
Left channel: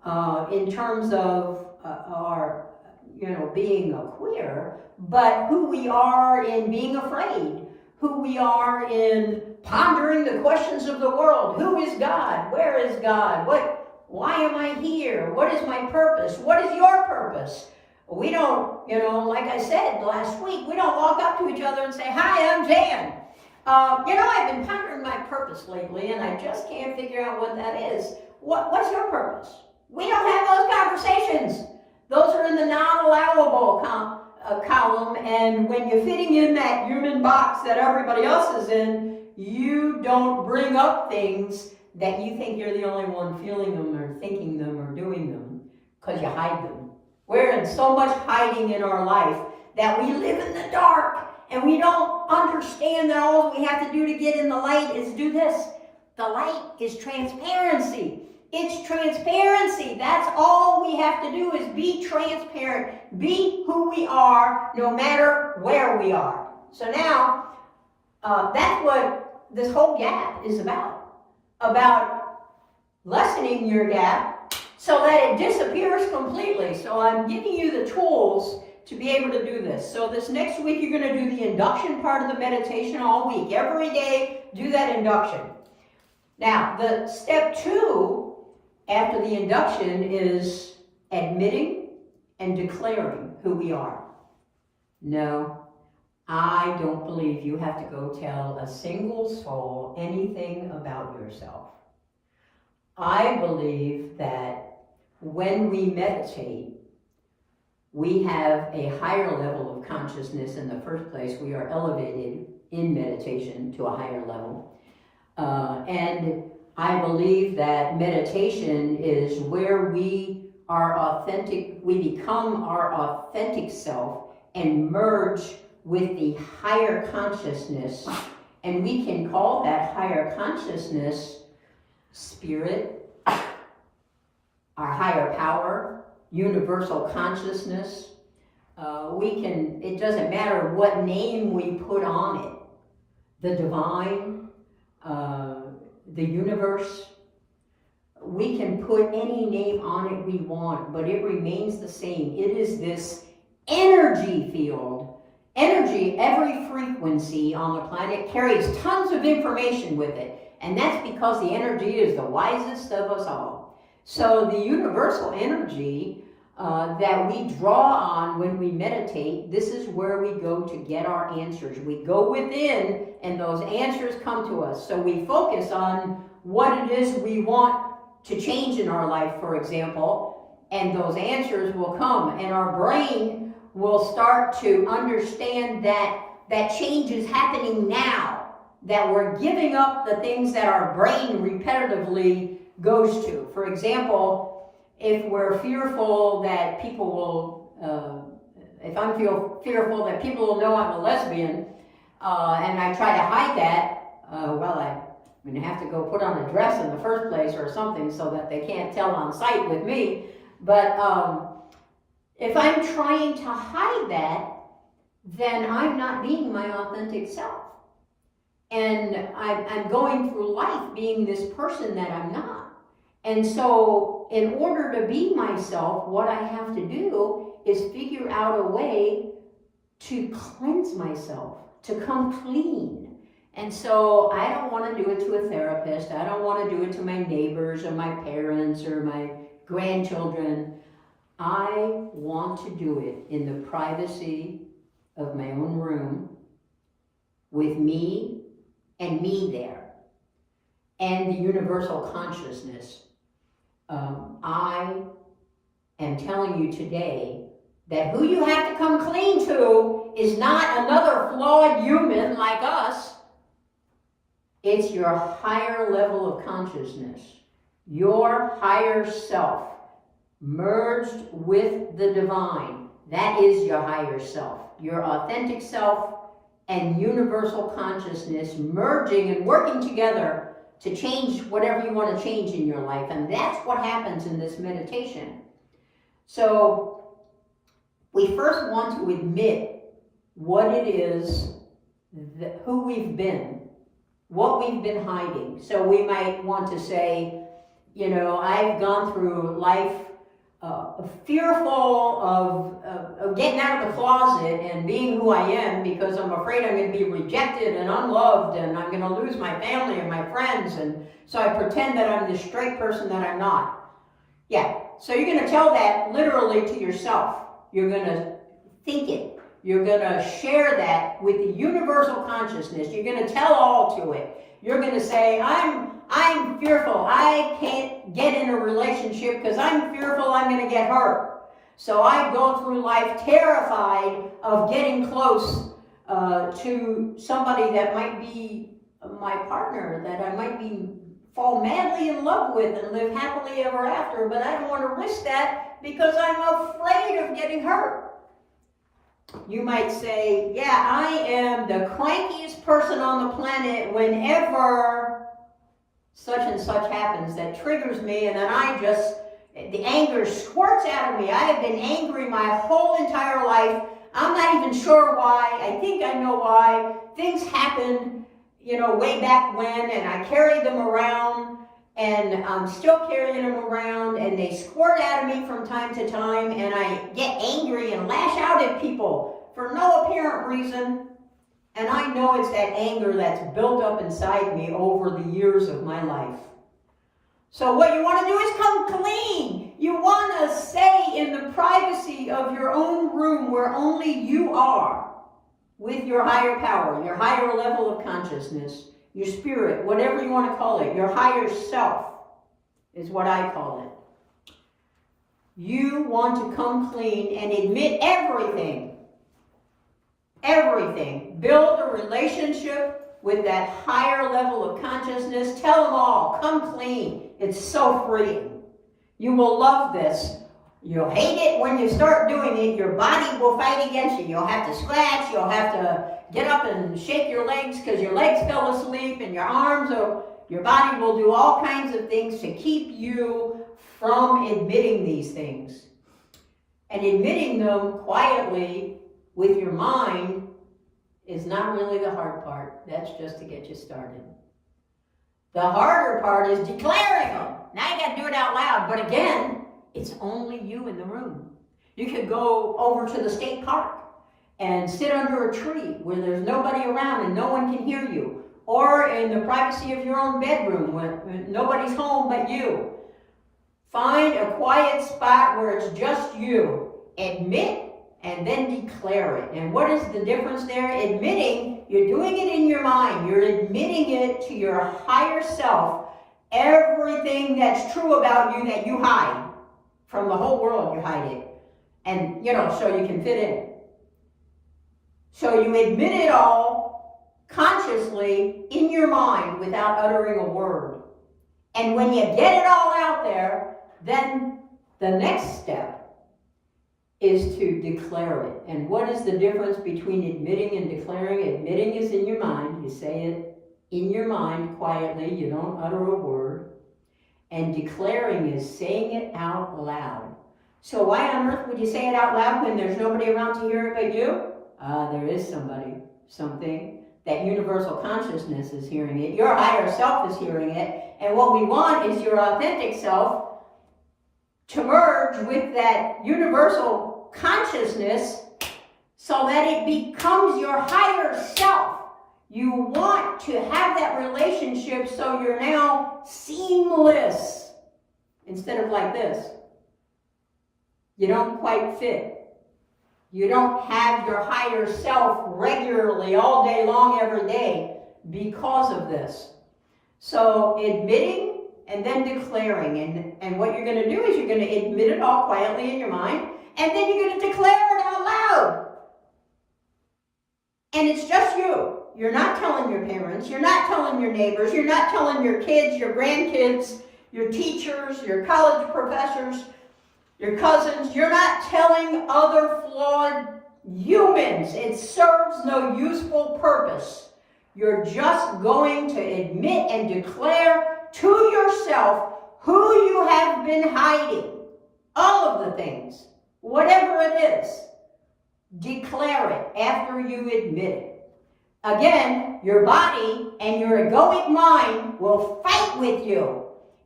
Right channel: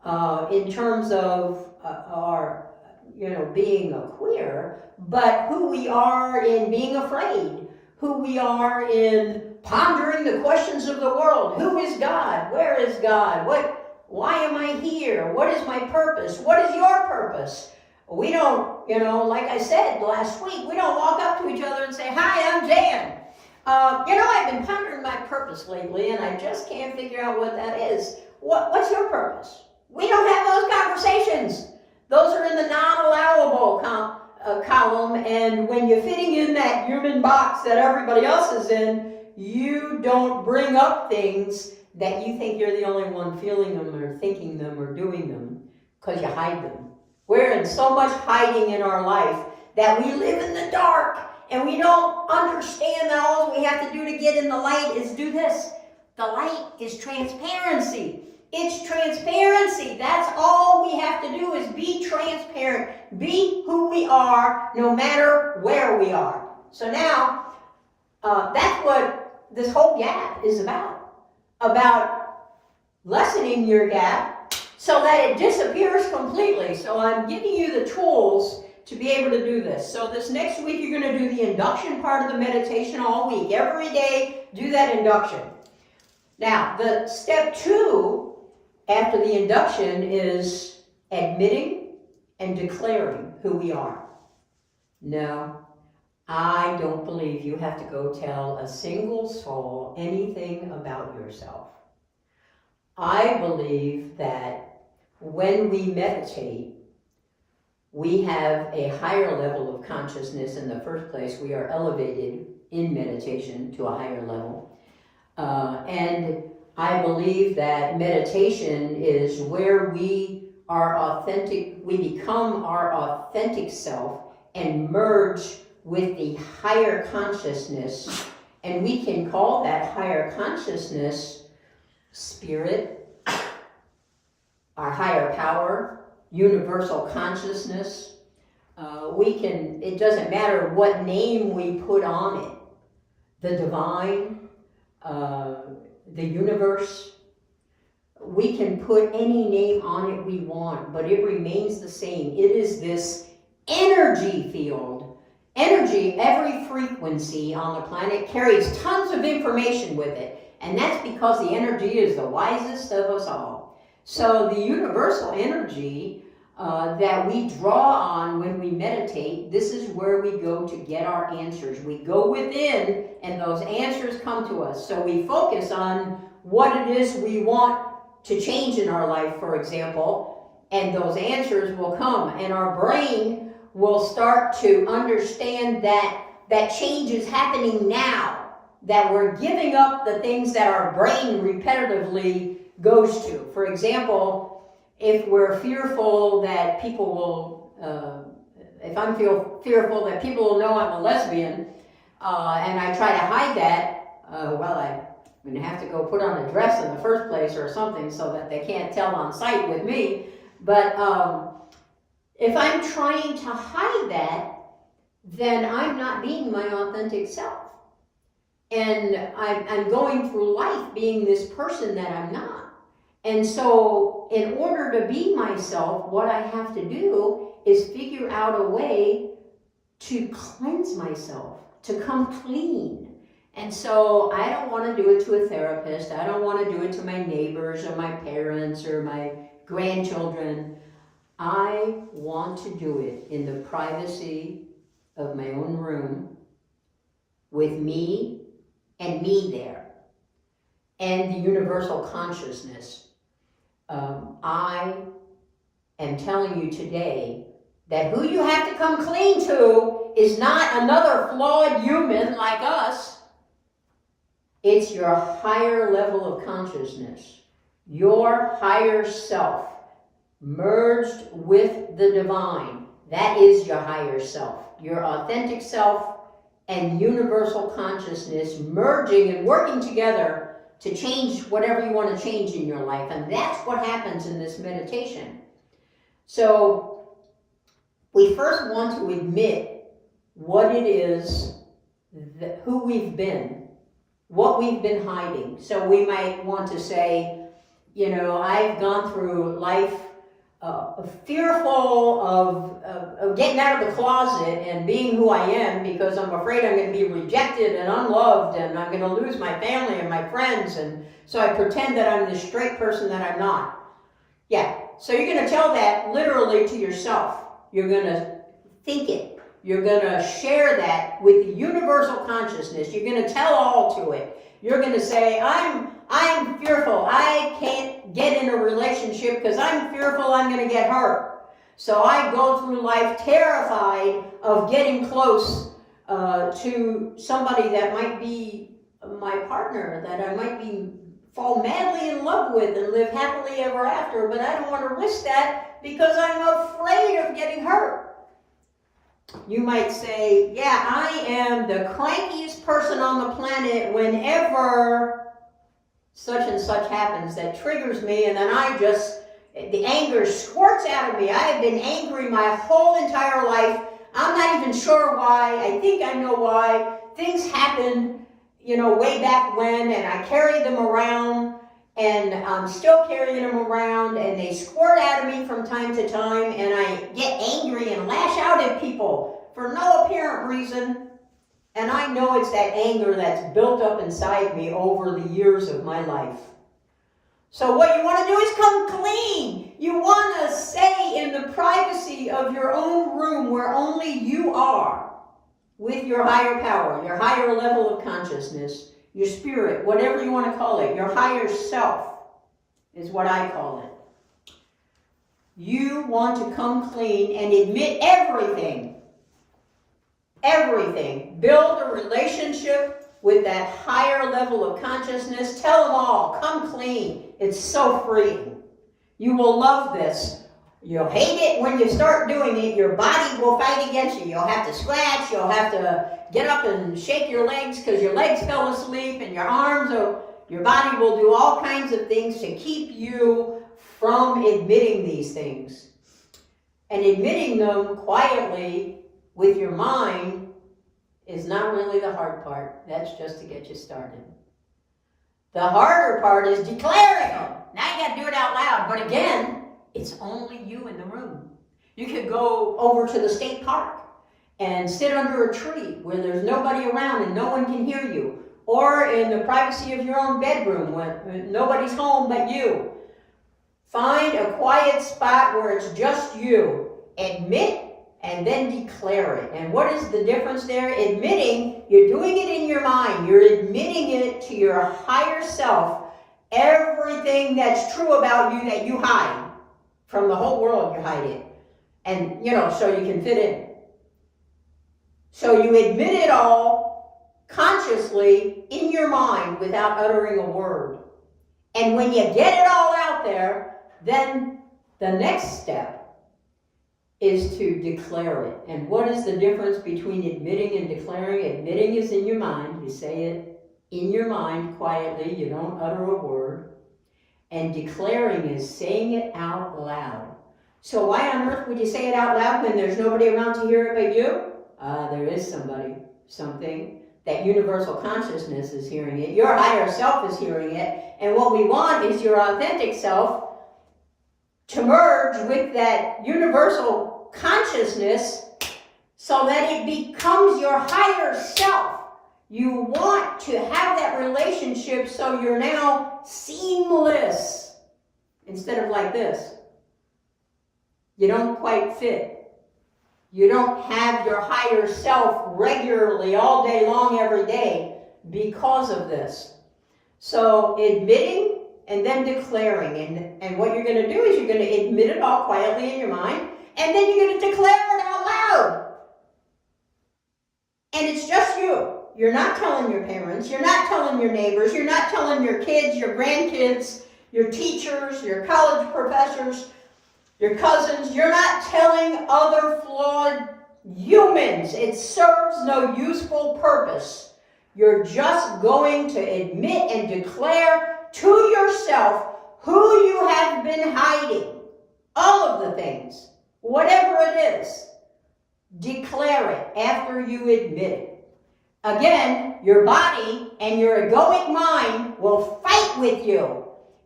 in terms of our, being a queer, but who we are in being afraid, who we are in pondering the questions of the world. Who is God? Where is God? Why am I here? What is my purpose? What is your purpose? We don't, like I said last week, we don't walk up to each other and say, "Hi, I'm Jan." I've been pondering my purpose lately, and I just can't figure out what that is. What's your purpose? We don't have those conversations. Those are in the non-allowable column, and when you're fitting in that human box that everybody else is in, you don't bring up things that you think you're the only one feeling them or thinking them or doing them, because you hide them. We're in so much hiding in our life that we live in the dark, and we don't understand that all we have to do to get in the light is do this. The light is transparency. It's transparency. That's all we have to do is be transparent. Be who we are, no matter where we are. So now, that's what this whole gap is about lessening your gap so that it disappears completely. So I'm giving you the tools to be able to do this. So this next week, you're going to do the induction part of the meditation all week. Every day, do that induction. Now, the step 2 after the induction is admitting and declaring who we are. No, I don't believe you have to go tell a single soul anything about yourself. I believe that when we meditate, we have a higher level of consciousness. In the first place, we are elevated in meditation to a higher level. And I believe that meditation is where we are authentic, we become our authentic self and merge with the higher consciousness. And we can call that higher consciousness spirit, our higher power, universal consciousness. It doesn't matter what name we put on it. The divine, the universe. We can put any name on it we want, but it remains the same. It is this energy field. Energy, every frequency on the planet carries tons of information with it. And that's because the energy is the wisest of us all. So the universal energy that we draw on when we meditate, this is where we go to get our answers. We go within and those answers come to us. So we focus on what it is we want to change in our life, for example, and those answers will come. And our brain will start to understand that change is happening now, that we're giving up the things that our brain repetitively goes to. For example, if we're fearful that people will, if I'm fearful that people will know I'm a lesbian, and I try to hide that, I'm going to have to go put on a dress in the first place or something so that they can't tell on sight with me. But if I'm trying to hide that, then I'm not being my authentic self. And I'm going through life being this person that I'm not. And so in order to be myself, what I have to do is figure out a way to cleanse myself, to come clean. And so I don't want to do it to a therapist. I don't want to do it to my neighbors or my parents or my grandchildren. I want to do it in the privacy of my own room with me and me there and the universal consciousness. I am telling you today that who you have to come clean to is not another flawed human like us. It's your higher level of consciousness, your higher self, merged with the divine. That is your higher self, your authentic self and universal consciousness merging and working together to change whatever you want to change in your life. And that's what happens in this meditation. So we first want to admit what it is, who we've been, what we've been hiding. So we might want to say, I've gone through life fearful of getting out of the closet and being who I am, because I'm afraid I'm going to be rejected and unloved, and I'm going to lose my family and my friends, and so I pretend that I'm this straight person that I'm not. Yeah, so you're going to tell that literally to yourself. You're going to think it. You're going to share that with the universal consciousness. You're going to tell all to it. You're going to say, I'm fearful. I can't get in a relationship because I'm fearful I'm going to get hurt. So I go through life terrified of getting close to somebody that might be my partner, that I might fall madly in love with and live happily ever after, but I don't want to risk that because I'm afraid of getting hurt. You might say, yeah, I am the crankiest person on the planet whenever such and such happens that triggers me, and then the anger squirts out of me. I have been angry my whole entire life. I'm not even sure why. I think I know why. Things happened, way back when, and I carried them around, and I'm still carrying them around, and they squirt out of me from time to time, and I get angry and lash out at people for no apparent reason. And I know it's that anger that's built up inside me over the years of my life. So what you want to do is come clean. You want to stay in the privacy of your own room where only you are, with your higher power, your higher level of consciousness, your spirit, whatever you want to call it, your higher self is what I call it. You want to come clean and admit everything. Everything. Build a relationship with that higher level of consciousness. Tell them all. Come clean. It's so freeing. You will love this. You'll hate it when you start doing it. Your body will fight against you. You'll have to scratch. You'll have to get up and shake your legs because your legs fell asleep, and your arms, or your body will do all kinds of things to keep you from admitting these things. And admitting them quietly with your mind is not really the hard part. That's just to get you started. The harder part is declaring them. Now you got to do it out loud. But again, it's only you in the room. You could go over to the state park and sit under a tree where there's nobody around and no one can hear you. Or in the privacy of your own bedroom when nobody's home but you. Find a quiet spot where it's just you. Admit and then declare it. And what is the difference there? Admitting, you're doing it in your mind. You're admitting it to your higher self. Everything that's true about you that you hide. From the whole world you hide it. And, so you can fit in. So you admit it all consciously in your mind without uttering a word. And when you get it all out there, then the next step is to declare it. And what is the difference between admitting and declaring? Admitting is in your mind. You say it in your mind quietly. You don't utter a word. And declaring is saying it out loud. So why on earth would you say it out loud when there's nobody around to hear it but you? There is something. That universal consciousness is hearing it. Your higher self is hearing it. And what we want is your authentic self to merge with that universal consciousness so that it becomes your higher self. You want to have that relationship so you're now seamless instead of like this. You don't quite fit. You don't have your higher self regularly all day long every day because of this. So admitting and then declaring. And what you're going to do is you're going to admit it all quietly in your mind, and then you're going to declare it out loud. And it's just you. You're not telling your parents. You're not telling your neighbors. You're not telling your kids, your grandkids, your teachers, your college professors, your cousins. You're not telling other flawed humans. It serves no useful purpose. You're just going to admit and declare to yourself who you have been hiding. All of the things. Whatever it is. Declare it after you admit it. Again, your body and your egoic mind will fight with you.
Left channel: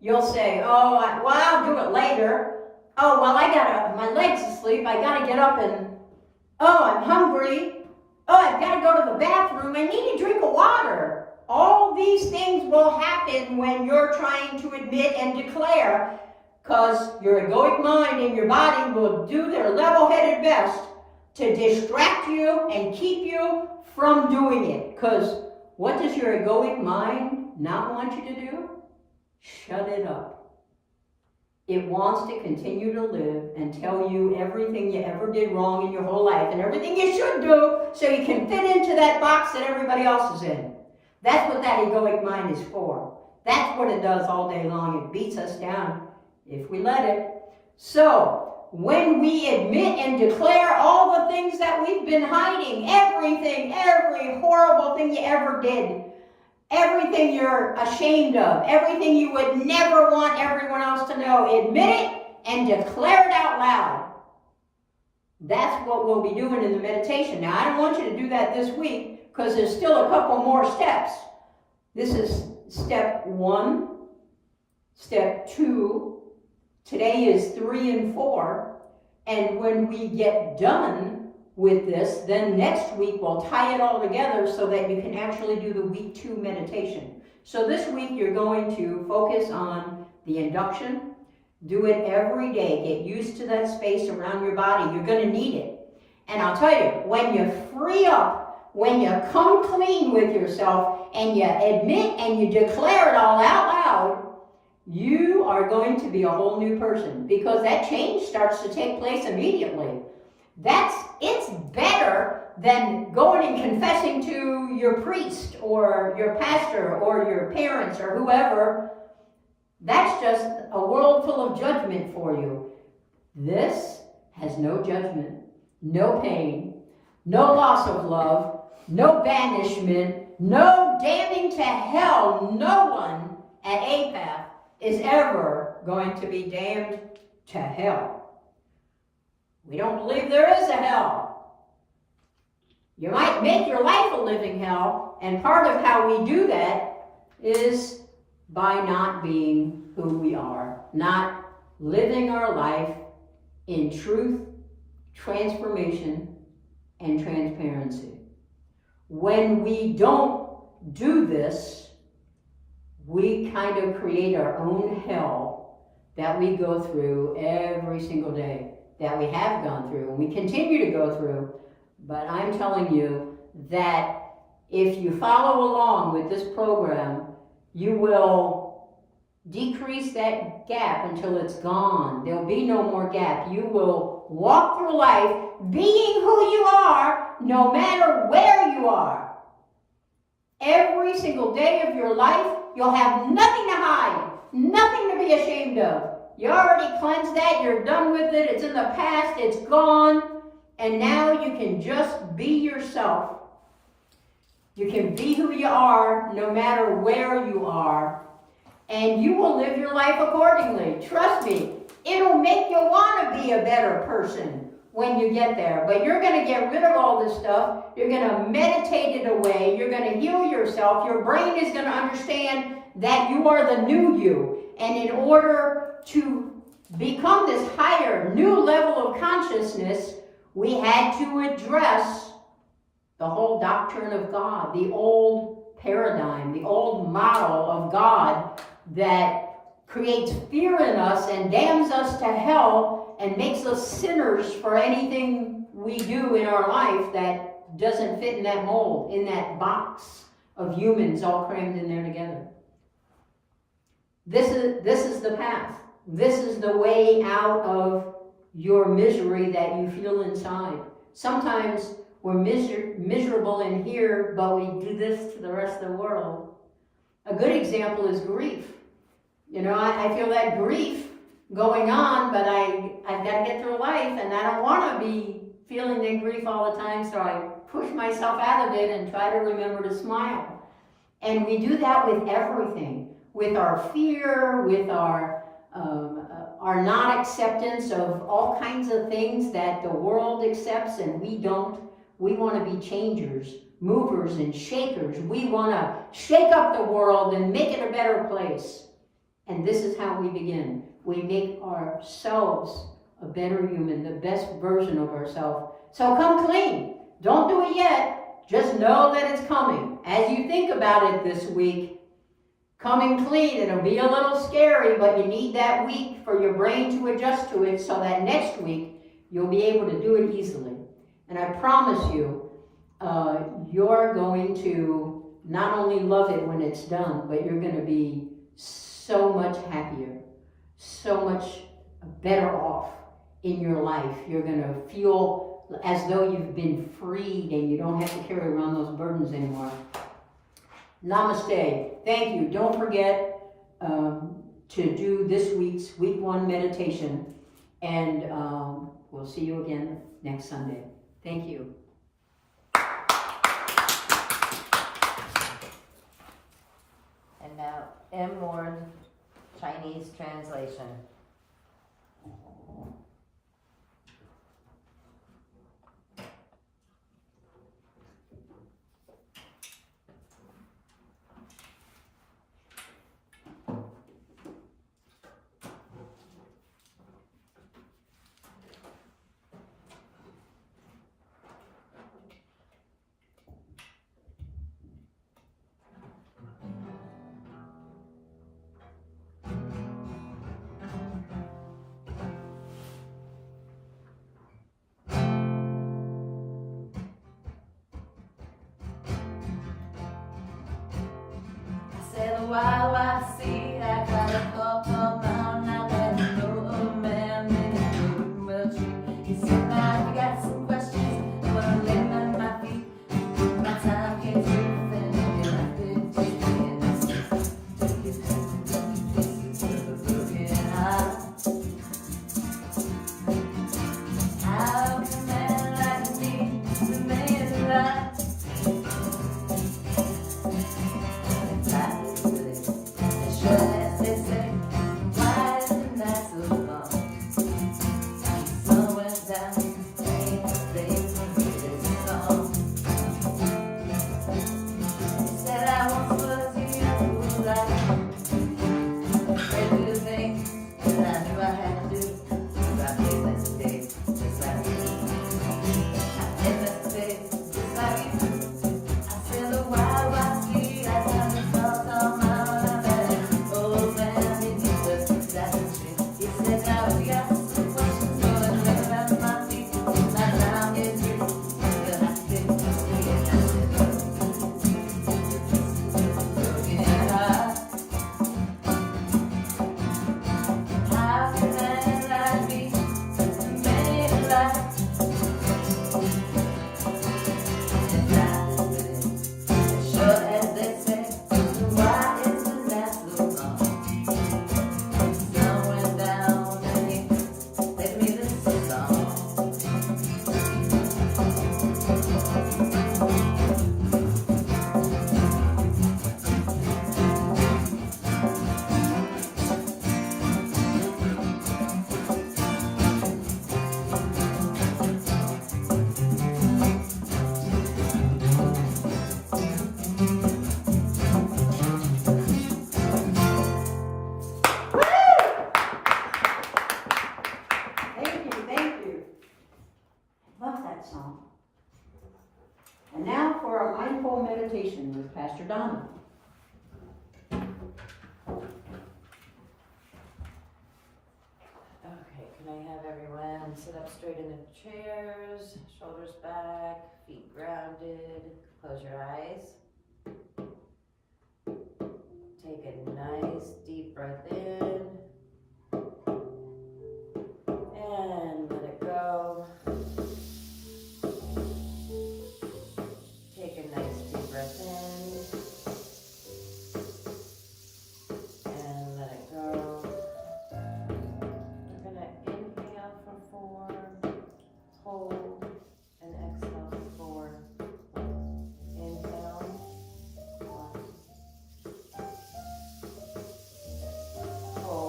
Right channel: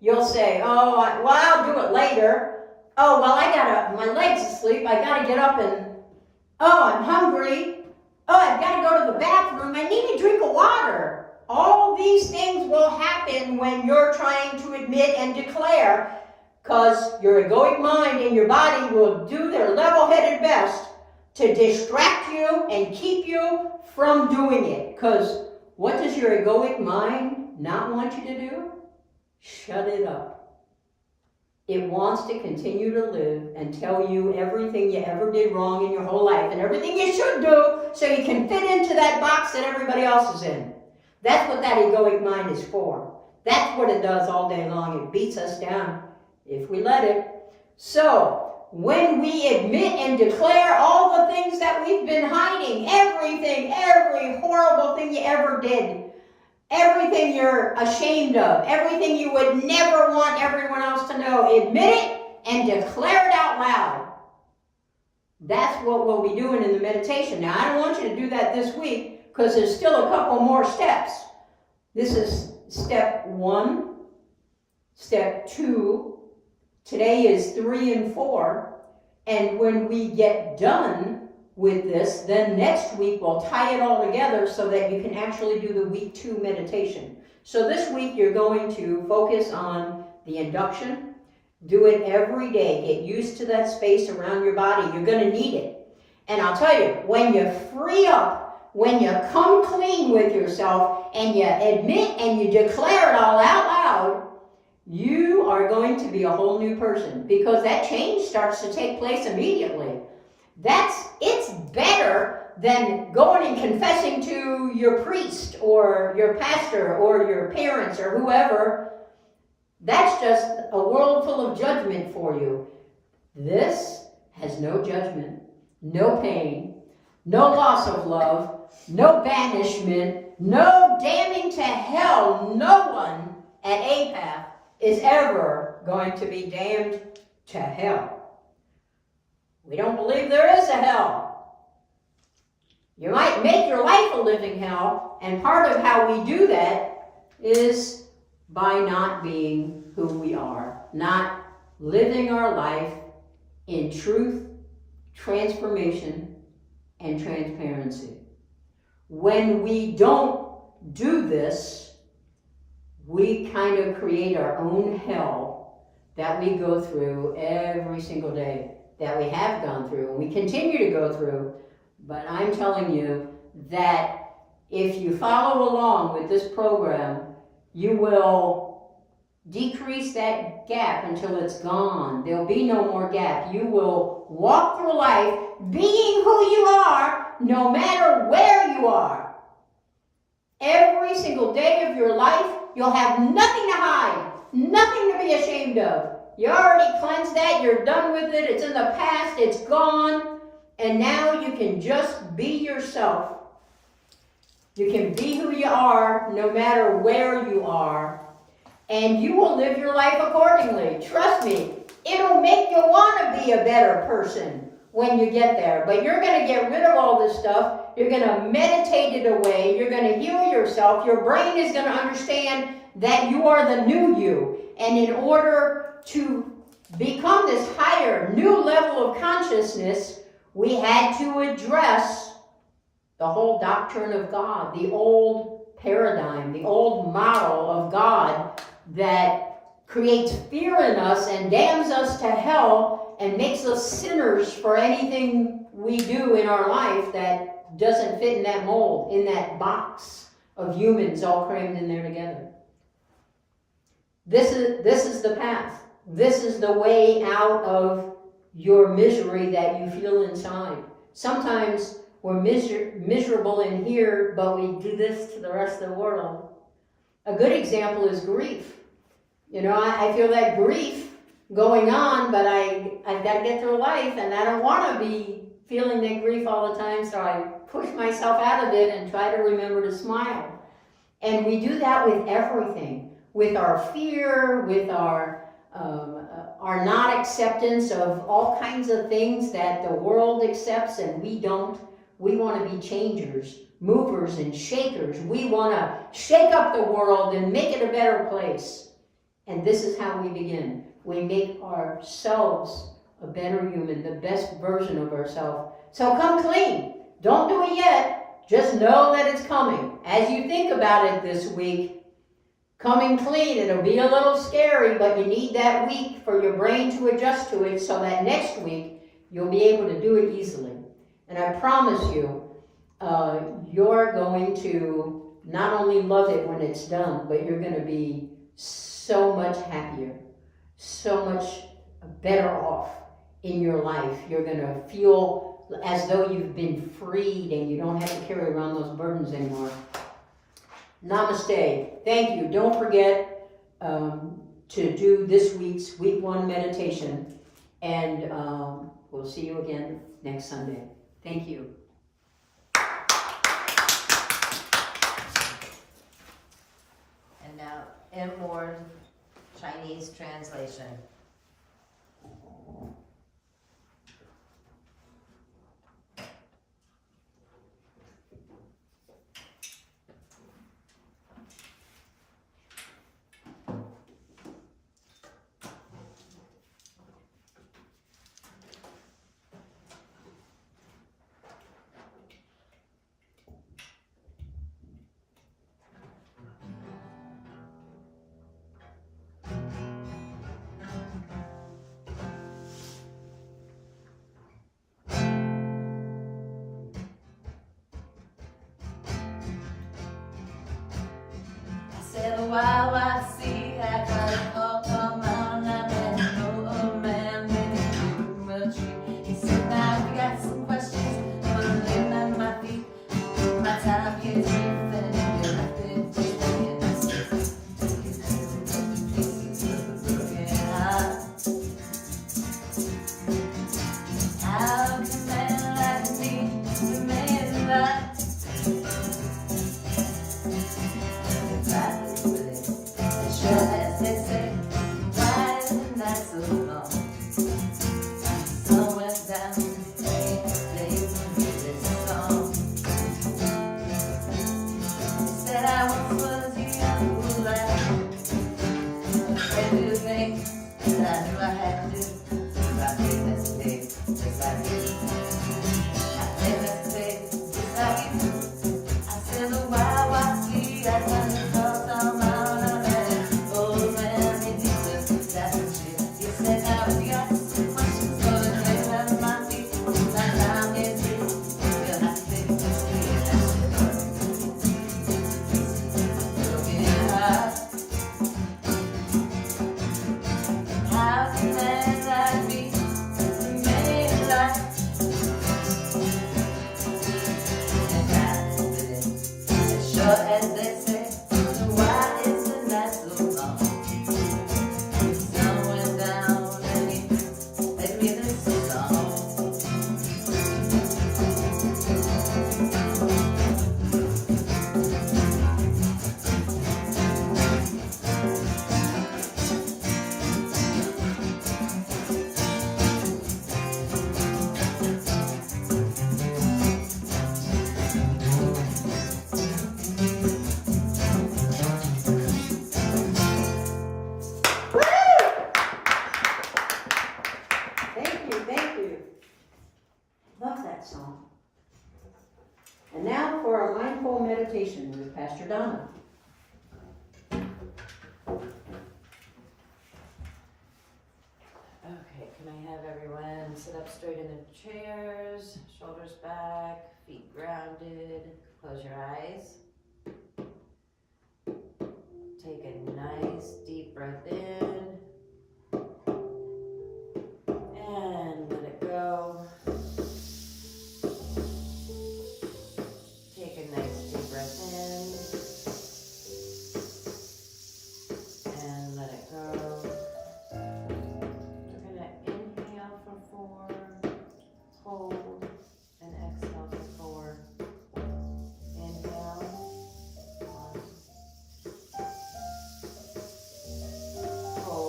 You'll say, oh, well, I'll do it later. Oh, well, my leg's asleep. I gotta get up and, oh, I'm hungry. Oh, I've gotta go to the bathroom. I need a drink of water. All these things will happen when you're trying to admit and declare, because your egoic mind and your body will do their level-headed best to distract you and keep you from doing it. Because what does your egoic mind not want you to do? Shut it up. It wants to continue to live and tell you everything you ever did wrong in your whole life and everything you should do so you can fit into that box that everybody else is in. That's what that egoic mind is for. That's what it does all day long. It beats us down if we let it. So, when we admit and declare all the things that we've been hiding, everything, every horrible thing you ever did, everything you're ashamed of, everything you would never want everyone else to know, admit it and declare it out loud. That's what we'll be doing in the meditation. Now, I don't want you to do that this week because there's still a couple more steps. This is step 1, step 2. Today is 3 and 4. And when we get done with this, then next week we'll tie it all together so that you can actually do the week 2 meditation. So this week you're going to focus on the induction. Do it every day. Get used to that space around your body. You're going to need it. And I'll tell you, when you free up, when you come clean with yourself and you admit and you declare it all out loud, you are going to be a whole new person because that change starts to take place immediately. It's better than going and confessing to your priest or your pastor or your parents or whoever. That's just a world full of judgment for you. This has no judgment, no pain, no loss of love, no banishment, no damning to hell. No one at Apath is ever going to be damned to hell. We don't believe there is a hell. You might make your life a living hell, and part of how we do that is by not being who we are, not living our life in truth, transformation, and transparency. When we don't do this, we kind of create our own hell that we go through every single day, that we have gone through, and we continue to go through. But I'm telling you that if you follow along with this program, you will decrease that gap until it's gone. There'll be no more gap. You will walk through life being who you are, no matter where you are. Every single day of your life, you'll have nothing to hide, nothing to be ashamed of. You already cleansed that, you're done with it, it's in the past, it's gone, and now you can just be yourself. You can be who you are, no matter where you are, and you will live your life accordingly. Trust me, it'll make you want to be a better person when you get there. But you're going to get rid of all this stuff. You're going to meditate it away. You're going to heal yourself. Your brain is going to understand that you are the new you. And in order to become this higher, new level of consciousness, we had to address the whole doctrine of God, the old paradigm, the old model of God that creates fear in us and damns us to hell and makes us sinners for anything we do in our life that doesn't fit in that mold, in that box of humans all crammed in there together. This is the path. This is the way out of your misery that you feel inside. Sometimes we're miserable in here, but we do this to the rest of the world. A good example is grief. You know, I feel that grief going on, but I've got to get through life, and I don't want to be feeling that grief all the time, so I push myself out of it and try to remember to smile. And we do that with everything, with our fear, with our not acceptance of all kinds of things that the world accepts and we don't. We want to be changers, movers and shakers. We want to shake up the world and make it a better place. And this is how we begin. We make ourselves a better human, the best version of ourselves. So come clean. Don't do it yet. Just know that it's coming. As you think about it this week, coming clean, it'll be a little scary, but you need that week for your brain to adjust to it so that next week you'll be able to do it easily. And I promise you, you're going to not only love it when it's done, but you're going to be so much happier, so much better off in your life. You're going to feel as though you've been freed and you don't have to carry around those burdens anymore. Namaste. Thank you. Don't forget to do this week's week 1 meditation, and we'll see you again next Sunday. Thank you. And now, inward Chinese translation. Wow, I see, I got a call from mom, I bet you know, oh man, maybe a tree. He said, now we got some questions, I wanna lay on my feet. My time gets brief and I've been thinking, how can a man like me remain alive? And now for our mindful meditation with Pastor Donna. Okay, can I have everyone sit up straight in their chairs, shoulders back, feet grounded, close your eyes. Take a nice deep breath in and let it go. Take a nice deep breath in and let it go. We're going to inhale for 4, hold, and exhale for 4. Inhale, 1, hold.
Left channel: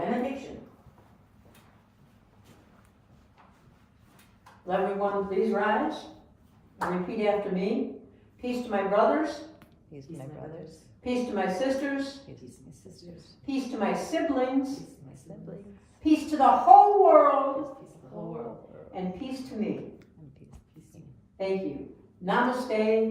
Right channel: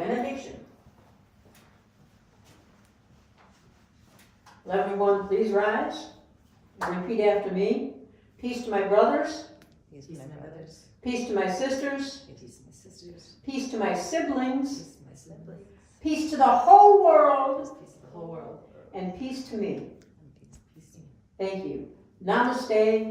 benediction. Will everyone please rise and repeat after me. Peace to my brothers, Peace to my brothers. peace to my sisters, Peace to my sisters. peace to my siblings, Peace to my siblings. peace to the whole world, Peace to the whole world. and peace to me. And peace to me. Thank you. Namaste.